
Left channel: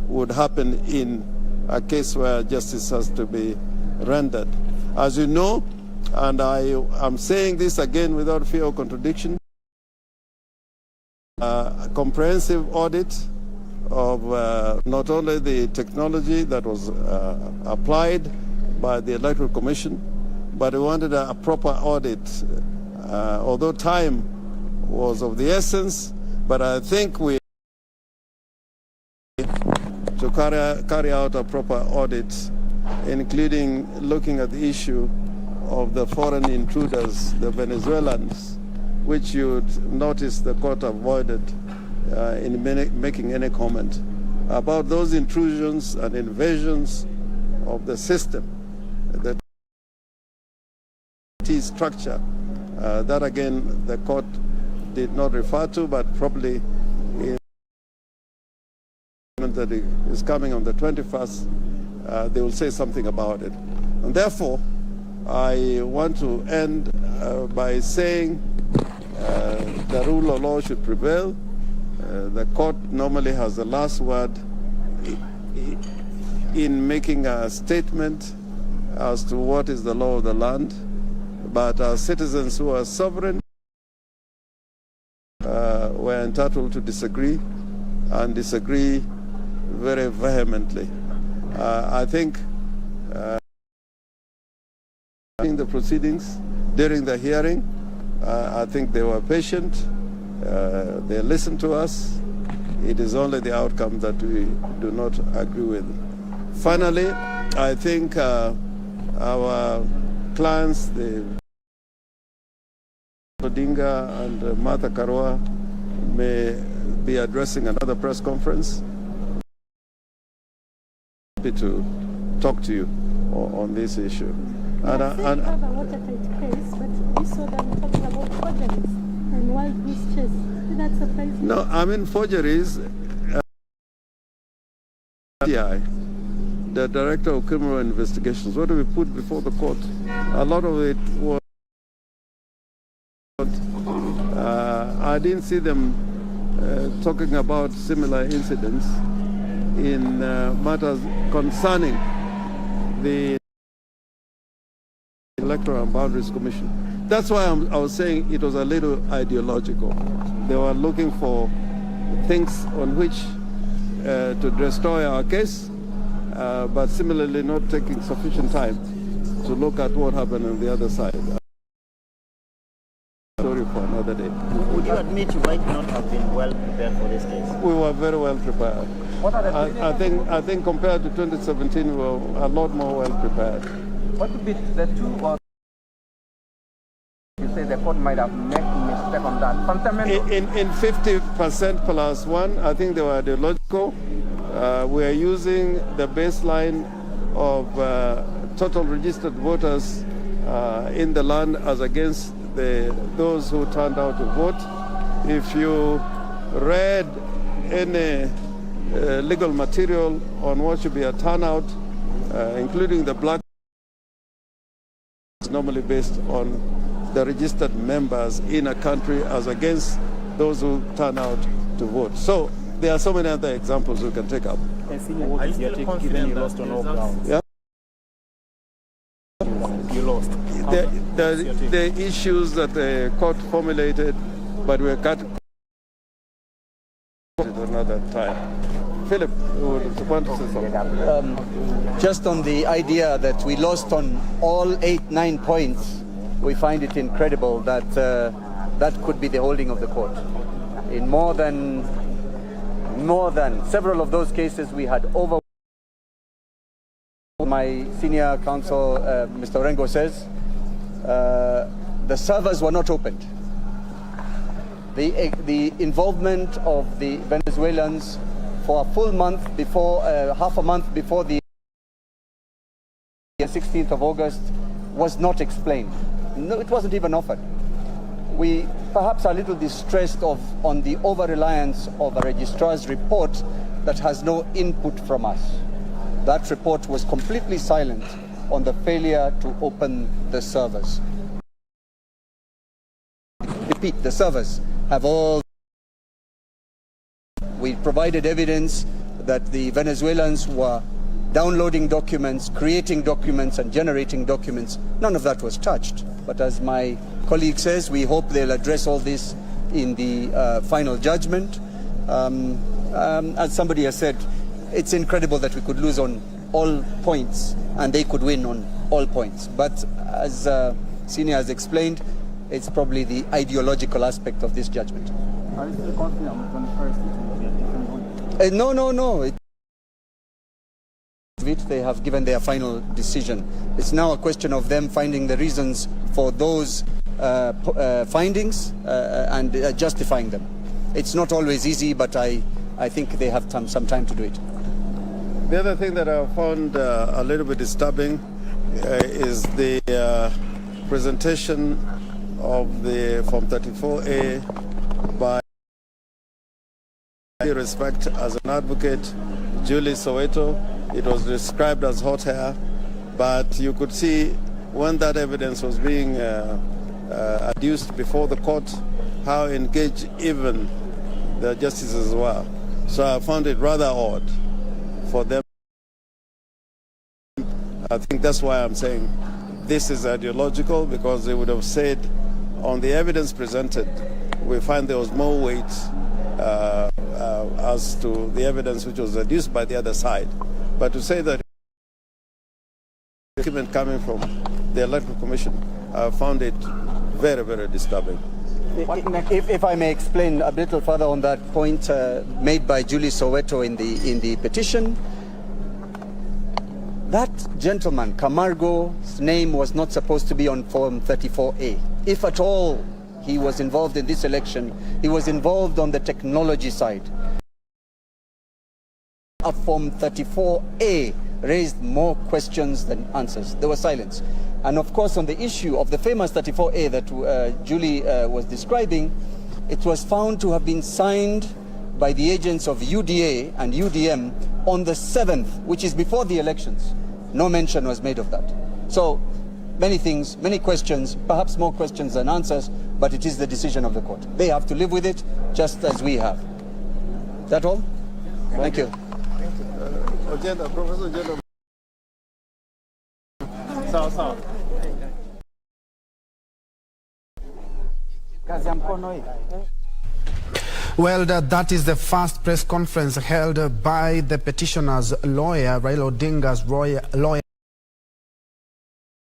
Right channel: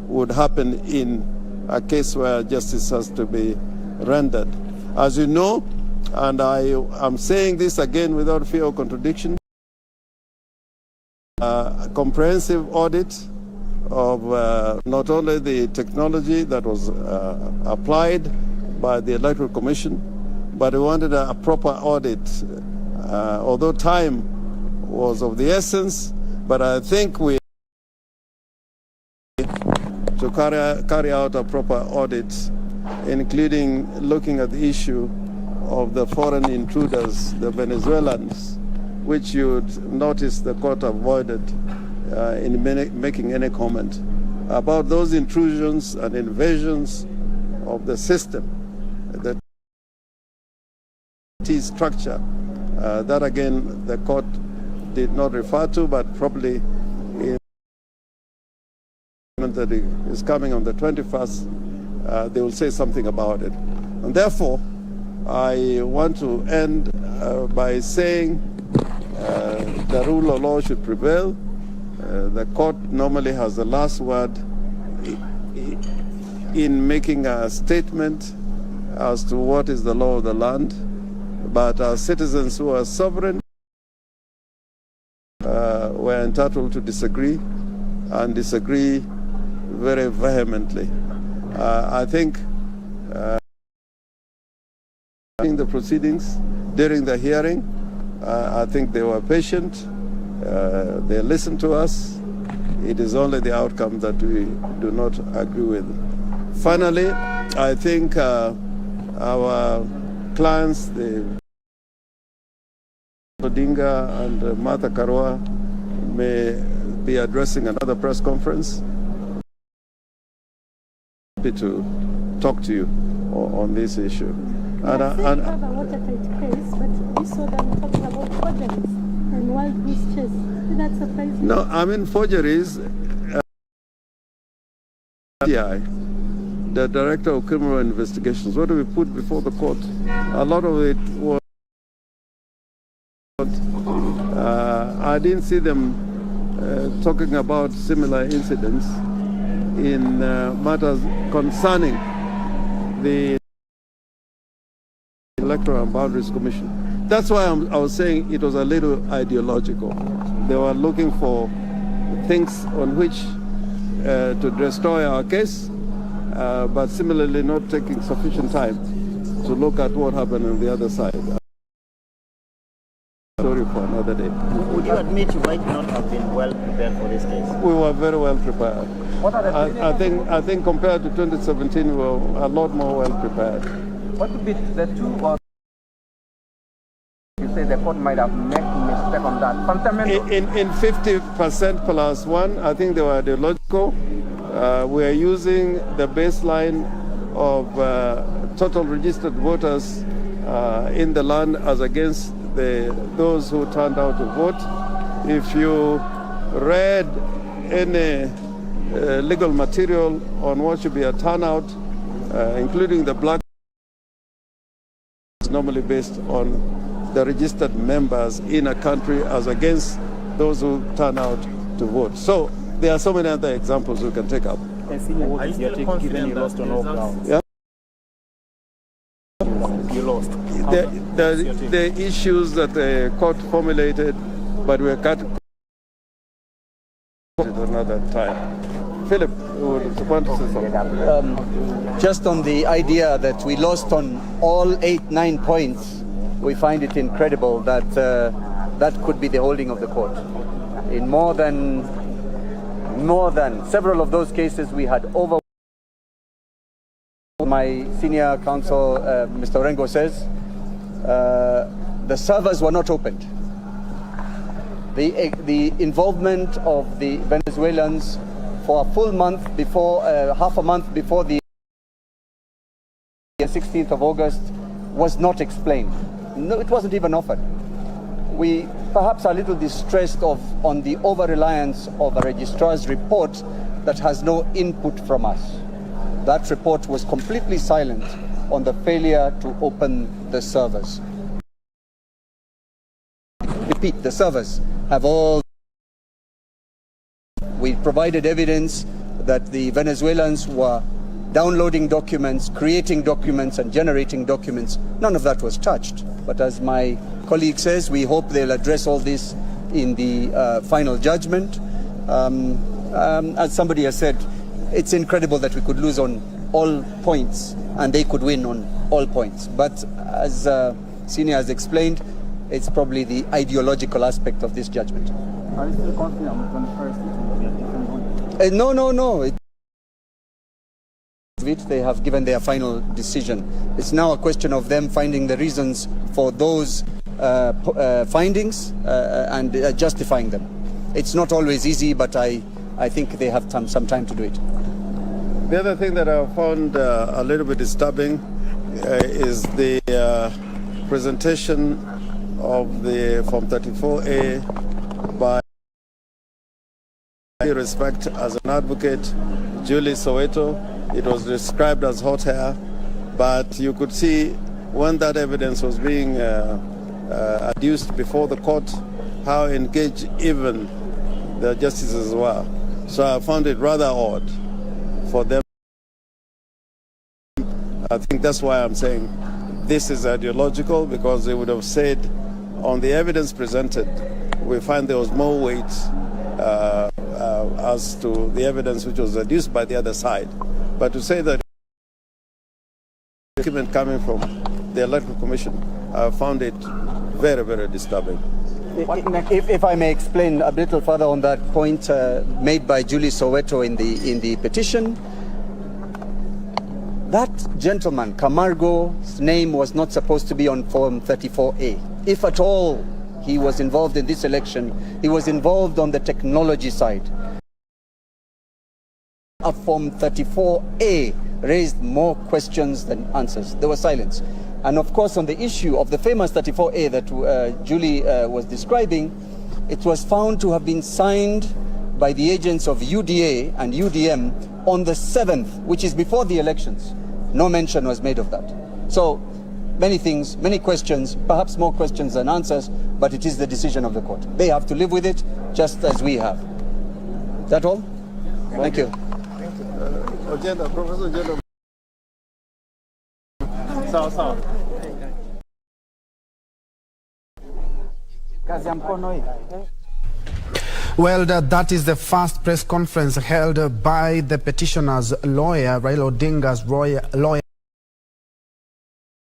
would happen in a case where justice has to be rendered. As you know, and I am saying this again without fear of contradiction, a comprehensive audit of not only the technology that was applied by the Electoral Commission, but we wanted a proper audit, although time was of the essence, but I think we to carry out a proper audit, including looking at the issue of the foreign intruders, the Venezuelans, which you'd notice the court avoided in making any comment about those intrusions and invasions of the system, the T structure. That again, the court did not refer to, but probably in that is coming on the 21st, they will say something about it. And therefore, I want to end by saying the rule of law should prevail. The court normally has the last word in making a statement as to what is the law of the land. But our citizens who are sovereign were entitled to disagree and disagree very vehemently. I think in the proceedings, during the hearing, I think they were patient. They listened to us. It is only the outcome that we do not agree with. Finally, I think our clients, the Odinga and Martha Karua, may be addressing another press conference. Happy to talk to you on this issue. And have a watertight case, but we saw them talking about forgeries and wild goose chase. Did that surprise you? No, I mean forgeries. The Director of Criminal Investigations, what do we put before the court? A lot of it was. I didn't see them talking about similar incidents in matters concerning the Electoral and Boundaries Commission. That's why I was saying it was a little ideological. They were looking for things on which to destroy our case, but similarly not taking sufficient time to look at what happened on the other side. Story for another day. Would you admit you might not have been well prepared for this case? We were very well prepared. What are the I think compared to 2017, we were a lot more well prepared. What would be the two or you say the court might have made mistakes take on that? Fundamental. In 50% plus one, I think they were ideological. We are using the baseline of total registered voters in the land as against those who turned out to vote. If you read any legal material on what should be a turnout, including the black, is normally based on the registered members in a country as against those who turn out to vote. So there are so many other examples we can take up. Are you still confident you lost on all grounds? Yeah. You lost. The issues that the court formulated, but we cut another time. Philip, would want to say something? Just on the idea that we lost on all 8-9 points, we find it incredible that that could be the holding of the court. In more than several of those cases, we had over. My senior counsel, Mr. Orengo, says the servers were not opened. The involvement of the Venezuelans for a full month before, half a month before the 16th of August was not explained. No, it wasn't even offered. We perhaps are a little distressed on the over-reliance of a registrar's report that has no input from us. That report was completely silent on the failure to open the servers. Repeat, the servers have all. We provided evidence that the Venezuelans were downloading documents, creating documents, and generating documents. None of that was touched. But as my colleague says, we hope they'll address all this in the final judgment. As somebody has said, it's incredible that we could lose on all points and they could win on all points. But as Senior has explained, it's probably the ideological aspect of this judgment. Are you still confident on the first it will be a different one? No. They have given their final decision. It's now a question of them finding the reasons for those findings and justifying them. It's not always easy, but I think they have some time to do it. The other thing that I found a little bit disturbing is the presentation of the Form 34A by respect as an advocate, Julie Soweto. It was described as hot hair, but you could see when that evidence was being adduced before the court, how engaged even the justices were. So I found it rather odd for them. I think that's why I'm saying this is ideological, because they would have said on the evidence presented, we find there was more weight as to the evidence which was adduced by the other side. But to say that document coming from the Electoral Commission, I found it very, very disturbing. If I may explain a little further on that point made by Julie Soweto in the petition, that gentleman, Camargo's name was not supposed to be on Form 34A. If at all he was involved in this election, he was involved on the technology side. A Form 34A raised more questions than answers. There was silence. And of course, on the issue of the famous 34A that Julie was describing, it was found to have been signed by the agents of UDA and UDM on the 7th, which is before the elections. No mention was made of that. So many things, many questions, perhaps more questions than answers, but it is the decision of the court. They have to live with it just as we have. Is that all? Thank you. Professor Agenda. Sawa. Kazi ya mkono hii. Well, that is the first press conference held by the petitioner's lawyer, Raila Odinga's lawyer.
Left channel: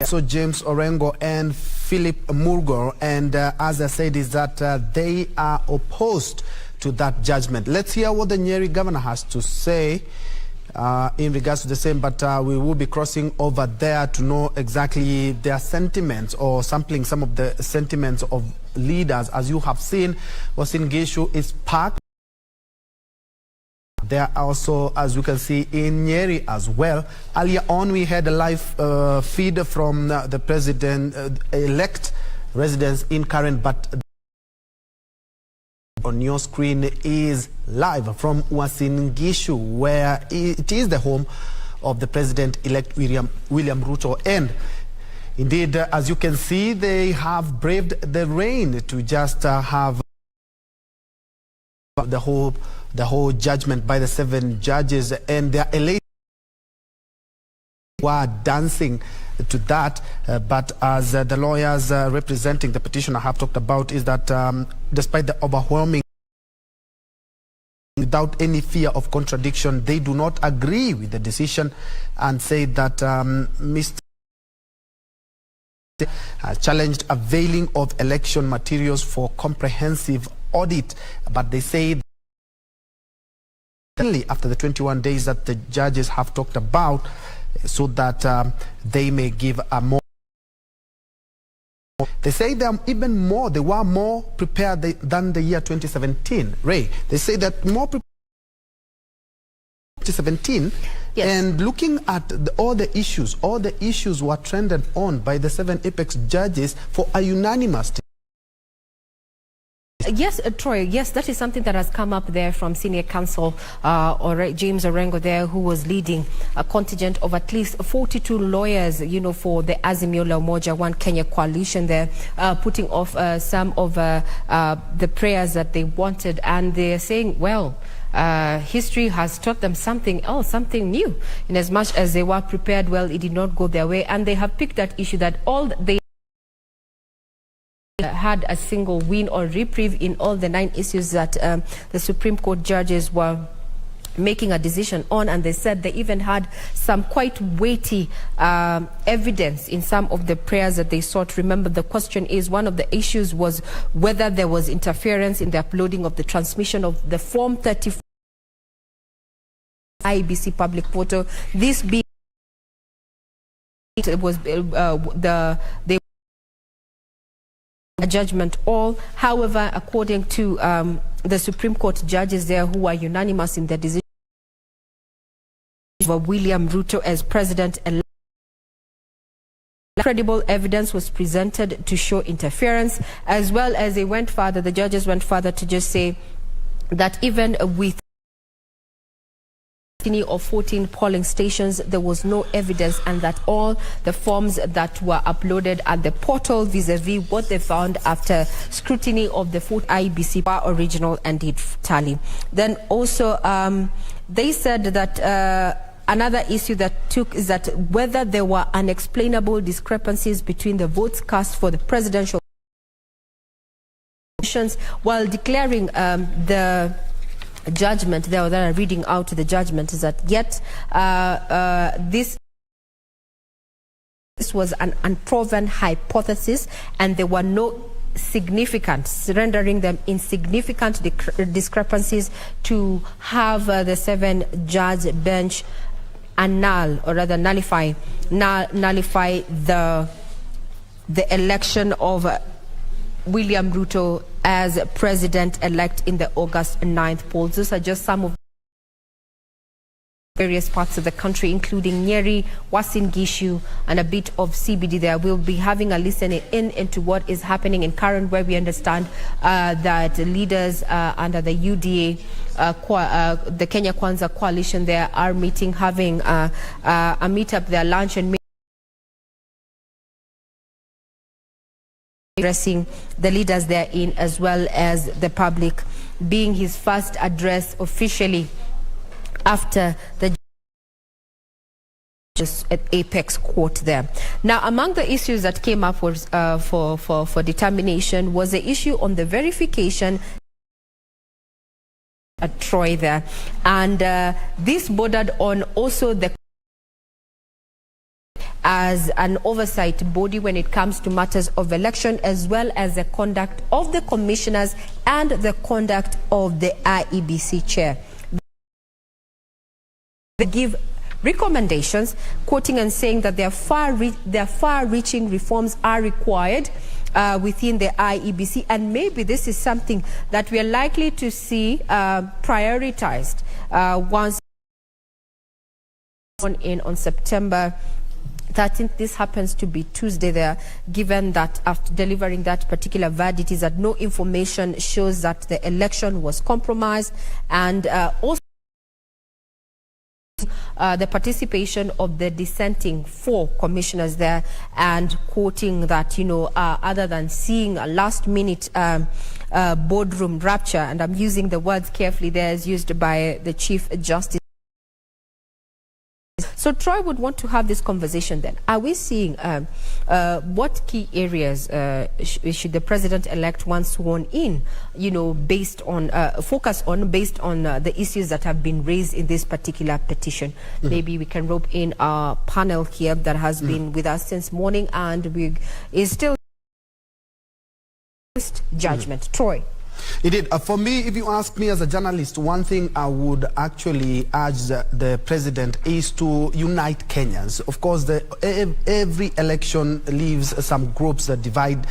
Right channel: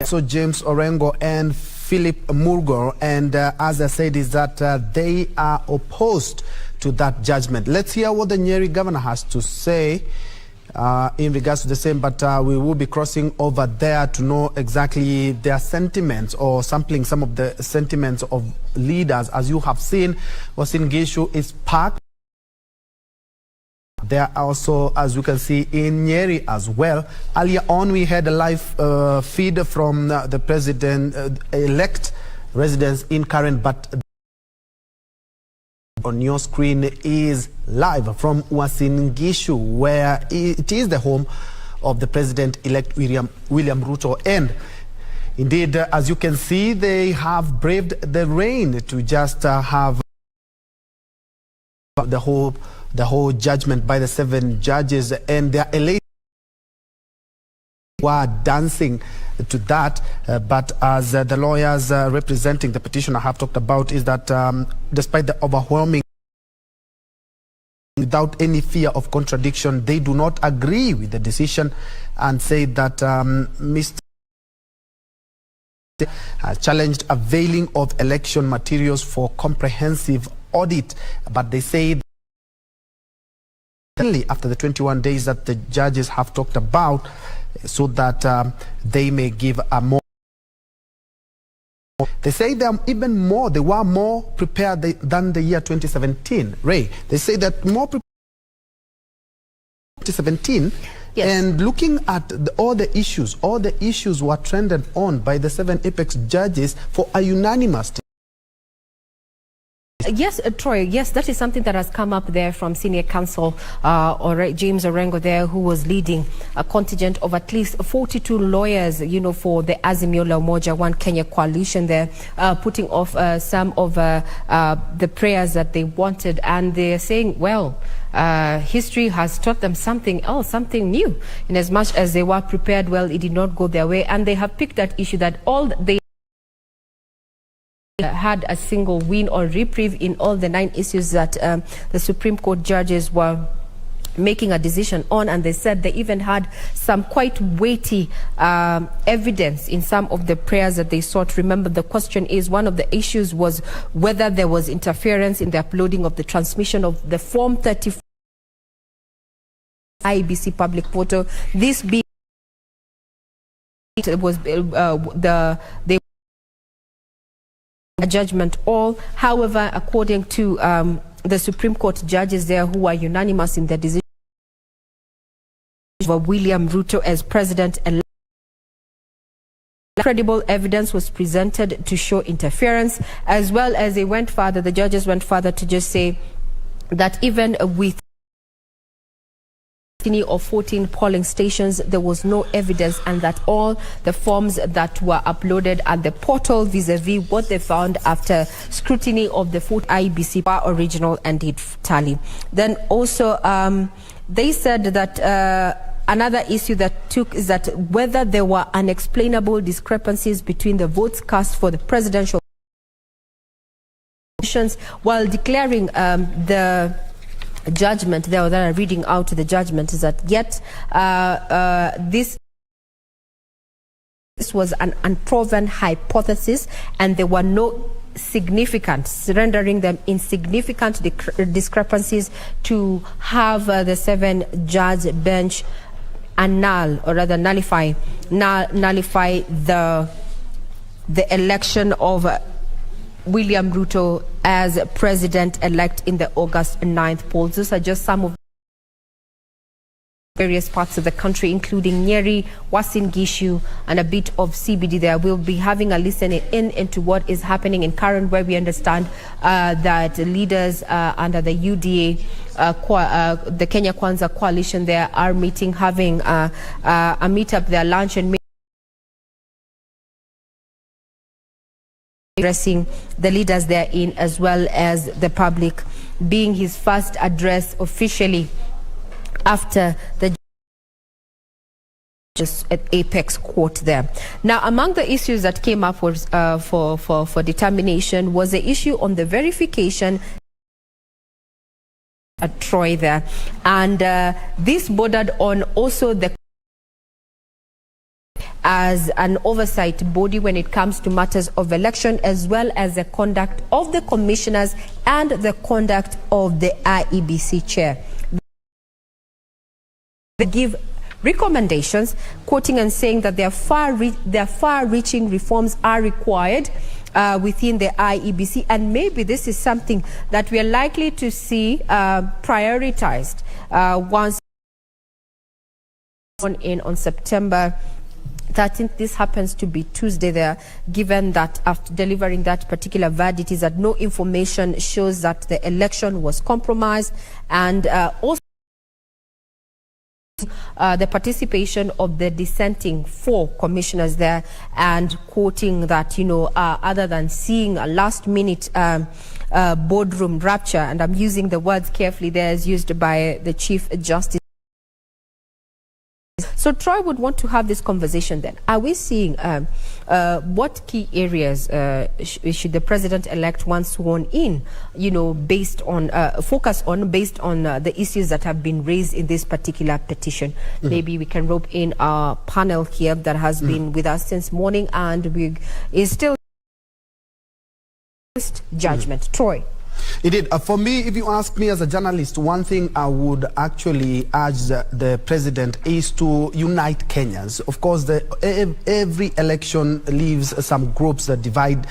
So James Orengo and Philip Murgor, and as I said, is that they are opposed to that judgment. Let's hear what the Nyeri governor has to say in regards to the same, but we will be crossing over there to know exactly their sentiments or sampling some of the sentiments of leaders. As you have seen, Uasin Gishu is packed. There are also, as you can see, in Nyeri as well. Earlier on, we had a live feed from the president-elect residents in Karen, but on your screen is live from Uasin Gishu, where it is the home of the president-elect William Ruto. And indeed, as you can see, they have braved the rain to just have the whole judgment by the 7 judges, and they are elated, were dancing to that. But as the lawyers representing the petitioner have talked about, is that despite the overwhelming, without any fear of contradiction, they do not agree with the decision and say that Mr. challenged availing of election materials for comprehensive audit, but they say after the 21 days that the judges have talked about, so that they may give a more. They say they are even more, they were more prepared than the year 2017. Ray, they say that more prepared 2017. Yes. And looking at all the issues were trended on by the 7 apex judges for a unanimous. Yes, Troy, yes, that is something that has come up there from senior counsel James Orengo there, who was leading a contingent of at least 42 lawyers, you know, for the Azimio la Umoja One Kenya coalition there, putting off some of the prayers that they wanted. And they're saying, well, history has taught them something else, something new. In as much as they were prepared, well, it did not go their way. And they have picked that issue that all they had a single win or reprieve in all the 9 issues that the Supreme Court judges were making a decision on, and they said they even had some quite weighty evidence in some of the prayers that they sought. Remember, the question is, one of the issues was whether there was interference in the uploading of the transmission of the Form 34 IEBC public portal. This being it was a judgment all. However, according to the Supreme Court judges there, who are unanimous in their decision for William Ruto as president-elect, credible evidence was presented to show interference, as well as they went further. The judges went further to just say that even with of 14 polling stations, there was no evidence, and that all the forms that were uploaded at the portal vis-a-vis what they found after scrutiny of the 4 IEBC were original and did tally. Then also they said that another issue that took is that whether there were unexplainable discrepancies between the votes cast for the presidential elections, while declaring the judgment there, that are reading out the judgment, is that yet this was an unproven hypothesis, and there were no significant, rendering them insignificant discrepancies to have the 7-judge bench annul, or rather nullify the election of William Ruto as president-elect in the August 9th polls. Those are just some of various parts of the country, including Nyeri, Uasin Gishu, and a bit of CBD there. We'll be having a listening into what is happening in Karen, where we understand that leaders under the UDA, the Kenya Kwanza coalition there, are meeting, having a meetup there, lunch and addressing the leaders therein, as well as the public, being his first address officially after the at Apex Court there. Now, among the issues that came up was, for determination was the issue on the verification at Troy there, and this bordered on also the as an oversight body when it comes to matters of election, as well as the conduct of the commissioners and the conduct of the IEBC chair. They give recommendations, quoting and saying that their far-reaching reforms are required within the IEBC, and maybe this is something that we are likely to see prioritized once on September 13th. This happens to be Tuesday there, given that after delivering that particular verdict is that no information shows that the election was compromised, and also the participation of the dissenting 4 commissioners there, and quoting that, other than seeing a last-minute boardroom rapture, and I'm using the words carefully there as used by the Chief Justice. So Troy would want to have this conversation then. Are we seeing what key areas should the president-elect, once sworn in, based on focus on, based on the issues that have been raised in this particular petition? Maybe we can rope in our panel here that has been with us since morning and is still judgment. Troy. Indeed. For me, if you ask me as a journalist, one thing I would actually urge the president is to unite Kenyans. Of course, every election leaves some groups that divide,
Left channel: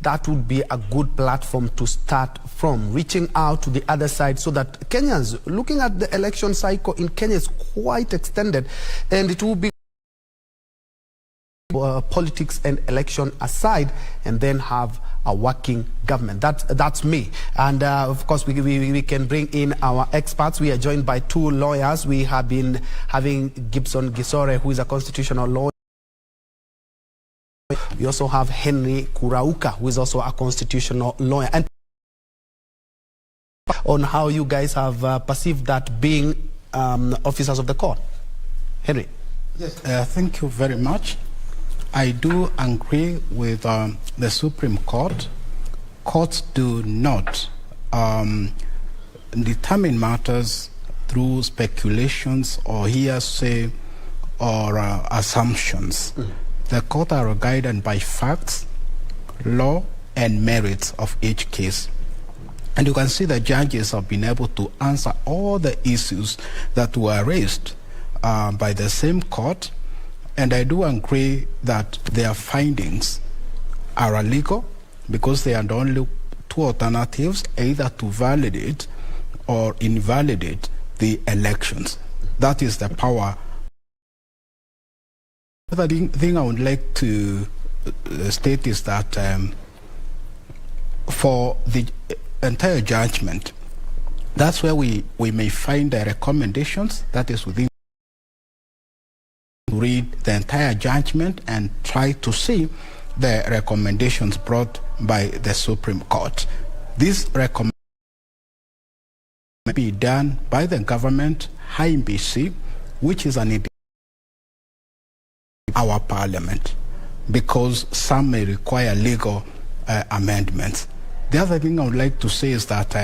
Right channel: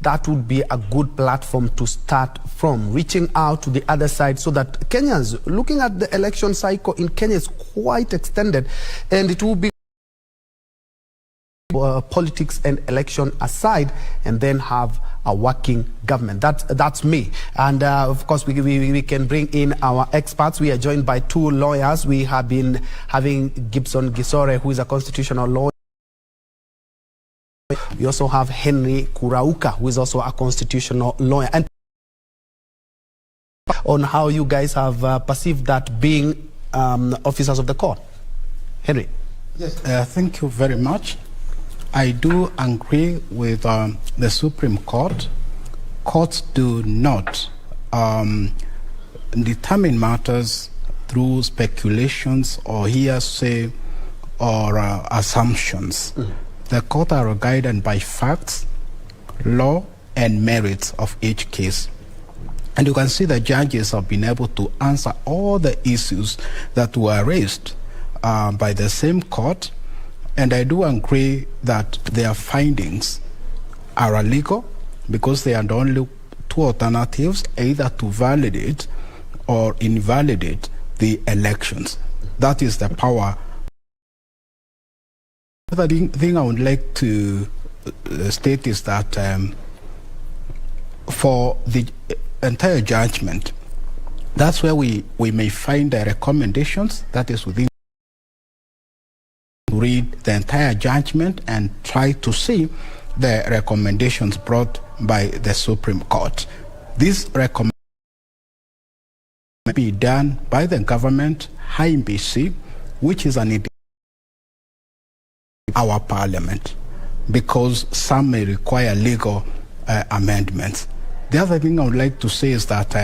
that would be a good platform to start from, reaching out to the other side, so that Kenyans, looking at the election cycle in Kenya is quite extended, and it will be politics and election aside, and then have a working government. That's me. And of course, we can bring in our experts. We are joined by 2 lawyers. We have been having Gibson Gisore, who is a constitutional lawyer. We also have Henry Kurauka, who is also a constitutional lawyer. And on how you guys have perceived that being officers of the court. Henry. Yes, thank you very much. I do agree with the Supreme Court. Courts do not determine matters through speculations or hearsay or assumptions. The court are guided by facts, law, and merits of each case. And you can see the judges have been able to answer all the issues that were raised by the same court. And I do agree that their findings are illegal, because they are the only 2 alternatives, either to validate or invalidate the elections. That is the power. The other thing I would like to state is that for the entire judgment, that's where we may find the recommendations, that is within. Read the entire judgment and try to see the recommendations brought by the Supreme Court. This recommendation may be done by the government, IEBC, which is our parliament, because some may require legal amendments. The other thing I would like to say is that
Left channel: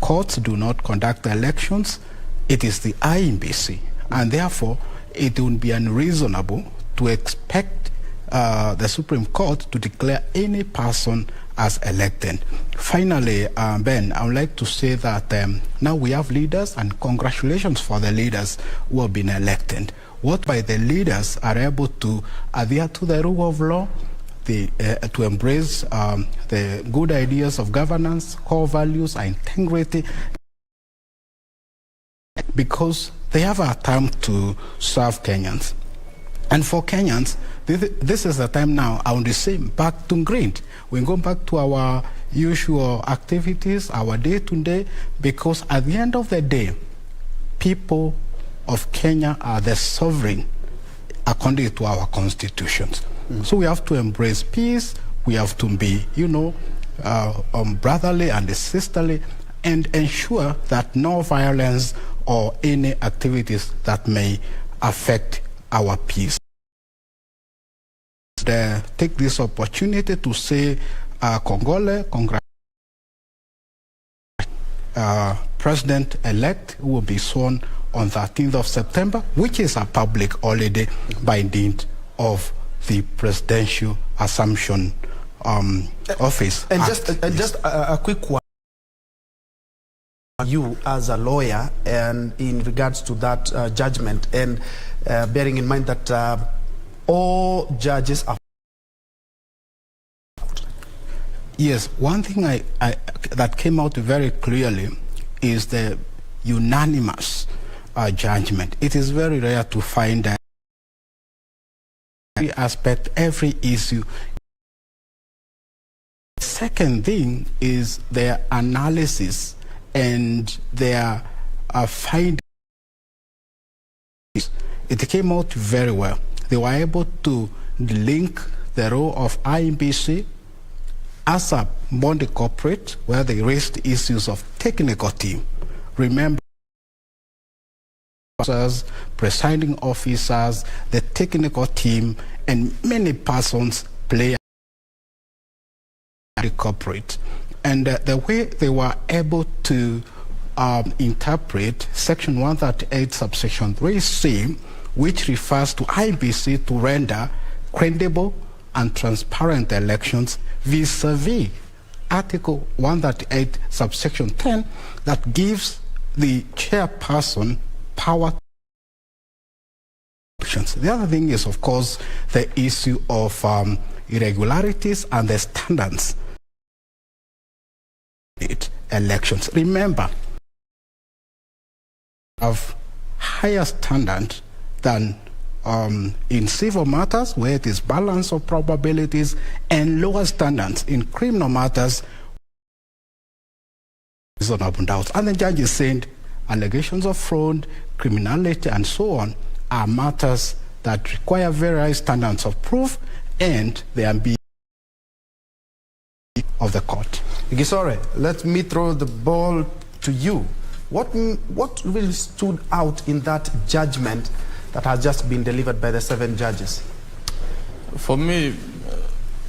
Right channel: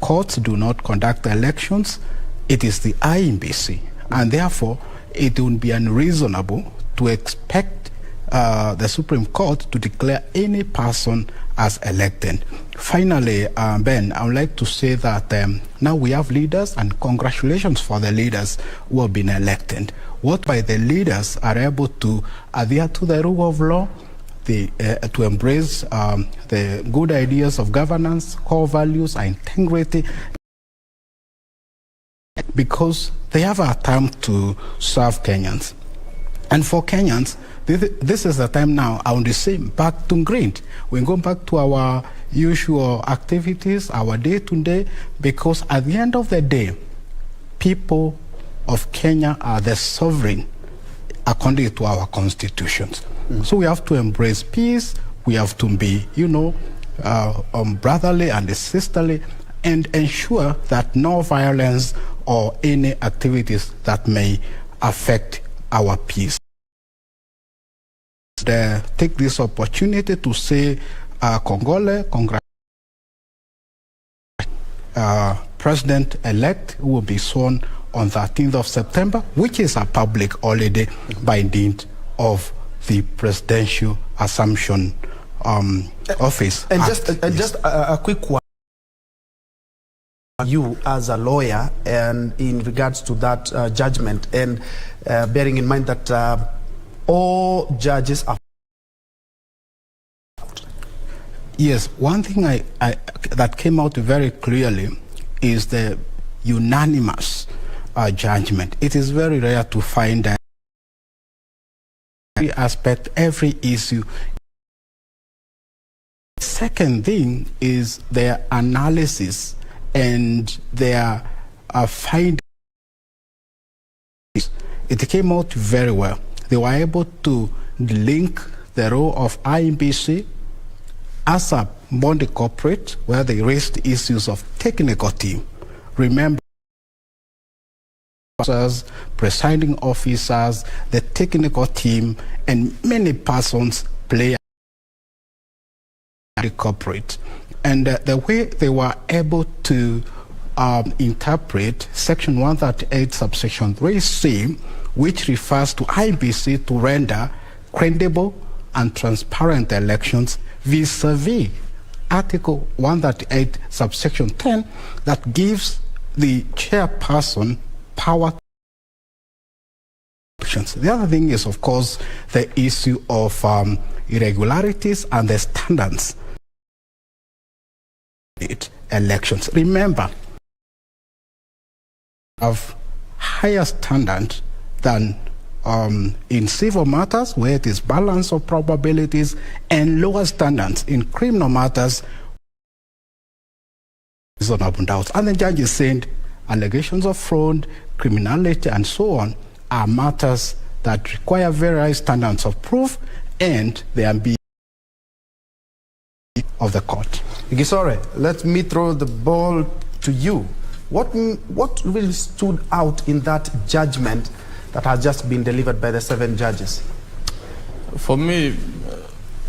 courts do not conduct elections. It is the IEBC, and therefore it would be unreasonable to expect the Supreme Court to declare any person as elected. Finally, Ben, I would like to say that now we have leaders, and congratulations for the leaders who have been elected. What by the leaders are able to adhere to the rule of law, to embrace the good ideas of governance, core values, and integrity, because they have a time to serve Kenyans. And for Kenyans, this is the time now, I want to say, back to green. We go back to our usual activities, our day-to-day, because at the end of the day, people of Kenya are the sovereign according to our constitutions. So we have to embrace peace, we have to be, brotherly and sisterly, and ensure that no violence or any activities that may affect our peace. Take this opportunity to say Congole, President-elect who will be sworn on 13th of September, which is a public holiday by dint of the Presidential Assumption Office. And just a quick one. You as a lawyer and in regards to that judgment, and bearing in mind that all judges are... Yes, one thing that came out very clearly is the unanimous judgment. It is very rare to find that every aspect, every issue. Second thing is their analysis and their findings. It came out very well. They were able to link the role of IEBC as a body corporate, where they raised issues of technical team. Remember, presiding officers, the technical team, and many persons play the corporate. And the way they were able to interpret Section 138, subsection 3C, which refers to IBC to render credible and transparent elections vis-a-vis Article 138, subsection 10, that gives the chairperson power. The other thing is, of course, the issue of irregularities and the standards elections. Remember, of higher standard than in civil matters, where it is balance of probabilities, and lower standards in criminal matters, reasonable doubts. And the judge is saying allegations of fraud, criminality, and so on are matters that require very high standards of proof, and they are being of the court. Gisore, let me throw the ball to you. What really stood out in that judgment that has just been delivered by the 7 judges? For me,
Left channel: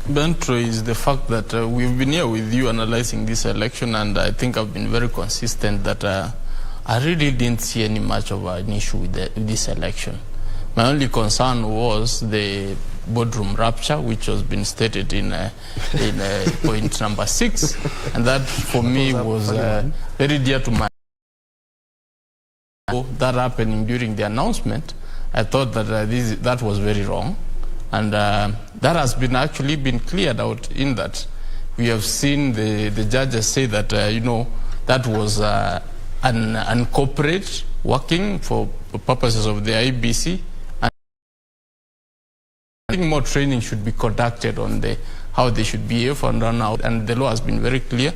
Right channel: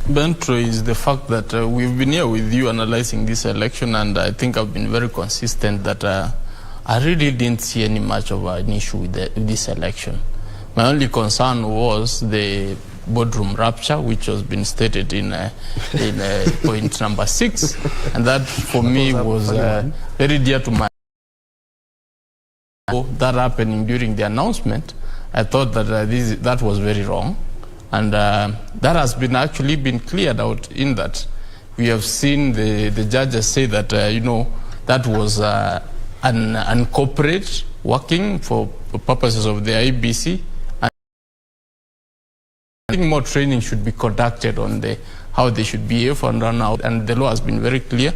Bentro, is the fact that we've been here with you analyzing this election, and I think I've been very consistent that I really didn't see any much of an issue with this election. My only concern was the boardroom rapture, which has been stated in point number 6, and that for me was very dear to my... That happening during the announcement, I thought that that was very wrong, and that has been actually been cleared out in that we have seen the judges say that that was an corporate working for purposes of the IBC. I think more training should be conducted on how they should behave and run out, and the law has been very clear.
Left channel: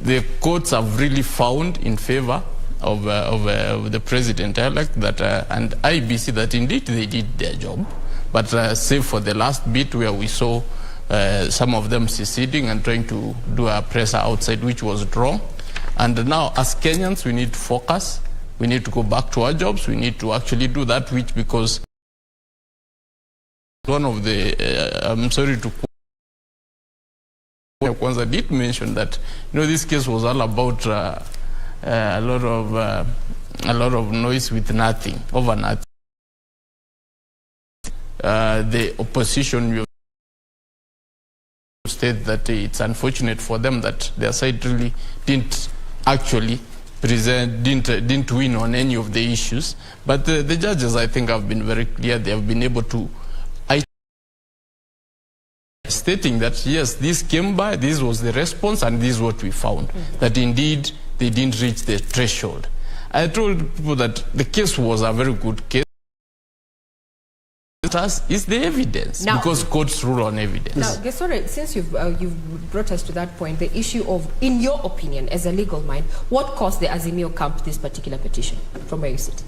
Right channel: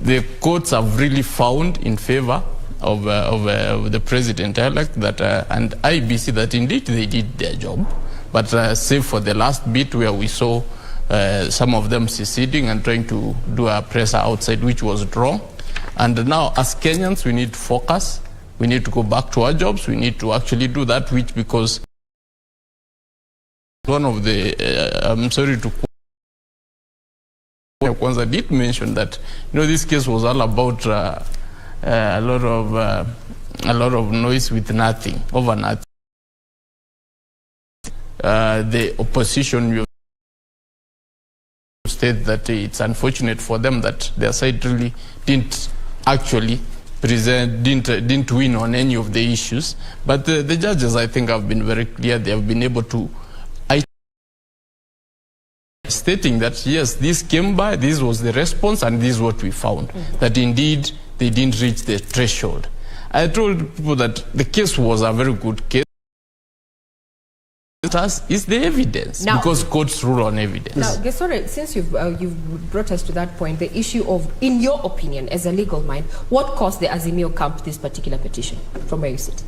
The courts have really found in favor of the president-elect that and IBC that indeed they did their job, but save for the last bit where we saw some of them seceding and trying to do a presser outside, which was wrong. And now, as Kenyans, we need to focus. We need to go back to our jobs. We need to actually do that, which because one of the, I'm sorry to quote, Kwanza did mention that, this case was all about a lot of noise with nothing, over nothing. The opposition state that it's unfortunate for them that their side really didn't actually didn't win on any of the issues. But the judges, I think, have been very clear. They have been able to stating that yes, this came by, this was the response, and this is what we found, that indeed they didn't reach the threshold. I told people that the case was a very good case. Is the evidence, now, because courts rule on evidence. Now, Gesore, since you've brought us to that point, the issue of, in your opinion, as a legal mind, what caused the Azimio camp this particular petition, from where you sit?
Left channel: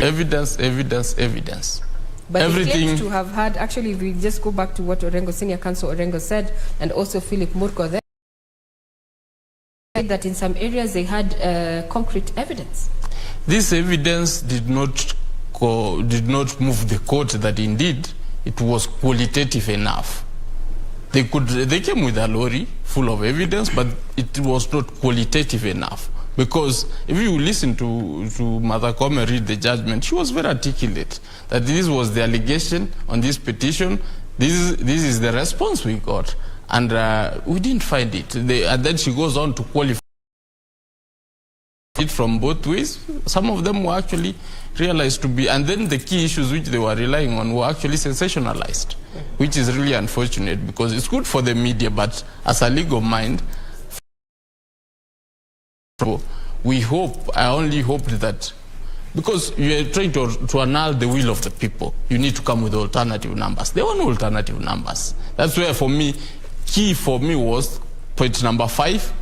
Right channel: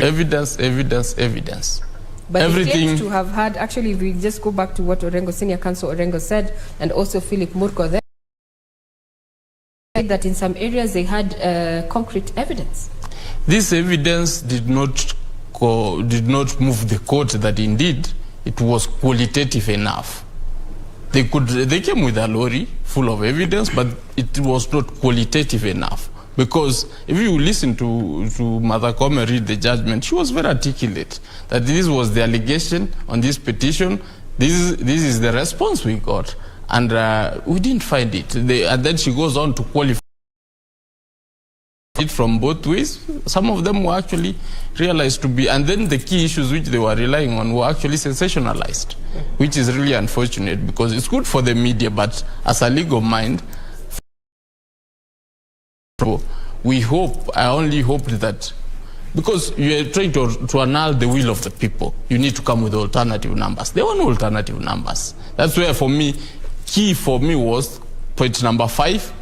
Evidence, evidence, evidence. But everything it to have had, actually, if we just go back to what Orengo, Senior Counsel Orengo said, and also Philip Murko there, that in some areas they had concrete evidence. This evidence did not move the court that indeed it was qualitative enough. They came with a lorry full of evidence, but it was not qualitative enough. Because if you listen to Mother Kome read the judgment, she was very articulate that this was the allegation on this petition, this is the response we got, and we didn't find it. And then she goes on to qualify it from both ways. Some of them were actually realized to be, and then the key issues which they were relying on were actually sensationalized, which is really unfortunate because it's good for the media, but as a legal mind, I only hope that because you are trying to annul the will of the people, you need to come with alternative numbers. There were no alternative numbers. That's where for me, key for me was point number 5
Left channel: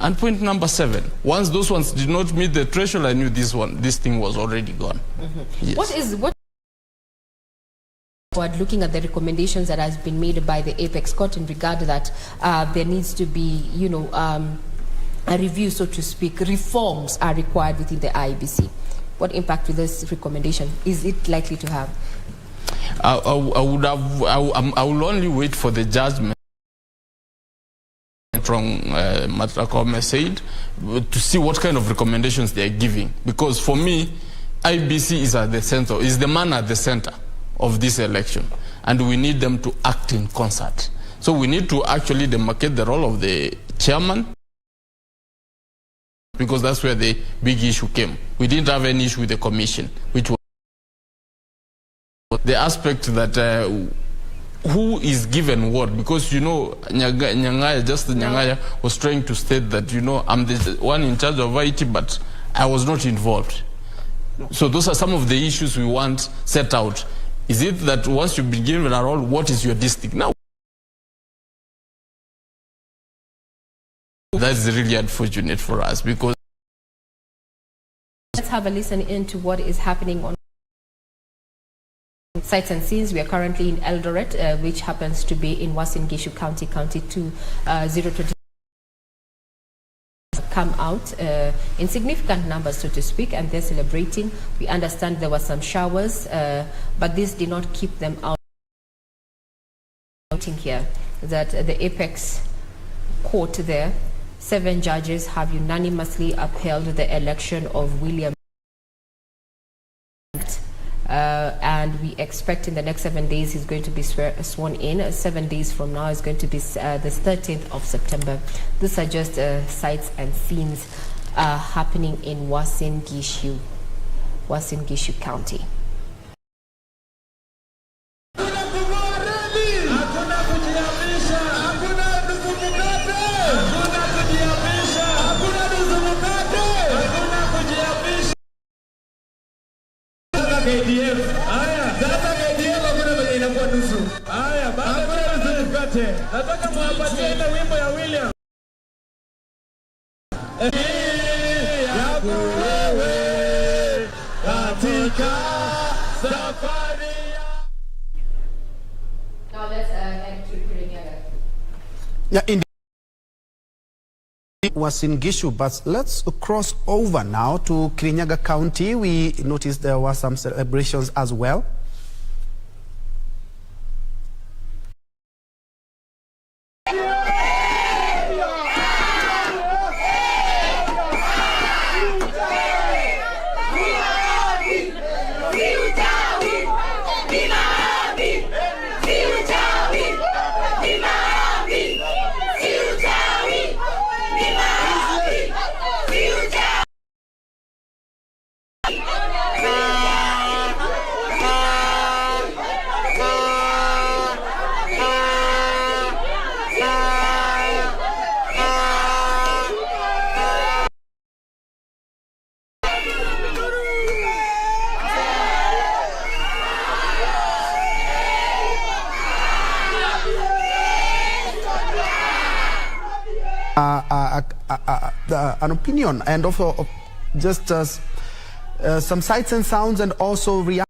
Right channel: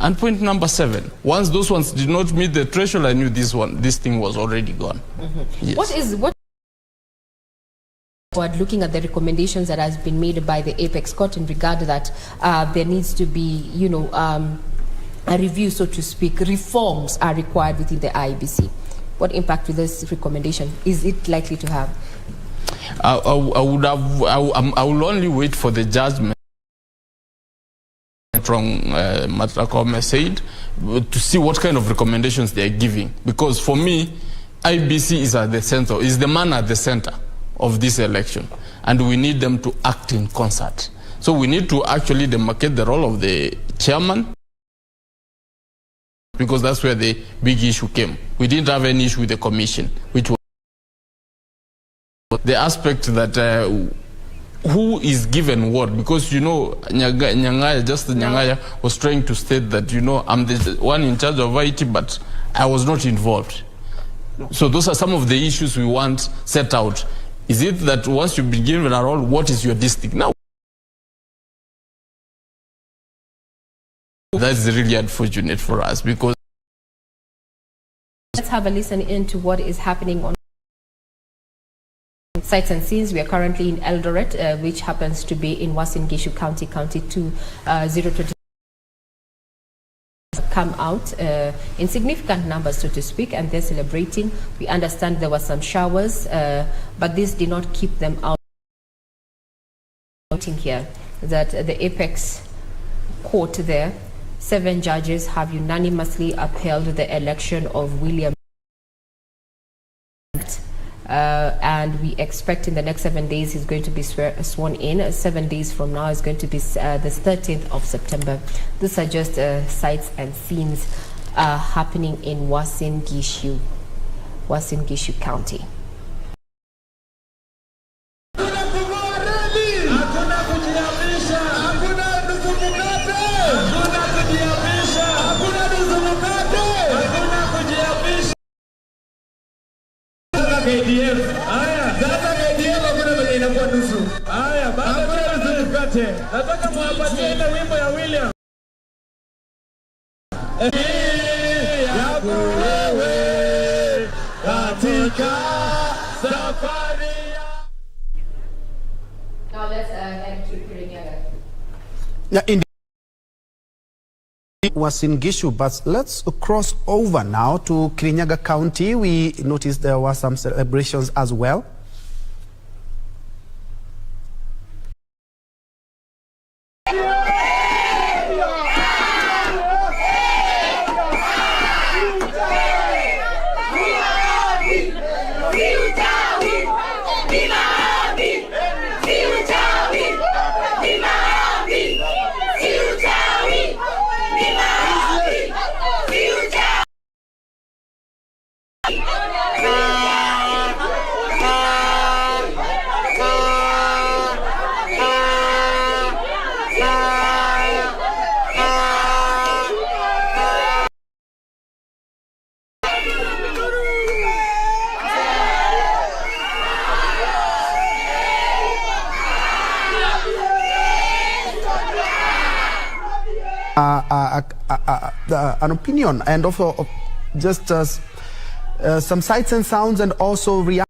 and point number 7. Once those ones did not meet the threshold, I knew this thing was already gone. Yes. What looking at the recommendations that has been made by the Apex Court in regard to that, there needs to be, a review, so to speak, reforms are required within the IEBC. What impact will this recommendation, is it likely to have? I will only wait for the judgment from Matakome said to see what kind of recommendations they are giving, because for me IBC is at the center, is the man at the center of this election, and we need them to act in concert. So we need to actually demarcate the role of the chairman, because that's where the big issue came. We didn't have any issue with the commission, which was the aspect that who is given what, because Nyangaya was trying to state that I'm the one in charge of IT, but I was not involved. So those are some of the issues we want set out. Is it that once you've been given a role, what is your district now? That's really unfortunate for us, because let's have a listen into what is happening on sights and scenes. We are currently in Eldoret, which happens to be in Uasin Gishu County, County 2, 020. Come out in significant numbers, so to speak, and they're celebrating. We understand there were some showers, but this did not keep them out. Noting here that the Apex Court there, 7 judges have unanimously upheld the election of William, and we expect in the next 7 days he's going to be sworn in. 7 days from now is going to be the 13th of September. These are just sights and scenes happening in Uasin Gishu County. Nataka muwapatie ile wimbo ya William. Yako wewe katika safari. Now let's head to Kirinyaga. Yeah, indeed. Uasin Gishu, but let's cross over now to Kirinyaga County. We noticed there were some celebrations as well. An opinion, and also just some sights and sounds, and also reaction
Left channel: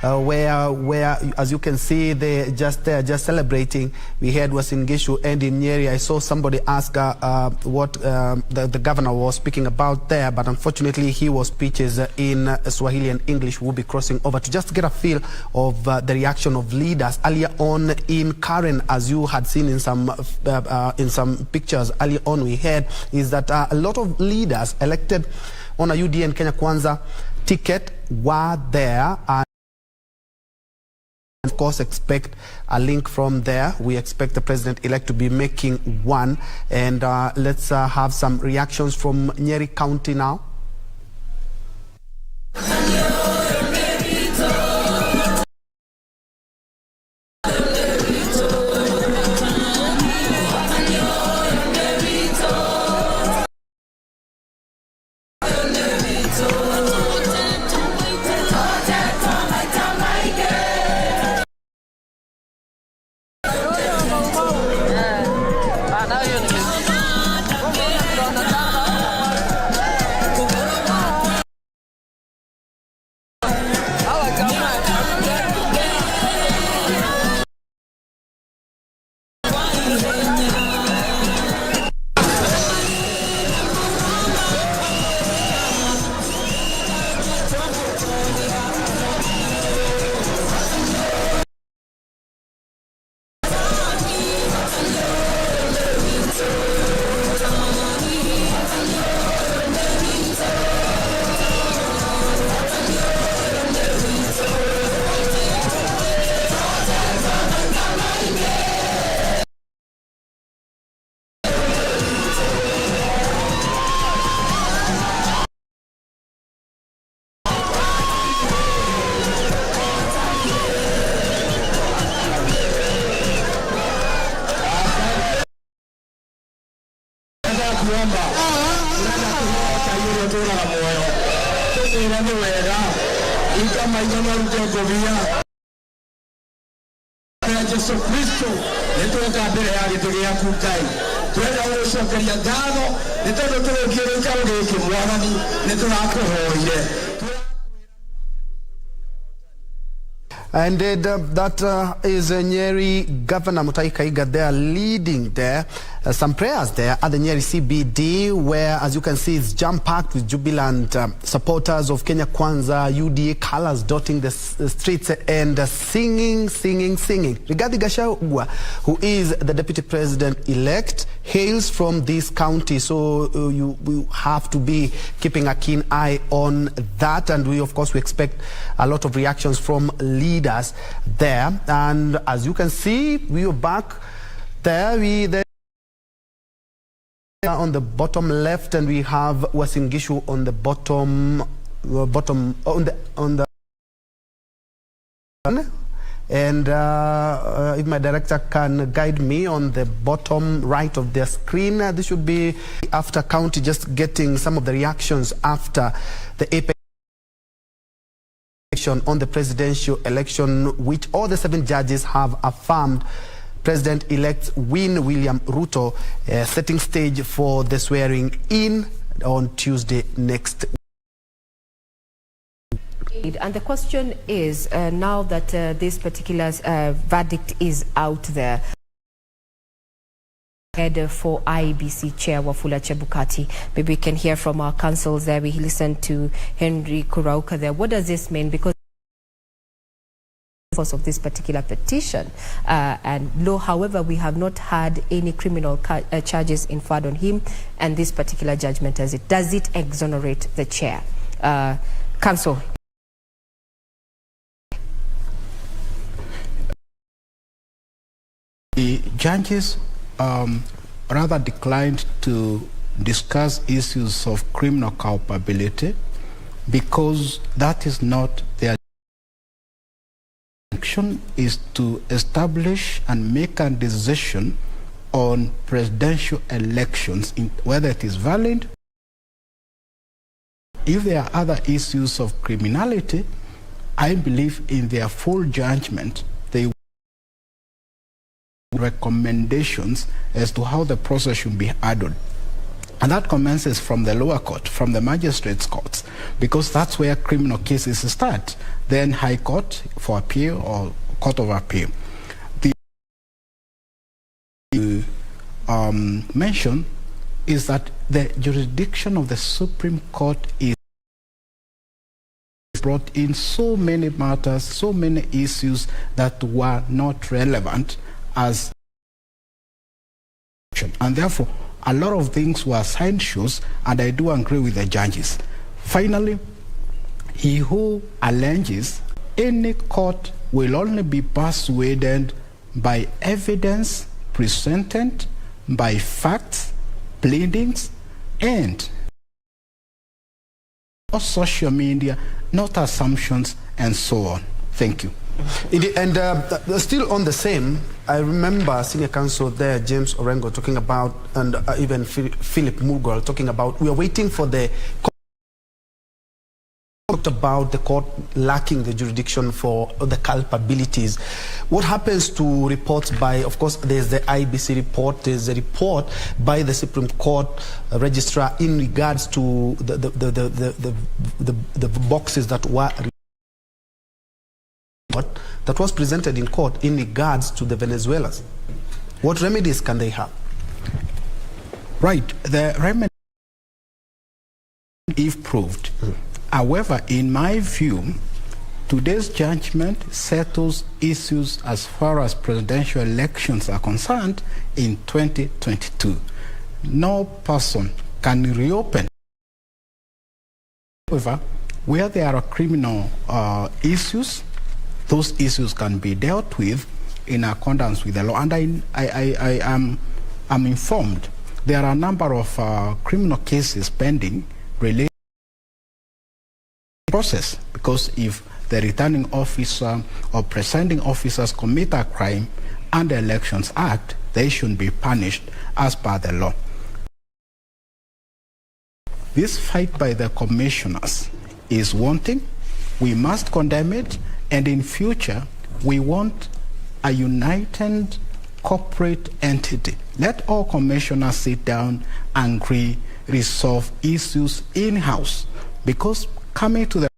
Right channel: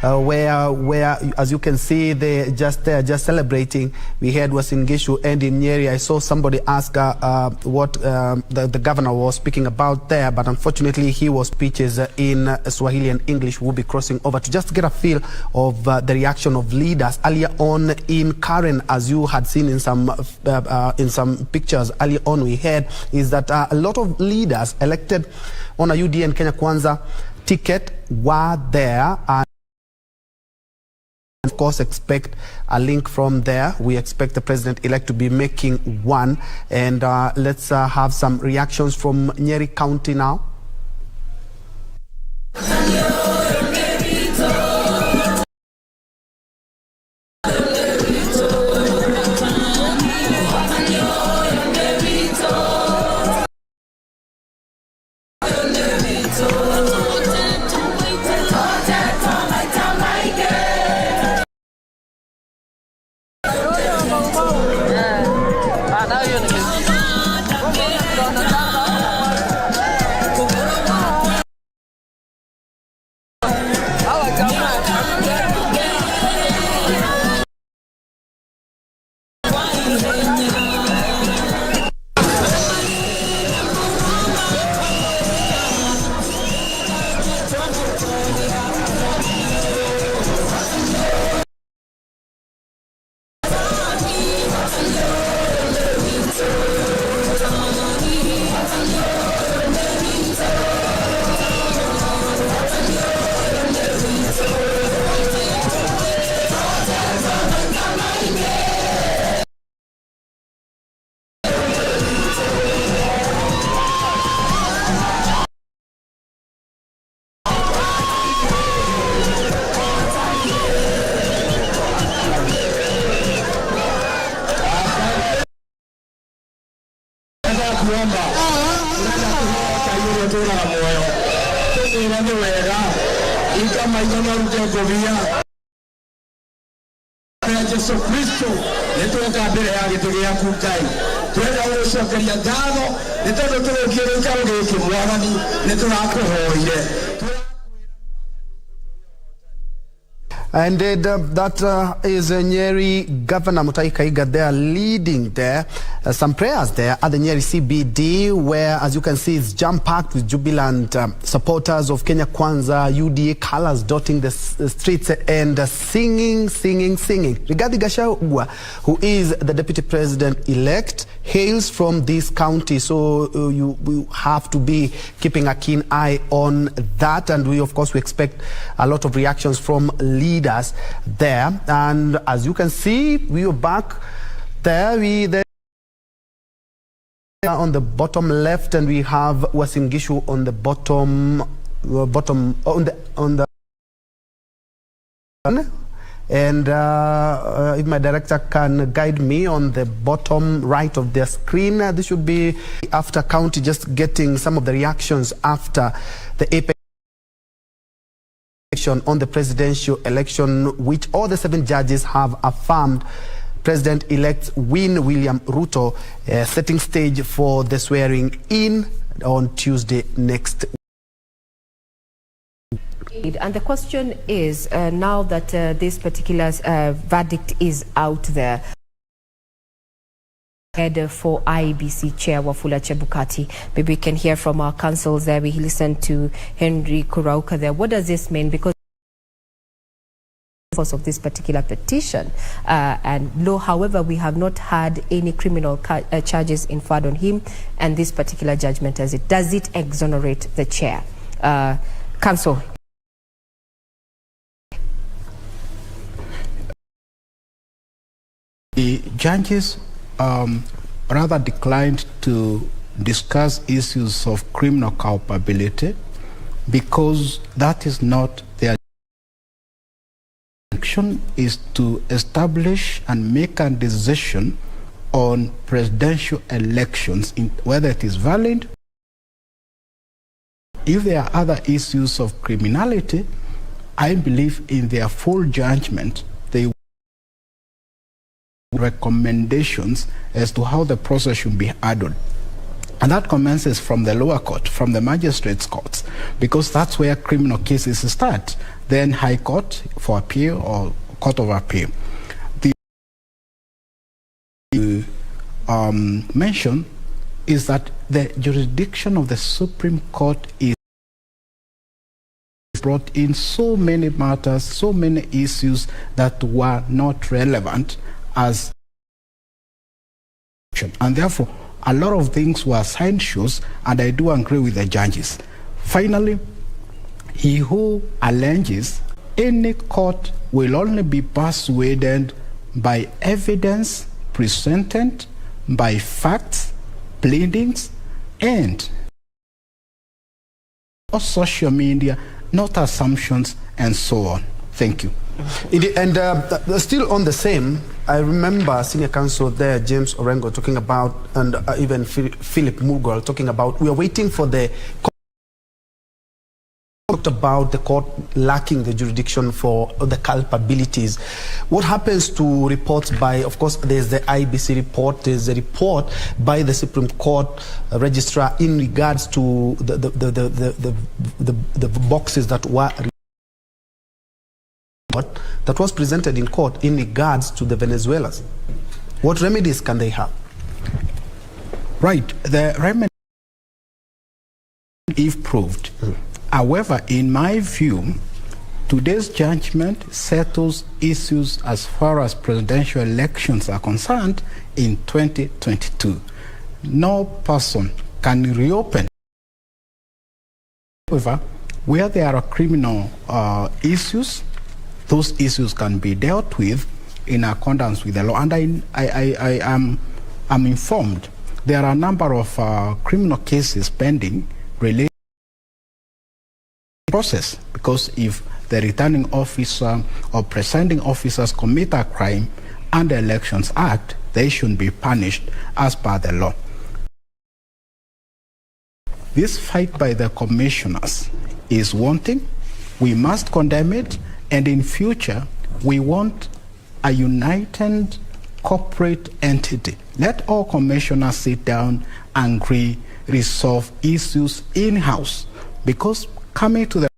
where as you can see they just celebrating. We heard Uasin Gishu, and in Nyeri I saw somebody ask what the governor was speaking about there, but unfortunately he was speeches in Swahili and English. We'll be crossing over to just get a feel of the reaction of leaders earlier on in Karen. As you had seen in some pictures earlier on, we heard is that a lot of leaders elected on a UDA and Kenya Kwanza ticket were there. Of course, expect a link from there. We expect the president-elect to be making one. And let's have some reactions from Nyeri County now. And that is Nyeri Governor Mutahi Kahiga there leading there. Some prayers there at the Nyeri CBD, where, as you can see, it's jam-packed with jubilant supporters of Kenya Kwanza, UDA colors dotting the streets and singing. Rigathi Gachagua, who is the deputy president-elect, hails from this county, so you have to be keeping a keen eye on that. And we, of course, we expect a lot of reactions from leaders there. And as you can see, we are back there. On the bottom left, and we have Uasin Gishu on the bottom and if my director can guide me on the bottom right of their screen, this should be after county, just getting some of the reactions after the apex election on the presidential election, which all the 7 judges have affirmed President-elect William Ruto, setting stage for the swearing in on Tuesday next week. And the question is, now that this particular verdict is out there, head for IEBC Chair Wafula Chebukati, maybe we can hear from our councils there. We listened to Henry Kurauka there. What does this mean? Because of this particular petition, and however, we have not had any criminal charges inferred on him, and this particular judgment, does it exonerate the chair? Council. The judges rather declined to discuss issues of criminal culpability because that is not their action. Is to establish and make a decision on presidential elections, whether it is valid. If there are other issues of criminality, I believe in their full judgment, they recommendations as to how the process should be handled. And that commences from the lower court, from the magistrates' courts, because that's where criminal cases start. Then High Court for appeal or Court of Appeal. The mention is that the jurisdiction of the Supreme Court is brought in so many matters, so many issues that were not relevant as, and therefore a lot of things were side shows, and I do agree with the judges. Finally, he who alleges any court will only be persuaded by evidence presented, by facts, pleadings, and not social media, not assumptions, and so on. Thank you. And still on the same, I remember Senior Counsel there, James Orengo, talking about, and even Philip Mugwal talking about, we are waiting for the talked about the court lacking the jurisdiction for the culpabilities. What happens to reports by, of course, there's the IBC report, there's a report by the Supreme Court registrar in regards to the boxes that were that was presented in court in regards to the Venezuelans. What remedies can they have? Right, the remedy, if proved. However, in my view, today's judgment settles issues as far as presidential elections are concerned in 2022. No person can reopen. However, where there are criminal issues, those issues can be dealt with in accordance with the law. And I am informed there are a number of criminal cases pending related process, because if the returning officer or presiding officers commit a crime under Elections Act, they should be punished as per the law. This fight by the commissioners is wanting. We must condemn it, and in future we want a united corporate entity. Let all commissioners sit down and agree, resolve issues in-house, because coming to the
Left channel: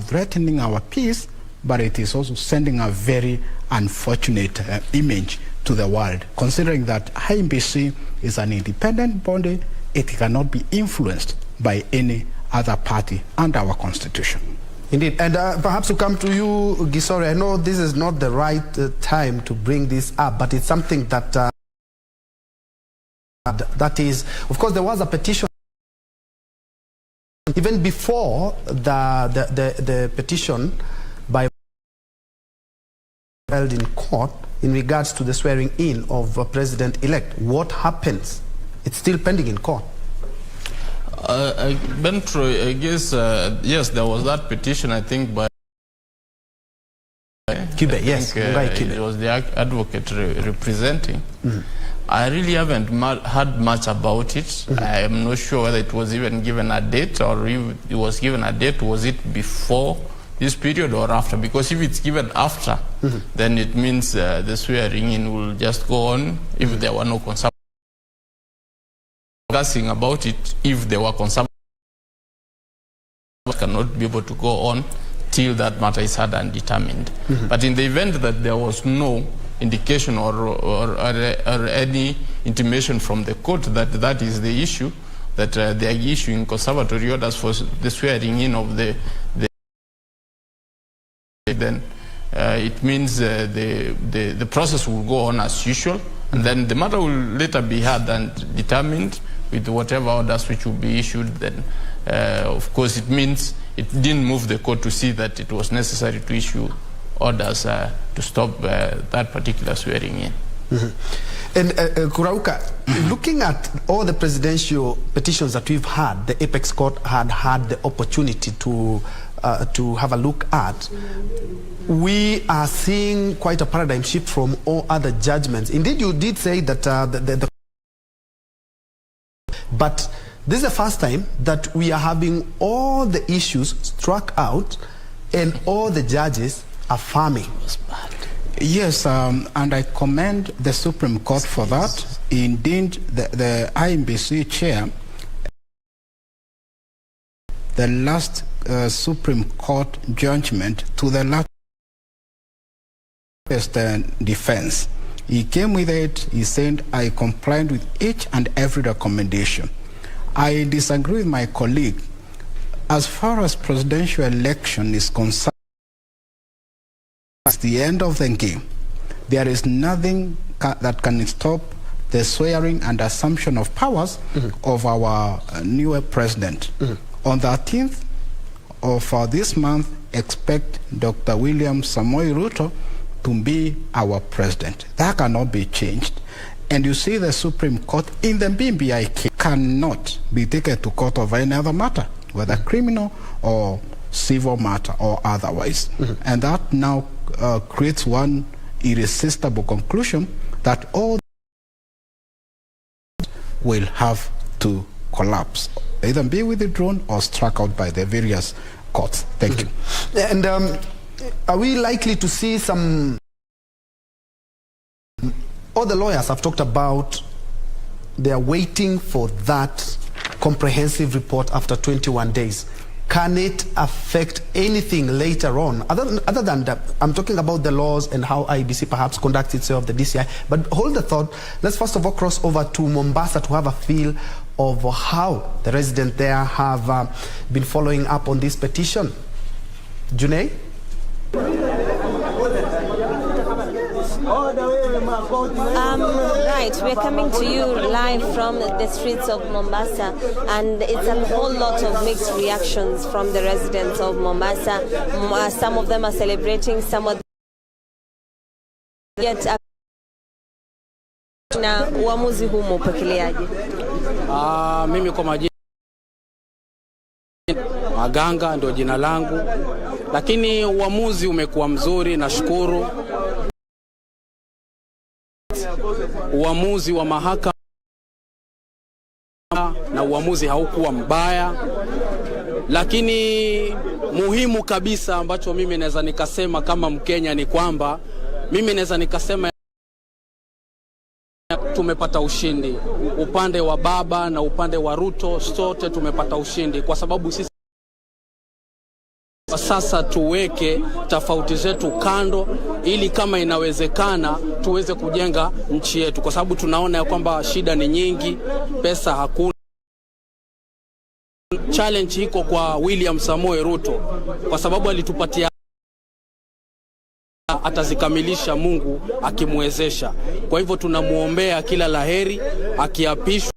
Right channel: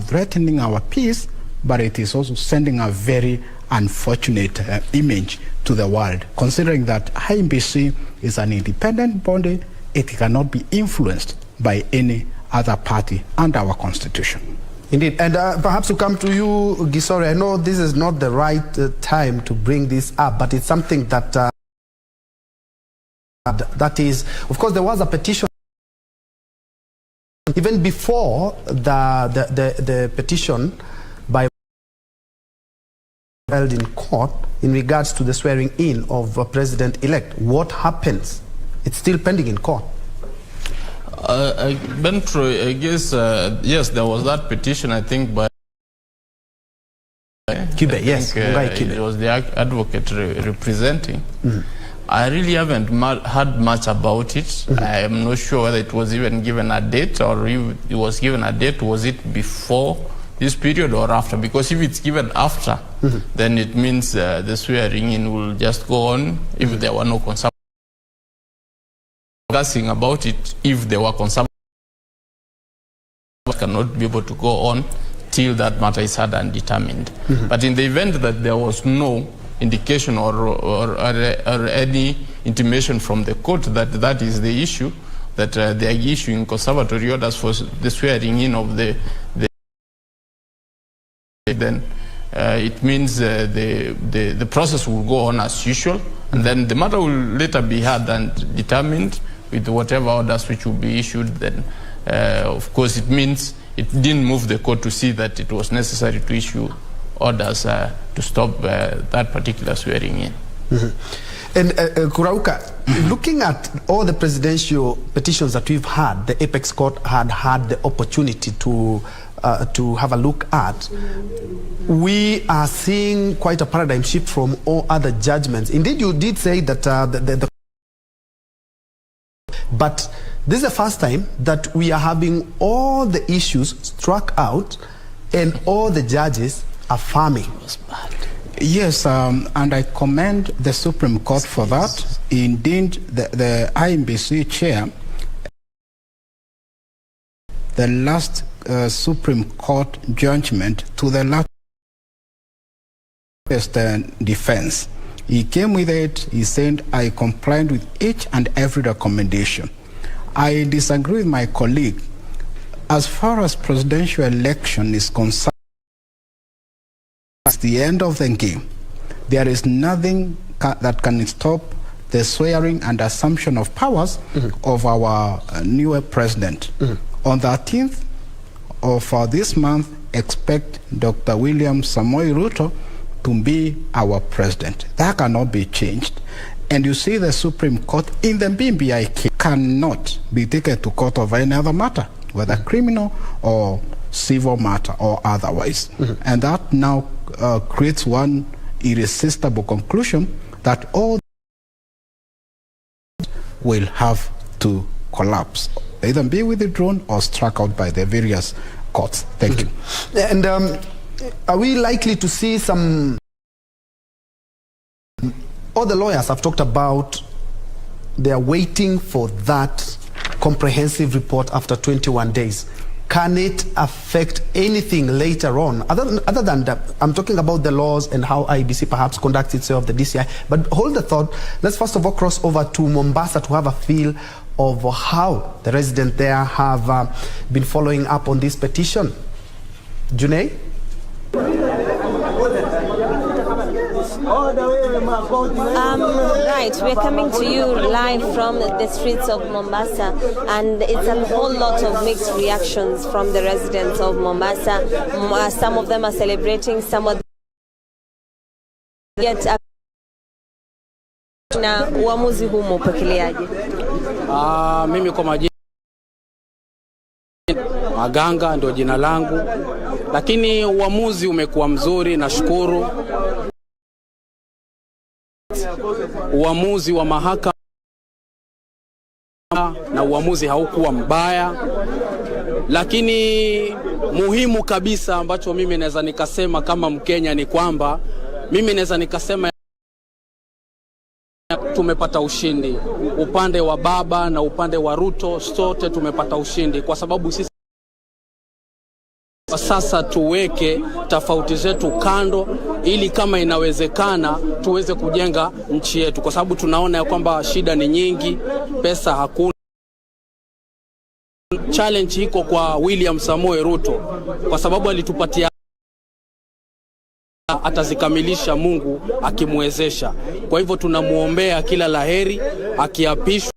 threatening our peace, but it is also sending a very unfortunate image to the world, considering that IBC is an independent body. It cannot be influenced by any other party under our constitution. Indeed, and perhaps to come to you, Gisore, I know this is not the right time to bring this up, but it's something that that is, of course, there was a petition even before the petition by held in court in regards to the swearing in of President-elect. What happens? It's still pending in court. Bentro, I guess, yes, there was that petition, I think, by Kibe, yes. It was the advocate representing. I really haven't heard much about it. I am not sure whether it was even given a date, or if it was given a date, was it before this period or after? Because if it's given after, then it means the swearing in will just go on if there were no concerns. Discussing about it, if there were concerns, cannot be able to go on till that matter is heard and determined. But in the event that there was no indication or any intimation from the court that that is the issue, that they are issuing conservatory orders for the swearing in of the then it means the process will go on as usual, and then the matter will later be heard and determined with whatever orders which will be issued. Then of course it means it didn't move the court to see that it was necessary to issue orders to stop that particular swearing in. And Kurauka, looking at all the presidential petitions that we've had, the Apex Court had the opportunity to have a look at, we are seeing quite a paradigm shift from all other judgments. Indeed, you did say that but this is the first time that we are having all the issues struck out and all the judges affirming. Yes, and I commend the Supreme Court for that. Indeed, the IMBC chair, the last Supreme Court judgment to the last defense, he came with it. He said, I complied with each and every recommendation. I disagree with my colleague. As far as presidential election is concerned, it's the end of the game. There is nothing that can stop the swearing and assumption of powers of our newer president. On the 13th of this month, expect Dr. William Samoei Ruto to be our president. That cannot be changed. And you see the Supreme Court in the BBI case cannot be taken to court of any other matter, whether criminal or civil matter or otherwise. And that now creates one irresistible conclusion that all will have to collapse, either be withdrawn or struck out by the various courts. Thank you. And are we likely to see some... All the lawyers have talked about they are waiting for that comprehensive report after 21 days. Can it affect anything later on? Other than that, I'm talking about the laws and how IEBC perhaps conducts itself, the DCI. But hold the thought. Let's first of all cross over to Mombasa to have a feel of how the residents there have been following up on this petition. Junei? Right, we're coming to you live from the streets of Mombasa, and it's a whole lot of mixed reactions from the residents of Mombasa. Some of them are celebrating, some of them yet na uamuzi huu mpokeleaje? Mimi kwa majina Maganga ndio jina langu, lakini uamuzi umekuwa mzuri, nashukuru. Uamuzi wa mahakama na uamuzi haukuwa mbaya, lakini muhimu kabisa ambacho mimi naweza nikasema kama Mkenya ni kwamba mimi naweza nikasema tumepata ushindi. Upande wa baba na upande wa Ruto sote tumepata ushindi, kwa sababu sisi sasa tuweke tofauti zetu kando ili kama inawezekana tuweze kujenga nchi yetu, kwa sababu tunaona ya kwamba shida ni nyingi, pesa hakuna. Challenge iko kwa William Samoei Ruto, kwa sababu alitupatia, atazikamilisha Mungu akimwezesha. Kwa hivyo tunamuombea kila laheri akiapishwa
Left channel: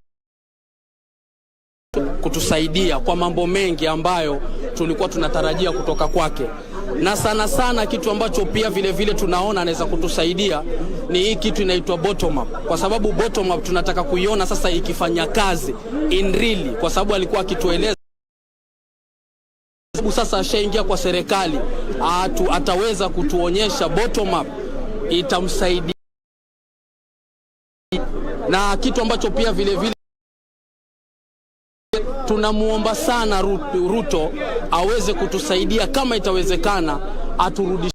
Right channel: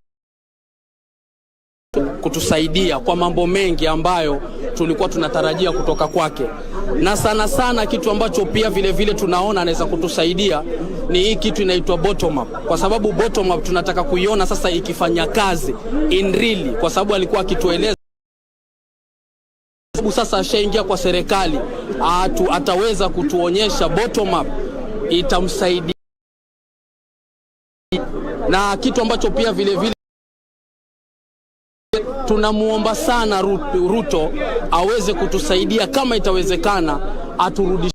kutusaidia kwa mambo mengi ambayo tulikuwa tunatarajia kutoka kwake. Na sana sana kitu ambacho pia vile vile tunaona anaweza kutusaidia ni hii kitu inaitwa bottom up, kwa sababu bottom up tunataka kuiona sasa ikifanya kazi in really, kwa sababu alikuwa akitueleza sasa ashaingia kwa serikali, ataweza kutuonyesha bottom up itamsaidia. Na kitu ambacho pia vile vile tunamuomba sana Ruto aweze kutusaidia kama itawezekana, aturudishe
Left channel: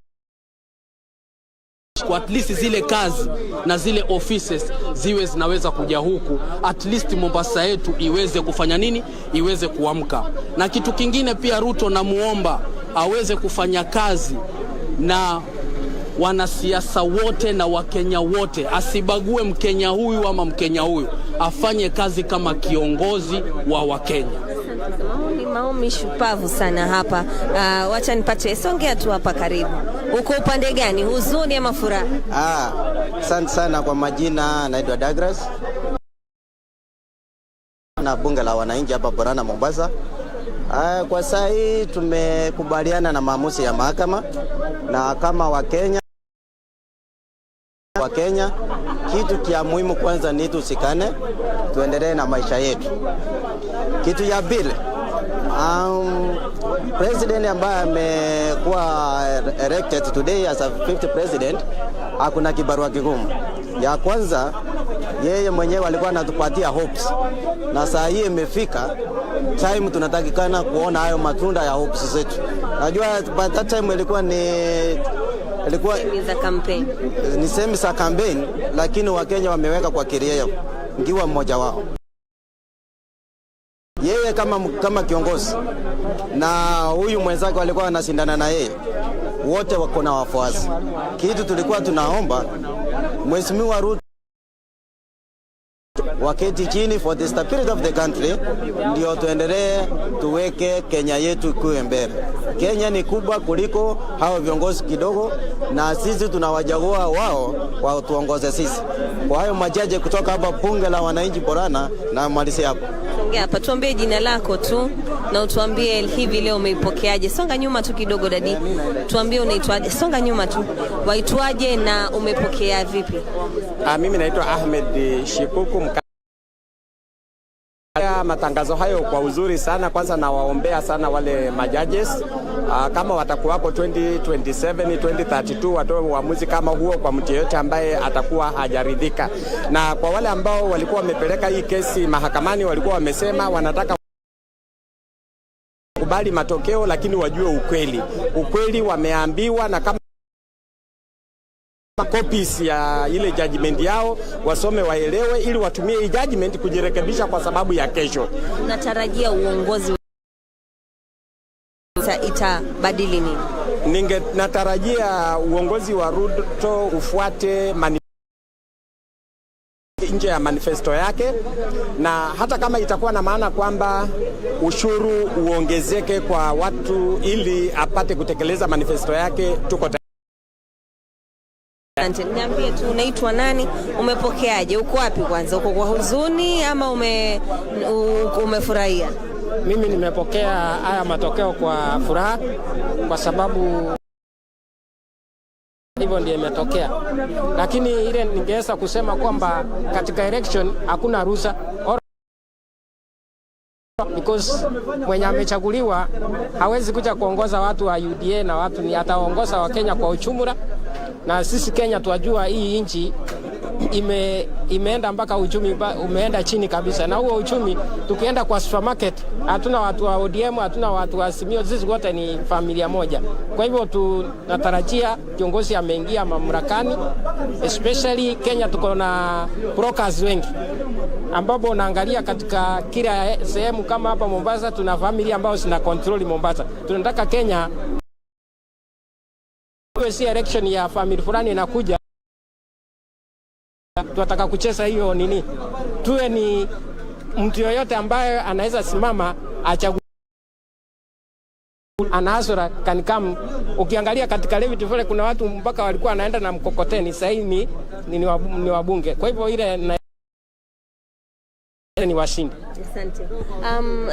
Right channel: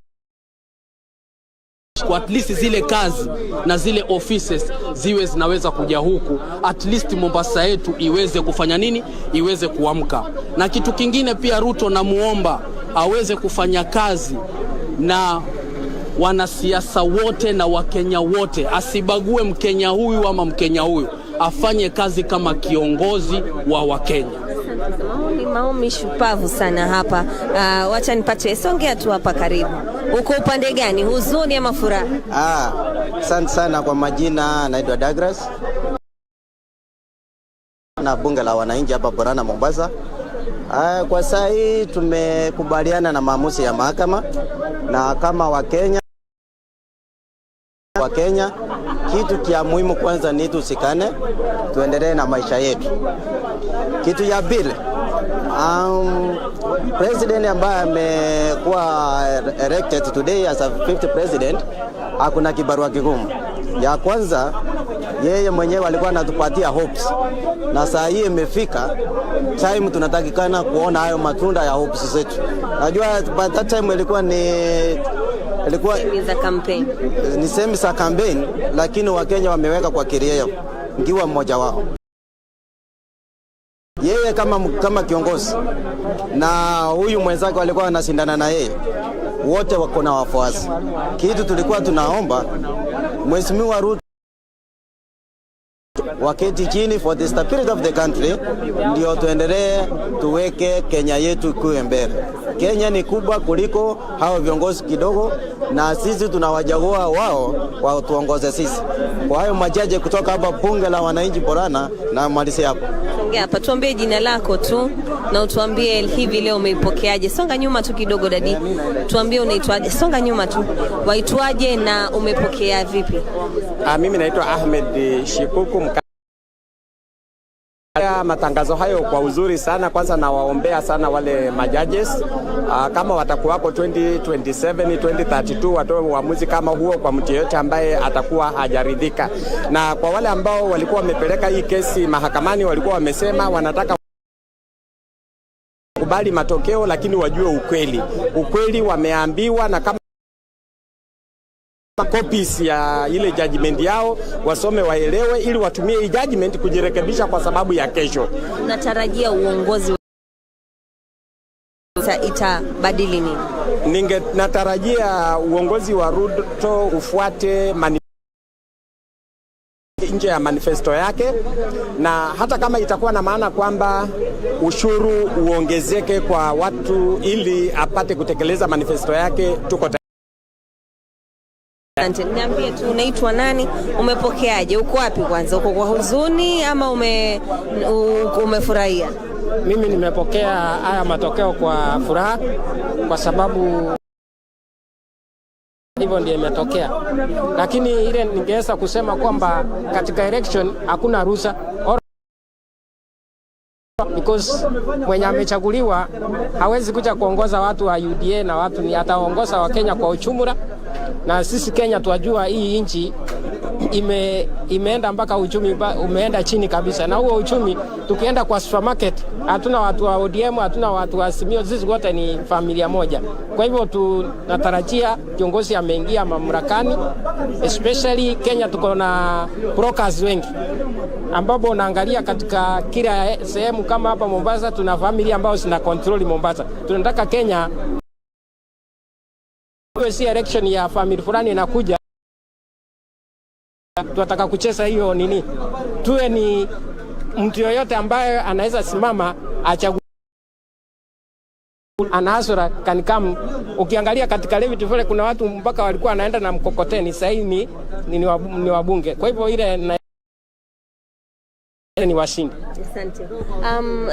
kwa at least zile kazi na zile offices ziwe zinaweza kuja huku, at least Mombasa yetu iweze kufanya nini, iweze kuamka. Na kitu kingine pia Ruto namuomba aweze kufanya kazi na wanasiasa wote na Wakenya wote, asibague Mkenya huyu ama Mkenya huyu, afanye kazi kama kiongozi wa Wakenya. Maoni shupavu sana hapa. Wacha nipate, songea tu hapa karibu. Uko upande gani, huzuni ama furaha? Asante sana. Kwa majina naitwa Douglas na bunge la wananchi hapa Borana Mombasa. Kwa sasa hii tumekubaliana na maamuzi ya mahakama, na kama Wakenya kitu kia muhimu kwanza ni tusikane, tuendelee na maisha yetu. Kitu ya pili, president ambaye amekuwa elected today as a 50th president, hakuna kibarua kigumu. Ya kwanza, yeye mwenyewe alikuwa anatupatia hopes, na saa hii imefika time tunatakikana kuona hayo matunda ya hopes zetu. Najua by that time ilikuwa ni semi za campaign, lakini Wakenya wameweka kwa kiria ngiwa mmoja wao. Yeye kama kiongozi na huyu mwenzake walikuwa wanashindana na yeye, wote wako na wafuasi. Kitu tulikuwa tunaomba Mheshimiwa Ruto waketi chini for the stability of the country, ndio tuendelee tuweke Kenya yetu kuwe mbele. Kenya ni kubwa kuliko hao viongozi kidogo, na sisi tunawajagua wao kwa tuongoze sisi. Kwa hayo majaji kutoka hapa bunge la wananchi Borana, na malizi hapo. Ongea hapa, tuambie jina lako tu na utuambie hivi leo umeipokeaje. Songa nyuma tu kidogo dadi. Tuambie unaitwaje. Songa nyuma tu. Waitwaje na umepokea vipi? Mimi naitwa Ahmed Shikuku. Matangazo hayo kwa uzuri sana. Kwanza nawaombea sana wale majudges kama watakuwako 2027 2032 watoe uamuzi kama huo kwa mtu yeyote ambaye atakuwa hajaridhika. Na kwa wale ambao walikuwa wamepeleka hii kesi mahakamani, walikuwa wamesema wanataka kubali matokeo, lakini wajue ukweli wameambiwa, na kama copies ya ile judgment yao wasome waelewe, ili watumie hii judgment kujirekebisha kwa sababu ya kesho. Natarajia uongozi itabadili nini? Natarajia uongozi wa Ruto ufuate nje ya manifesto yake, na hata kama itakuwa na maana kwamba ushuru uongezeke kwa watu ili apate kutekeleza manifesto yake, tuko Niambie tu unaitwa nani, umepokeaje, uko wapi kwanza, uko kwa huzuni ama umefurahia? Mimi nimepokea haya matokeo kwa furaha, kwa sababu hivyo ndiyo imetokea. Lakini ile ningeweza kusema kwamba katika election hakuna ruhusa, because mwenye amechaguliwa hawezi kuja kuongoza watu wa UDA na watu ni ataongoza wa Kenya kwa uchumura. Na sisi Kenya tuwajua hii nchi imeenda mpaka uchumi umeenda chini kabisa, na huo uchumi tukienda kwa supermarket hatuna watu wa ODM, hatuna watu wa Simio, sisi wote ni familia moja. Kwa hivyo tunatarajia kiongozi ameingia mamlakani, especially Kenya tuko na brokers wengi, ambapo unaangalia katika kila sehemu kama hapa Mombasa tuna familia ambao zina control Mombasa. Tunataka Kenya si election ya family fulani inakuja, tunataka kucheza hiyo nini, tuwe ni mtu yoyote ambaye anaweza simama achague anasura kanikam. Ukiangalia katika Levy vile kuna watu mpaka walikuwa wanaenda na mkokoteni, sasa hivi ni wabunge. Kwa hivyo ile ni washindi.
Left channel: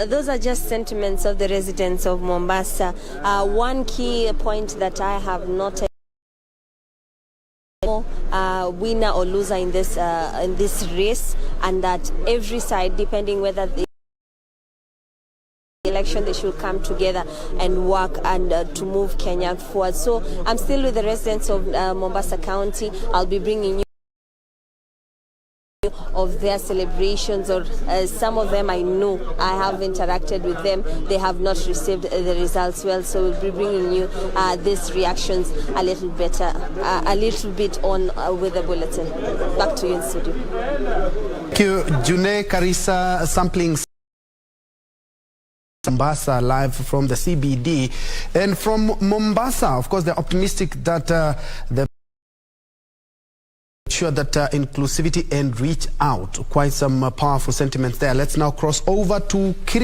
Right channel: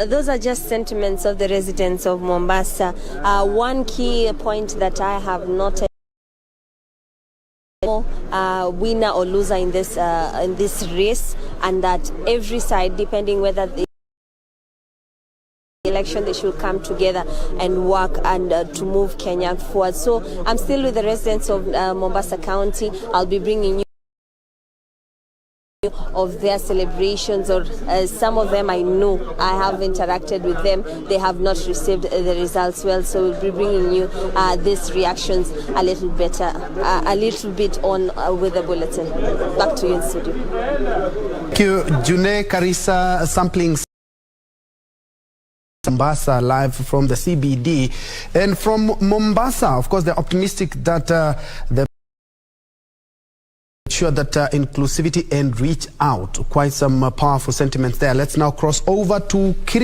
Those are just sentiments of the residents of Mombasa. One key point that I have noted, winner or loser in this race, and that every side, depending whether the election, they should come together and work and to move Kenya forward. So I'm still with the residents of Mombasa County. I'll be bringing you of their celebrations, or some of them I know, I have interacted with them, they have not received the results well, so we'll be bringing you these reactions a little bit on with the bulletin. Back to you in studio. Thank you, June Karisa, sampling Mombasa live from the CBD. And from Mombasa, of course, they're optimistic that the sure that inclusivity and reach out. Quite some powerful sentiments there. Let's now cross over to Kirinyaga.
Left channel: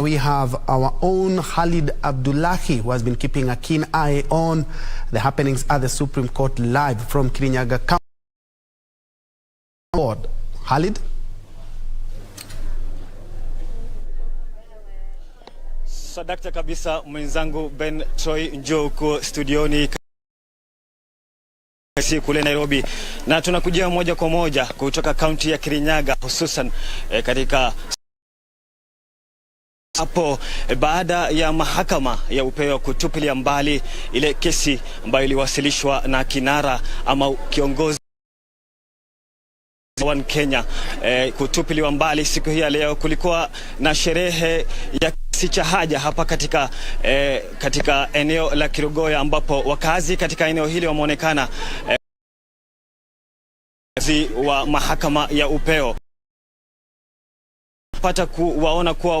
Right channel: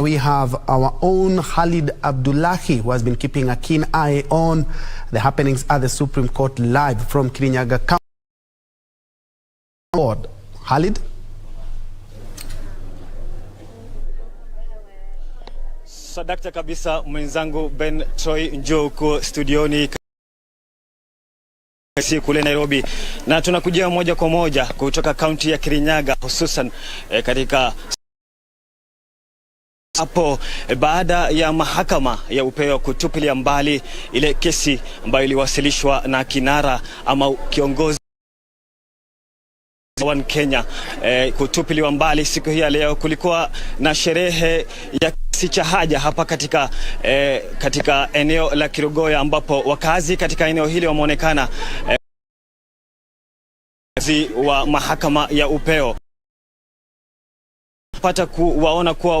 We have our own Khalid Abdullahi, who has been keeping a keen eye on the happenings at the Supreme Court live from Kirinyaga County. Khalid? Sadakta kabisa mwenzangu Ben Troy, njoo huko studioni kule Nairobi, na tunakujia moja kwa moja kutoka kaunti ya Kirinyaga, hususan katika hapo baada ya mahakama ya upeo kutupilia mbali ile kesi ambayo iliwasilishwa na kinara ama kiongozi wa Kenya kutupiliwa mbali. Siku hii ya leo kulikuwa na sherehe ya kiasi cha haja hapa katika eneo la Kirugoya, ambapo wakazi katika eneo hili wameonekana wa mahakama ya upeo pata kuwaona kuwa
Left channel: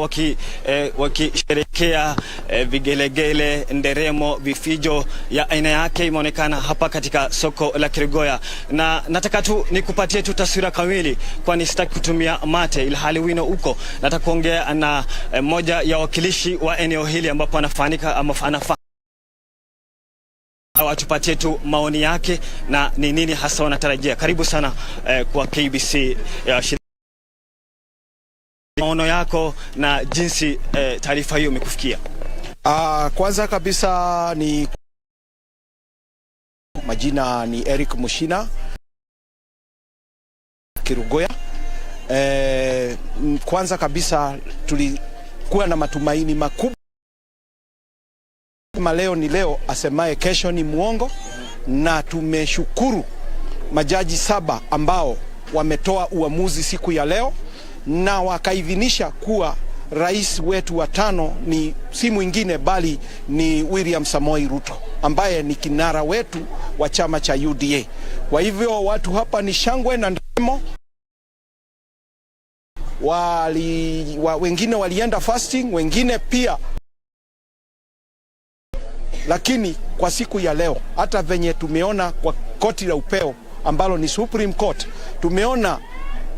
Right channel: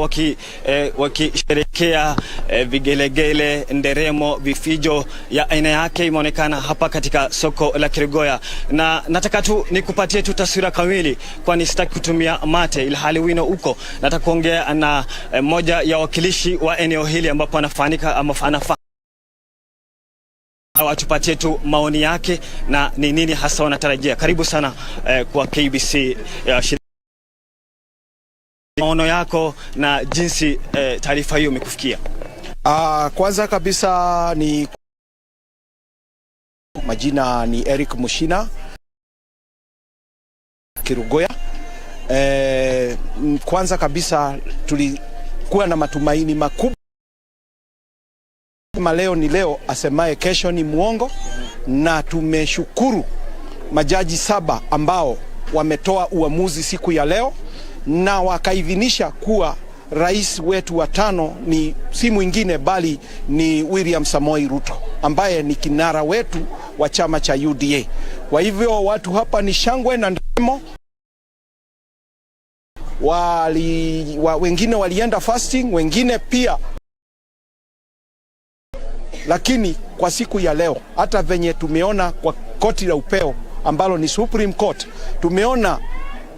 wakisherekea vigelegele, nderemo, vifijo ya aina yake imeonekana hapa katika soko la Kirugoya. Na nataka tu nikupatie tu taswira kamili, kwani sitaki kutumia mate ilhali wino uko. Nataka kuongea na mmoja ya wakilishi wa eneo hili ambapo anafanika ama atupatie tu maoni yake na ni nini hasa wanatarajia. Karibu sana kwa KBC. Maono yako na jinsi taarifa hiyo imekufikia. Kwanza kabisa ni majina ni Eric Mushina Kirugoya. Kwanza kabisa tulikuwa na matumaini makubwa. Leo ni leo, asemaye kesho ni muongo, na tumeshukuru majaji 7 ambao wametoa uamuzi siku ya leo na wakaidhinisha kuwa rais wetu wa 5 ni si mwingine bali ni William Samoei Ruto, ambaye ni kinara wetu wa chama cha UDA. Kwa hivyo watu hapa ni shangwe na nderemo. Wengine walienda fasting, wengine pia. Lakini kwa siku ya leo, hata venye tumeona kwa koti la upeo ambalo ni Supreme Court, tumeona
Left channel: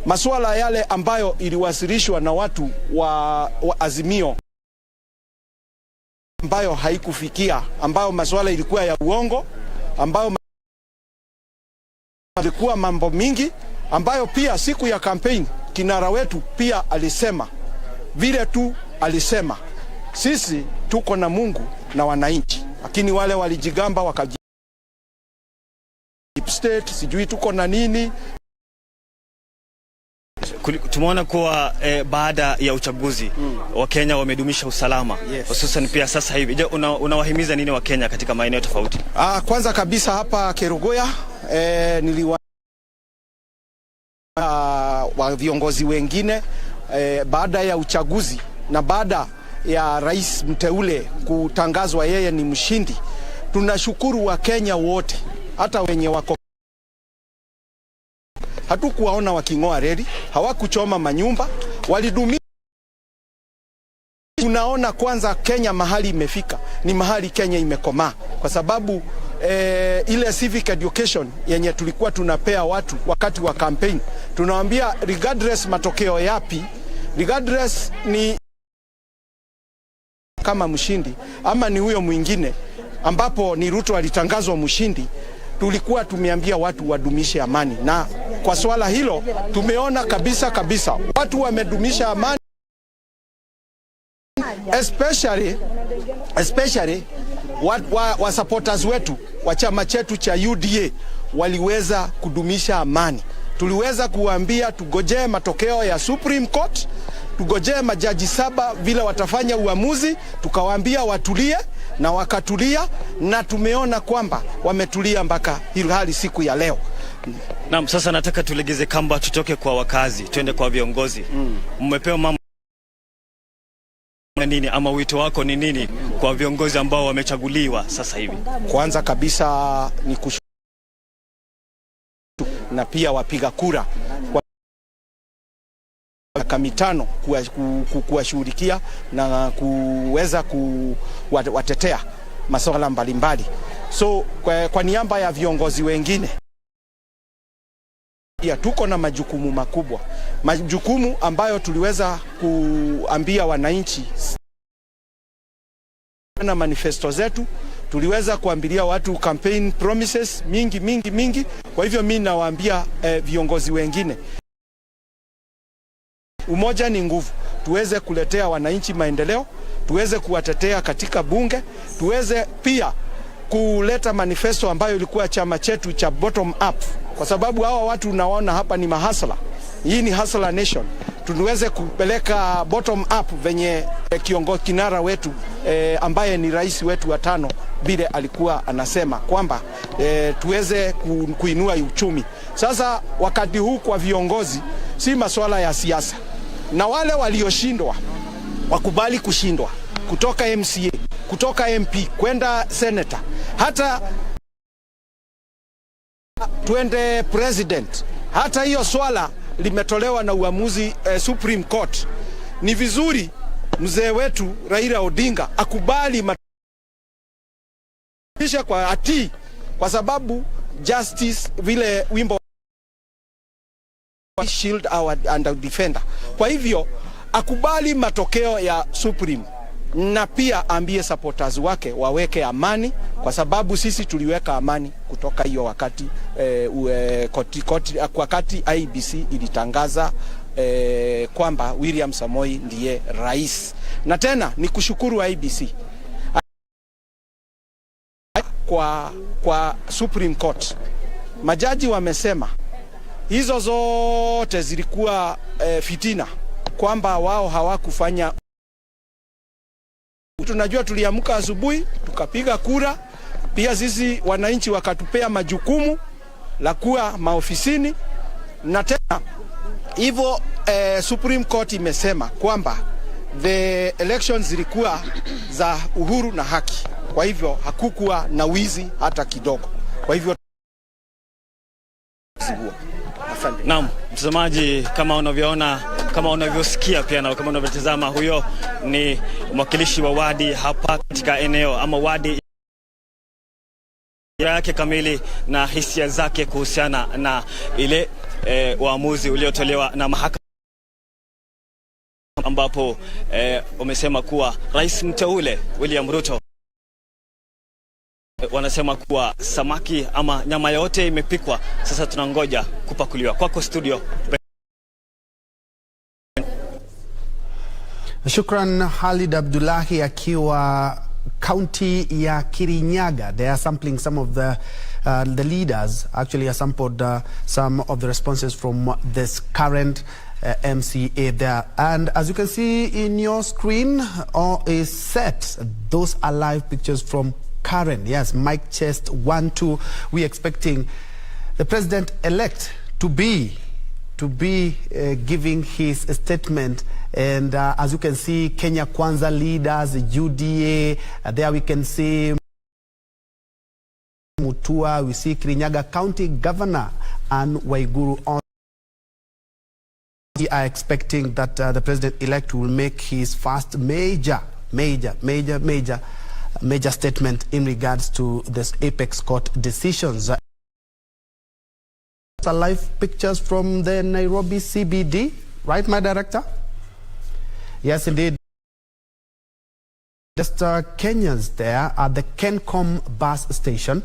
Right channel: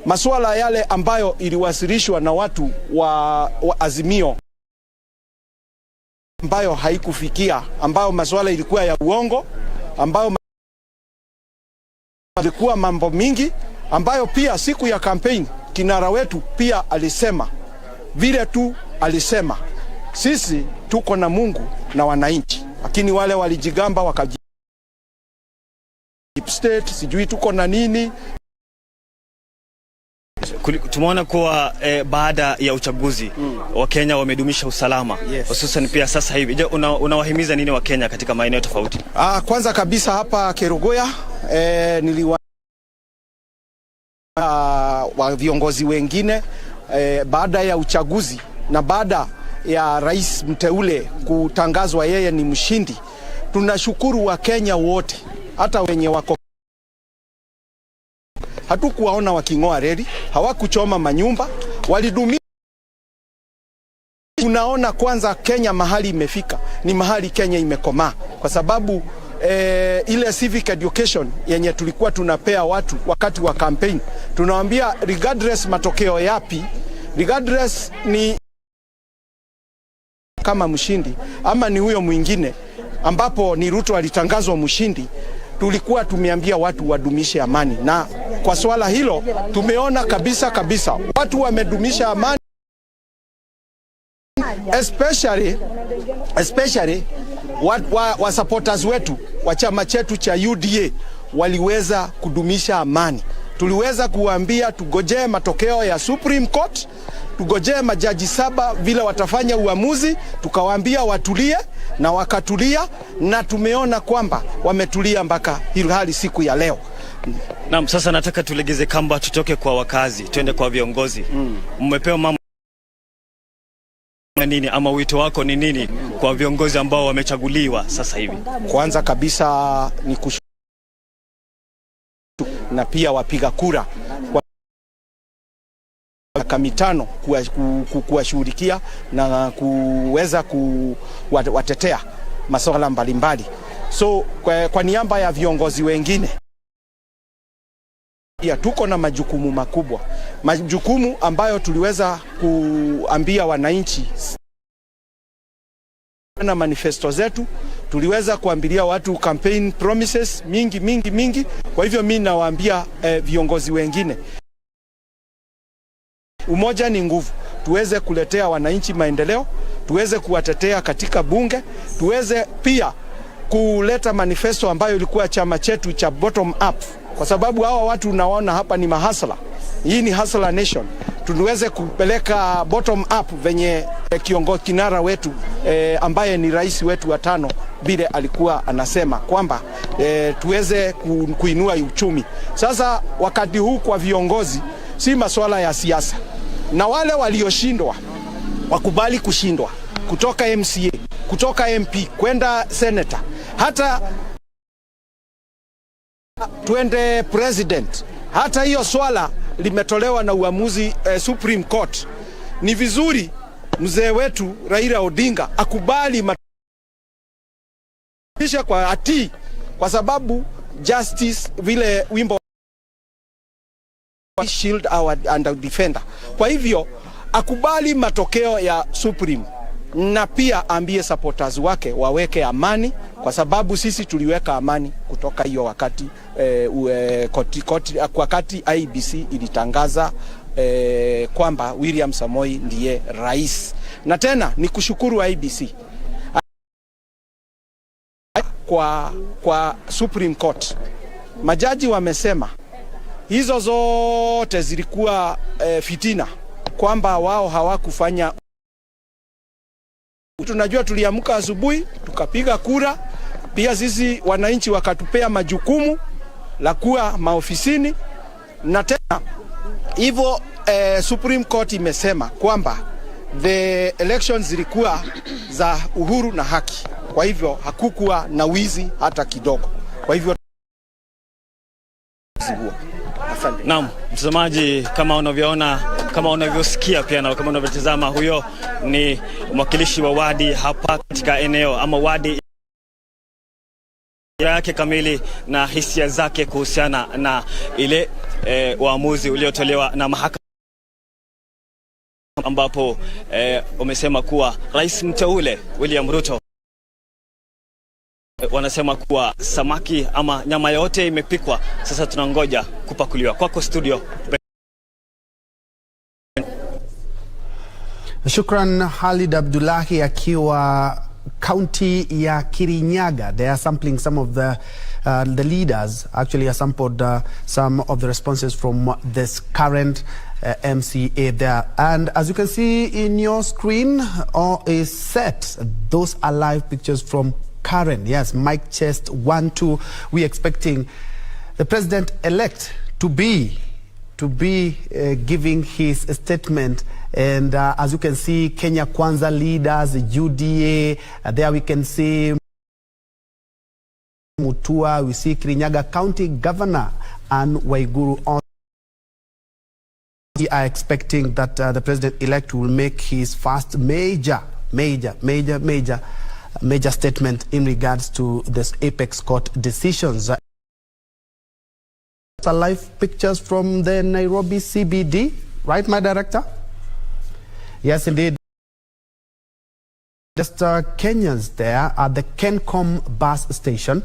masuala yale ambayo iliwasilishwa na watu wa Azimio ambayo haikufikia, ambayo masuala ilikuwa ya uongo, ambayo ilikuwa mambo mingi, ambayo pia siku ya campaign kinara wetu pia alisema vile tu alisema sisi tuko na Mungu na wananchi, lakini wale walijigamba wakaji state sijui tuko na nini. Tumeona kuwa baada ya uchaguzi Wakenya wamedumisha usalama, hususan pia sasa hivi. Je, unawahimiza nini Wakenya katika maeneo tofauti? Kwanza kabisa hapa Kerugoya niliwa wa viongozi wengine baada ya uchaguzi na baada ya rais mteule kutangazwa yeye ni mshindi. Tunashukuru Wakenya wote, hata wenye wako hatukuwaona waking'oa reli, hawakuchoma manyumba, walidumisha. Tunaona kwanza Kenya mahali imefika ni mahali Kenya imekomaa, kwa sababu ile civic education yenye tulikuwa tunapea watu wakati wa campaign, tunawaambia regardless matokeo yapi, regardless ni kama mshindi ama ni huyo mwingine, ambapo ni Ruto alitangazwa mshindi, tulikuwa tumeambia watu wadumishe amani, na kwa swala hilo tumeona kabisa watu wamedumisha amani, especially wa supporters wetu wa chama chetu cha UDA waliweza kudumisha amani. Tuliweza kuambia tugojee matokeo ya Supreme Court, tugojee majaji 7 vile watafanya uamuzi, tukawaambia watulie na wakatulia, na tumeona kwamba wametulia mpaka hali siku ya leo. Naam, sasa nataka tulegeze kamba, tutoke kwa wakazi twende kwa viongozi. Mmepewa mambo nini, ama wito wako ni nini kwa viongozi ambao wamechaguliwa sasa hivi? Kwanza kabisa ni na pia wapiga kura kwa miaka 5 kuwashughulikia na kuweza kuwatetea masuala mbalimbali. So kwa niaba ya viongozi wengine ya tuko na majukumu makubwa, majukumu ambayo tuliweza kuambia wananchi na manifesto zetu, tuliweza kuambilia watu campaign promises mingi. Kwa hivyo mimi nawaambia viongozi wengine, umoja ni nguvu, tuweze kuletea wananchi maendeleo, tuweze kuwatetea katika bunge, tuweze pia kuleta manifesto ambayo ilikuwa chama chetu cha bottom up, kwa sababu hawa watu unaona hapa ni mahasla. Hii ni hustler nation. Tuweze kupeleka bottom up venye kiongozi kinara wetu ambaye ni rais wetu wa 5 bile alikuwa anasema kwamba tuweze kuinua uchumi. Sasa wakati huu kwa viongozi si masuala ya siasa, na wale walioshindwa wakubali kushindwa, kutoka MCA, kutoka MP kwenda senator, hata twende president. Hata hiyo swala limetolewa na uamuzi Supreme Court. Ni vizuri mzee wetu Raila Odinga akubali kwa ati, kwa sababu justice vile wimbo shield our and defender. Kwa hivyo akubali matokeo ya Supreme, na pia ambie supporters wake waweke amani, kwa sababu sisi tuliweka amani kutoka hiyo wakati wakati IBC ilitangaza kwamba William Samoei ndiye rais. Na tena ni kushukuru IBC kwa Supreme Court. Majaji wamesema hizo zote zilikuwa fitina, kwamba wao hawakufanya. Tunajua tuliamka asubuhi tukapiga kura, pia sisi wananchi wakatupea majukumu la kuwa maofisini, na tena hivyo Supreme Court imesema kwamba the elections zilikuwa za uhuru na haki. Kwa hivyo hakukuwa na wizi hata kidogo. Kwa hivyo asante. Naam, mtazamaji, kama unavyoona, kama unavyosikia pia na kama unavyotazama, huyo ni mwakilishi wa wadi hapa katika eneo ama wadi yake kamili na hisia zake kuhusiana na ile uamuzi uliotolewa na mahakama, ambapo wamesema kuwa rais mteule William Ruto, wanasema kuwa samaki ama nyama yote imepikwa, sasa tunangoja kupakuliwa. Kwako studio. Shukran Khalid Abdullahi akiwa county ya Kirinyaga. They are sampling some of the leaders. Actually, I sampled some of the responses from this current MCA there. And as you can see in your screen is set. Those are live pictures from Karen. Yes, Mike Chest 1-2. We're expecting the president-elect to be giving his statement. And as you can see, Kenya Kwanza leaders, UDA, there we can see Mutua, we see Kirinyaga County Governor and Waiguru on. We are expecting that the president-elect will make his first major statement in regards to this apex court decisions. Live pictures from the Nairobi CBD, right, my director? Yes, indeed. Just Kenyans there at the Kencom bus station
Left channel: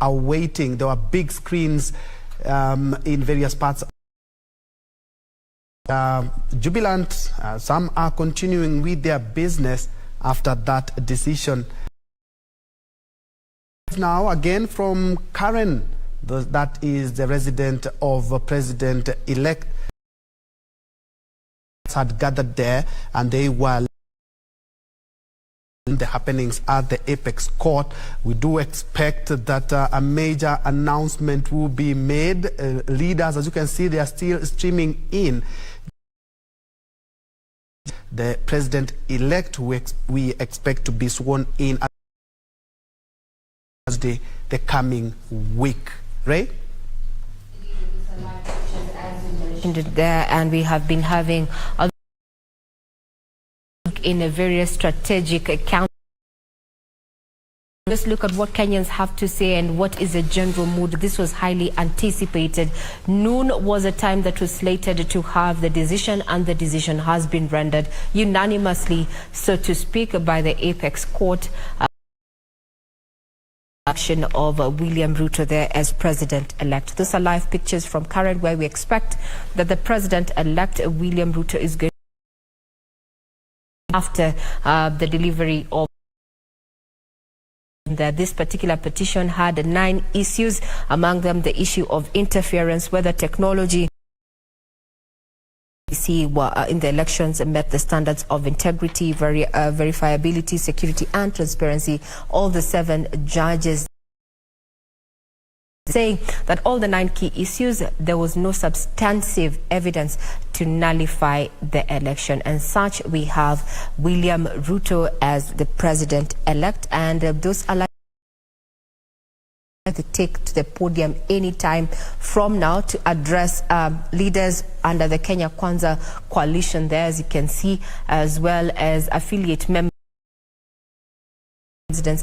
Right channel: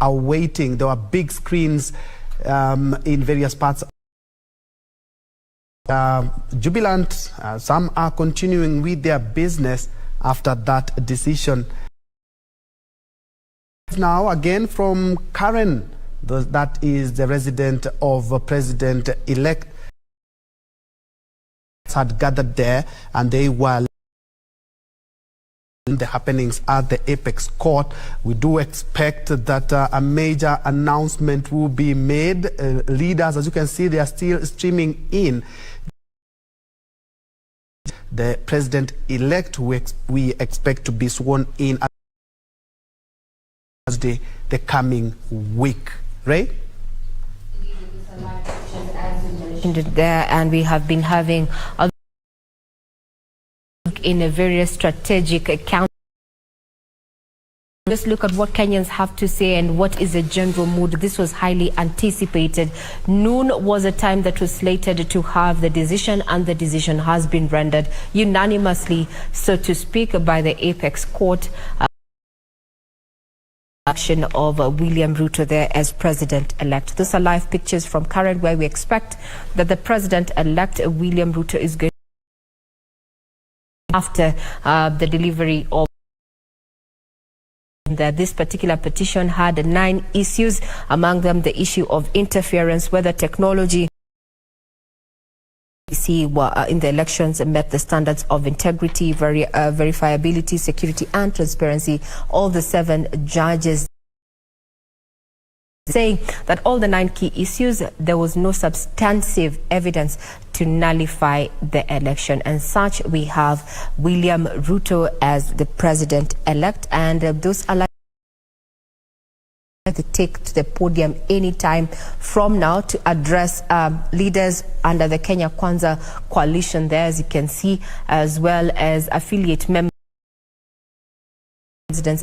are waiting. There were big screens in various parts. Jubilant, some are continuing with their business after that decision. Now again from Karen, that is the resident of President-elect, had gathered there, and they were in the happenings at the apex court. We do expect that a major announcement will be made. Leaders, as you can see, they are still streaming in. The president-elect, we expect to be sworn in Thursday the coming week. Ray? There, and we have been having in a very strategic account. Let's look at what Kenyans have to say and what is the general mood. This was highly anticipated. Noon was a time that was slated to have the decision, and the decision has been rendered unanimously, so to speak, by the apex court. Action of William Ruto there as president-elect. Those are live pictures from Karen, where we expect that the president-elect William Ruto is going after the delivery of this particular petition had 9 issues, among them the issue of interference, whether technology in the elections met the standards of integrity, verifiability, security and transparency. All the 7 judges saying that all the 9 key issues, there was no substantive evidence to nullify the election. And such, we have William Ruto as the president-elect, and those are to take to the podium anytime from now to address leaders under the Kenya Kwanza coalition there, as you can see, as well as affiliate members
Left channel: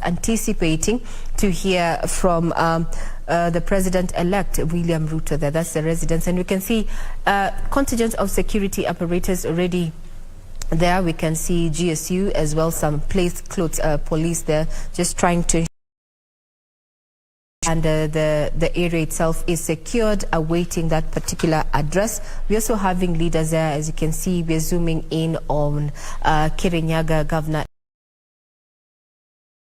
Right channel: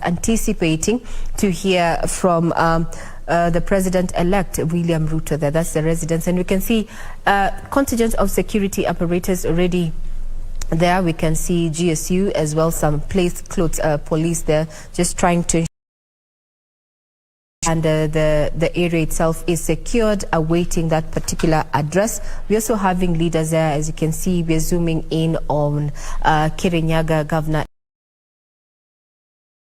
anticipating to hear from the president-elect William Ruto there. That's the residents, and we can see contingent of security apparatus already there. We can see GSU as well, some plainclothes police there, just trying to and the area itself is secured, awaiting that particular address. We're also having leaders there. As you can see, we're zooming in on Kirinyaga Governor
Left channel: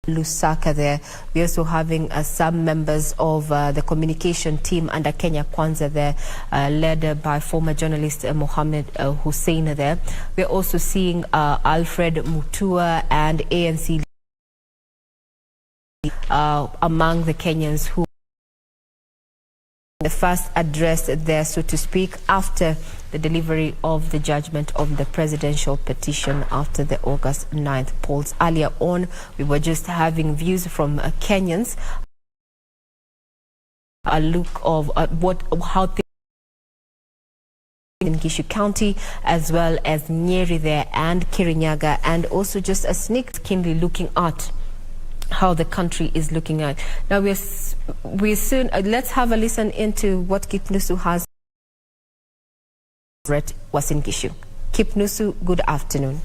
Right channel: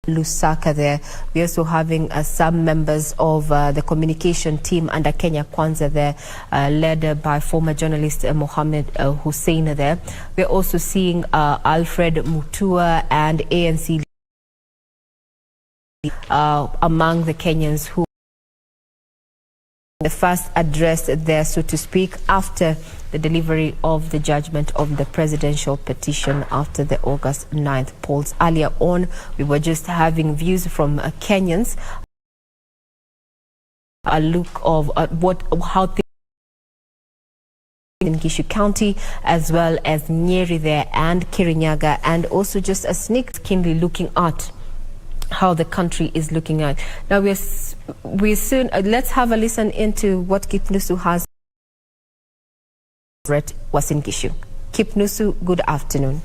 Lusaka there. We're also having some members of the communication team under Kenya Kwanza there, led by former journalist Mohammed Hussein there. We're also seeing Alfred Mutua and ANC among the Kenyans who the first address there, so to speak, after the delivery of the judgment of the presidential petition after the August 9th polls. Earlier on, we were just having views from Kenyans, a look of how things in Gishu County, as well as Nyeri there and Kirinyaga, and also just a sneak keenly looking at how the country is looking at. Now we soon let's have a listen into what Kipnusu has read was in Gishu. Kipnusu, good afternoon.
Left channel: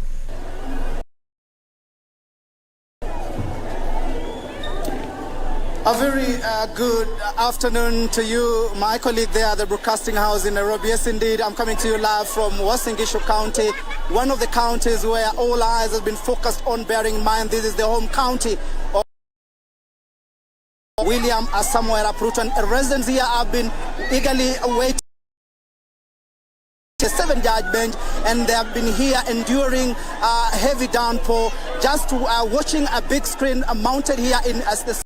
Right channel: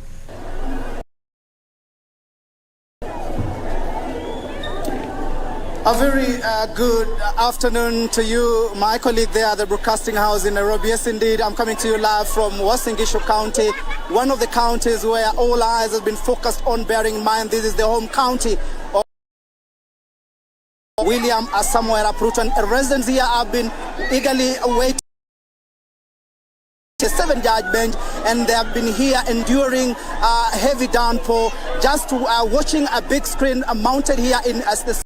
A very good afternoon to you, my colleague there at the broadcasting house in Nairobi. Yes, indeed, I'm coming to you live from Uasin Gishu County, one of the counties where all eyes have been focused on, bearing in mind this is the home county of William Samoei Arap Ruto, and residents here have been eagerly awaiting a 7-judge bench, and they have been here enduring heavy downpour, just watching a big screen mounted here in as the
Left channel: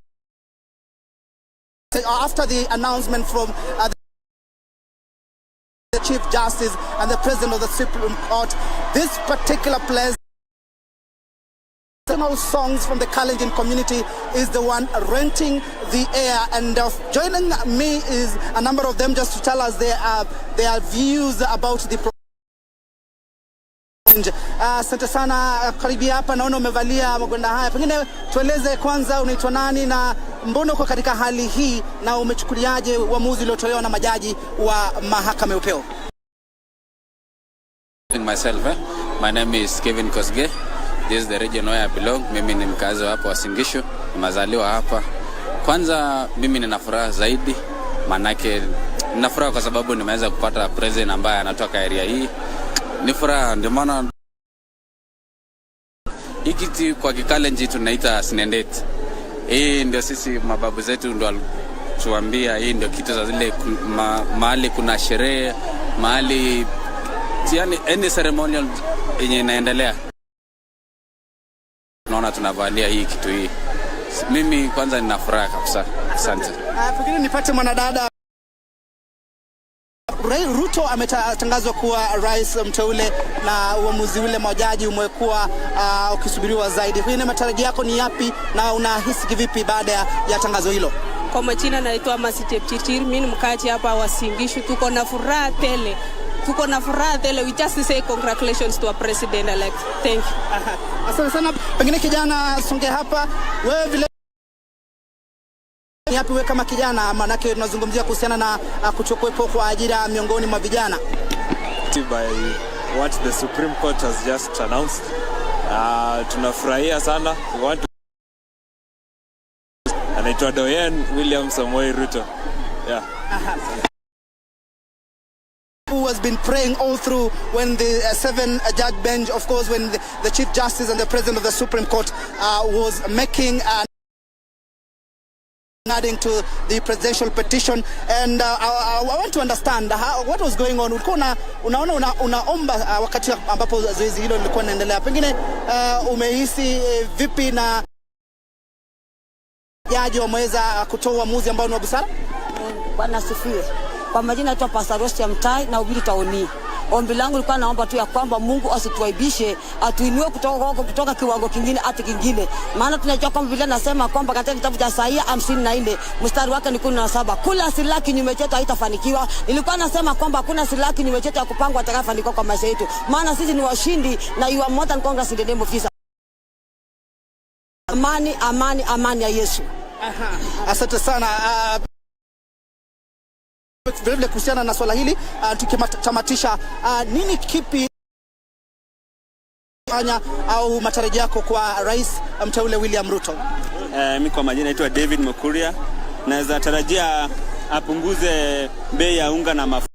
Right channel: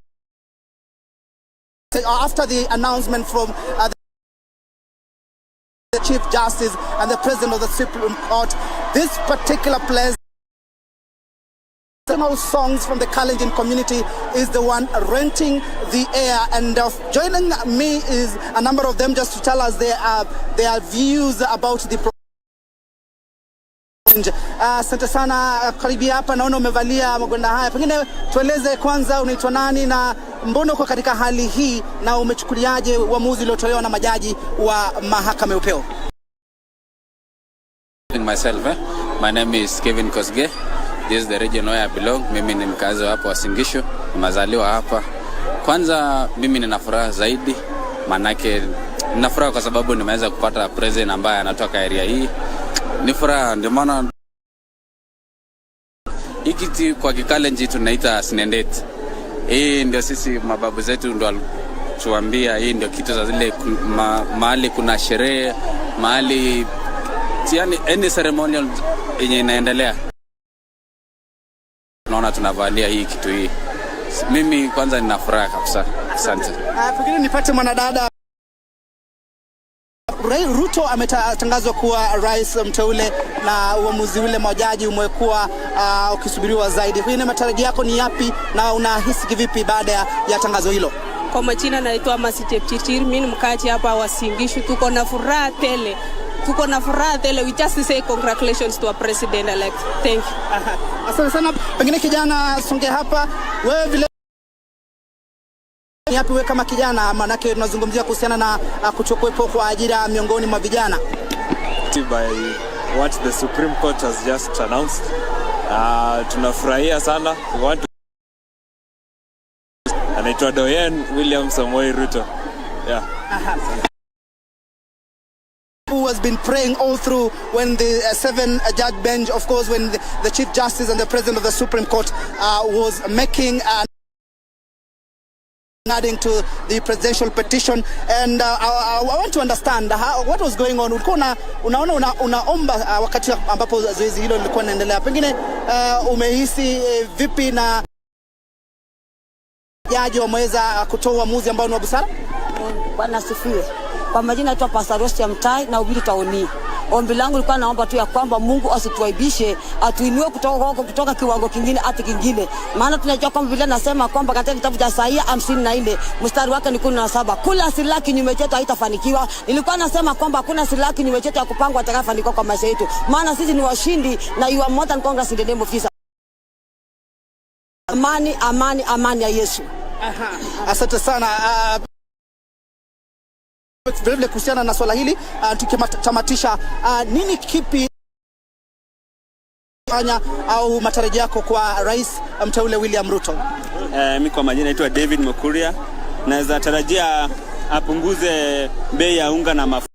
after the announcement from the Chief Justice and the President of the Supreme Court. This particular place, songs from the Kalenjin community is the one renting the air, and joining me is a number of them just to tell us their views about the asante sana. Karibia hapa, naona umevalia magwanda haya, pengine tueleze kwanza unaitwa nani na mbona uko katika hali hii na umechukuliaje uamuzi uliotolewa na majaji wa mahakama ya upeo? My name is Kevin Kosge. This is the region where I belong. Mimi ni mkazi hapa wa Singisho, nimezaliwa hapa. Kwanza mimi nina furaha zaidi, manake nina furaha kwa sababu nimeweza kupata president ambaye anatoka area hii. Ni furaha, ndio maana hiki kwa Kikalenji tunaita sinendet. Hii ndio sisi mababu zetu ndio walituambia, hii ndio kitu za zile mahali kuna sherehe, mahali yani any ceremonial yenye inaendelea. Naona tunavalia hii kitu hii. Mimi kwanza nina furaha kabisa. Asante. Pengine nipate mwanadada. Ruto ametangazwa kuwa rais mteule na uamuzi ule majaji umekuwa ukisubiriwa zaidi. Pengine matarajio yako ni yapi na unahisi kivipi baada ya tangazo hilo? Kwa majina naitwa Masitepchichir, mimi ni mkaaji hapa wa Singishu. Tuko na furaha tele. We just say congratulations to our president elect. Thank you. Asante sana. Pengine kijana songe hapa, wewe vile yapi wewe kama kijana, manake tunazungumzia kuhusiana na kuchukwepo kwa ajira miongoni mwa vijana? By what the Supreme Court has just announced, tunafurahia sana. We want to anaitwa Doyen William Samoei Ruto. Yeah. Who has been praying all through when the 7-judge bench, of course, when the Chief Justice and the President of the Supreme Court was making adding to the presidential petition. And I want to understand what was going on. Unaomba wakati ambapo zoezi hilo lilikuwa linaendelea. Pengine umehisi vipi na jaji wameweza kutoa uamuzi ambao ni wa busara? Bwana sifiwe. Kwa majina naitwa Pastor Rosti Mtai na ubiri taoni. Ombi langu lilikuwa naomba tu ya kwamba Mungu asituaibishe, atuinue kutoka kiwango kingine hata kingine. Maana tunajua kwamba Biblia nasema kwamba katika kitabu cha Isaia 54 mstari wake ni 17, kula silaha kinyume chetu haitafanikiwa. Nilikuwa nasema kwamba hakuna silaha kinyume chetu ya kupangwa atakayefanikiwa kwa maisha yetu. Maana sisi ni washindi na you are more than conquerors in the name of Jesus. Amani, amani, amani ya Yesu. Asante sana. Vile kuhusiana na swala hili tukitamatisha, nini kipi fanya au matarajio yako kwa rais mteule William Ruto? Mimi kwa majina naitwa David Mokuria. naweza tarajia apunguze bei ya unga na mafuta.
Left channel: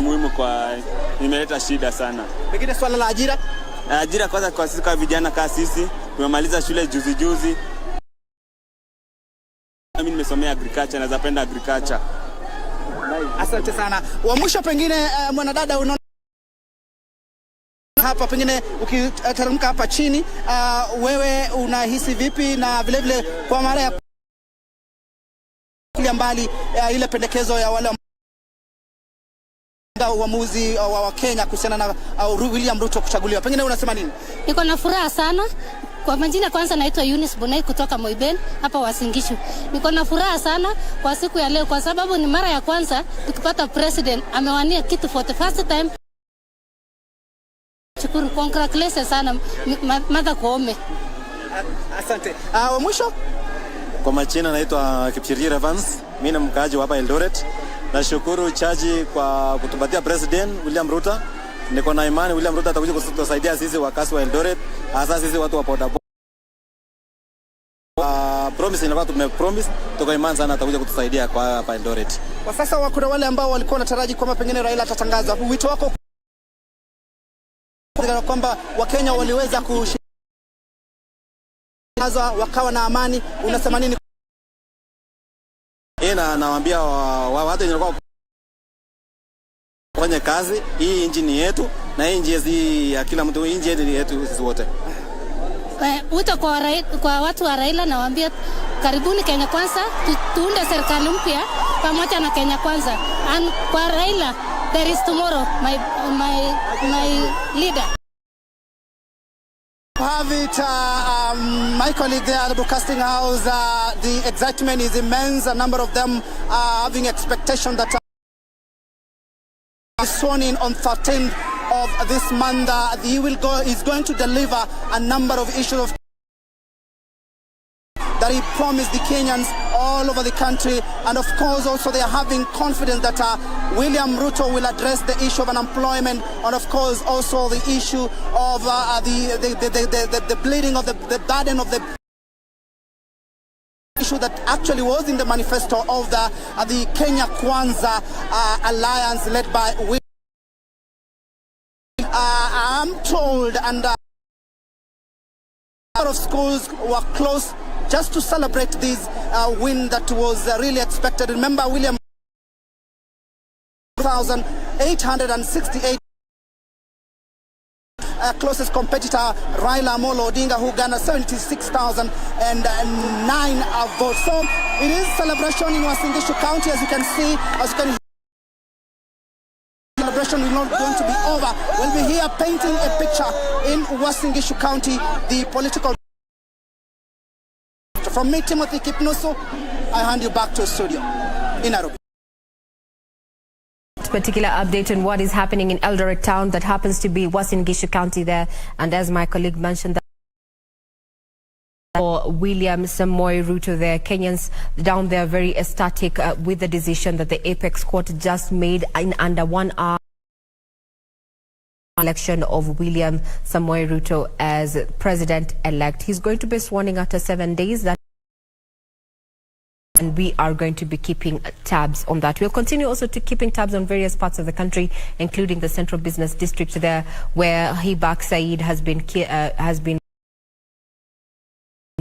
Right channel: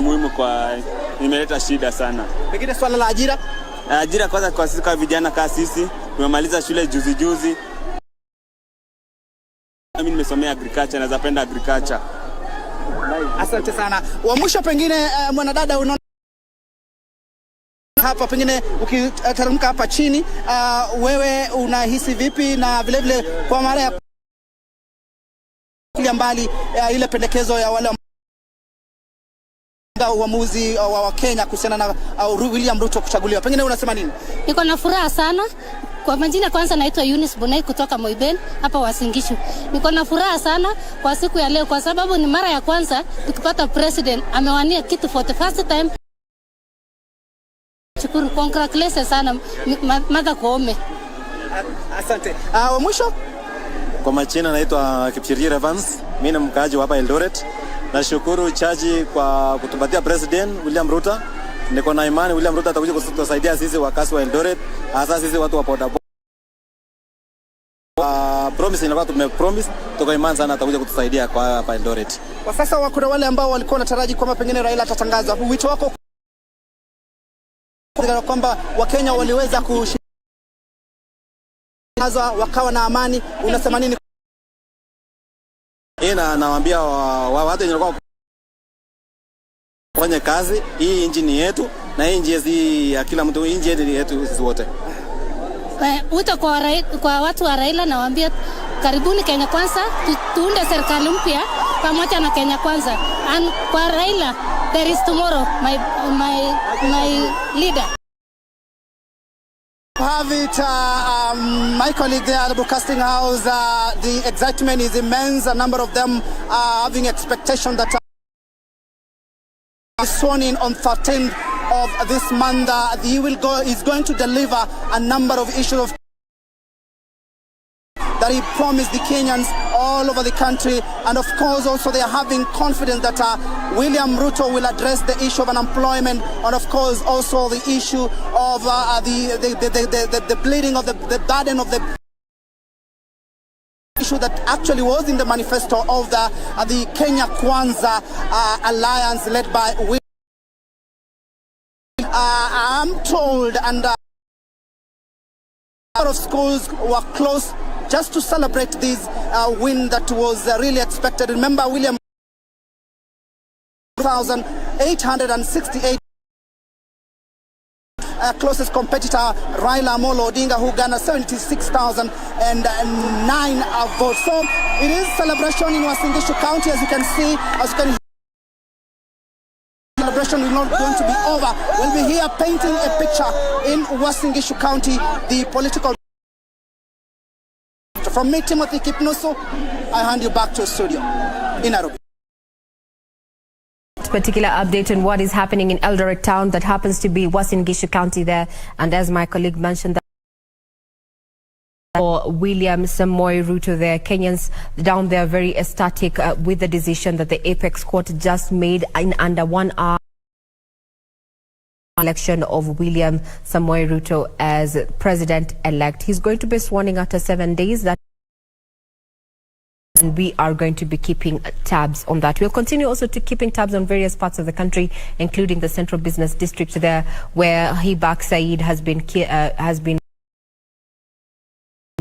Muhimu kwa imeleta shida sana. Pengine swala la ajira? Ajira kwanza kwa sisi kama vijana kama sisi, tumemaliza shule juzi. Mimi nimesomea agriculture, naweza penda agriculture. Asante sana. Wa mwisho pengine mwanadada unaona hapa pengine ukiteremka hapa chini, wewe unahisi vipi, na vile vile kwa mara ya mbali ile pendekezo ya wale uamuzi wa Kenya kuhusiana na William Ruto kuchaguliwa, pengine unasema nini? Niko na furaha sana. Kwa majina kwanza naitwa Eunice Bonai kutoka Moiben hapa Uasin Gishu. Niko na furaha sana kwa siku ya leo kwa sababu ni mara ya kwanza tukipata president amewania kitu for the first time. Shukuru, congratulations sana Mother Koome. Asante. Mwisho? Kwa majina naitwa Kipchirchir Evans, mimi ni mkaaji hapa Eldoret. Nashukuru chaji kwa kutupatia president William Ruto. Niko na imani William Ruto atakuja kutusaidia sisi wakazi wa Eldoret, hasa sisi watu wa bodaboda. Promise inakuwa tumepromise, tuko imani sana atakuja kutusaidia kwa hapa Eldoret. Kwa sasa kuna wale ambao walikuwa wanataraji kwamba pengine Raila atatangaza. Wito wako kwamba Wakenya waliweza kushirikiana wakawa na amani, unasema nini? Nawaambia watu wenye kufanya kazi, hii nchi ni yetu na hii nchi ya kila mtu, nchi yetu sisi wote. Wito kwa watu wa Raila nawaambia karibuni Kenya Kwanza, tuunde serikali mpya pamoja na Kenya Kwanza. And kwa Raila, there is tomorrow, my leader. Have it, my colleague there at the broadcasting house, the excitement is immense. A number of them are having expectation that sworn in on 13th of this month. He's going to deliver a number of issues that he promised the Kenyans all over the country, and of course also they are having confidence that William Ruto will address the issue of unemployment, and of course also the issue of the bleeding of the burden of the issue that actually was in the manifesto of the Kenya Kwanza alliance led by William. I'm told, and a lot of schools were closed just to celebrate this win that was really expected. Remember, William 2,868 closest competitor Raila Amolo Odinga, who garnered 76,009 votes. So it is celebration in Uasin Gishu County, as you can see. Celebration is not going to be over. We'll be here painting a picture in Uasin Gishu County, the political. From me, Timothy Kipnusu, I hand you back to the studio in Nairobi. Particular update on what is happening in Eldoret town that happens to be Uasin Gishu County there, and as my colleague mentioned, that for William Samoei Ruto there, Kenyans down there very ecstatic with the decision that the Apex Court just made in under 1 hour. Election of William Samoei Ruto as president-elect. He's going to be sworn in after 7 days. And we are going to be keeping tabs on that. We'll continue also to keeping tabs on various parts of the country, including the Central Business District there, where Hibak Said has been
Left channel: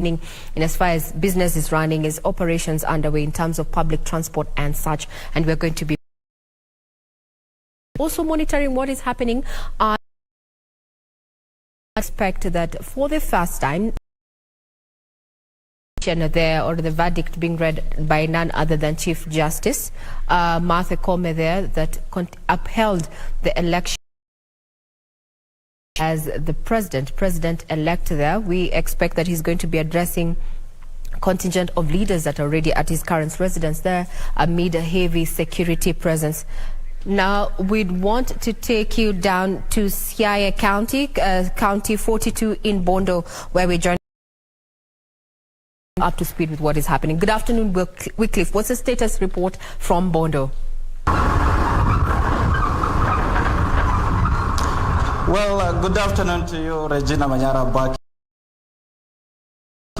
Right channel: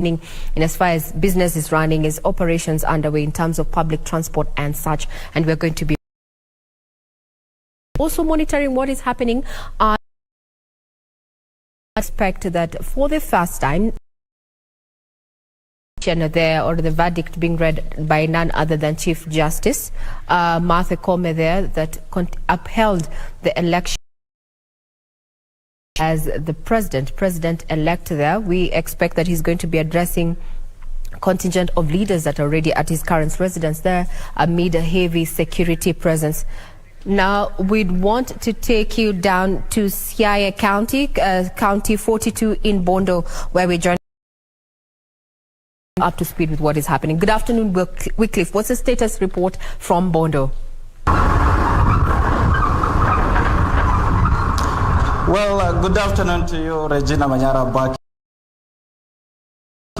and as far as business is running, is operations underway in terms of public transport and such. And we're going to be also monitoring what is happening. I expect that for the first time there, or the verdict being read by none other than Chief Justice Martha Koome there, that upheld the election as the president-elect there. We expect that he's going to be addressing contingent of leaders that are already at his current residence there amid a heavy security presence. Now, we'd want to take you down to Siaya County, County 42 in Bondo, where we join up to speed with what is happening. Good afternoon, Wycliffe. What's the status report from Bondo? Well, good afternoon to you, Regina Manyara, back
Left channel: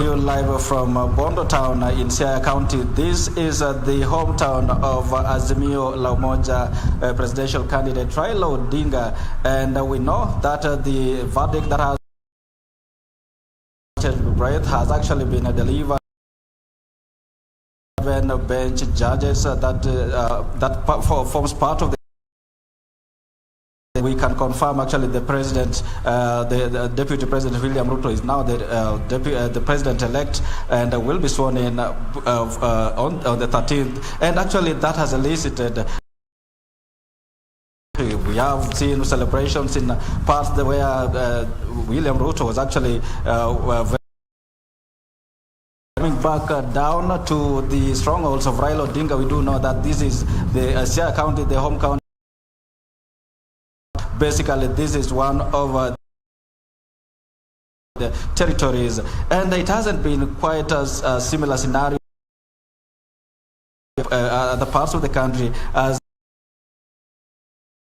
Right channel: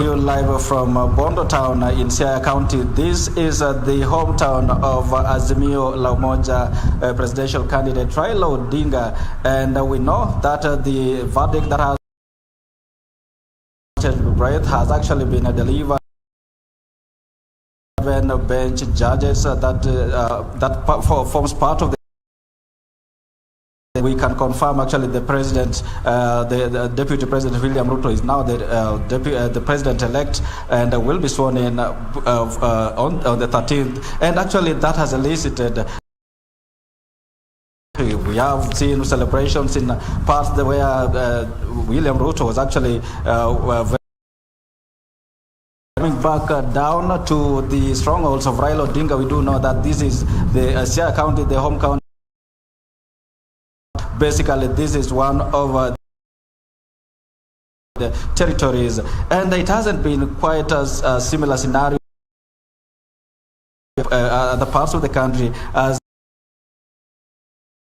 Live from Bondo Town in Siaya County. This is the hometown of Azimio la Umoja presidential candidate Raila Odinga, and we know that the verdict that has actually been delivered. 7 bench judges that forms part of the. We can confirm actually the president, the deputy president William Ruto is now the president-elect and will be sworn in on the 13th. And actually that has elicited. We have seen celebrations in parts where William Ruto was actually coming back down to the strongholds of Raila Odinga. We do know that this is the Siaya County, the home county. Basically, this is one of the territories, and it hasn't been quite as a similar scenario other parts of the country, as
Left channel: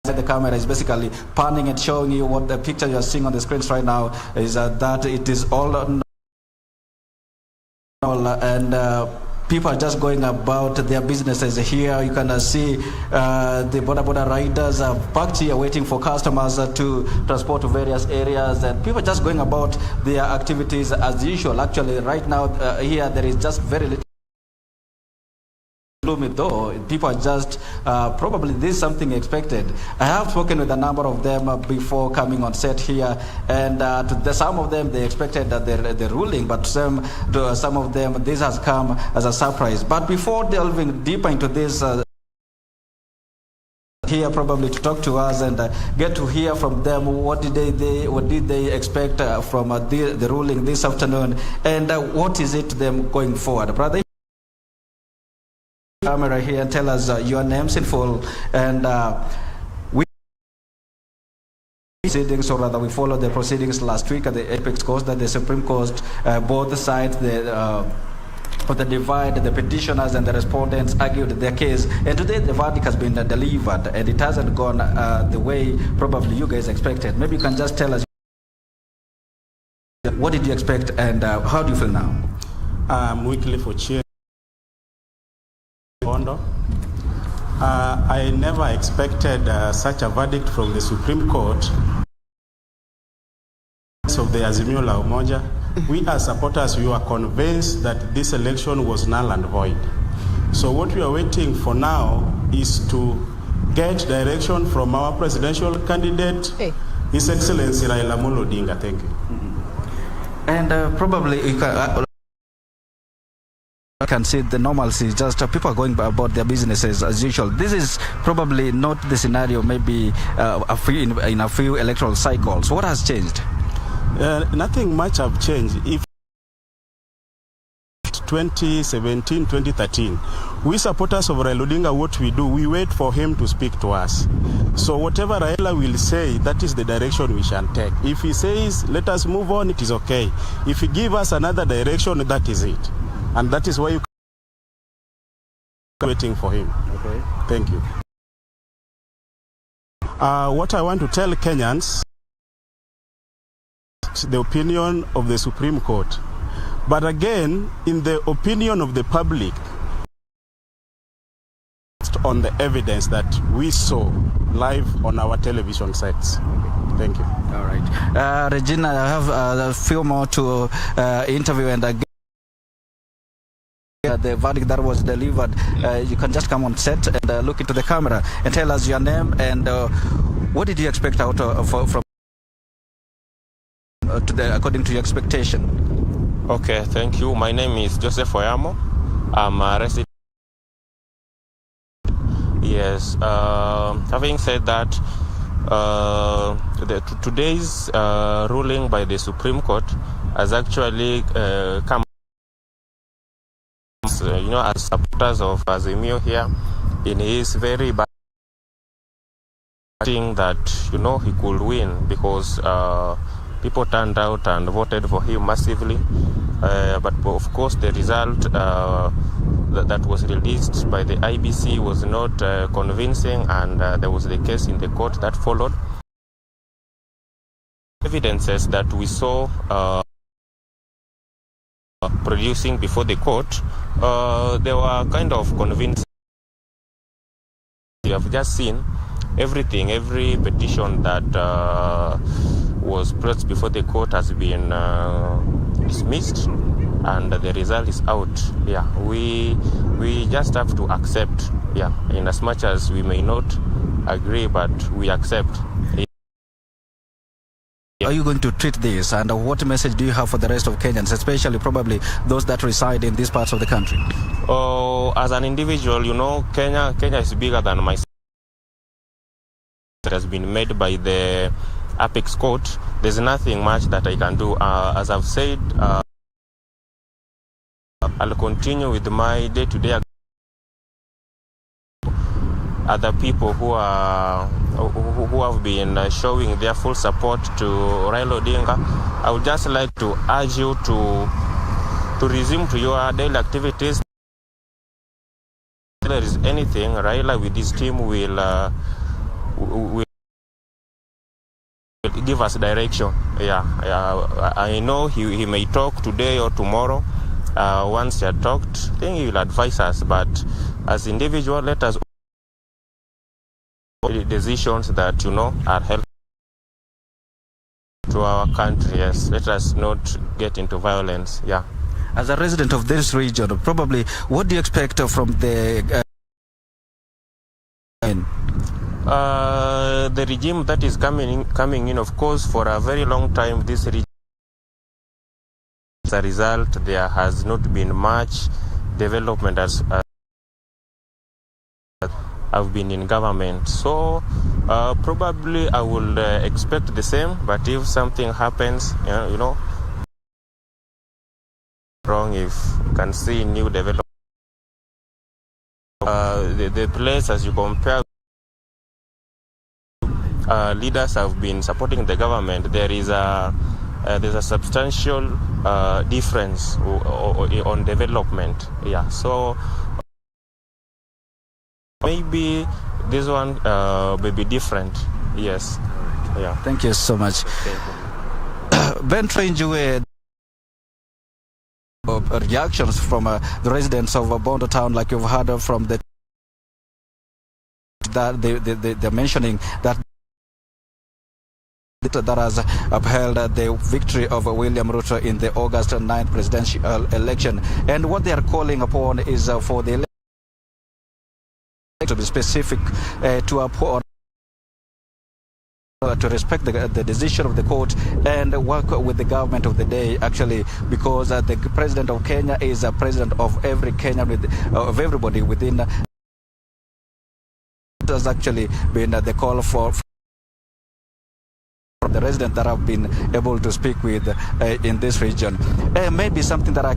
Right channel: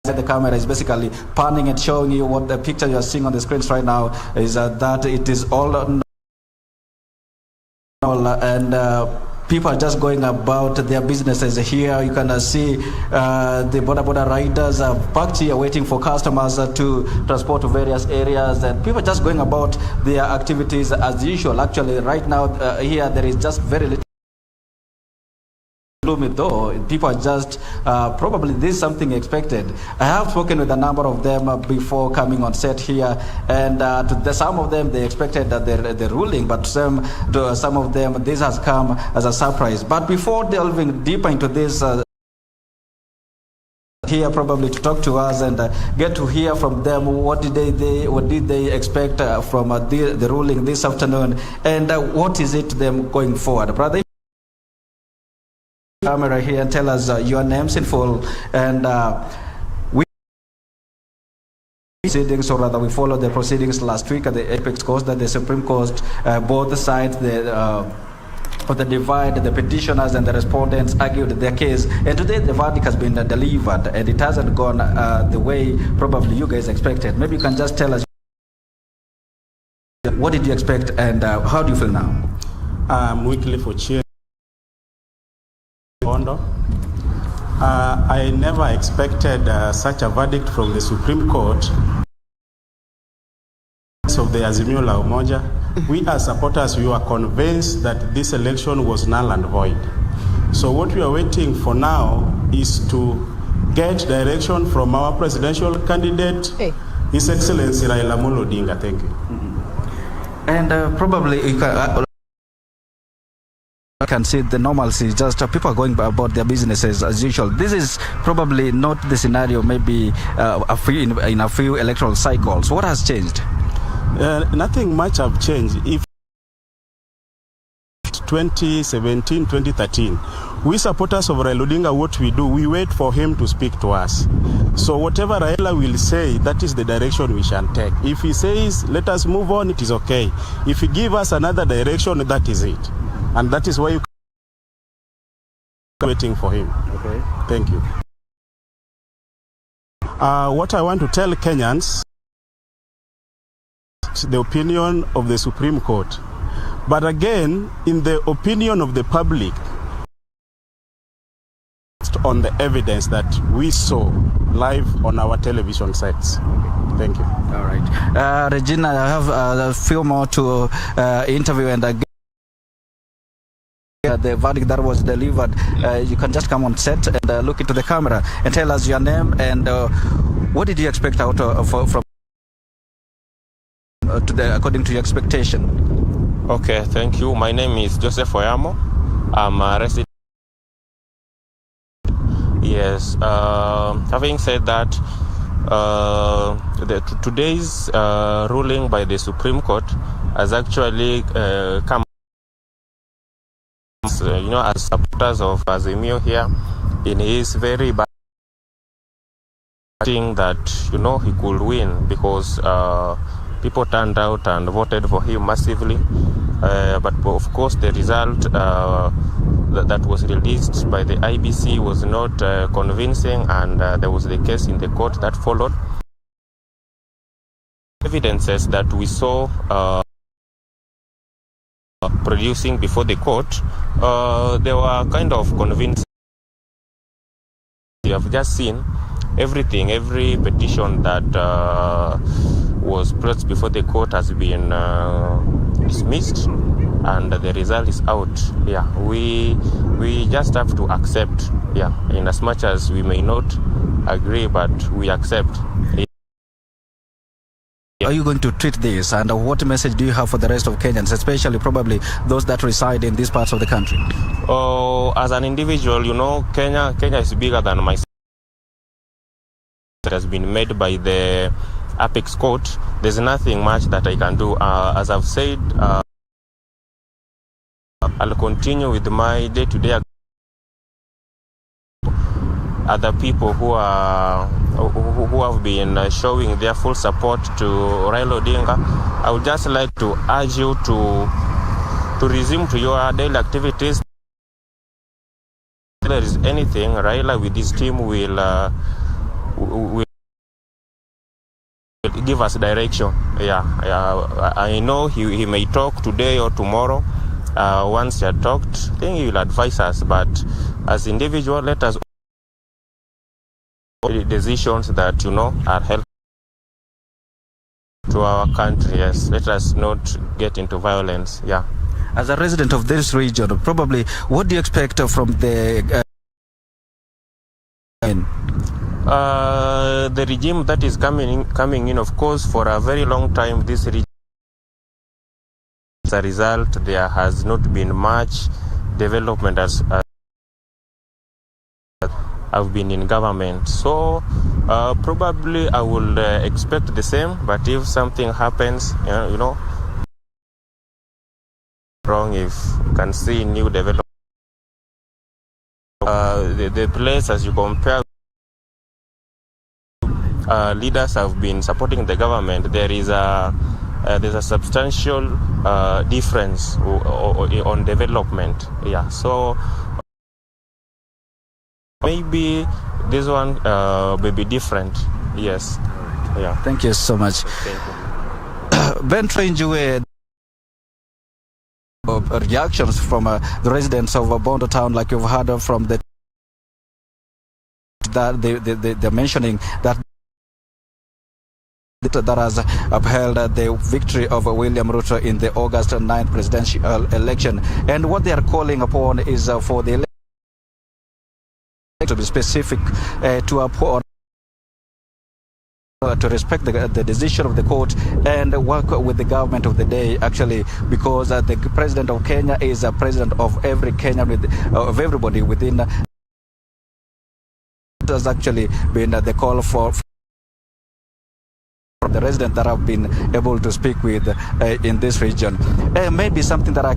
the camera is basically panning and showing you what the picture you are seeing on the screens right now is that it is all and people are just going about their businesses here. You can see the border riders are parked here waiting for customers to transport to various areas, and people are just going about their activities as usual. Actually, right now here there is just very little. Though people are just probably this is something expected. I have spoken with a number of them before coming on set here, and some of them they expected that the ruling, but some of them this has come as a surprise. But before delving deeper into this, here probably to talk to us and get to hear from them what did they expect from the ruling this afternoon, and what is it to them going forward, brother? Camera here and tell us your names in full, and we proceedings, or rather we followed the proceedings last week at the apex court that the Supreme Court, both sides of the divide, the petitioners and the respondents argued their case, and today the verdict has been delivered, and it hasn't gone the way probably you guys expected. Maybe you can just tell us what did you expect, and how do you feel now? Weekly for cheer. I never expected such a verdict from the Supreme Court of the Azimio la Umoja. We as supporters, we were convinced that this election was null and void. So what we are waiting for now is to get direction from our presidential candidate, His Excellency Raila Odinga. Thank you. And probably you can see the normalcy, just people are going about their businesses as usual. This is probably not the scenario maybe in a few electoral cycles. What has changed? Nothing much have changed. If 2017, 2013, we supporters of Raila Odinga, what we do, we wait for him to speak to us. So whatever Raila will say, that is the direction we shall take. If he says, let us move on, it is okay. If he gives us another direction, that is it. And that is why you are waiting for him. Okay. Thank you. What I want to tell Kenyans, the opinion of the Supreme Court. But again, in the opinion of the public, on the evidence that we saw live on our television sets. Thank you. All right. Regina, I have a few more to interview, and the verdict that was delivered. You can just come on set and look into the camera and tell us your name and what did you expect out from according to your expectation. Okay, thank you. My name is Joseph Oyamo. I'm a resident. Yes. Having said that, today's ruling by the Supreme Court has actually come. As supporters of Azimio here, in his very bad thing that he could win because people turned out and voted for him massively. But of course, the result that was released by the IBC was not convincing, and there was the case in the court that followed. Evidences that we saw. producing before the court, they were kind of convinced. You have just seen everything, every petition that was placed before the court has been dismissed, and the result is out. Yeah, we just have to accept. Yeah, in as much as we may not agree, but we accept. Are you going to treat this, and what message do you have for the rest of Kenyans, especially probably those that reside in these parts of the country? Oh, as an individual, you know, Kenya is bigger than myself. It has been made by the Apex Court. There's nothing much that I can do. As I've said, I'll continue with my day-to-day. Other people who have been showing their full support to Raila Odinga, I would just like to urge you to resume to your daily activities. If there is anything, Raila with his team will give us direction. Yeah, I know he may talk today or tomorrow. Once he had talked, I think he will advise us. But as individual, let us decisions that are helpful to our country. Yes, let us not get into violence. Yeah. As a resident of this region, probably what do you expect from the regime that is coming in? Of course, for a very long time, this region, as a result, there has not been much development as I've been in government. So probably I will expect the same, but if something happens, wrong, if you can see new development, the place, as you compare, leaders have been supporting the government, there's a substantial difference on development. Yeah, so maybe this one may be different. Yes. Yeah. Thank you so much. Ben Trenjue, reactions from the residents of Bondo town, like you've heard from they're mentioning that has upheld the victory of William Ruto in the August 9th presidential election, and what they are calling upon is for the election to be specific, to uphold, to respect the decision of the court and work with the government of the day, actually, because the president of Kenya is a president of every Kenyan, of everybody within. It has actually been the call for the residents that have been able to speak with in this region. Maybe something that I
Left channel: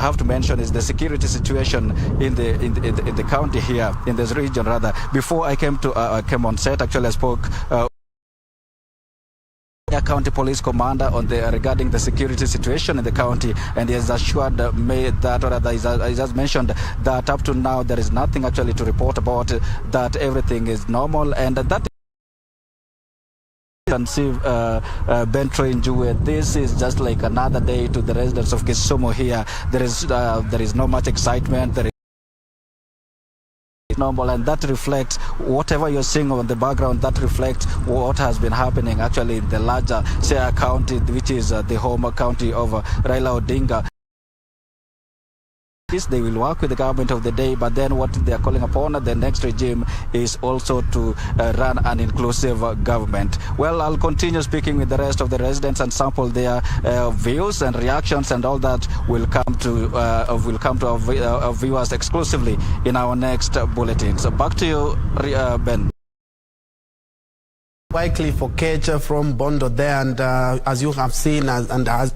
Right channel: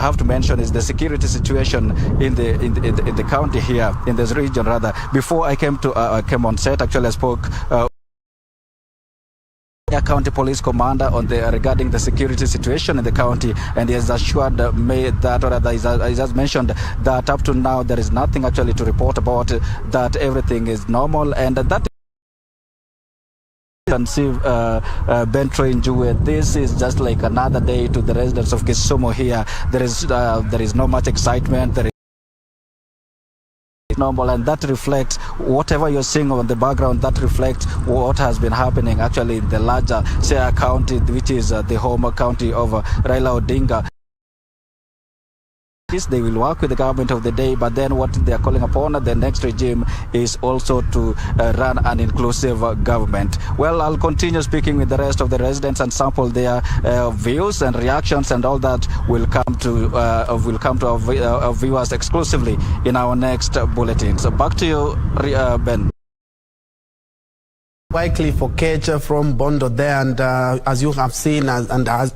have to mention is the security situation in the county here, in this region rather. Before I came on set, actually I spoke County Police Commander regarding the security situation in the county, and he has assured me that, or rather he has mentioned that up to now there is nothing actually to report about, that everything is normal, and that can see Ben Trenjue, this is just like another day to the residents of Gucema here. There is not much excitement. There is normal, and that reflects whatever you're seeing on the background. That reflects what has been happening actually in the larger Siaya County, which is the home county of Raila Odinga. They will work with the government of the day, but then what they are calling upon the next regime is also to run an inclusive government. Well, I'll continue speaking with the rest of the residents and sample their views and reactions, and all that will come to our viewers exclusively in our next bulletin. So back to you, Ben. Wycliffe Okech from Bondo there, and as you have seen, and as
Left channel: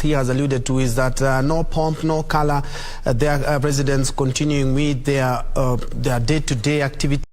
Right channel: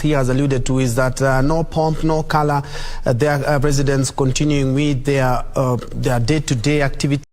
he has alluded to, is that no pomp, no color. Their residents continuing with their day-to-day activity.